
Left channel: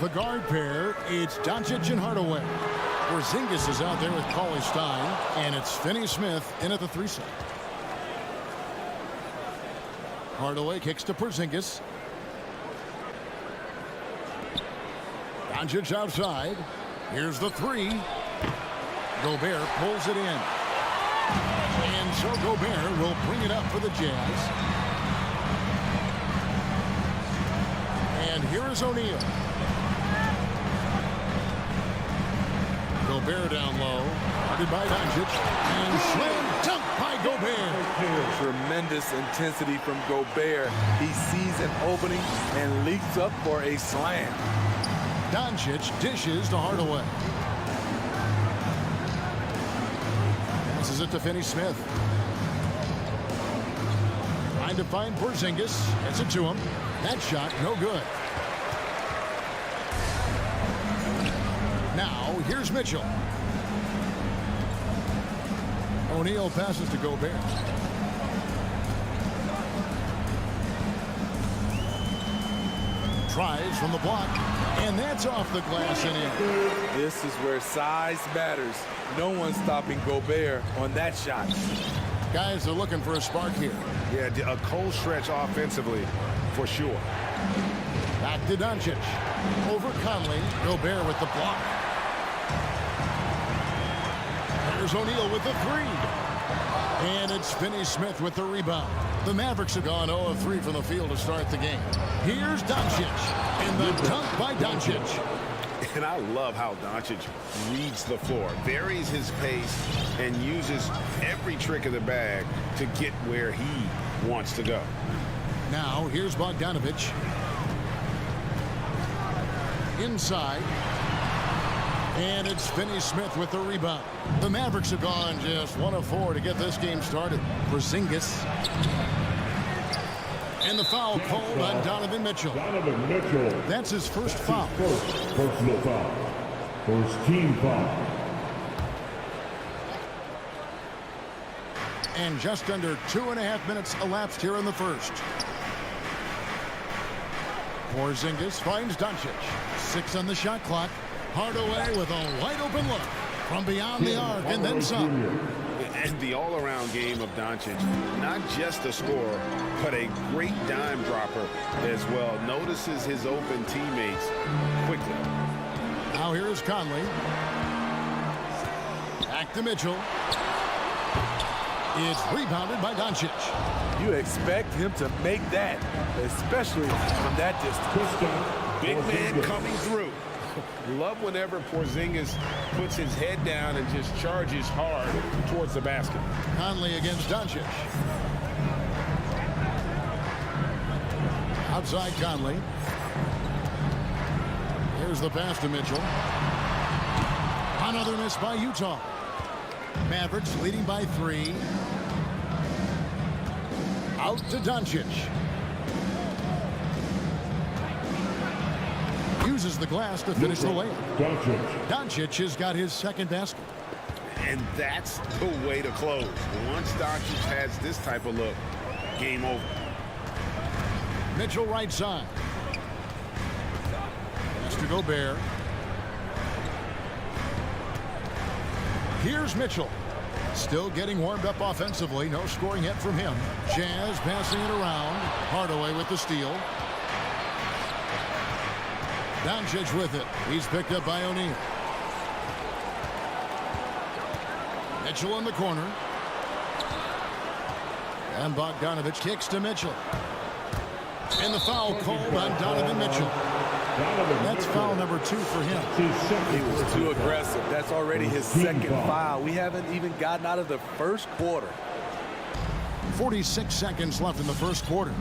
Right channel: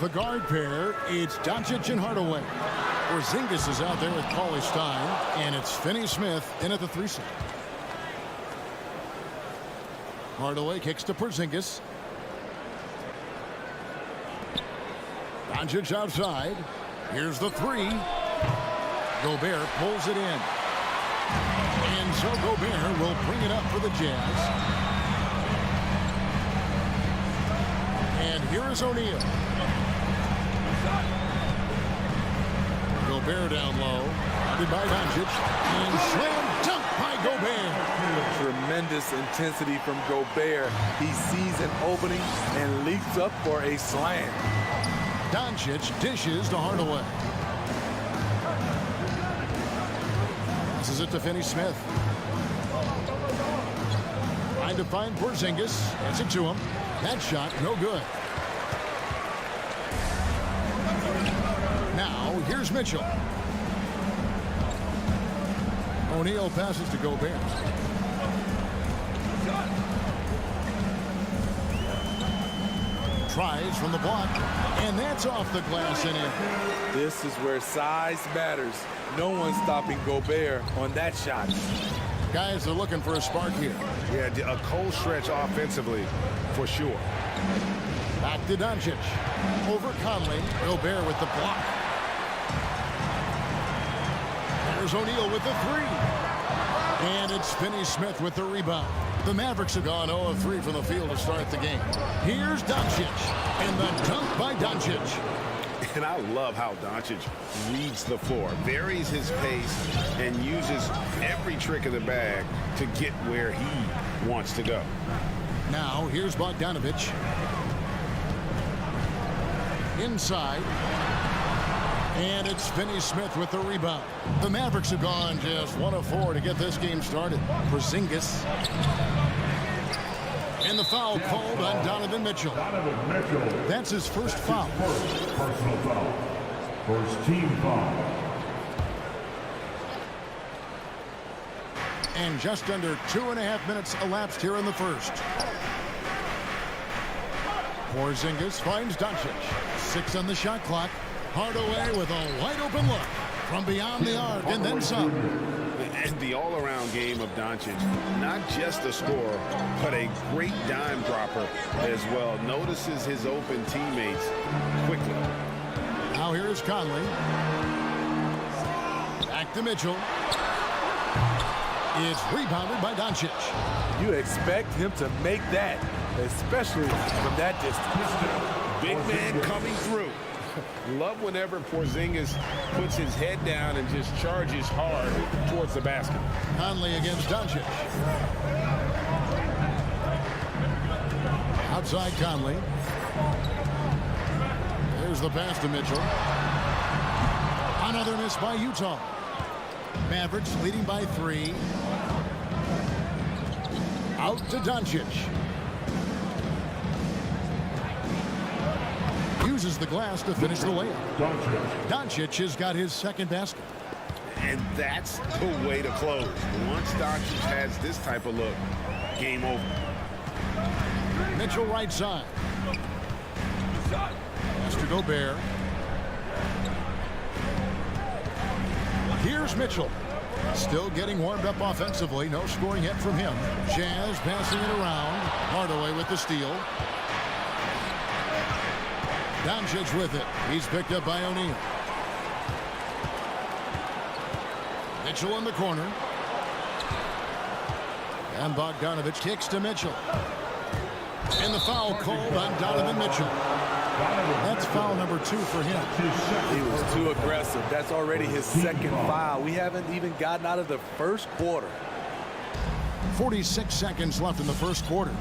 The guard pair, it's Doncic and Hardaway. Porzingis is out there with Cauley Stein, and it's Finney-Smith in at the 3 slot. Hardaway kicks to Porzingis. Doncic outside. Here's the 3. Gobert pulls it in. And so Gobert will bring it up for the Jazz. And here is O'Neal. Gobert down low. Guarded by Doncic. And slam dunk by Gobert. Tremendous intensity from Gobert. He sees an opening and leaps up for a slam. Doncic dishes to Hardaway. Passes it to Finney-Smith. Trying to find Porzingis. Gets it to him. That shot no good. Now here's Mitchell. O'Neal passes to Gobert. Tries from the block, and that's off the glass and in. This is where size matters. No one's stopping Gobert on that shot. Guys are looking for a spark here. Yeah, a cold stretch offensively for sure. Back to Doncic. Over Conley. Gobert with the block. There's O'Neal with the 3. And it's Finney-Smith with the rebound. The Mavericks have gone 0 of 3 from the field to start the game. Here's Doncic. And the dunk by Doncic. And I love how Doncic reads the floor, varies his pace, and uses every trick of the bag to get where he wants to go. Now here's Bogdanović. Inside. And it's Finney-Smith with the rebound. The Mavericks have gone just 1 of 4 to get this game started. Porzingis. And the foul called on Donovan Mitchell. Donovan Mitchell. That's his first foul. First personal foul. First team foul. And just under 2.5 minutes elapsed here in the first. Porzingis finds Doncic. 6 on the shot clock. Hardaway with a wide open look from beyond the arc and then some. And the all-around game of Doncic, not just a scorer, but a great dime dropper as well. Notices his open teammates quickly. Now here's Conley. Back to Mitchell. It's rebounded by Doncic. You expect him to make that, especially from that distance. Big man coming through. Love whenever Porzingis puts his head down and just charges hard towards the basket. Conley against Doncic. Outside Conley. There's the pass to Mitchell. Another miss by Utah. Mavericks leading by 3. Out to Doncic. Uses the glass to finish the layup. Doncic has got his second basket. And that's the way to close. Once Doncic has this type of look, game over. Mitchell right side. Pass to Gobert. Here's Mitchell. Still getting warmed up offensively. No scoring yet from him. Jazz passing it around. Hardaway with the steal. Doncic with it. He's picked up by O'Neal. Mitchell in the corner. And Bogdanović kicks to Mitchell. And the foul called on Donovan Mitchell. That's foul number 2 for him. He was too aggressive. That's already his second foul. We haven't even gotten out of the first quarter. 46 seconds left in the first quarter.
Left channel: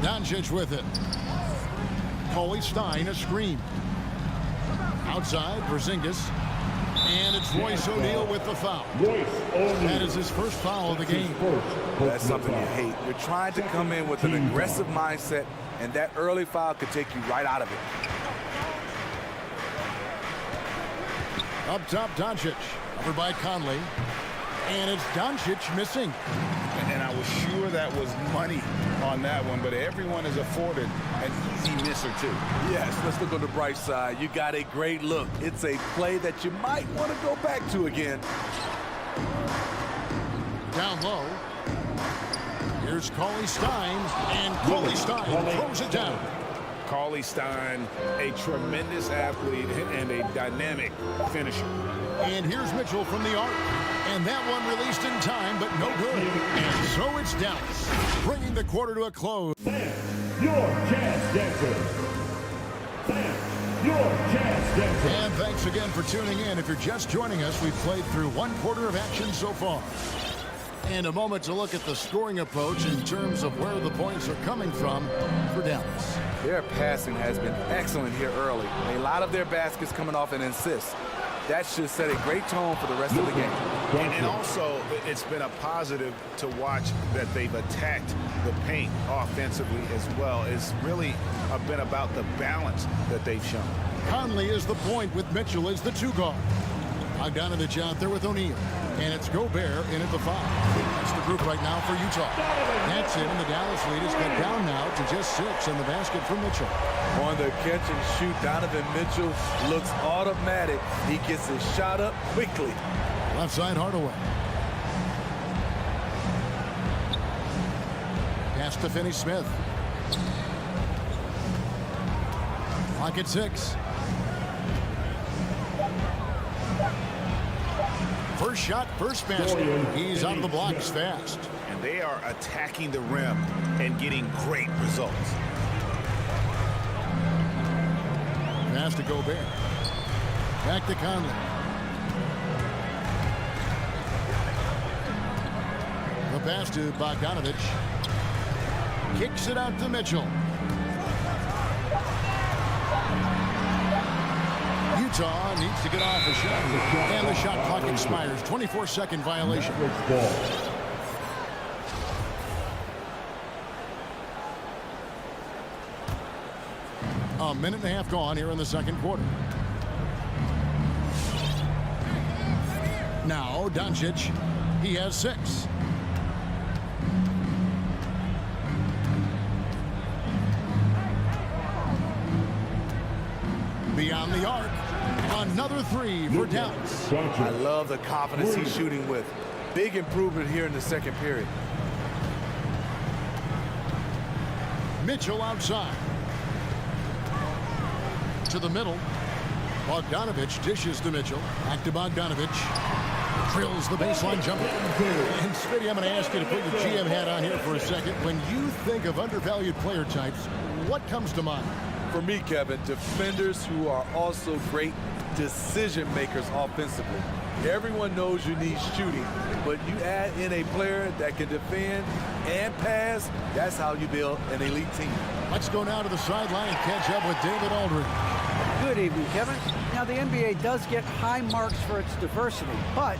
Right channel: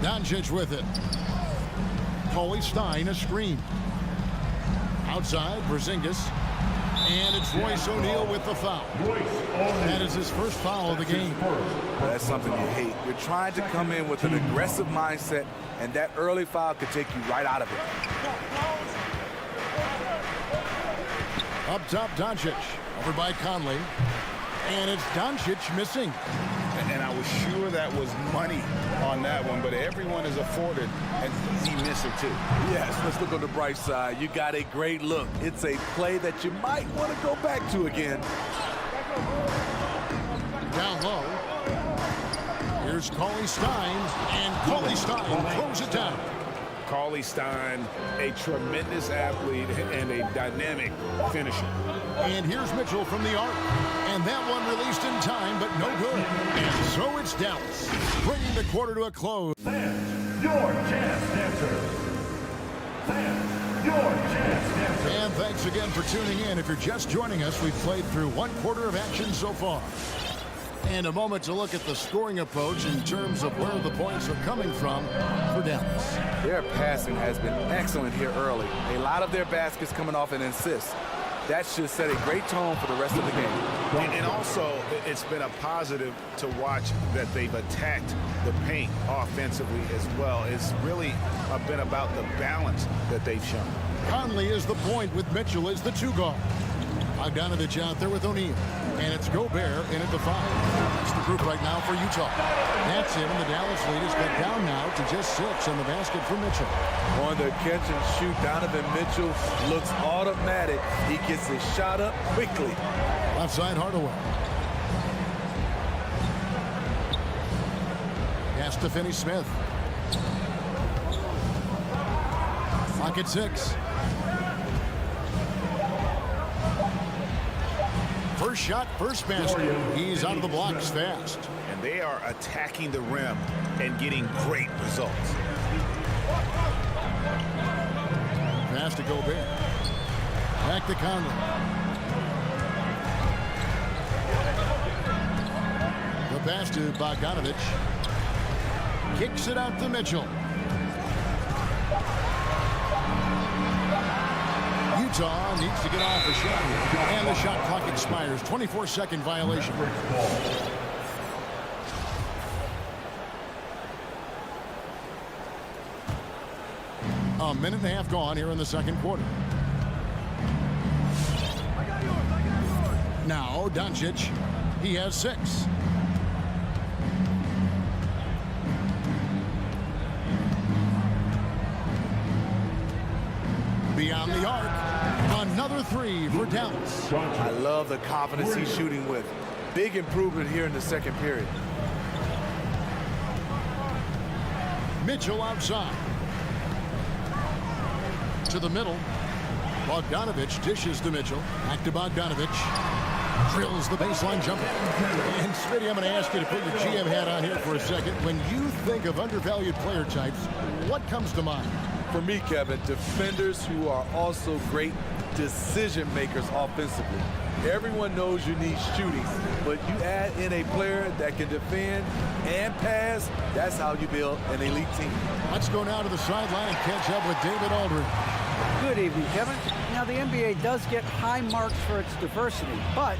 Doncic with it. Cauley Stein a screen. Outside Porzingis. And it's Royce O'Neal with the foul. That is his first foul of the game. That's something you hate. You're trying to come in with an aggressive mindset, and that early foul could take you right out of it. Up top, Doncic. Over by Conley. And it's Doncic missing. And I was sure that was money on that one, but everyone is afforded an easy misser too. Yes, let's look on the bright side. You got a great look. It's a play that you might want to go back to again. Down low. Here's Cauley-Stein, and Cauley-Stein throws it down. Cauley-Stein, a tremendous athlete and a dynamic finisher. And here's Mitchell from the arc. And that one released in time, but no good. And so it's Dallas, bringing the quarter to a close. Fans, your jazz dancer. Fans, your jazz dancer. And thanks again for tuning in. If you're just joining us, we've played through one quarter of action so far. And a moment to look at the scoring approach in terms of where the points are coming from for Dallas. Their passing has been excellent here early. A lot of their baskets coming off an assist. That should set a great tone for the rest of the game. And also, it's been a positive to watch that they've attacked the paint offensively as well. It's really been about the balance that they've shown. Conley is the point with Mitchell as the 2 guard. Bogdanovich out there with O'Neal. And it's Gobert in at the 5. That's the group right now for Utah. That's it, and the Dallas lead is cut down now to just 6 on the basket for Mitchell. On the catch and shoot, Donovan Mitchell looks automatic. He gets his shot up quickly. Left side, Hardaway. Pass to Finney-Smith. Clock at 6. First shot, first basket. He's out of the blocks fast. And they are attacking the rim and getting great results. Pass to Gobert. Back to Conley. The pass to Bogdanovich. Kicks it out to Mitchell. Utah needs to get off a shot. And the shot clock expires. 24-second violation. A minute and a half gone here in the second quarter. Now Doncic. He has 6. Beyond the arc. Another 3 for Dallas. I love the confidence he's shooting with. Big improvement here in the second period. Mitchell outside. To the middle. Bogdanovich dishes to Mitchell. Back to Bogdanovich. Drills the baseline jumper. And Smitty, I'm going to ask you to put your GM hat on here for a second. When you think of undervalued player types, what comes to mind? For me, Kevin, defenders who are also great decision makers offensively. Everyone knows you need shooting, but you add in a player that can defend and pass, that's how you build an elite team. Let's go now to the sideline and catch up with David Aldridge. Good evening, Kevin. Now, the NBA does get high marks for its diversity, but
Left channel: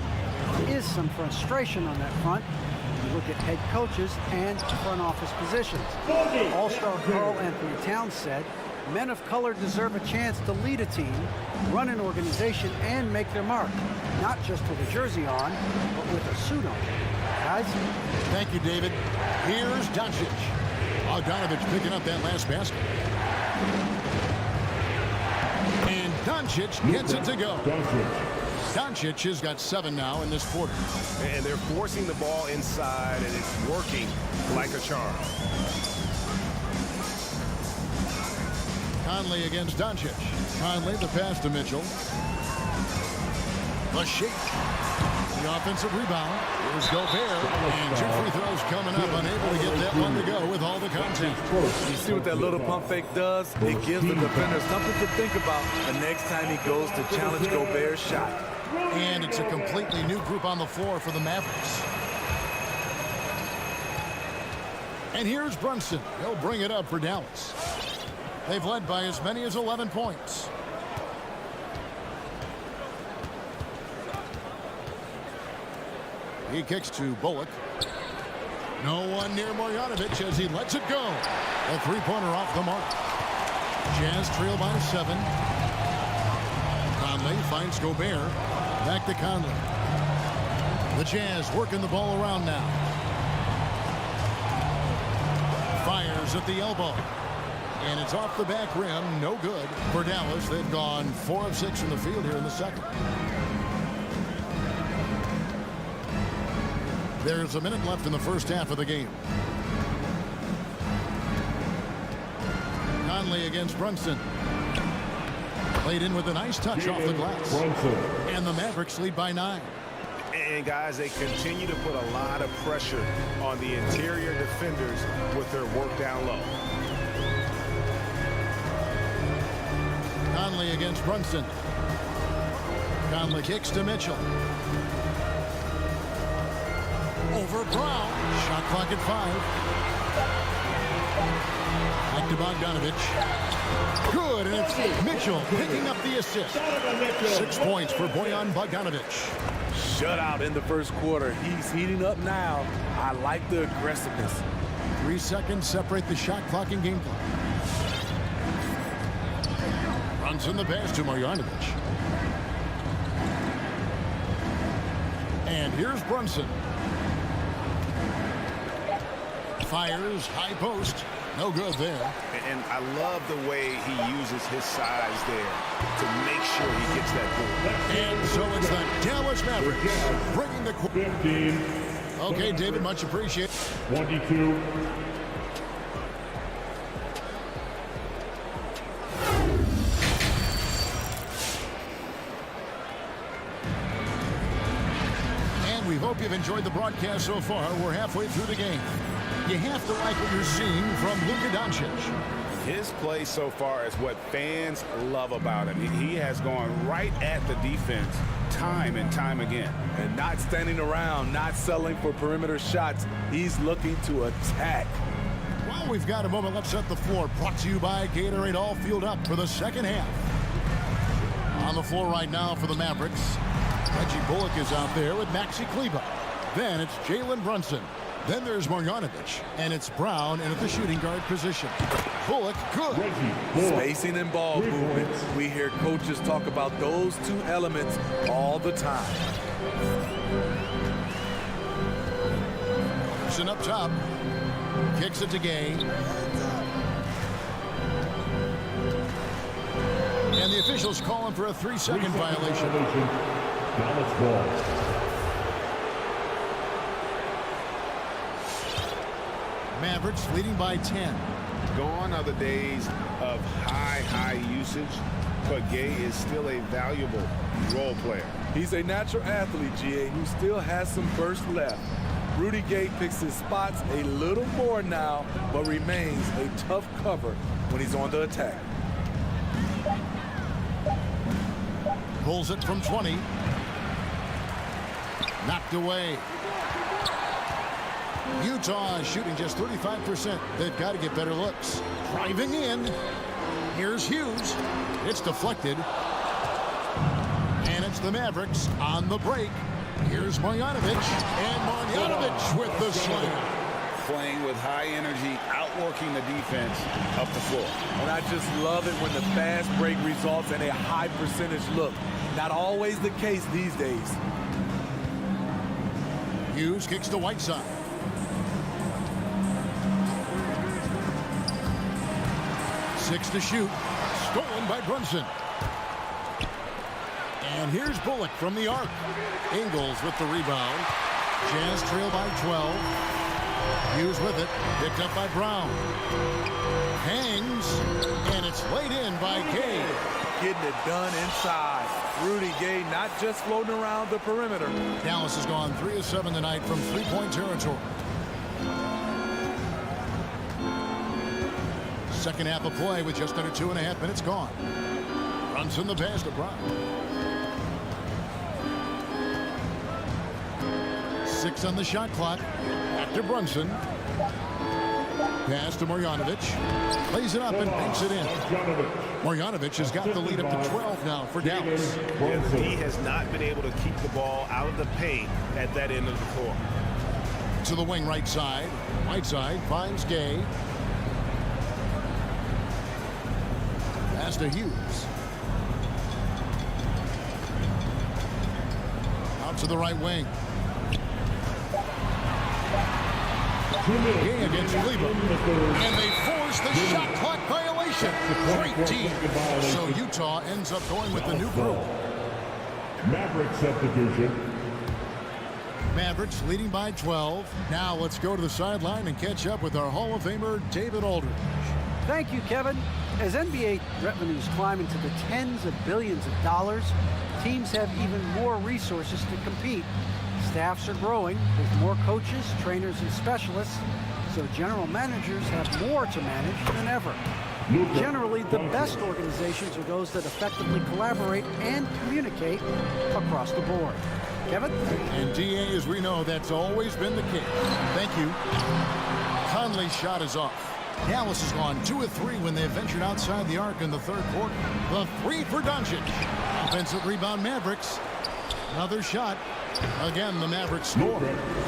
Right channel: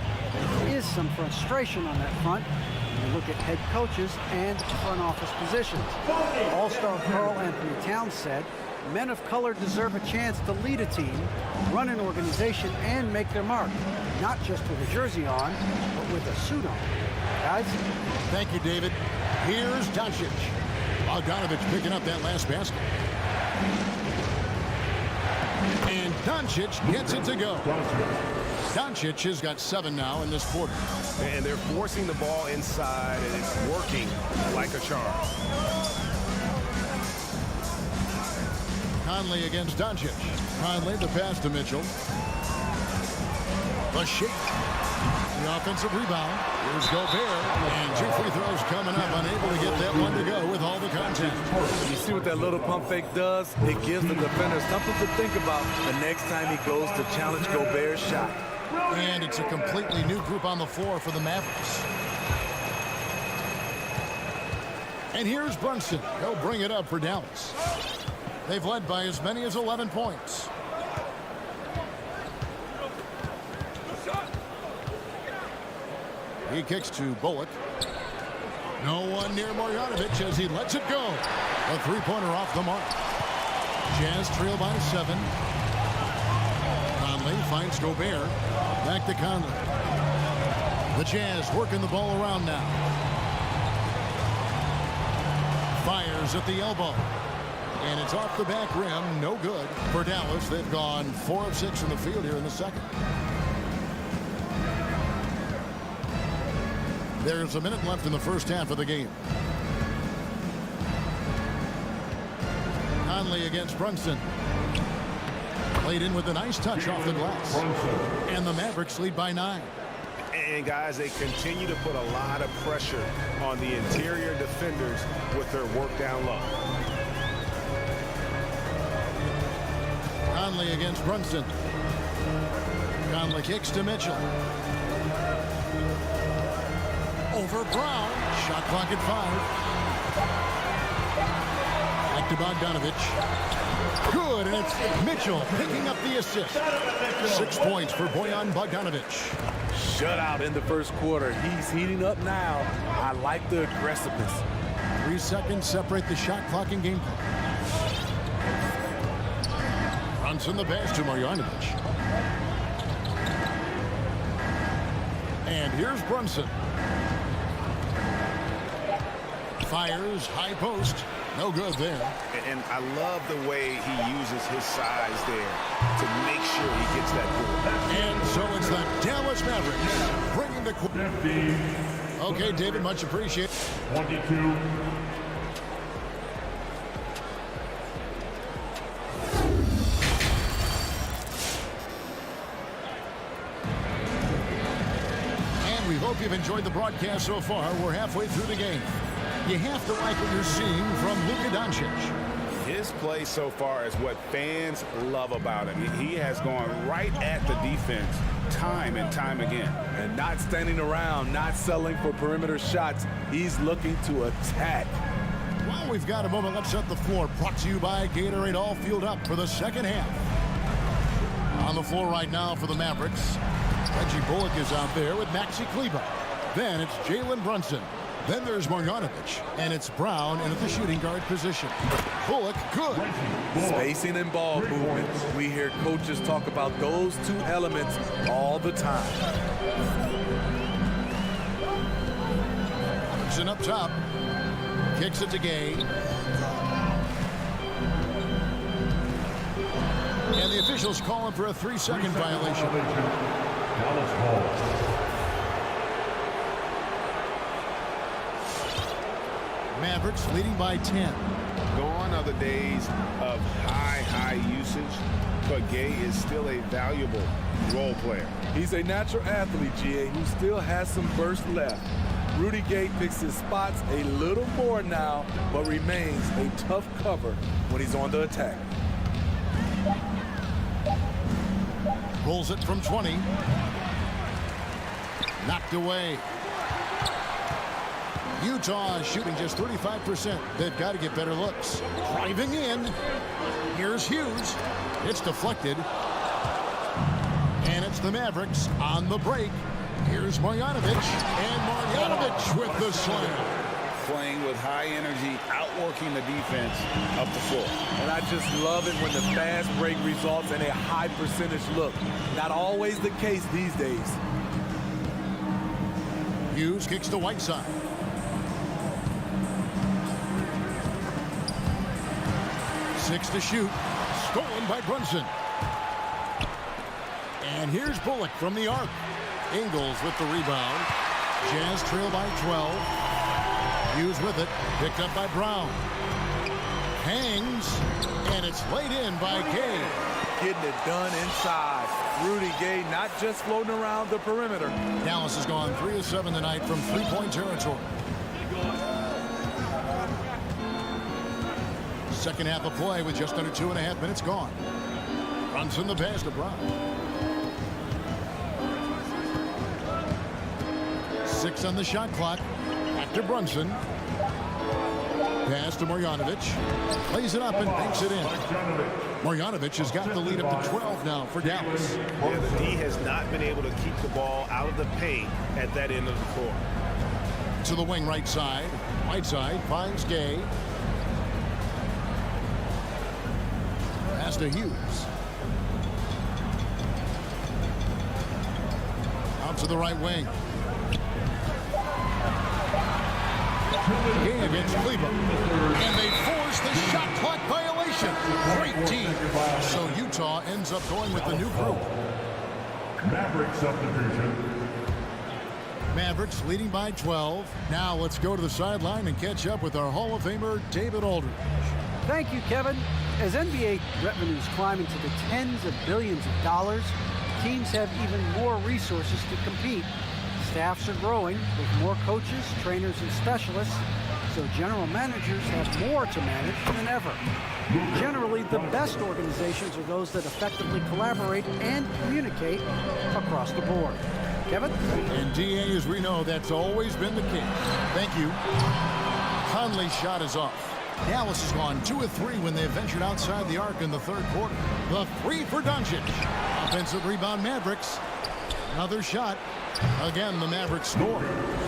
there is some frustration on that front when you look at head coaches and front office positions. All-star Karl Anthony Towns said, men of color deserve a chance to lead a team, run an organization, and make their mark. Not just with a jersey on, but with a suit on. Guys? Thank you, David. Here's Doncic. Bogdanovich picking up that last basket. And Doncic gets it to go. Doncic has got 7 now in this quarter. And they're forcing the ball inside, and it's working like a charm. Conley against Doncic. Conley, the pass to Mitchell. The shake. The offensive rebound. Here's Gobert. And 2 free throws coming up. Unable to get that one to go with all the contact. You see what that little pump fake does? It gives the defender something to think about the next time he goes to challenge Gobert's shot. And it's a completely new group on the floor for the Mavericks. And here's Brunson. He'll bring it up for Dallas. They've led by as many as 11 points. He kicks to Bullock. No one near Marjanovic as he lets it go. A three-pointer off the mark. Jazz trail by 7. Conley finds Gobert. Back to Conley. The Jazz working the ball around now. Fires at the elbow. And it's off the back rim. No good for Dallas. They've gone 4 of 6 in the field here in the second. There's a minute left in the first half of the game. Conley against Brunson. Played in with a nice touch off the glass. And the Mavericks lead by 9. And guys, they continue to put a lot of pressure on the interior defenders with their work down low. Conley against Brunson. Conley kicks to Mitchell. Over Brown. Shot clock at 5. Back to Bogdanovic. Good, and it's Mitchell picking up the assist. 6 points for Bojan Bogdanovic. Shutout in the first quarter. He's heating up now. I like the aggressiveness. 3 seconds separate the shot clock and game clock. Brunson the pass to Marjanovic. And here's Brunson. Fires, high post. No good there. And I love the way he uses his size there to make sure he gets that ball. And so it's the Dallas Mavericks bringing the 15. Okay, David, much appreciated. 22. And we hope you've enjoyed the broadcast so far. We're halfway through the game. You have to like what you're seeing from Luka Doncic. His play so far is what fans love about him. He has gone right at the defense time and time again. And not standing around, not settling for perimeter shots. He's looking to attack. Well, we've got a moment. Let's set the floor. Brought to you by Gatorade. All fueled up for the second half. On the floor right now for the Mavericks, Reggie Bullock is out there with Maxi Kleber. Then it's Jalen Brunson. Then there's Marjanovic, and it's Brown in at the shooting guard position. Bullock, good. Spacing and ball movement. We hear coaches talk about those two elements all the time. Brunson up top. Kicks it to Gay. And the officials calling for a 3-second violation. Dallas ball. Mavericks leading by 10. Gone are the days of high usage, but Gay is still a valuable role player. He's a natural athlete, GA, who still has some burst left. Rudy Gay picks his spots a little more now, but remains a tough cover when he's on the attack. Pulls it from 20. Knocked away. Utah shooting just 35%. They've got to get better looks. Driving in. Here's Hughes. It's deflected. And it's the Mavericks on the break. Here's Marjanovic. And Marjanovic with the slam. Playing with high energy, outworking the defense up the floor. And I just love it when the fast break results in a high percentage look. Not always the case these days. Hughes kicks to Whiteside. Six to shoot. Stolen by Brunson. And here's Bullock from the arc. Ingles with the rebound. Jazz trail by 12. Hughes with it. Picked up by Brown. Hangs. And it's laid in by Gay. Getting it done inside. Rudy Gay not just floating around the perimeter. Dallas has gone 3 of 7 tonight from three-point territory. Second half of play with just under 2.5 minutes gone. Brunson the pass to Brown. 6 on the shot clock. Back to Brunson. Pass to Marjanovic. Plays it up and banks it in. Marjanovic has got the lead up to 12 now for Dallas. Yeah, the D has not been able to keep the ball out of the paint at that end of the floor. To the wing right side. Whiteside finds Gay. Pass to Hughes. Out to the right wing. Gay against Cleveland. And they force the shot clock violation. Great team. So Utah ends up going with the new group. Maverick subdivision. Mavericks leading by 12. Now let's go to the sideline and catch up with our Hall of Famer, David Aldridge. Thank you, Kevin. As NBA revenues climb into the tens of billions of dollars, teams have even more resources to compete. Staffs are growing with more coaches, trainers, and specialists, so general managers have more to manage than ever. Generally, the best organizations are those that effectively collaborate and communicate across the board. Kevin? And DA, as we know, that's always been the case. Thank you. Conley's shot is off. Dallas has gone 2 of 3 when they ventured outside the arc in the third quarter. The 3 for Doncic. Offensive rebound Mavericks. Another shot. Again, the Mavericks score.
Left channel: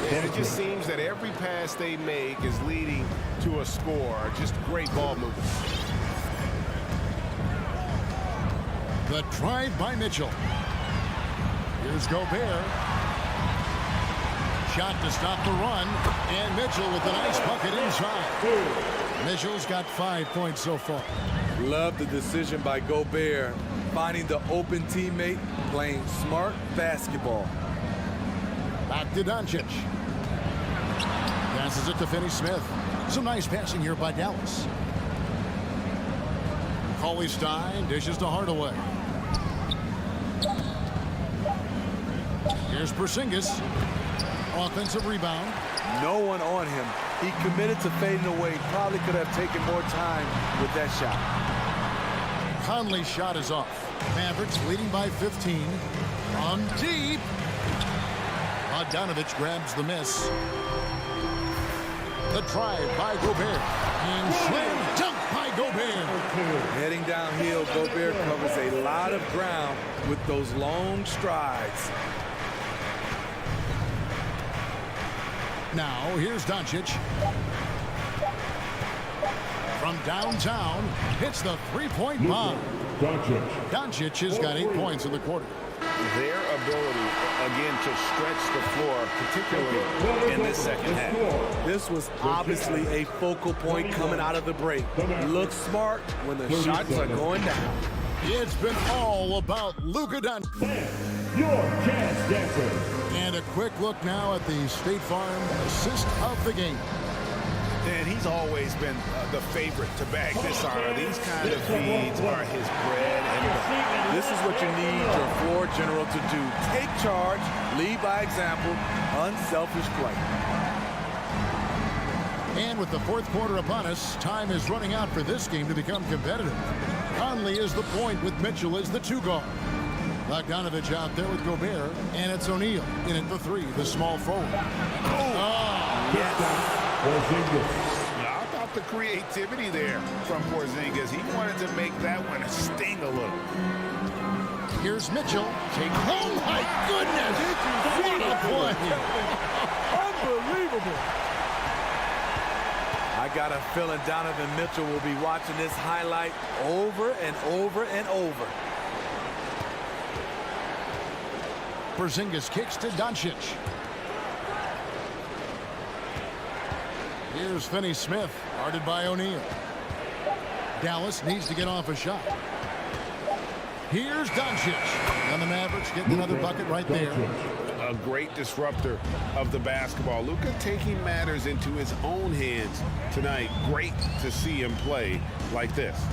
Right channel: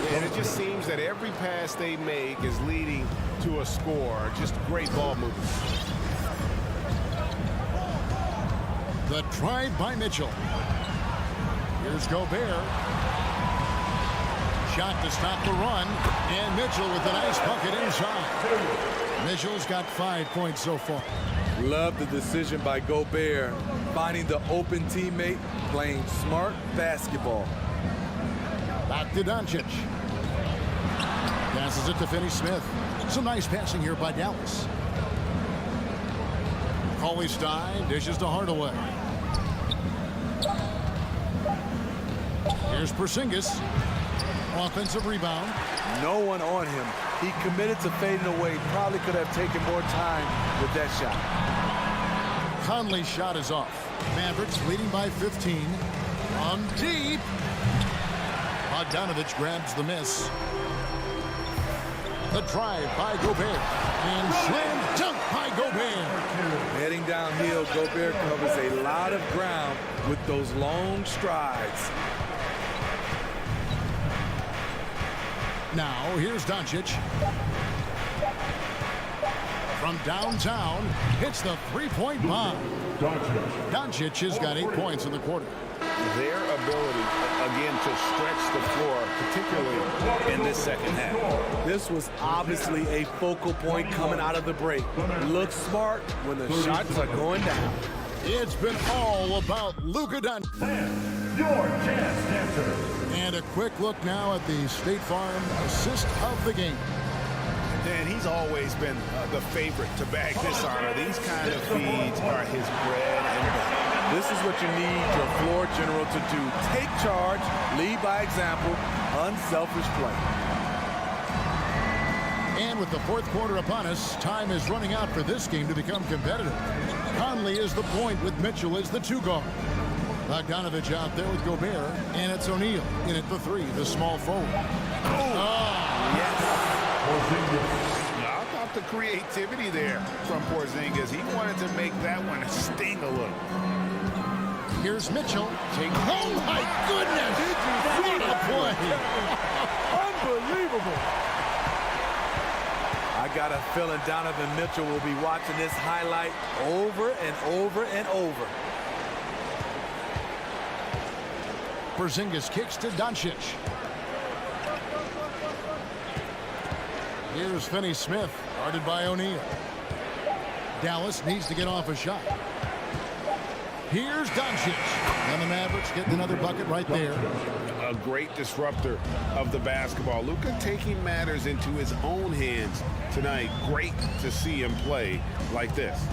And it just seems that every pass they make is leading to a score. Just great ball movement. The drive by Mitchell. Here's Gobert. Shot to stop the run. And Mitchell with a nice bucket inside. Mitchell's got 5 points so far. Love the decision by Gobert. Finding the open teammate, playing smart basketball. Back to Doncic. Passes it to Finney-Smith. Some nice passing here by Dallas. Cauley-Stein dishes to Hardaway. Here's Porzingis. Offensive rebound. No one on him. He committed to fading away. Probably could have taken more time with that shot. Conley's shot is off. Mavericks leading by 15. From deep. Bogdanovich grabs the miss. The drive by Gobert. And slam dunk by Gobert. Heading downhill, Gobert covers a lot of ground with those long strides. Now, here's Doncic. From downtown, hits the three-point bomb. Doncic has got 8 points in the quarter. Their ability, again, to stretch the floor, particularly in this second half. This was obviously a focal point coming out of the break. Look smart when the shots are going down. It's been all about Luka Doncic. Your jazz dancer. And a quick look now at the State Farm assist of the game. And he's always been the favorite to bag this honor. These kind of feeds are his bread and butter. This is what you need your floor general to do. Take charge, lead by example, unselfish play. And with the fourth quarter upon us, time is running out for this game to become competitive. Conley is the point with Mitchell as the 2 guard. Bogdanovich out there with Gobert, and it's O'Neal in at the 3, the small forward. Yes. Porzingis. I thought the creativity there from Porzingis. He wanted to make that one sting a little. Here's Mitchell. Oh, my goodness. What a play. Unbelievable. I got a feeling Donovan Mitchell will be watching this highlight over and over and over. Porzingis kicks to Doncic. Here's Finney-Smith, guarded by O'Neal. Dallas needs to get off a shot. Here's Doncic. And the Mavericks getting another bucket right there. A great disruptor of the basketball. Luka taking matters into his own hands tonight. Great to see him play like this.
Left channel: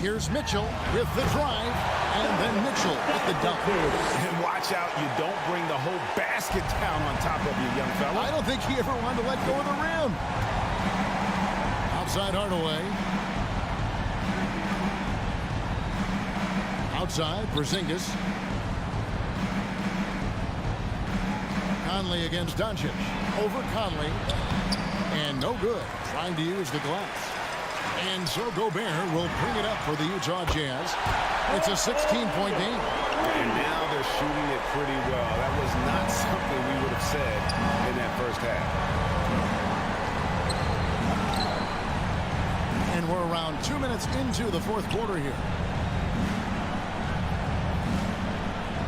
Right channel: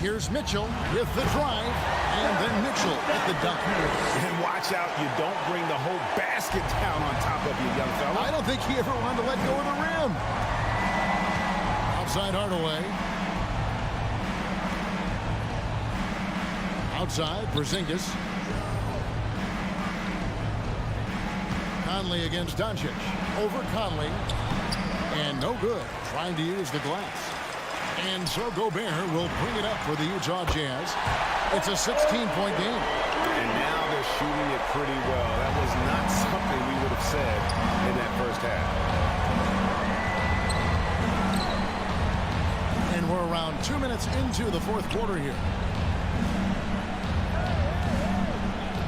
Here's Mitchell with the drive. And then Mitchell with the dunk. And watch out, you don't bring the whole basket down on top of you, young fella. I don't think he ever wanted to let go of the rim. Outside Hardaway. Outside, Porzingis. Conley against Doncic. Over Conley. And no good, trying to use the glass. And so Gobert will bring it up for the Utah Jazz. It's a 16-point game. And now they're shooting it pretty well. That was not something we would have said in that first half. And we're around 2 minutes into the fourth quarter here.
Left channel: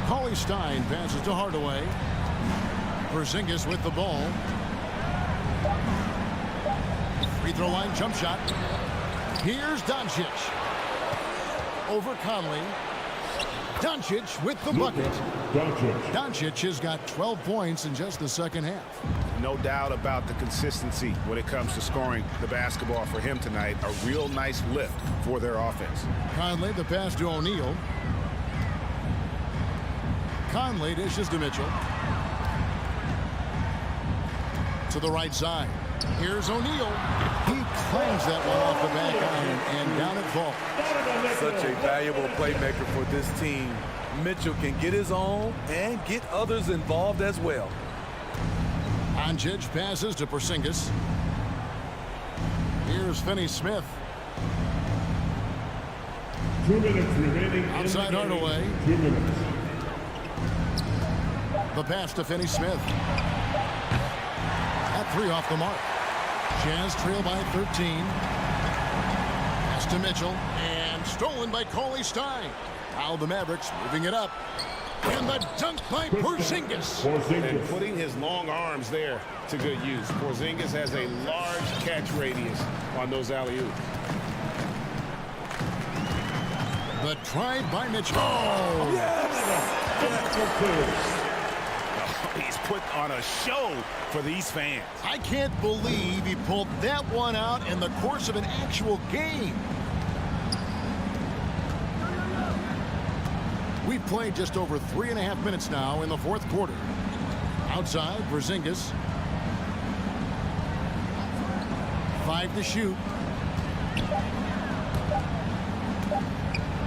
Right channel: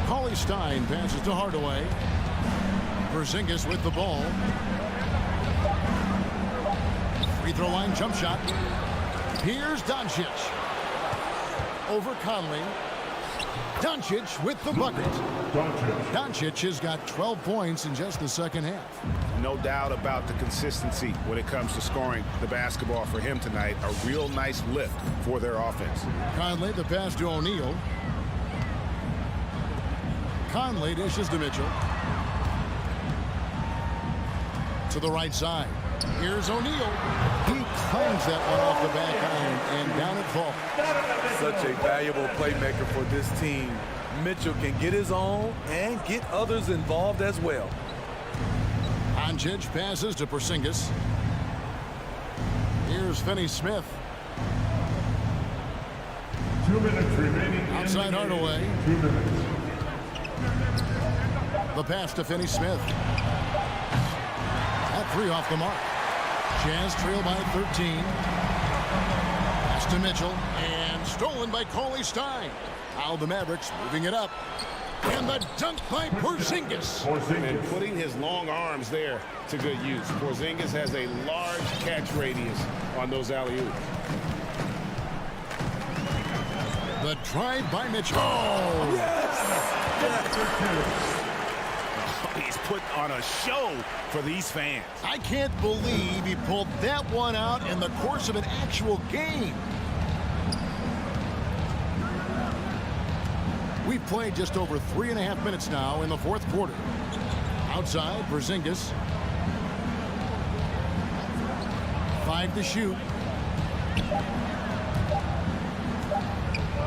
Cauley-Stein passes to Hardaway. Porzingis with the ball. Free throw line jump shot. Here's Doncic. Over Conley. Doncic with the bucket. Doncic has got 12 points in just the second half. No doubt about the consistency when it comes to scoring the basketball for him tonight. A real nice lift for their offense. Conley, the pass to O'Neal. Conley dishes to Mitchell. To the right side. Here's O'Neal. He clangs that one off the back iron and down it falls. Such a valuable playmaker for this team. Mitchell can get his own and get others involved as well. Doncic passes to Porzingis. Here's Finney-Smith. 2 minutes remaining. Outside Hardaway. 2 minutes. The pass to Finney-Smith. At 3 off the mark. Jazz trail by 13. Pass to Mitchell. And stolen by Cauley-Stein. Now the Mavericks moving it up. And the dunk by Porzingis. And putting his long arms there to good use. Porzingis has a large catch radius on those alley-oops. The drive by Mitchell. Oh, yes! He's put on a show for these fans. I can't believe he pulled that one out in the course of an actual game. We've played just over 3.5 minutes now in the fourth quarter. Outside, Porzingis. 5 to shoot.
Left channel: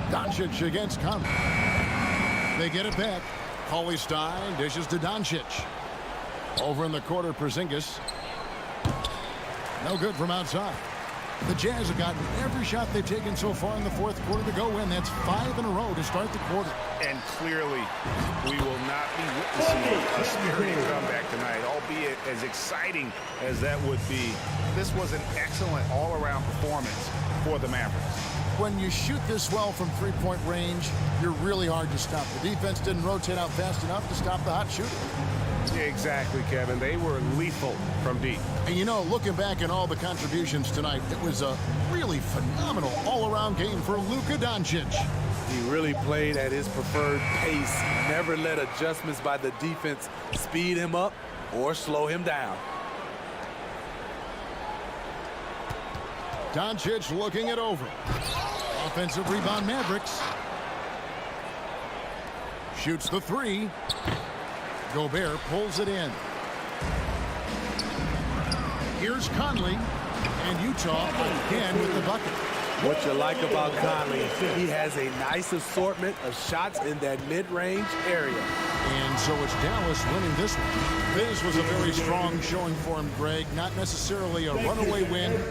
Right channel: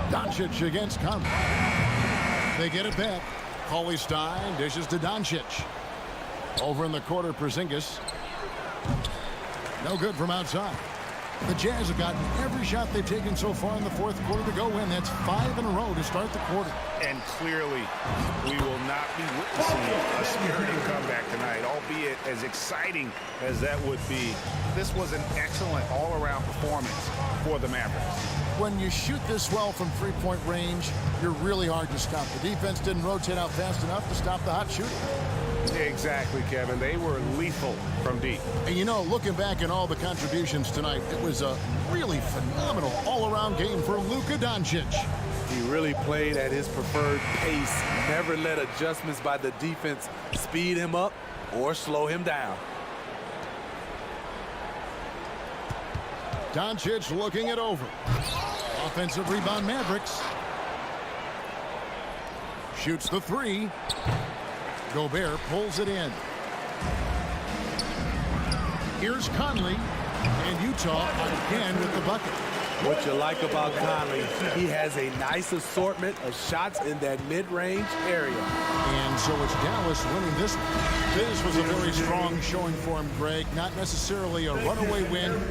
Doncic against Conley. They get it back. Cauley-Stein dishes to Doncic. Over in the quarter, Porzingis. No good from outside. The Jazz have gotten every shot they've taken so far in the fourth quarter to go in. That's 5 in a row to start the quarter. And clearly, we will not be witnessing a spirited comeback tonight, albeit as exciting as that would be. This was an excellent all-around performance for the Mavericks. When you shoot this well from three-point range, you're really hard to stop. The defense didn't rotate out fast enough to stop the hot shooting. Exactly, Kevin. They were lethal from deep. And you know, looking back at all the contributions tonight, it was a really phenomenal all-around game for Luka Doncic. He really played at his preferred pace. Never let adjustments by the defense speed him up or slow him down. Doncic looking it over. Offensive rebound, Mavericks. Shoots the 3. Gobert pulls it in. Here's Conley. And Utah again with the bucket. What you like about Conley, he has a nice assortment of shots in that mid-range area. And so it's Dallas winning this one. This was a very strong showing for him, Greg. Not necessarily a runaway win.